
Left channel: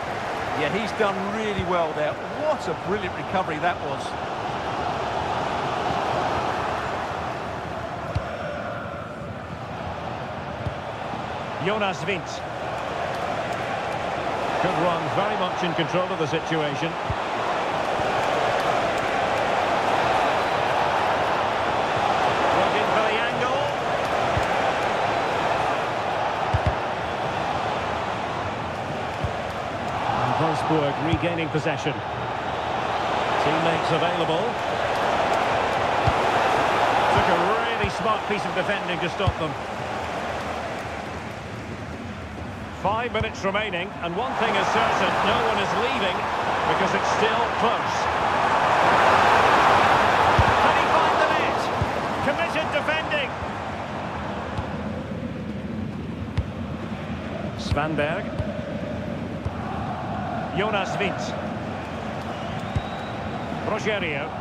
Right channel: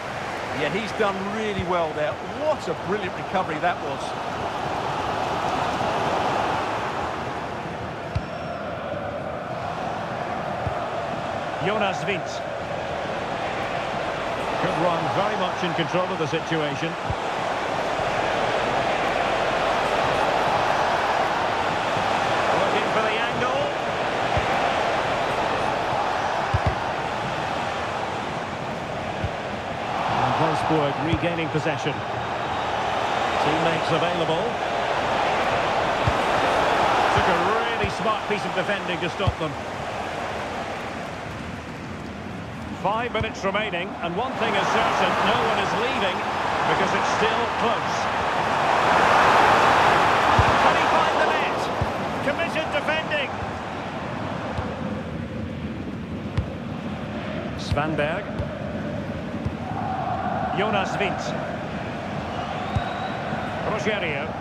Yeah, he's done really well there. What a brilliant recovery that was. Jonas Vint. Good run, very much in control of the situation. Looking for the angle. And Wolfsburg regaining possession. Teammates available. Took a really smart piece of defending to stop them. 5 minutes remaining, and one thing is certain, no one is leaving because it's still close. Can he find the net? Committed defending. Svanberg. Jonas Vint. Rogerio.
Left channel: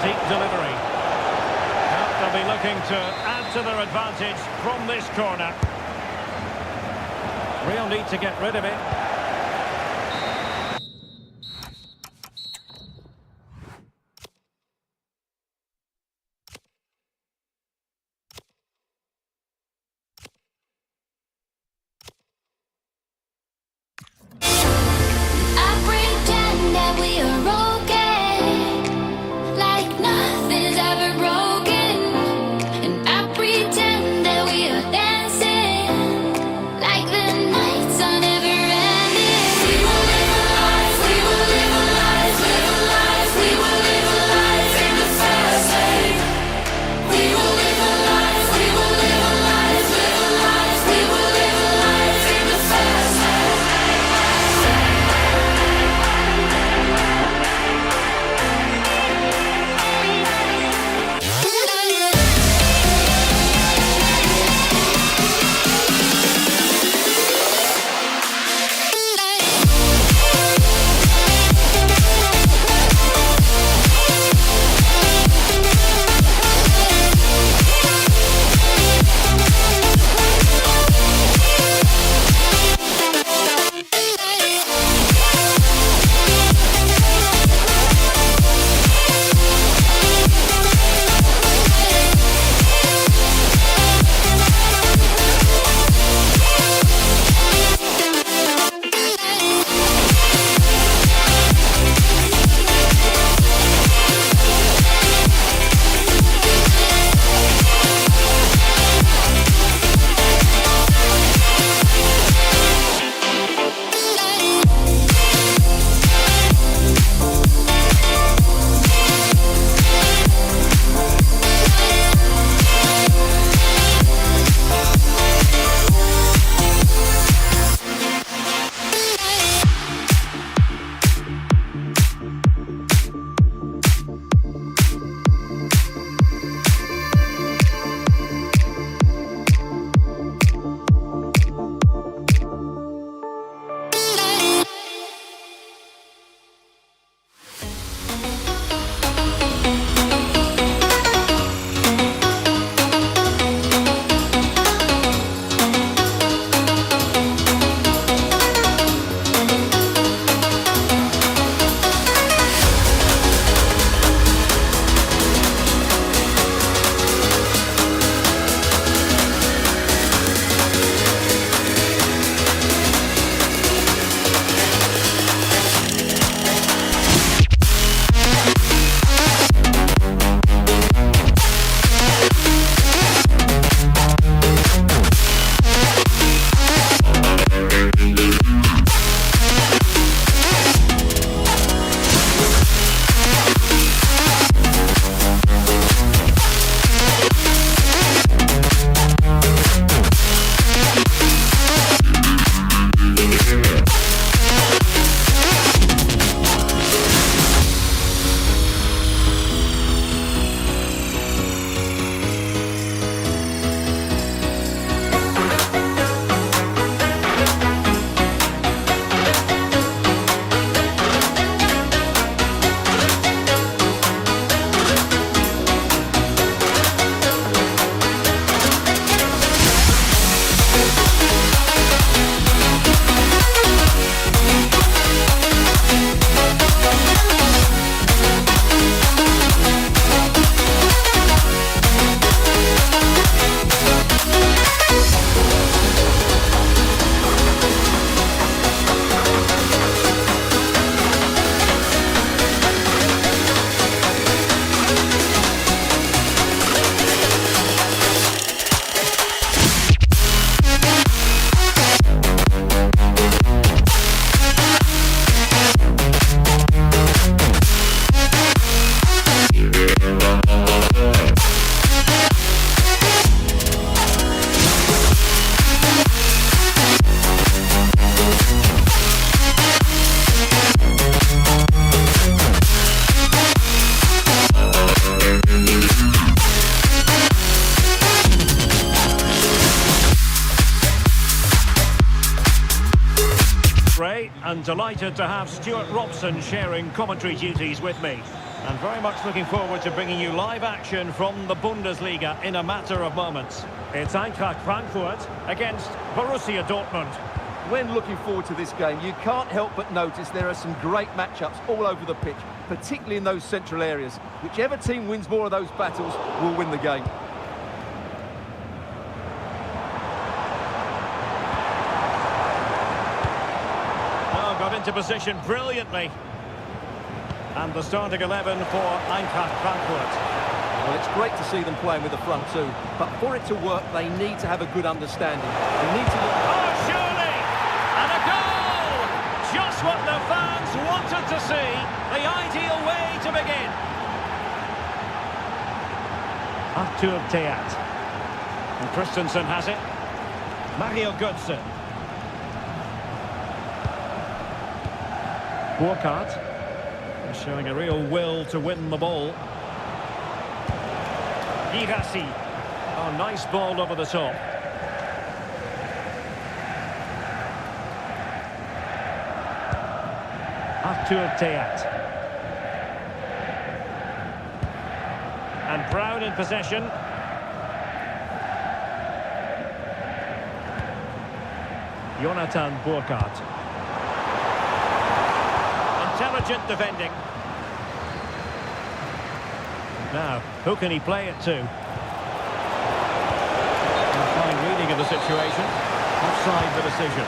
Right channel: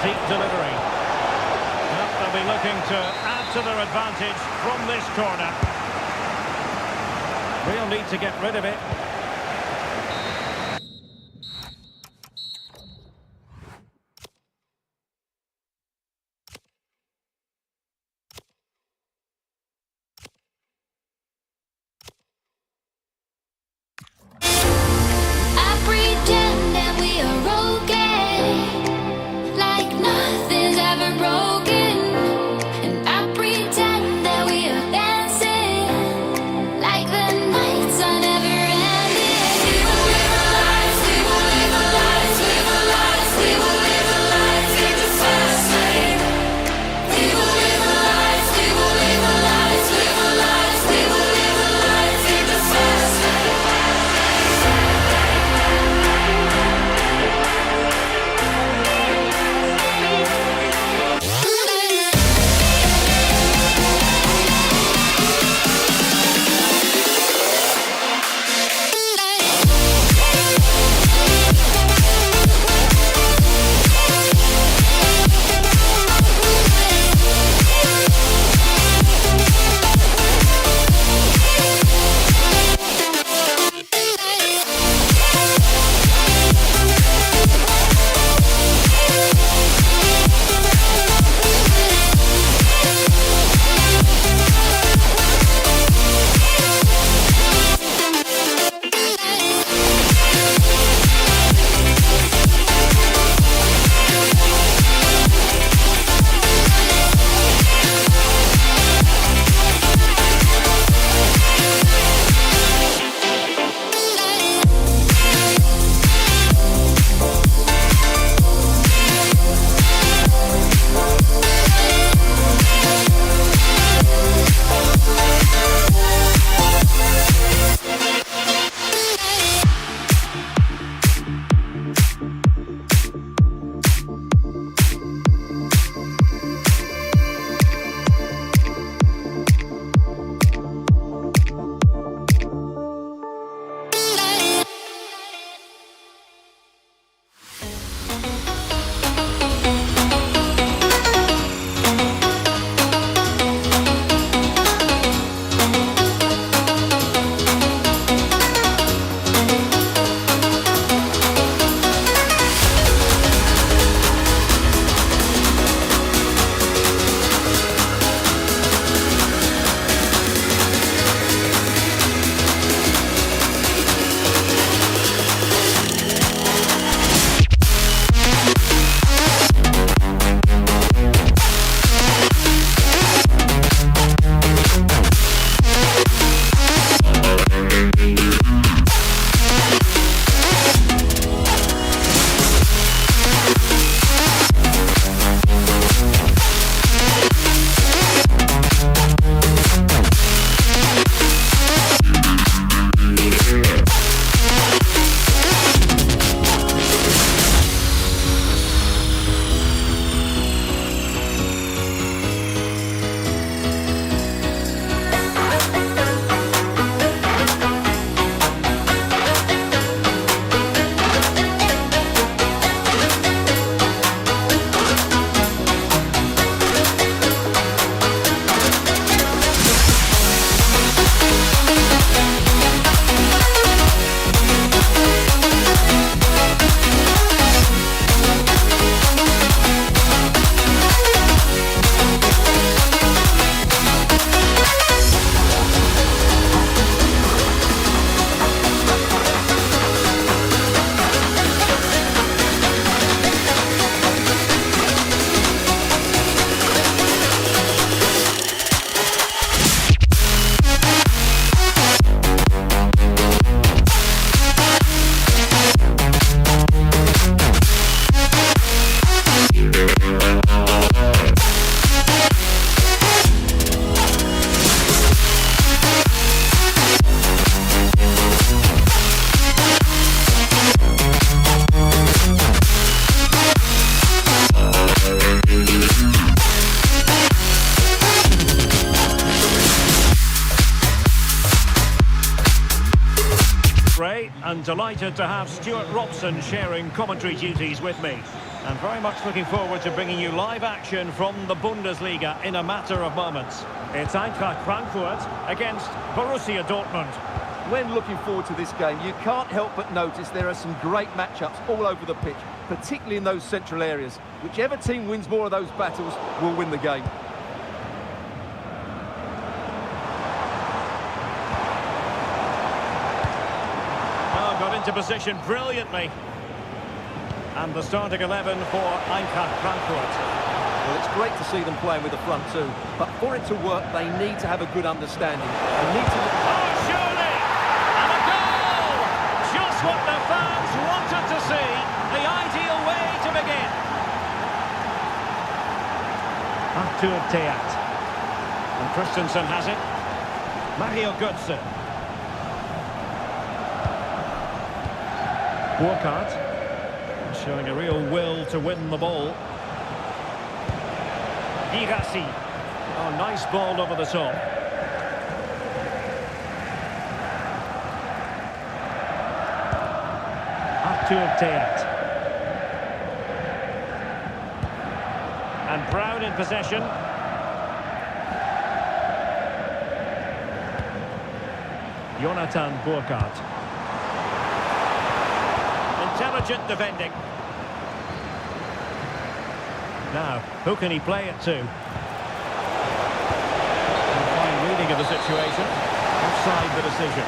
Deep delivery. Well, they'll be looking to add to their advantage from this corner. Real need to get rid of it. I pretend that we are okay, like nothing's ever broken. And I pretend that we are dancing, like the nights are never ending. Ray, and delighted to have Stuart Robson sharing commentary duties with me. And very much looking forward to bringing you live action from the Bundesliga in a matter of moments. It's Eintracht Frankfurt against Borussia Dortmund. When looking forward to this game, you can't help but notice there are some great matchups all over the pitch, particularly in those central areas. Whichever team wins more of those battles will win the game. Oh, got into position brilliantly. And the starting 11 for Eintracht Frankfurt. Well, it's great to see them playing with the front two, but for it to work, they need to have a good understanding. They need to... Oh, surely! And a goal! Just what the fans wanted to see. The ideal way to begin. Arthur Theat. And Christensen has it. Mario Götze. Burkhardt. Showing a real will to win the ball. Girassi. Oh, nice ball over the top. Arthur Theat. And Brown in possession. Jonathan Burkhardt. Intelligent defending. Now, who can he play it to? A fine reading of the situation. Offside the decision.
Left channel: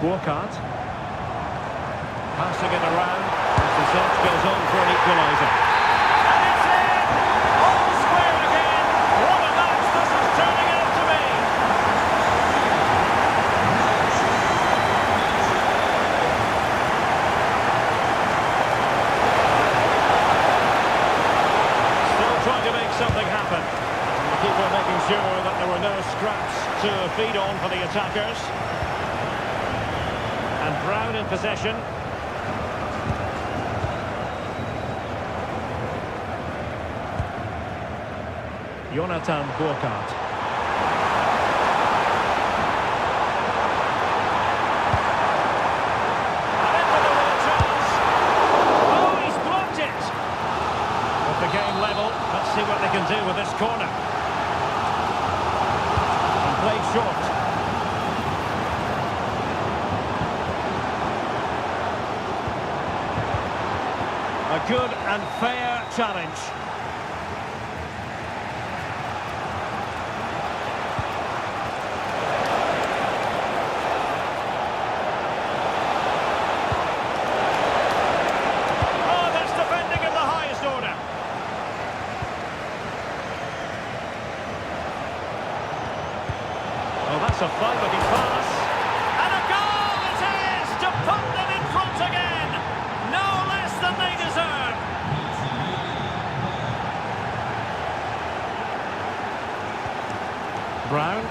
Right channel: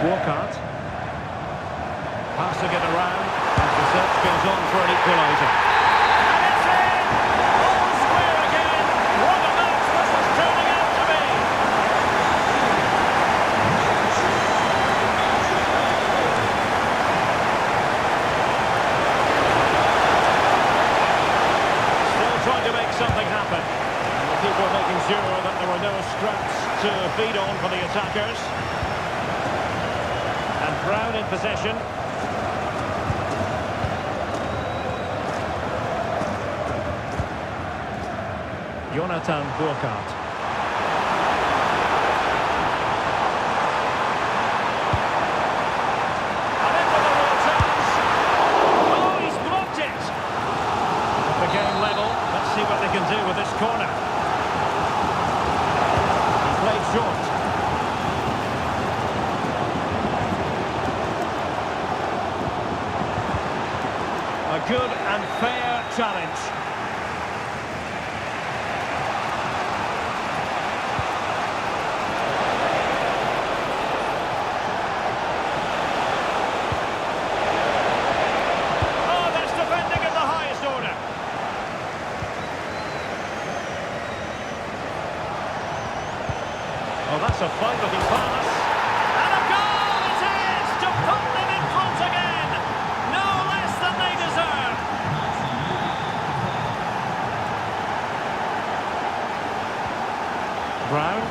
Burkhardt. Passing it around as the search goes on for an equaliser. And it's in! All square again! What a match this is turning out to be! Trying to make something happen. And the keeper making sure that there were no scraps to feed on for the attackers. And Brown in possession. Jonathan Burkhardt. And in for the real chance. Oh, he's blocked it. With the game level. Let's see what they can do with this corner. And played short. A good and fair challenge. Oh, that's defending of the highest order. Oh, that's a fine-looking pass. And a goal it is to put them in front again. No less than they deserve. Brown.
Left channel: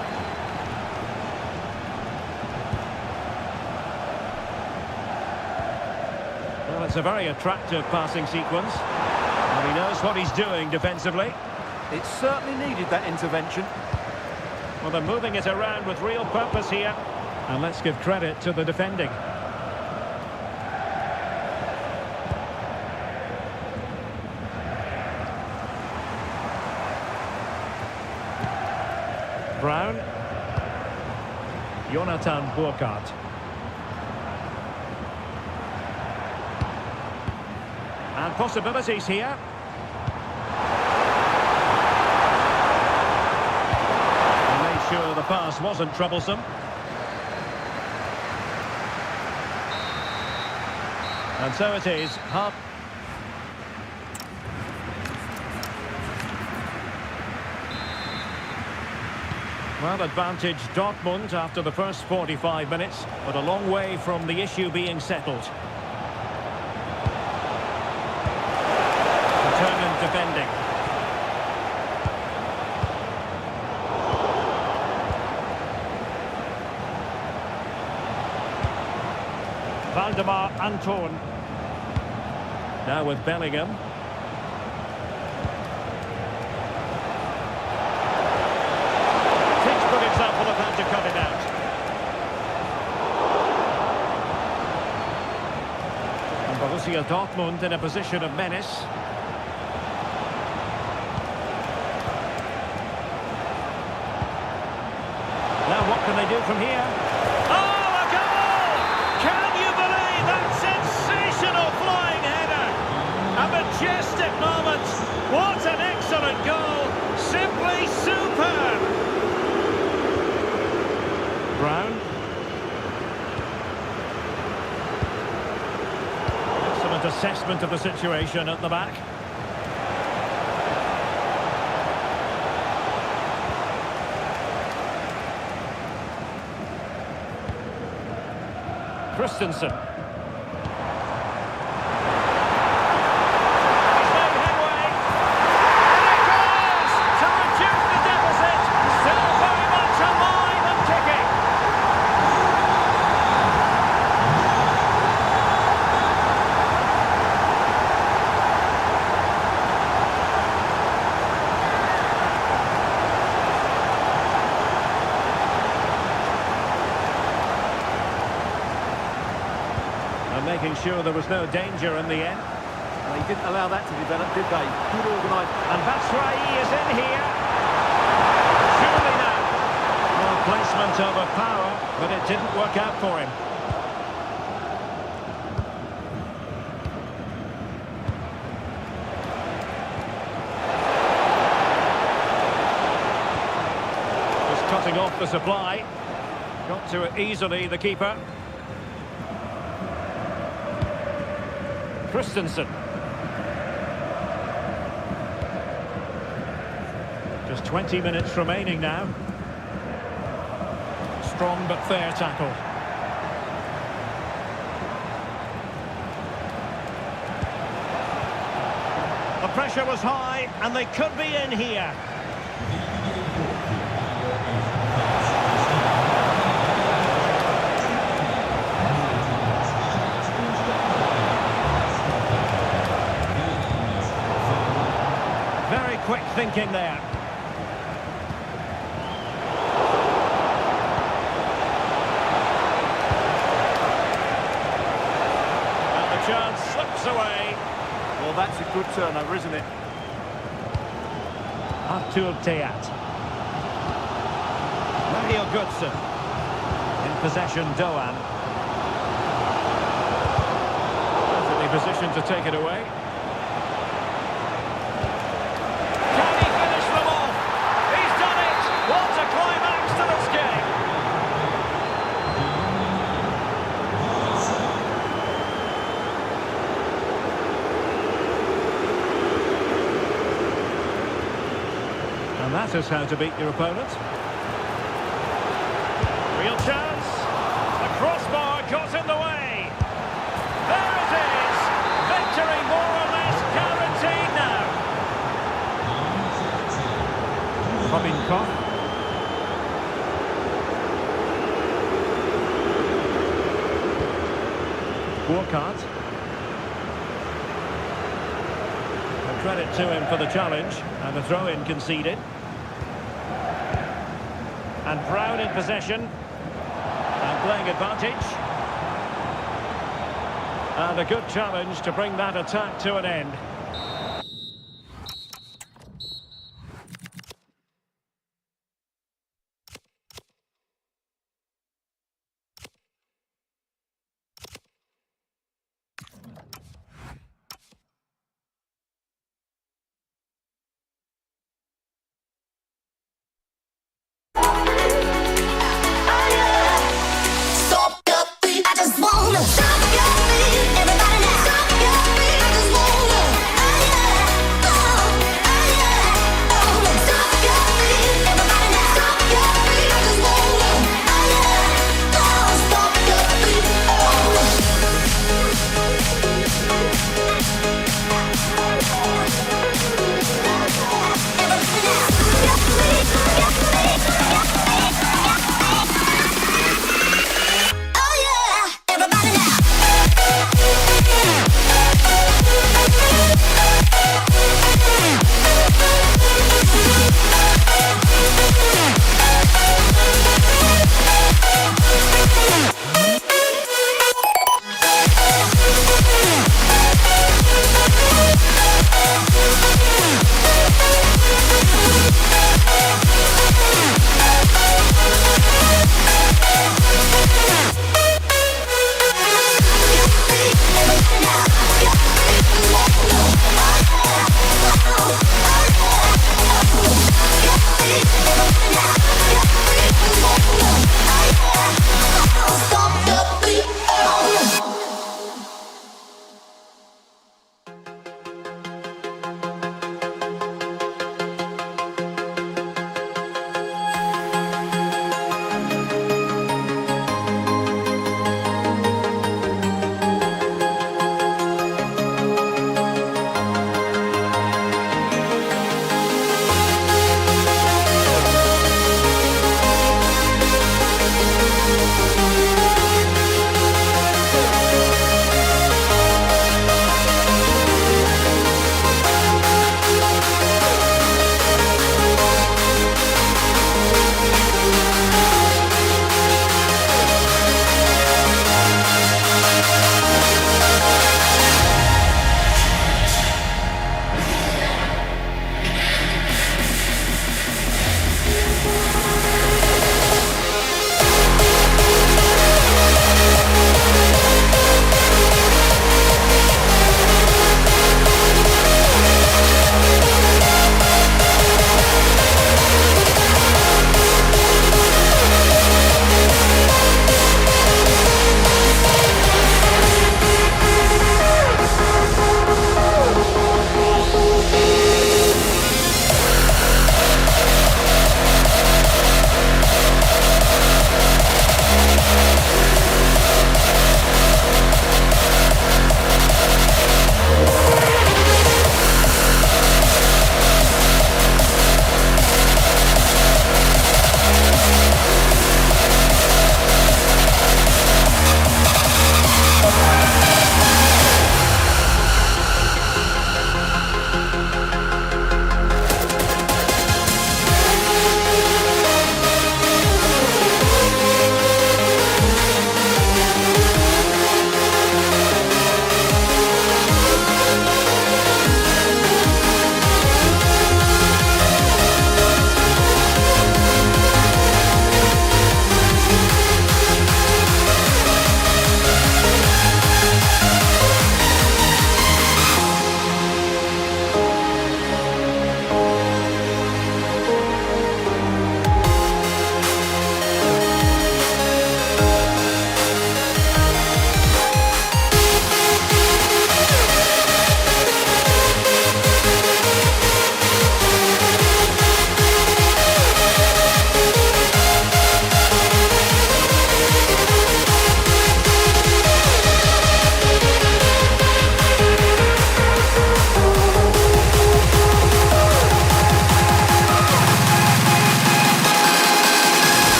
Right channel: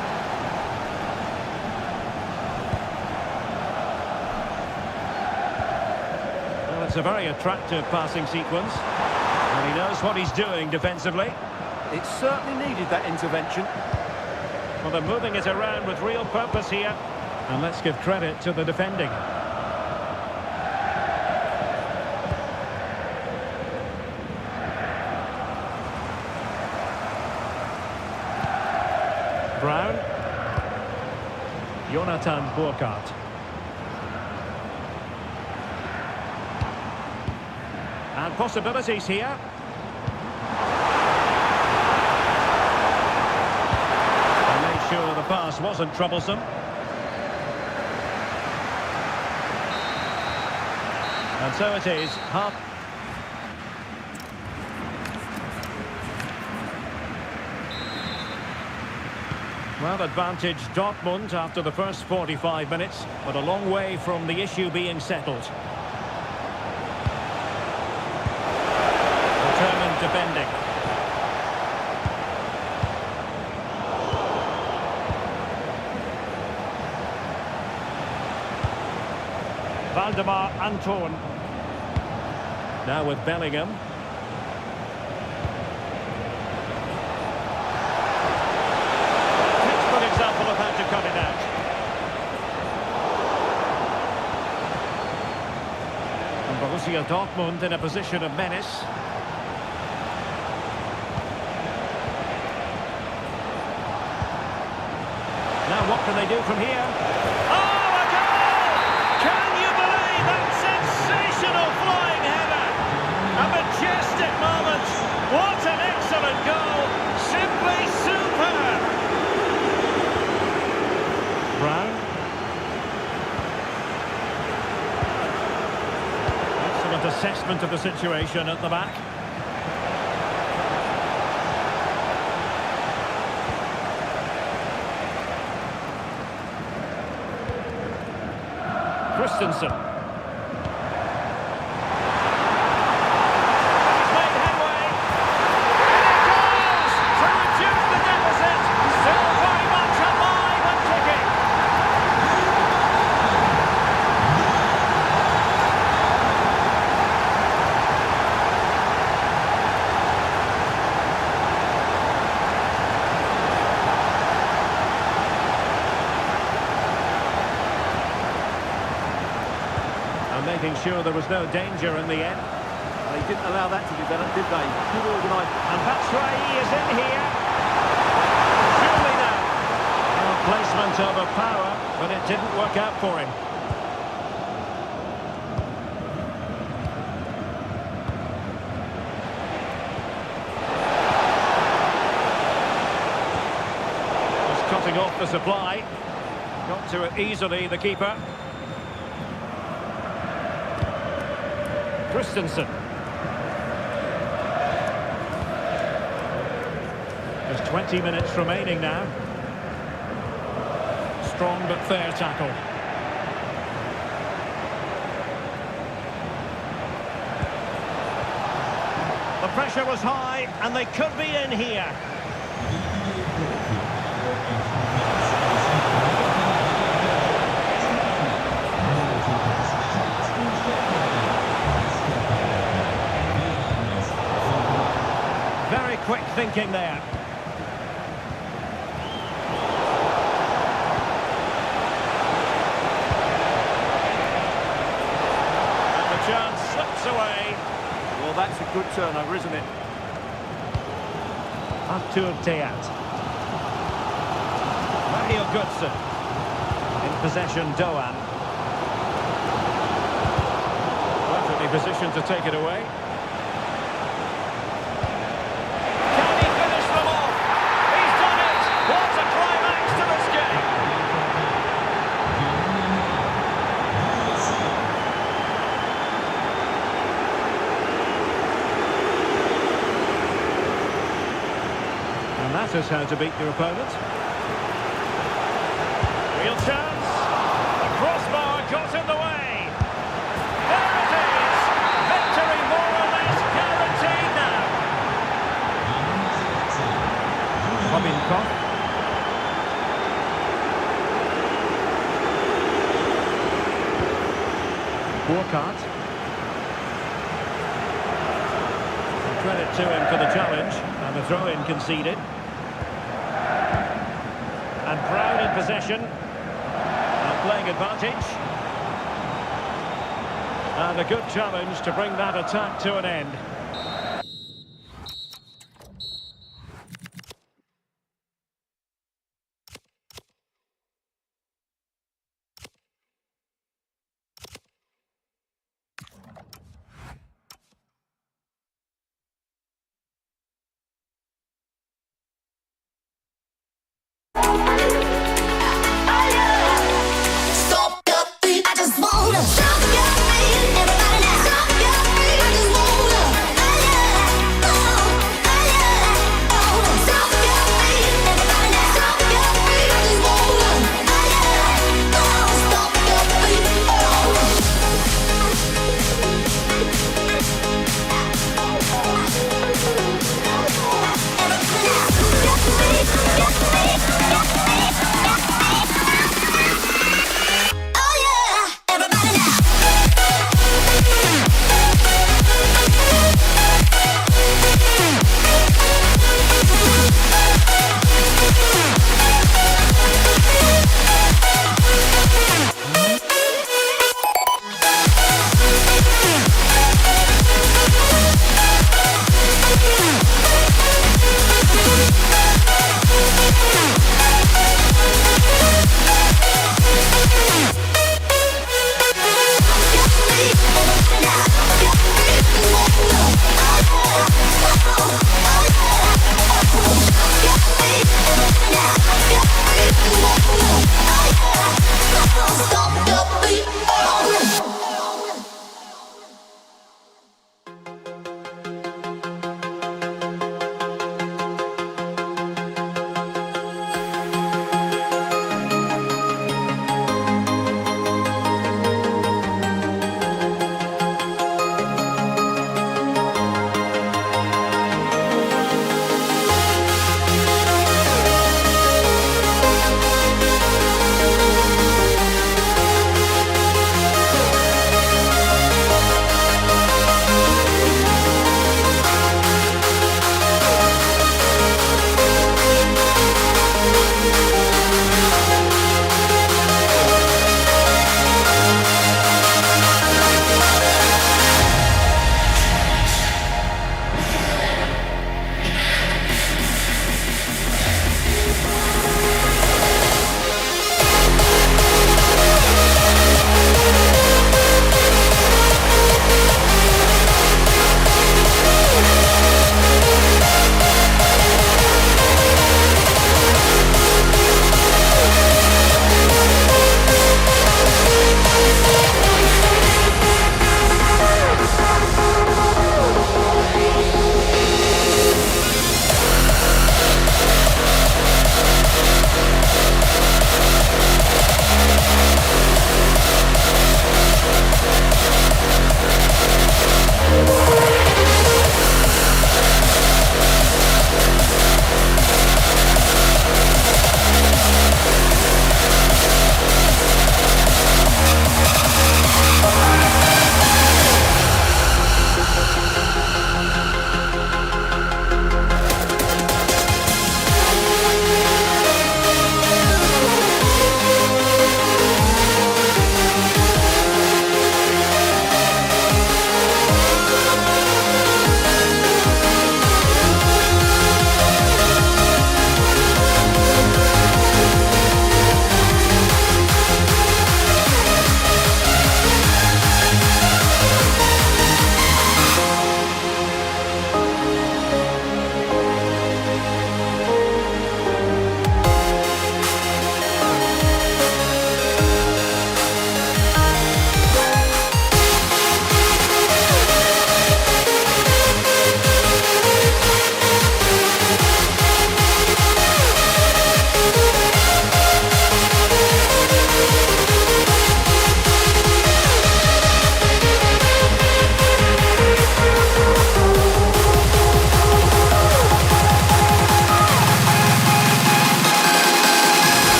Well, it's a very attractive passing sequence. And he knows what he's doing defensively. It certainly needed that intervention. Well, they're moving it around with real purpose here. And let's give credit to the defending. Brown. Jonathan Burkhardt. And possibilities here. Sure, the pass wasn't troublesome. And so it is. Half. Well, advantage Dortmund after the first 45 minutes, but a long way from the issue being settled. Determined defending. Valdemar Anton. Now with Bellingham. Borussia Dortmund in a position of menace. Now what can they do from here? Oh, a goal! Can you believe that sensational flying header? A majestic moment. What an excellent goal. Simply superb. Brown. Excellent assessment of the situation at the back. Christensen. He's made headway. And it goes to reduce the deficit. Still very much alive and kicking. And making sure there was no danger in the end. They didn't allow that to develop, did they? Good organised. And Batshuayi is in here. Surely now. Well, placement over power, but it didn't work out for him. Just cutting off the supply. Got to it easily, the keeper. Christensen. Just 20 minutes remaining now. Strong but fair tackle. The pressure was high and they could be in here. Very quick thinking there. And the chance slips away. Well, that's a good turnover, isn't it? Artur Teat. Mario Götze. In possession, Doan. Perfectly positioned to take it away. What a climax to this game! And that is how to beat your opponent. Real chance. The crossbar got in the way. There it is. Victory more or less guaranteed now. Robin Koch. Burkhardt. Well, credit to him for the challenge and the throw-in conceded. And Brown in possession and playing advantage. And a good challenge to bring that attack to an end. Stop your feet, I just wanna stop your feet. Everybody now, stop your feet, I just wanna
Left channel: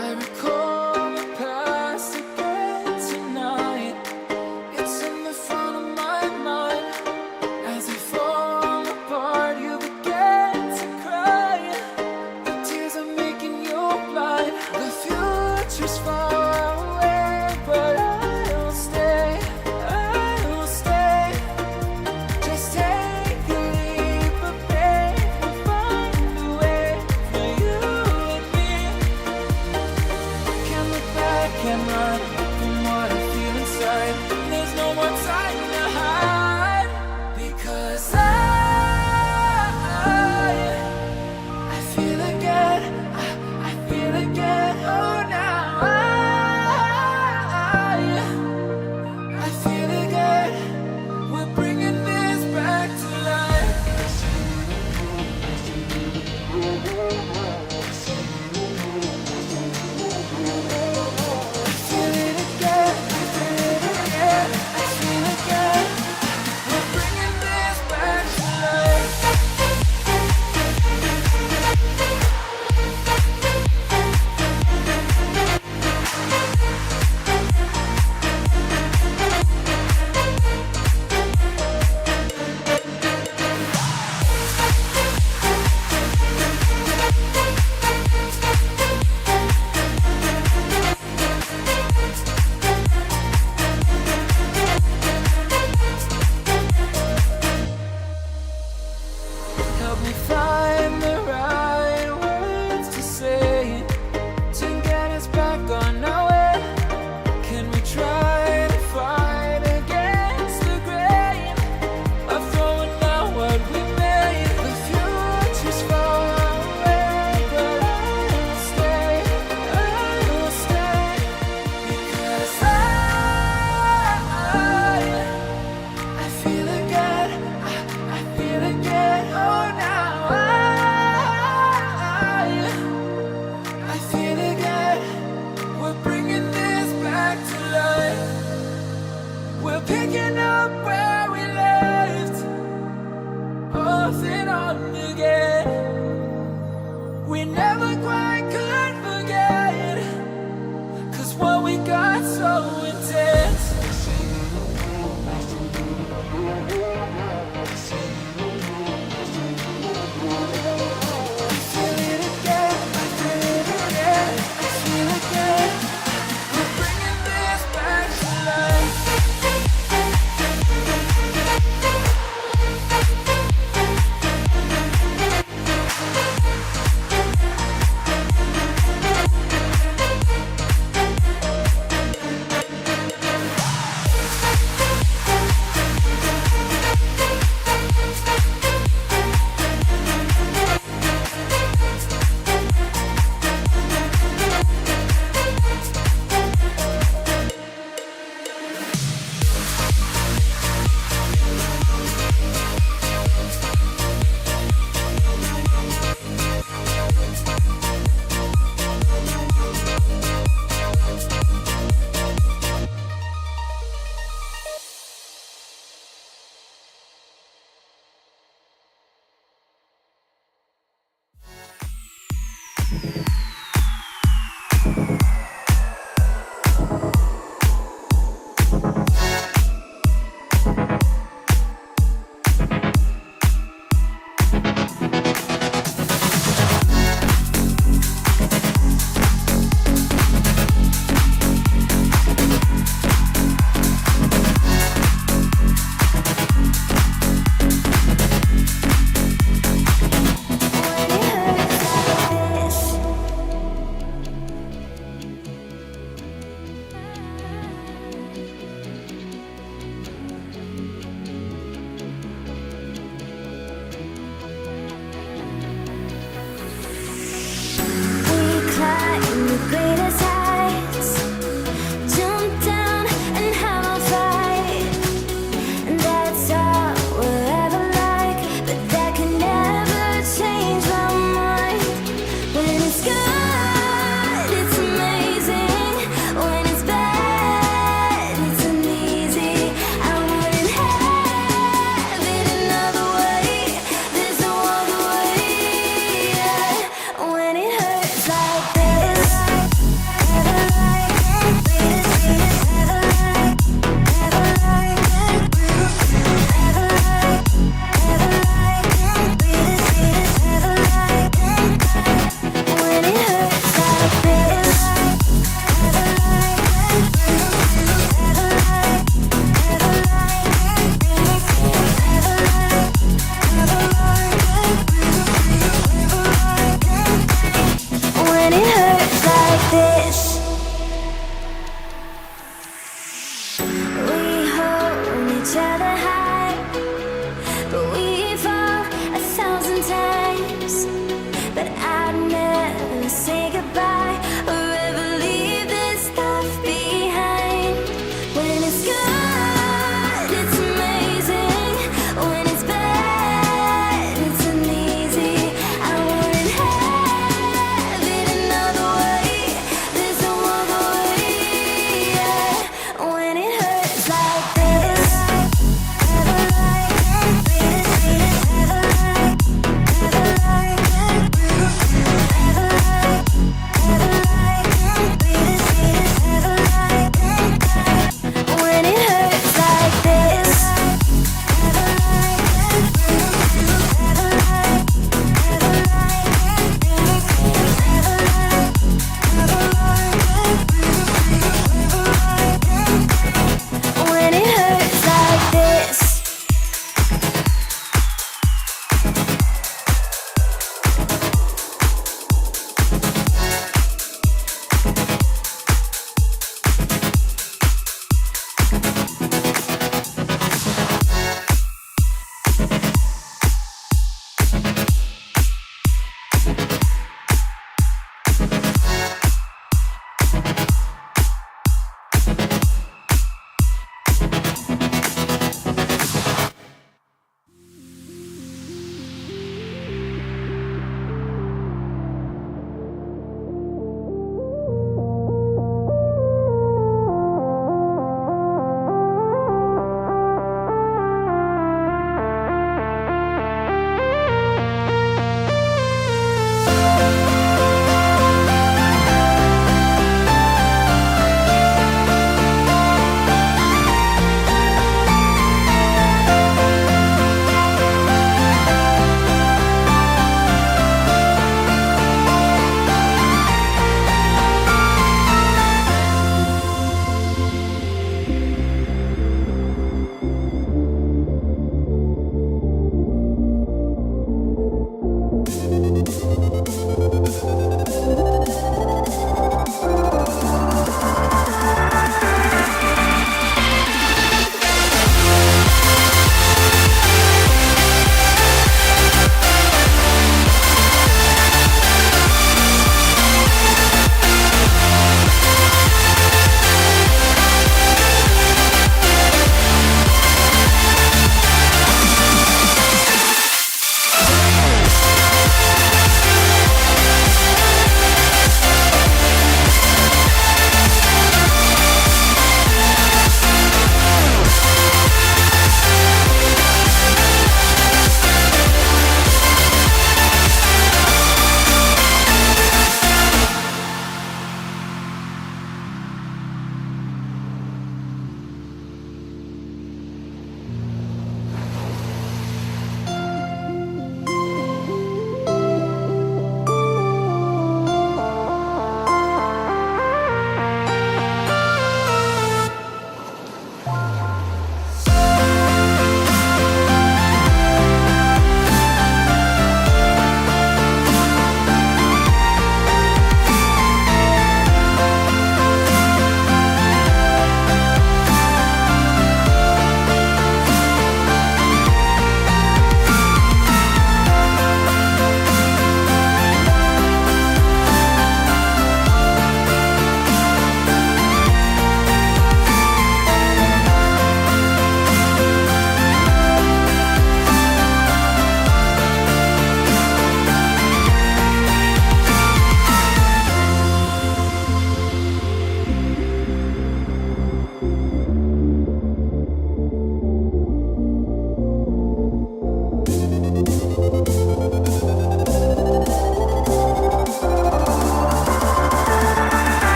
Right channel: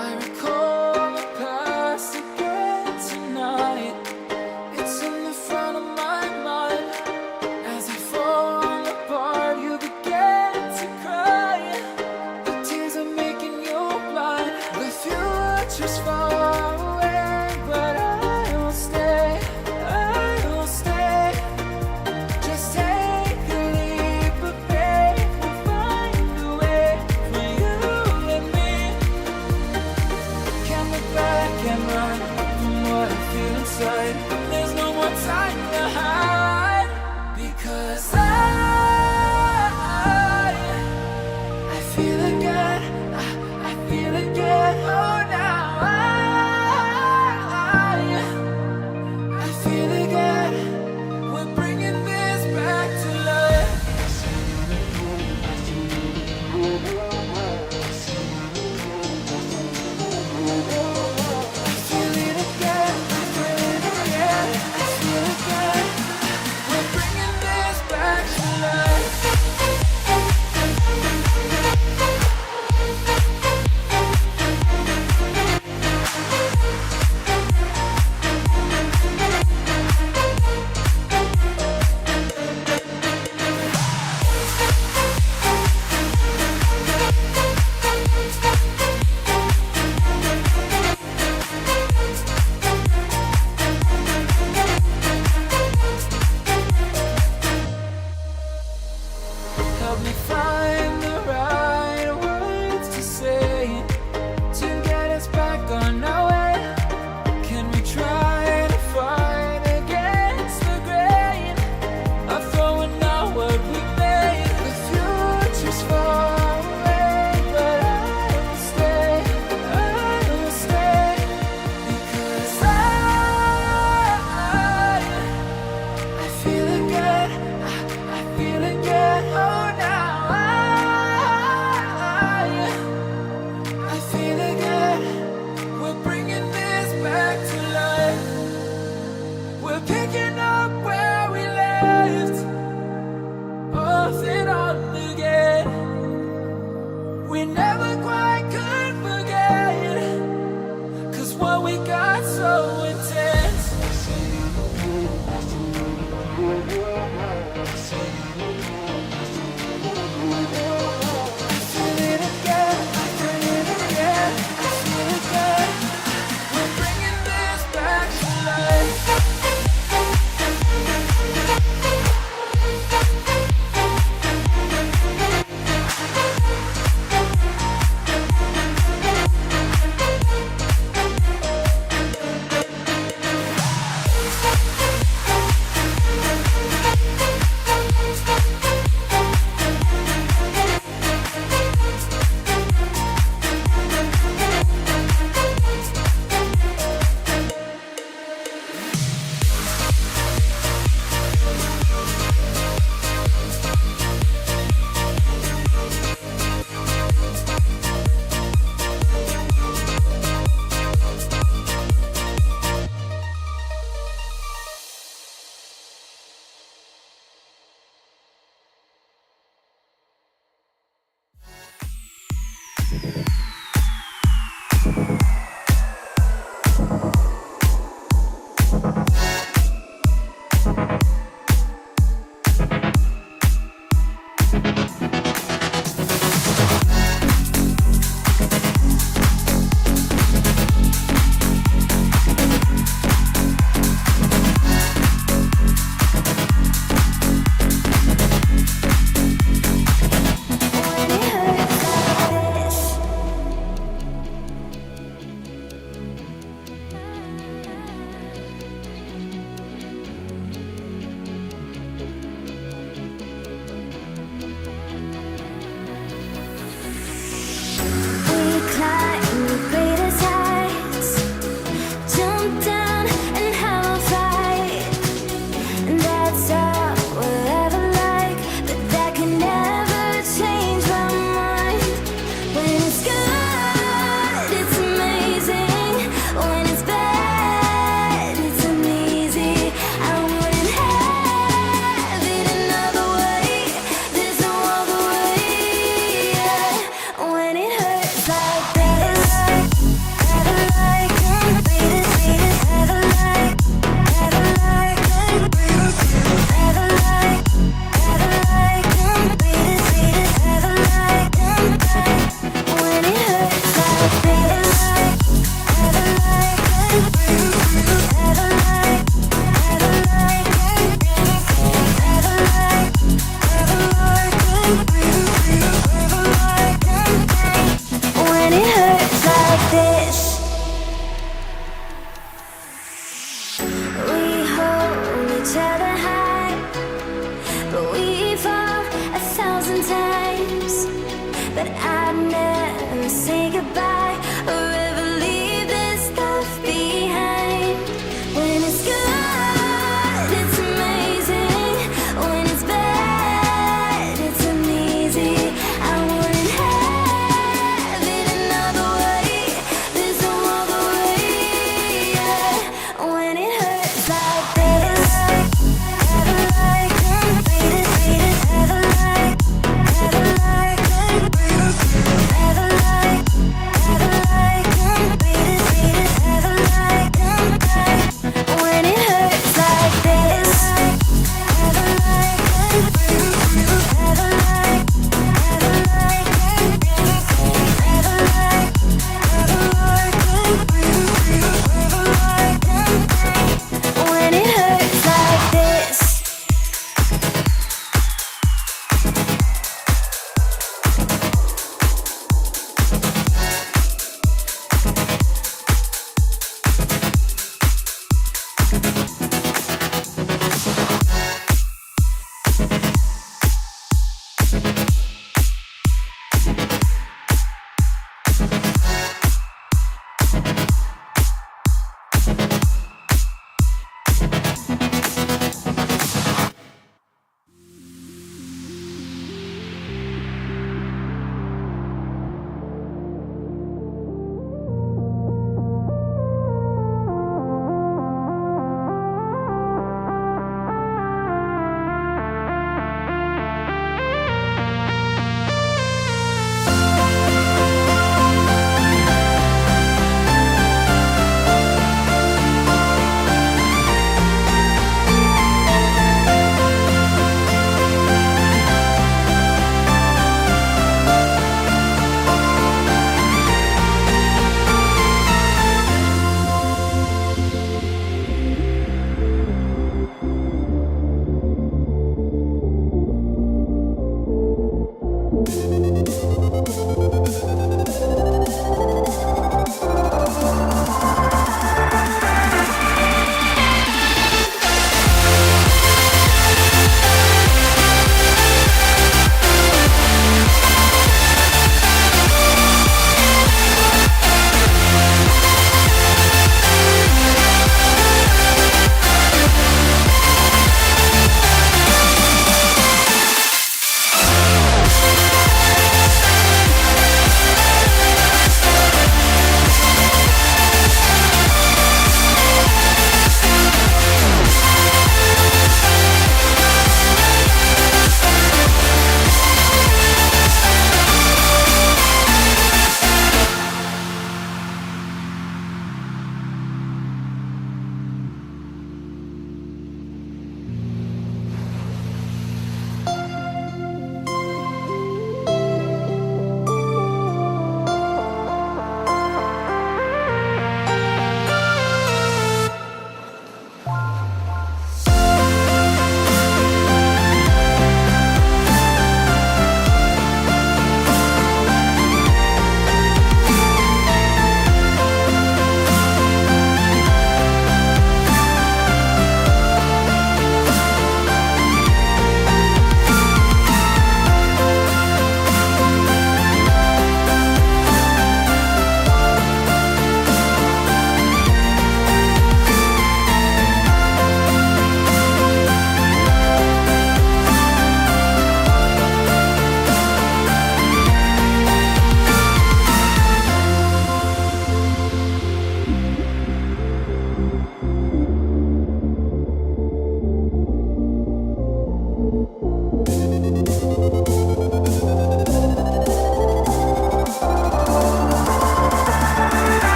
I recall the past again tonight. It's in the front of my mind. As I fall apart, you began to cry. The tears are making you blind. The future's far away, but I'll stay. I'll stay. Just take a leap of faith. We'll find a way for you and me. Can't look back and run from what I feel inside. There's no more time to hide, because I